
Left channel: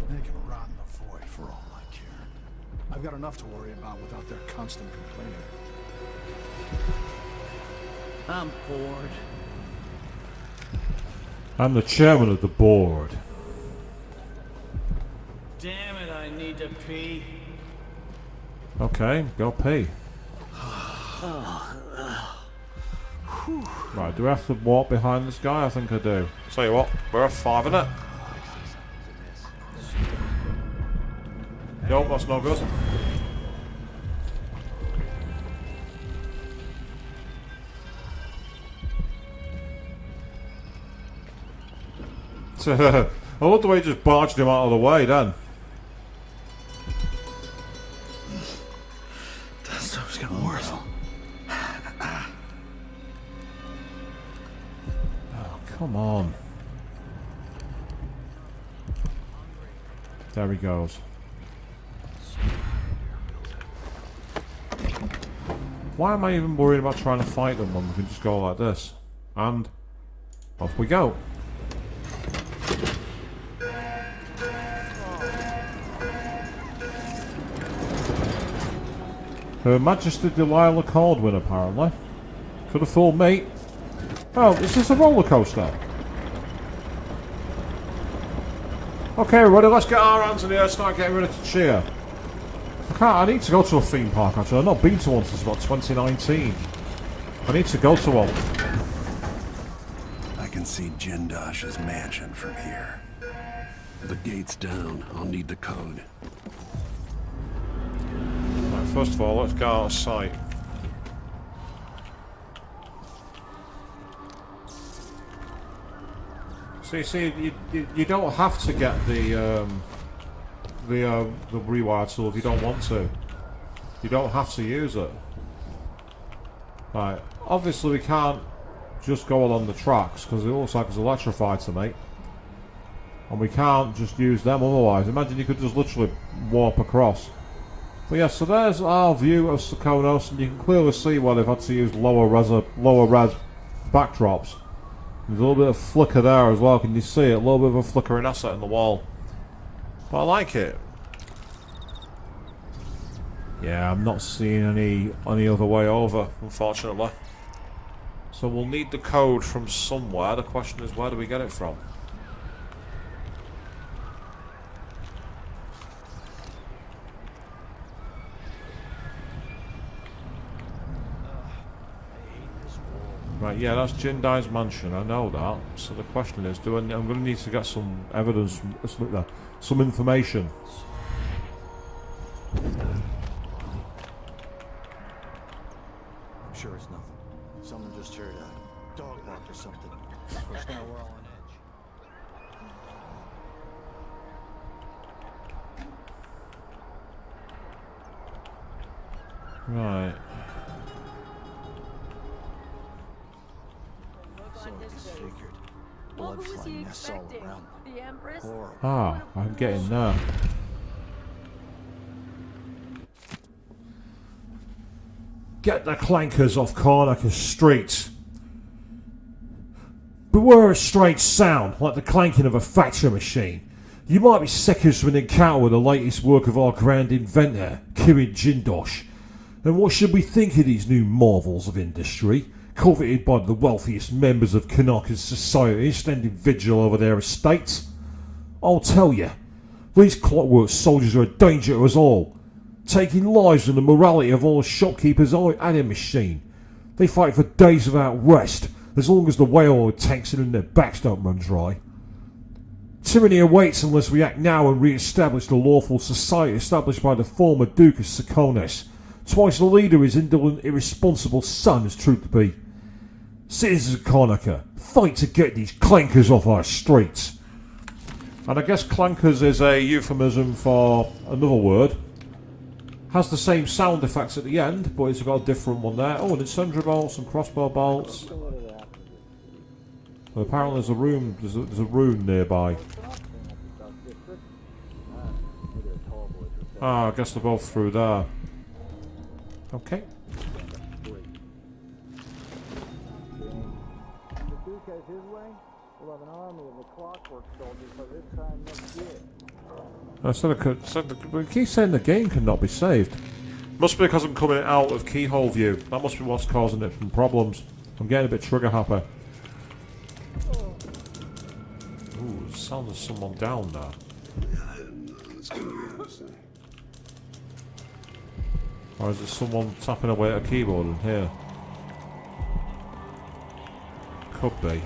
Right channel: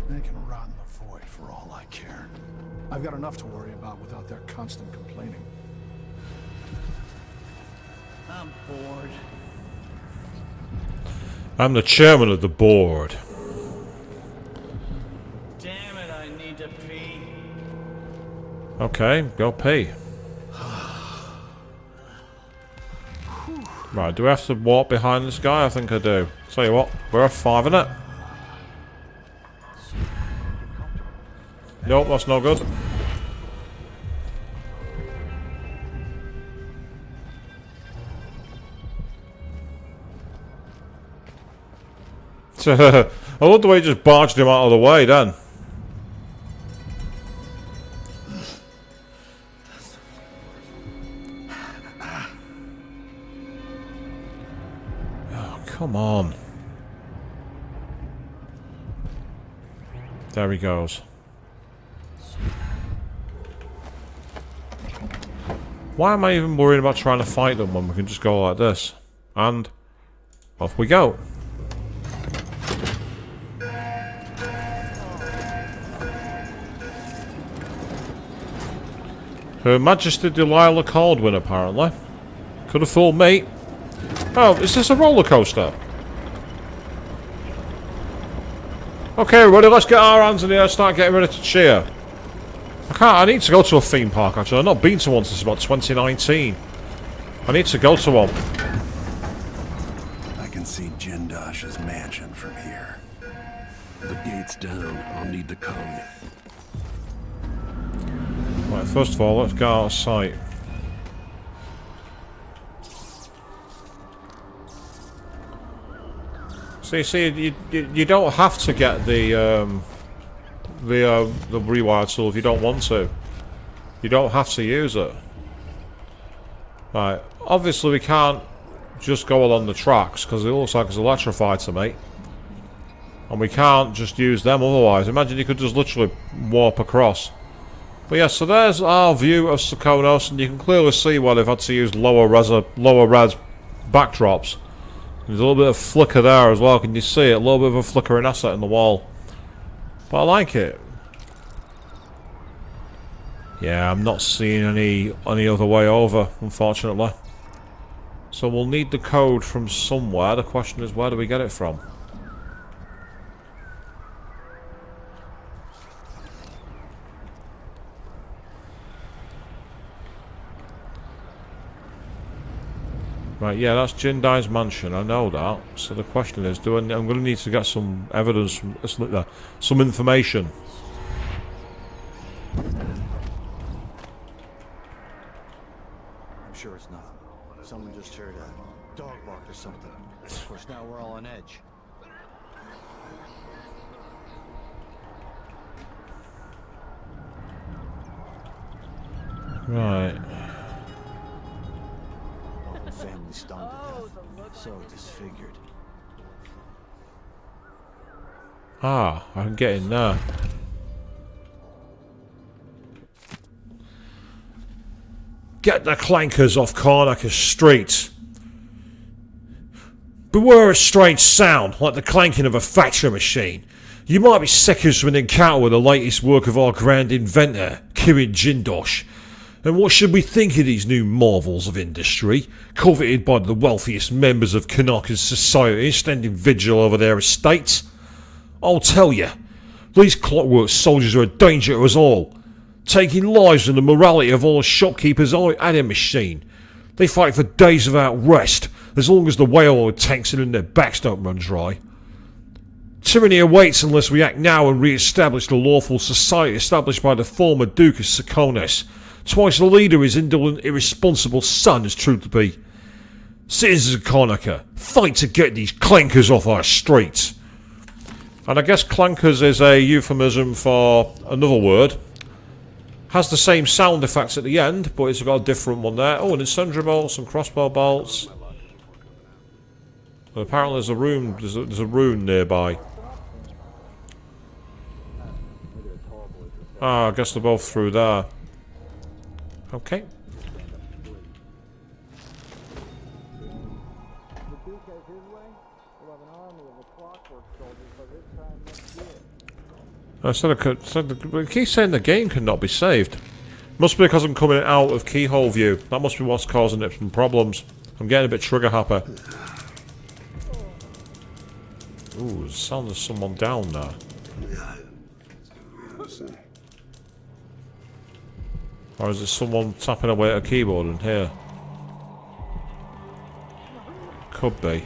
They can rot in the void for all I care. I've got enough to worry about without their constant complaining. I'm bored. I'm the chairman of the board. Damn it, I need to pee. Okay, go pee. Right, do we have to walk behind this guy? I think I do. Tell you what, we're a 5 in it. Nope, that's no good. I love the way he just barged him out of the way then. That stuff's getting worse. Oh, come on. There he goes. Why am I even worrying about trying to fight them when we can just go like this? And off we go. Her Majesty Delilah Caldwin, apparently. Could have fooled me. Oh, is this a roller coaster? Okay, everybody, let's get our hands in the air and start getting ready to cheer. I need to go to a theme park, actually. I've not been to one since about 2019. I need to go to one. I can see Jindosh's mansion from here. The gate's down. I'll need the code. Right, first of all, let's get out of sight. See, you don't have to get the rewire tool if you don't want to. You don't have to use it. Right, obviously we can't just go along the tracks because it looks like it's electrified to me. And we can't just use them otherwise. Imagine you could just literally warp across. But yeah, so there's our view of Serkonos, and you can clearly see why they've had to use lower res backdrops. There's a little bit of flicker there as well, can you see it? A little bit of a flickering asset in the wall. But I like it. Yeah, I'm not seeing any other way over, unfortunately. So we'll need the code from somewhere. The question is, where do we get it from? Right, yeah, that's Jindai's mansion. I know that. So the question is, I'm going to need to get some evidence, some information. I'm sure it's nothing. Someone just heard a dog bark or something. Of course, now we're all on edge. Right. Family stoned to death. So disfigured. Blood flying mess all around. Ah, I can get in there. Get the clankers off Karnaca Street. Beware a strange sound, like the clanking of a factory machine. You might be seconds from an encounter with the latest work of our grand inventor, Kirin Jindosh. And what should we think of these new marvels of industry, coveted by the wealthiest members of Karnaca's society standing vigil over their estates? I'll tell you, these clockwork soldiers are a danger to us all, taking lives and the morality of all the shopkeepers at a machine. They fight for days without rest, as long as the whale tanks in their backs don't run dry. Tyranny awaits unless we act now and re-establish the lawful society established by the former Duke of Serkonos. Twice the leader his indolent, irresponsible son has proved to be. Citizens of Karnaca, fight to get these clankers off our streets. And I guess clankers is a euphemism for another word. Has the same sound effects at the end, but it's got a different one there. Oh, an incendiary bolt, some crossbow bolts. Well, apparently there's a room. There's a rune nearby. Ah, I guess they're both through there. Okay. It keeps saying the game cannot be saved. Must be because I'm coming out of keyhole view. That must be what's causing it some problems. I'm getting a bit trigger happy. Ooh, it sounds of someone down there. Or is there someone tapping away at a keyboard in here? Could be.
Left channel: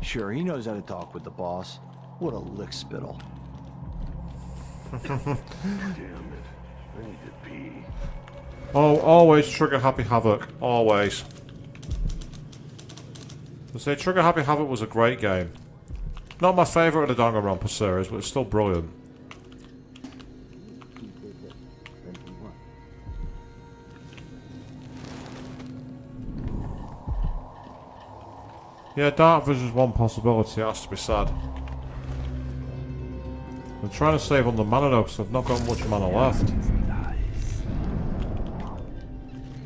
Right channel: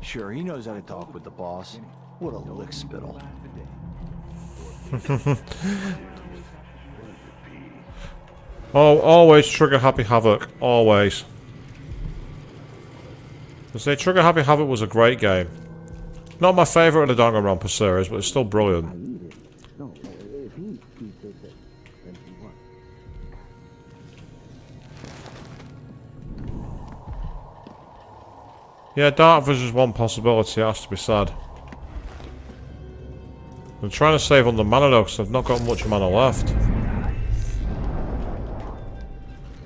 Sure, he knows how to talk with the boss. What a lick spittle. Oh, always trigger happy Havoc. Always. I say Trigger Happy Havoc was a great game. Not my favourite of the Danganronpa series, but it's still brilliant. Yeah, dark vision's one possibility, it has to be said. I'm trying to save on the mana though, because I've not got much mana left.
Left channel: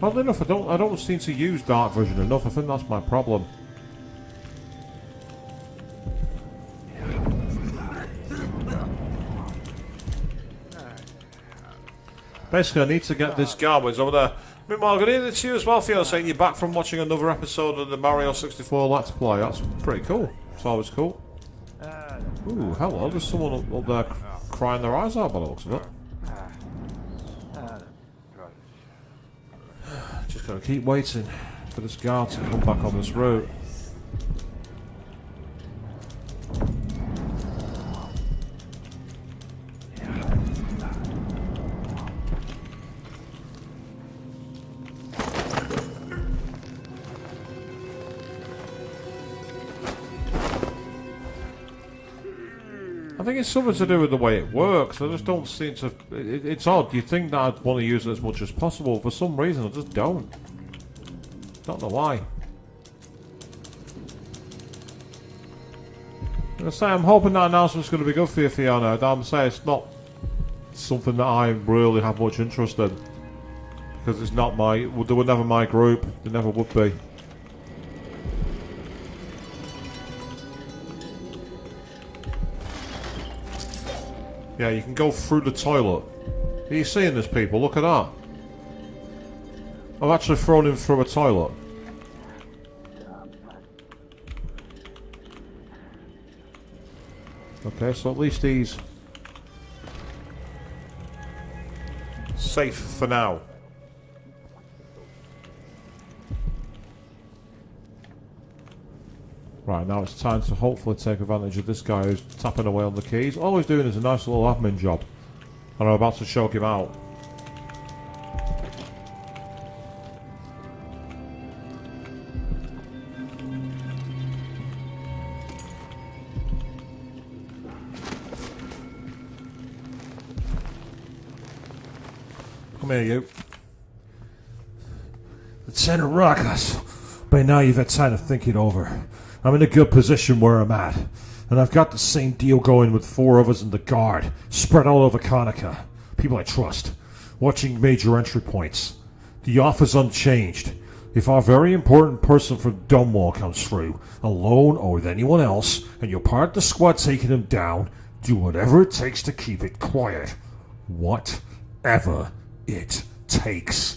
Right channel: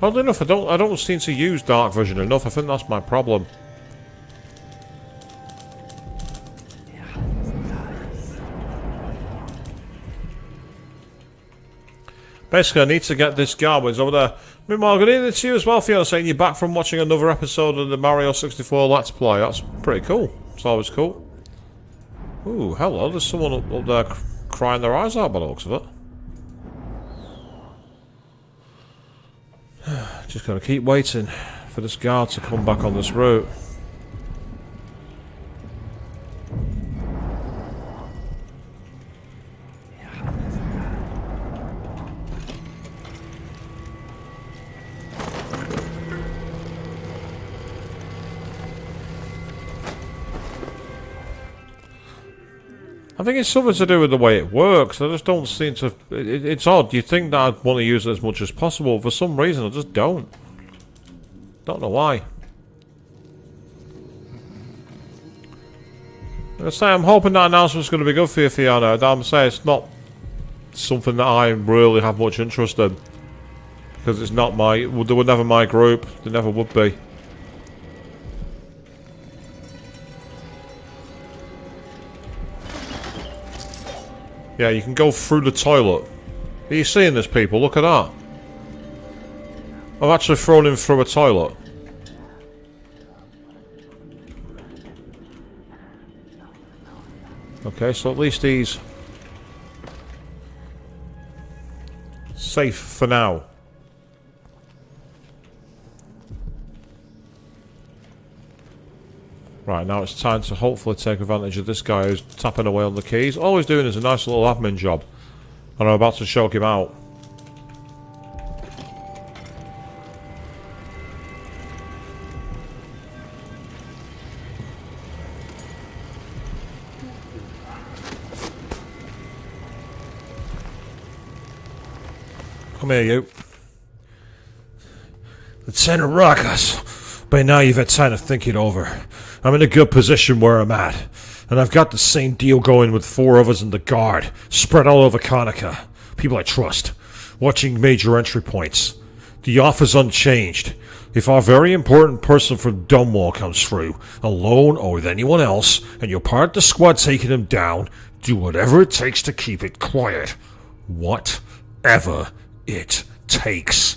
Oddly enough, I don't seem to use dark vision enough. I think that's my problem. Basically, I need to get this Garwins over there. Meanwhile, good evening to you as well, Fiona, saying you're back from watching another episode of the Mario 64 Let's Play. That's pretty cool. It's always cool. Ooh, hello. There's someone up there crying their eyes out by the looks of it. Just gotta keep waiting for this guard to come back on this route. I think it's something to do with the way it works. I just don't seem to... It's odd. You think that I'd want to use it as much as possible. For some reason, I just don't. Don't know why. Like I say, I'm hoping that announcement's going to be good for you, Fiona. I'm saying it's not something that I really have much interest in. Because it's not my... They were never my group. They never would be. Yeah, you can go through the toilet. Are you seeing this, people? Look at that. I've actually thrown him through a toilet. Okay, so at least he's safe for now. Right, now it's time to hopefully take advantage of this guy who's tapping away on the keys. All he's doing is a nice little admin job. And I'm about to choke him out. Come here, you. Lieutenant Ruckus. By now you've had time to think it over. I'm in a good position where I'm at, and I've got the same deal going with 4 others in the guard, spread all over Karnaca. People I trust, watching major entry points. The offer's unchanged. If our very important person from Dunwall comes through, alone or with anyone else, and you're part of the squad taking him down, do whatever it takes to keep it quiet. Whatever it takes.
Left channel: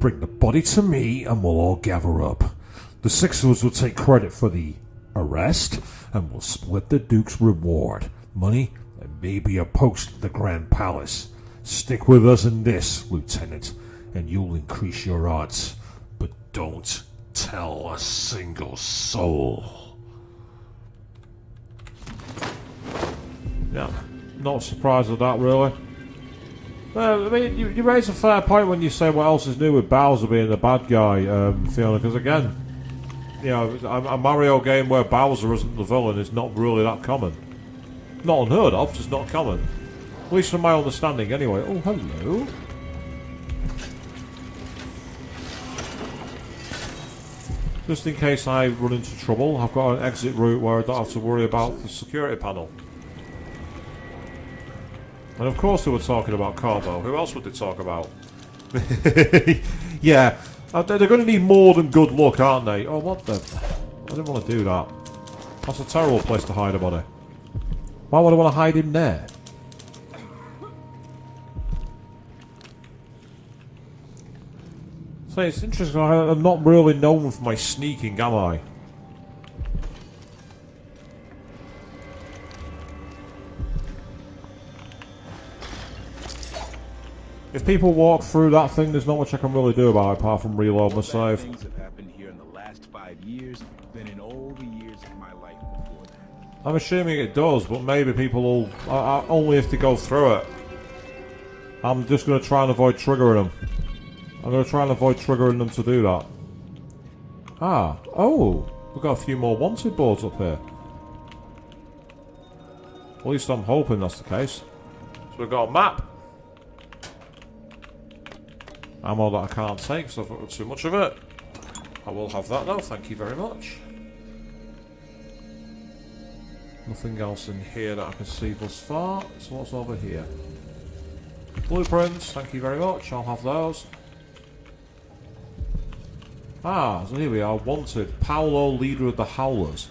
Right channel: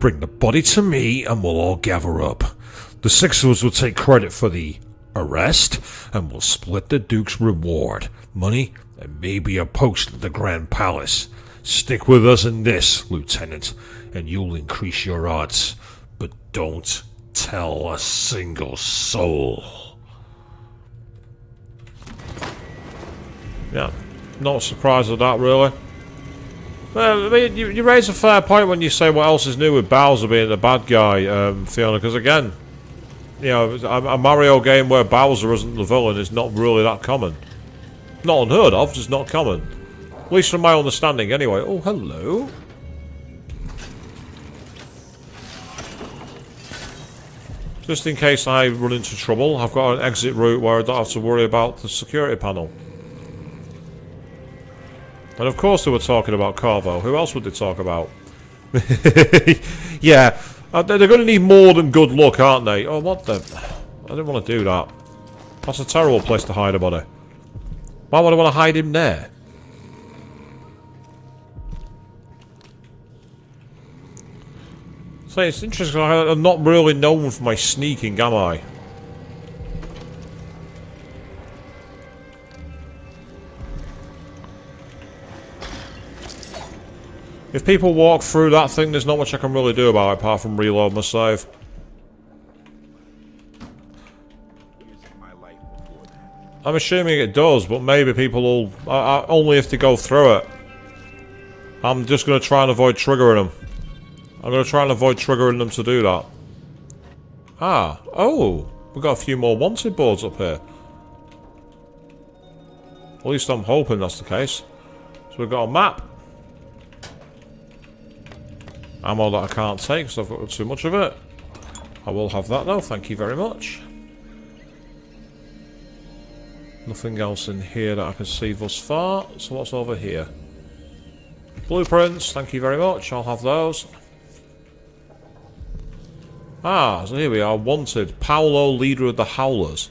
Bring the body to me and we'll all gather up. The 6 of us will take credit for the arrest, and we'll split the Duke's reward, money, and maybe a post at the Grand Palace. Stick with us in this, Lieutenant, and you'll increase your odds. But don't tell a single soul. Yeah, not surprised at that, really. Well, I mean, you raise a fair point when you say what else is new with Bowser being the bad guy, Fiona, because again, you know, a Mario game where Bowser isn't the villain is not really that common. Not unheard of, just not common. At least from my understanding, anyway. Oh, hello. Just in case I run into trouble, I've got an exit route where I don't have to worry about the security panel. And of course they were talking about Corvo. Who else would they talk about? Yeah, they're going to need more than good luck, aren't they? Oh, what the... I didn't want to do that. That's a terrible place to hide a body. Why would I want to hide him there? So it's interesting, I'm not really known for my sneaking, am I? If people walk through that thing, there's not much I can really do about it apart from reload my save. I'm assuming it does, but maybe people will... only if they go through it. I'm just going to try and avoid triggering them. I'm going to try and avoid triggering them to do that. Ah, oh, we've got a few more wanted boards up here. At least I'm hoping that's the case. So we've got a map. Ammo that I can't take because I've got too much of it. I will have that though, thank you very much. Nothing else in here that I can see thus far. So what's over here? Blueprints, thank you very much, I'll have those. Ah, so here we are, wanted. Paolo, leader of the Howlers.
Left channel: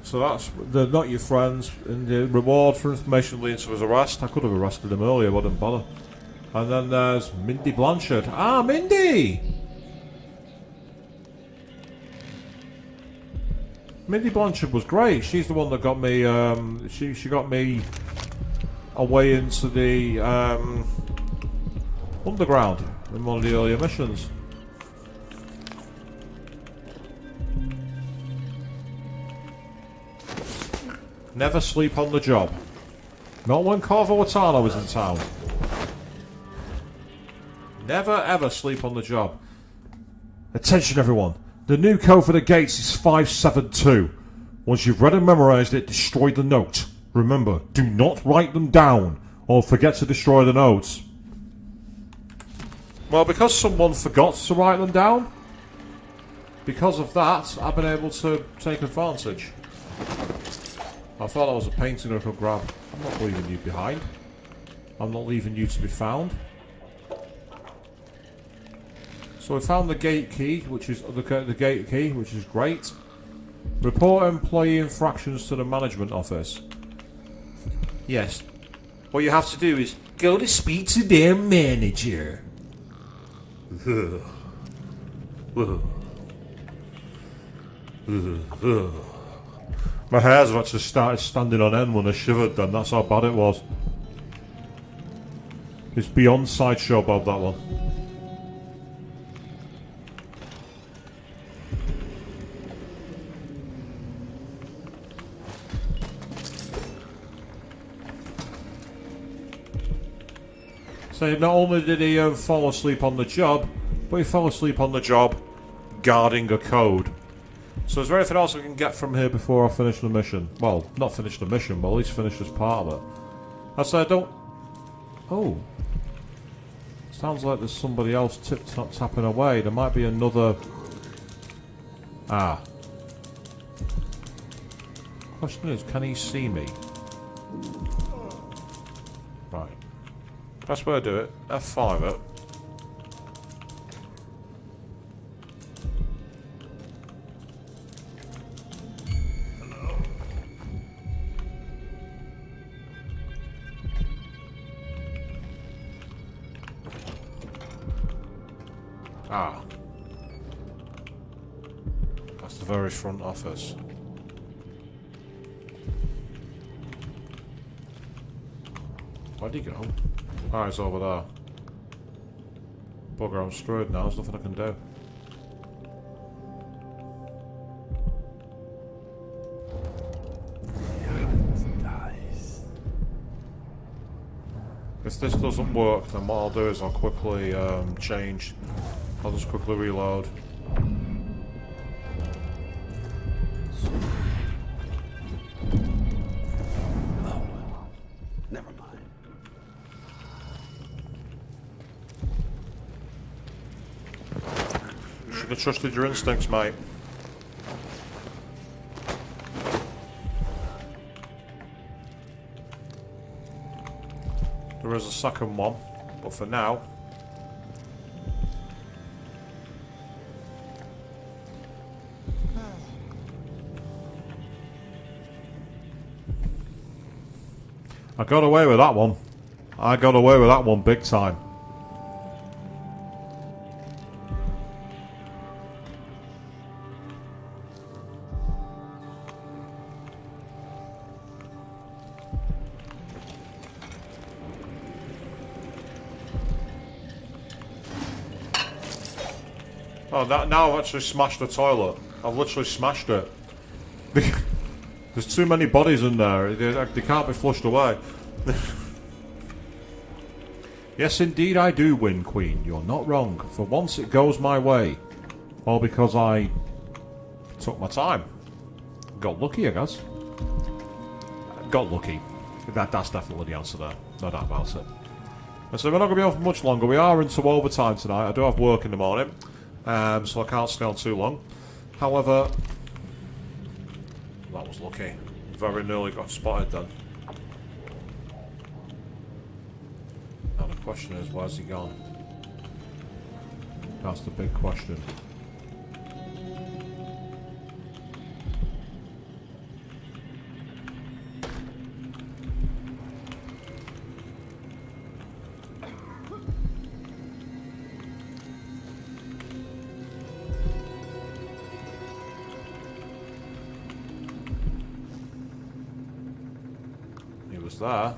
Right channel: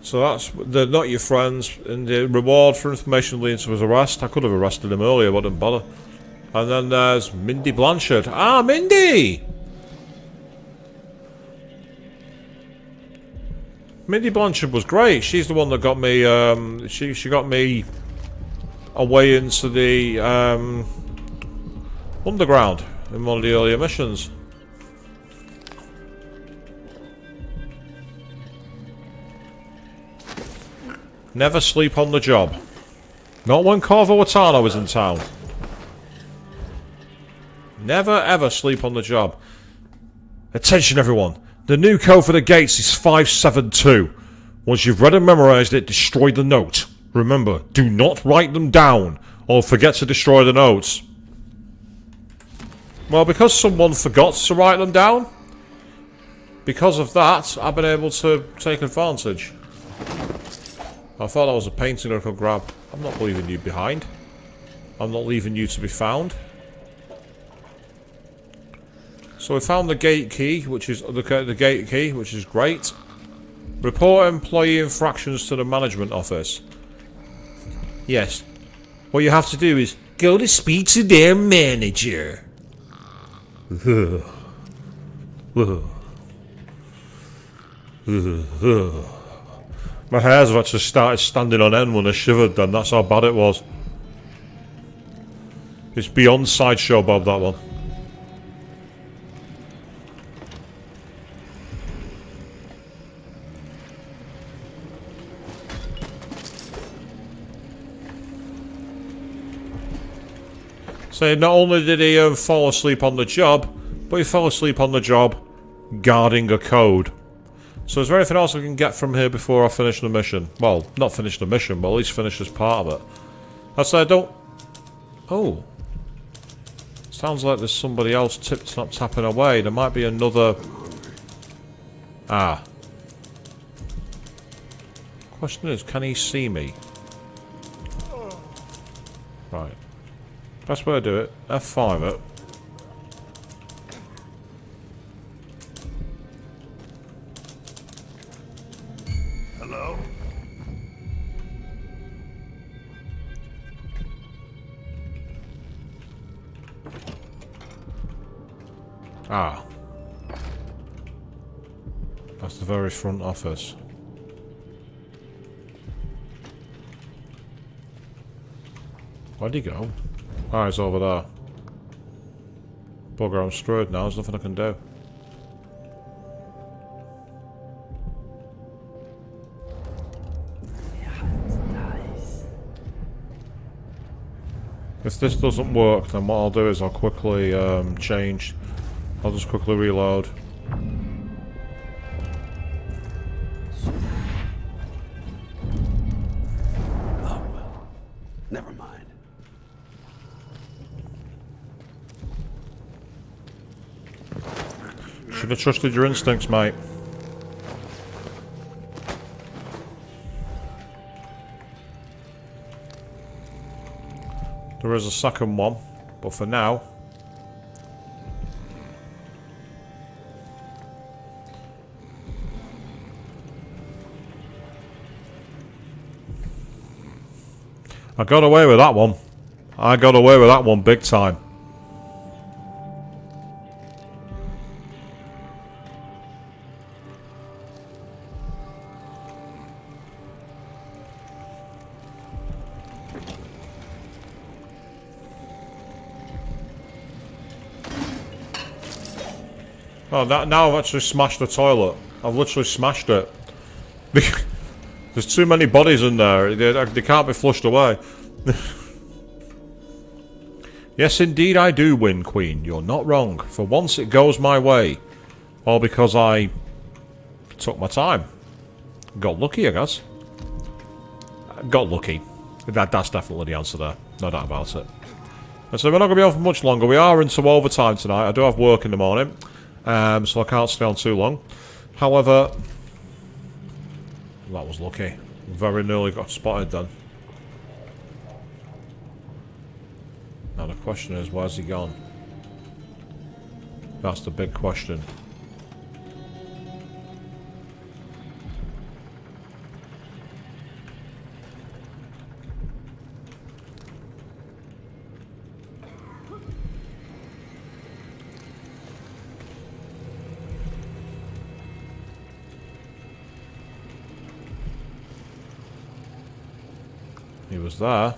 So that's, they're not your friends. And the reward for information leading to his arrest. I could have arrested him earlier, but I didn't bother. And then there's Mindy Blanchard. Ah, Mindy! Mindy Blanchard was great. She's the one that got me, she got me away into the underground in one of the earlier missions. Never sleep on the job. Not when Corvo Watano is in town. Never ever sleep on the job. Attention everyone. The new code for the gates is 572. Once you've read and memorized it, destroy the note. Remember, do not write them down or forget to destroy the notes. Well, because someone forgot to write them down, because of that, I've been able to take advantage. I thought that was a painting I could grab. I'm not leaving you behind. I'm not leaving you to be found. So we found the gate key, which is the gate key, which is great. Report employee infractions to the management office. Yes. What you have to do is go to speak to their manager. My hairs have actually started standing on end when I shivered then, that's how bad it was. It's beyond Sideshow Bob, that one. So not only did he fall asleep on the job, but he fell asleep on the job guarding a code. So is there anything else I can get from here before I finish the mission? Well, not finish the mission, but at least finish this part of it. I said I don't... Oh. Sounds like there's somebody else tapping away. There might be another... Ah. Question is, can he see me? Right. Best way to do it, F5 it. Hello? Ah. That's the very front office. Where'd he go? Ah, he's over there. Bugger, I'm screwed now. There's nothing I can do. If this doesn't work, then what I'll do is I'll quickly change. I'll just quickly reload. Oh well, never mind. Should have trusted your instincts, mate. There is a second one, but for now... I got away with that one. I got away with that one big time. Oh, now I've actually smashed the toilet. I've literally smashed it. There's too many bodies in there. They can't be flushed away. Yes, indeed I do win, Queen. You're not wrong. For once it goes my way. All because I took my time. Got lucky, I guess. Got lucky. That's definitely the answer there. No doubt about it. And so we're not going to be on for much longer. We are into overtime tonight. I do have work in the morning. So I can't stay on too long. However, that was lucky. Very nearly got spotted then. Now the question is, where's he gone? That's the big question. He was there.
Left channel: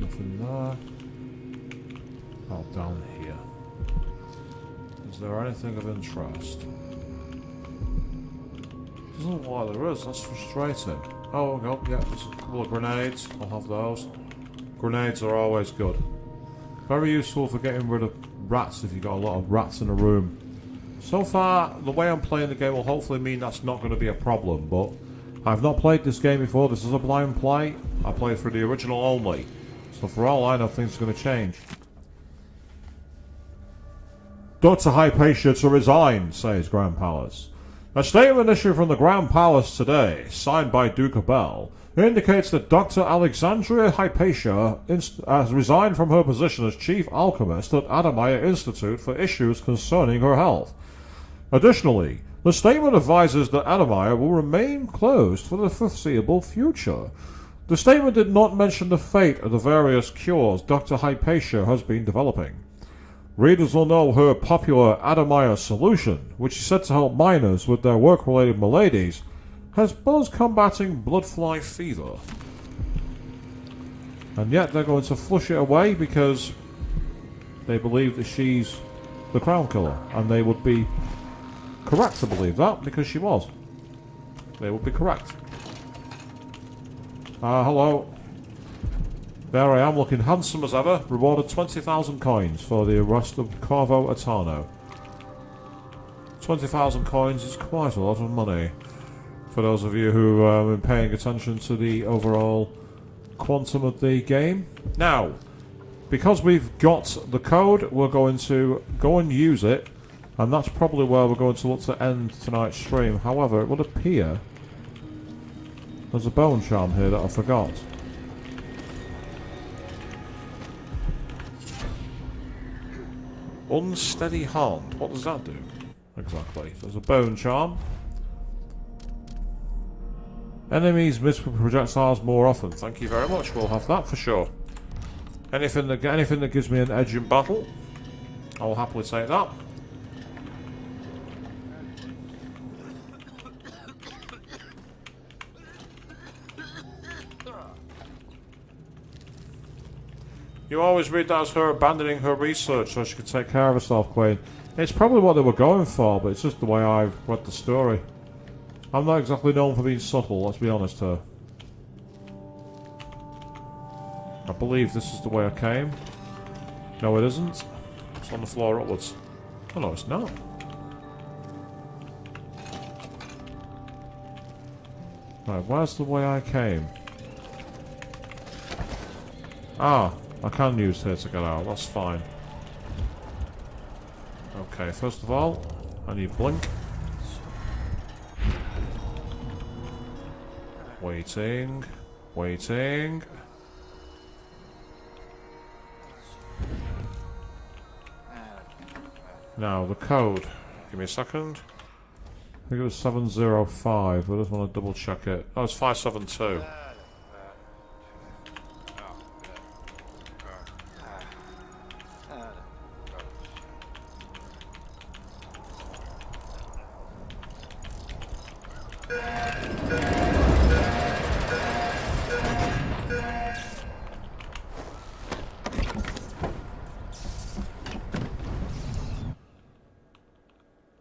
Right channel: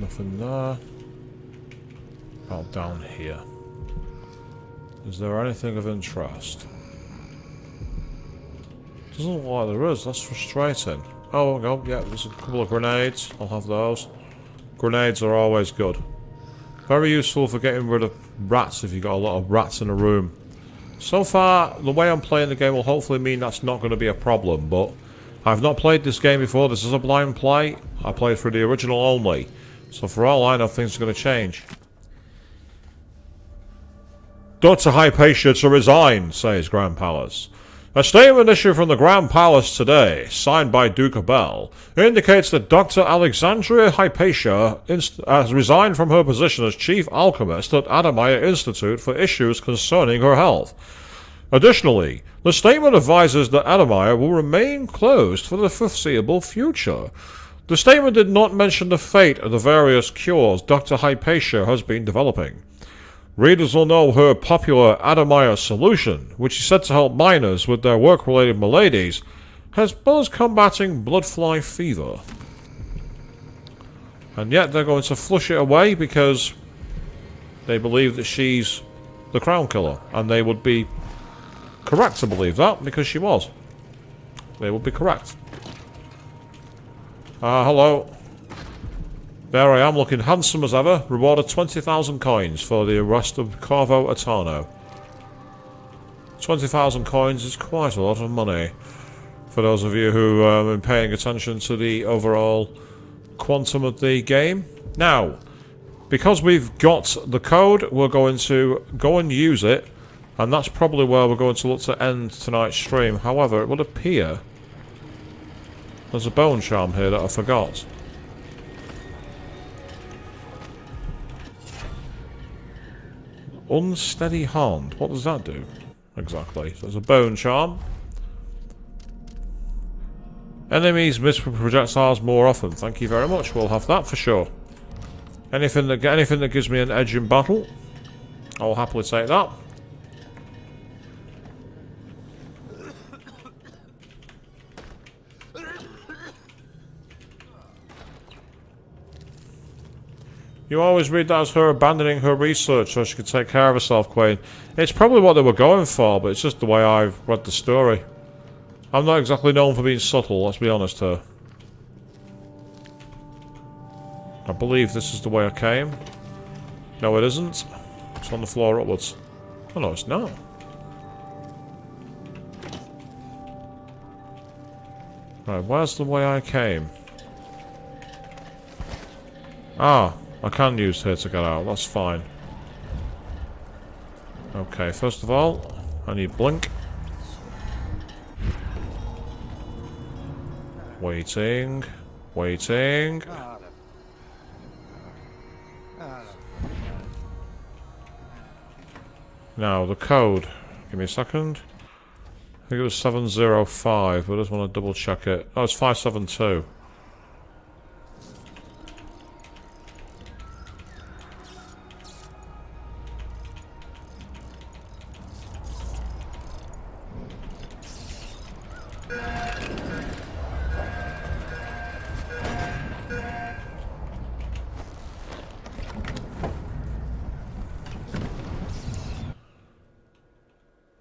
Nothing there. About down here. Is there anything of interest? Doesn't look like there is. That's frustrating. Oh, no, yeah, there's a couple of grenades. I'll have those. Grenades are always good. Very useful for getting rid of rats if you've got a lot of rats in a room. So far, the way I'm playing the game will hopefully mean that's not going to be a problem, but I've not played this game before. This is a blind play. I played through the original only. So for all I know, things are going to change. Dr. Hypatia to resign, says Grand Palace. A statement issued from the Grand Palace today, signed by Duke Bell, indicates that Dr. Alexandria Hypatia has resigned from her position as Chief Alchemist at Adamaya Institute for issues concerning her health. Additionally, the statement advises that Adamaya will remain closed for the foreseeable future. The statement did not mention the fate of the various cures Dr. Hypatia has been developing. Readers will know her popular Adamaya solution, which is said to help miners with their work-related maladies, has buzz combating bloodfly fever. And yet they're going to flush it away because they believe that she's the Crown Killer. And they would be correct to believe that, because she was. They would be correct. Hello. There I am, looking handsome as ever. Rewarded 20,000 coins for the arrest of Corvo Atano. 20,000 coins is quite a lot of money. For those of you who have been paying attention to the overall quantum of the game. Now, because we've got the code, we're going to go and use it. And that's probably where we're going to look to end tonight's stream. However, it would appear there's a bone charm here that I forgot. Unsteady hand. What does that do? Exactly. So there's a bone charm. Enemies miss projectiles more often. Thank you very much. We'll have that for sure. Anything that gives me an edge in battle, I will happily take that. You always read that as her abandoning her research so she could take care of herself, Queen. It's probably what they were going for, but it's just the way I've read the story. I'm not exactly known for being subtle, let's be honest here. I believe this is the way I came. No, it isn't. It's on the floor upwards. Oh no, it's not. Right, where's the way I came? Ah, I can use here to get out, that's fine. Okay, first of all, I need blink. Waiting. Waiting. Now, the code. Give me a second. I think it was 705, but I just want to double check it. Oh, it's 572.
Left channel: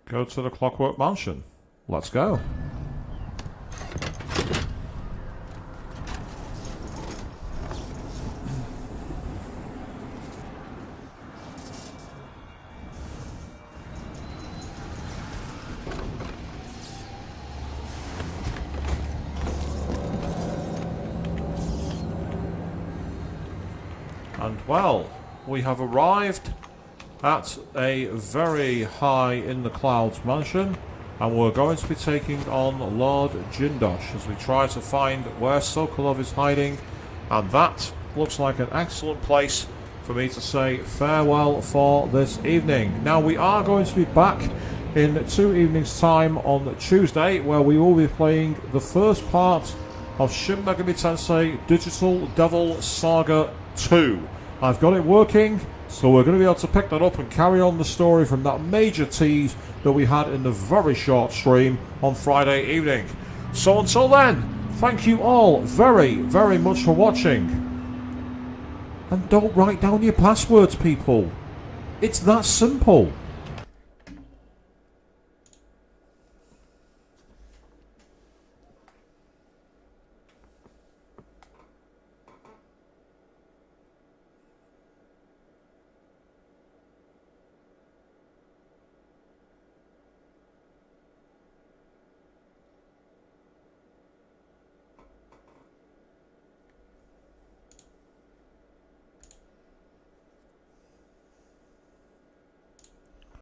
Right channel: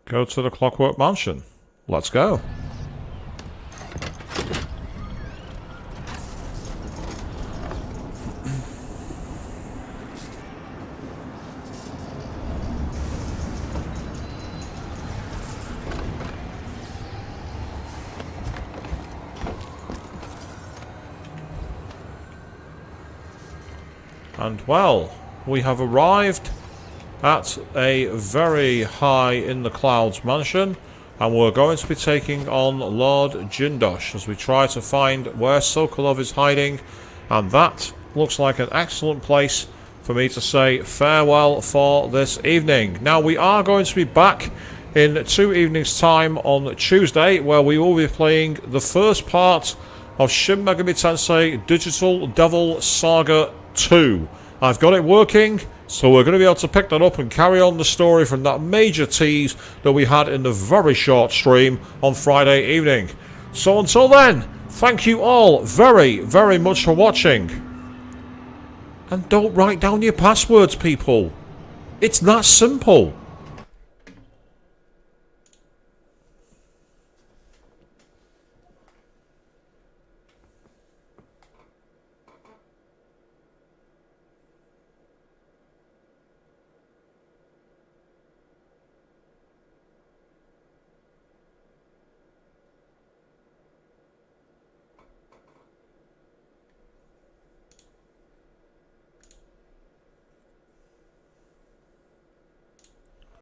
Go to the Clockwork Mansion. Let's go. And well, we have arrived at a very high in the clouds mansion, and we're going to be taking on Lord Jindosh as we try to find where Sokolov is hiding, and that looks like an excellent place for me to say farewell for this evening. Now, we are going to be back in 2 evenings time on Tuesday, where we will be playing the first part of Shin Megami Tensei Digital Devil Saga 2. I've got it working, so we're going to be able to pick that up and carry on the story from that major tease that we had in the very short stream on Friday evening. So until then, thank you all very, very much for watching. And don't write down your passwords, people. It's that simple.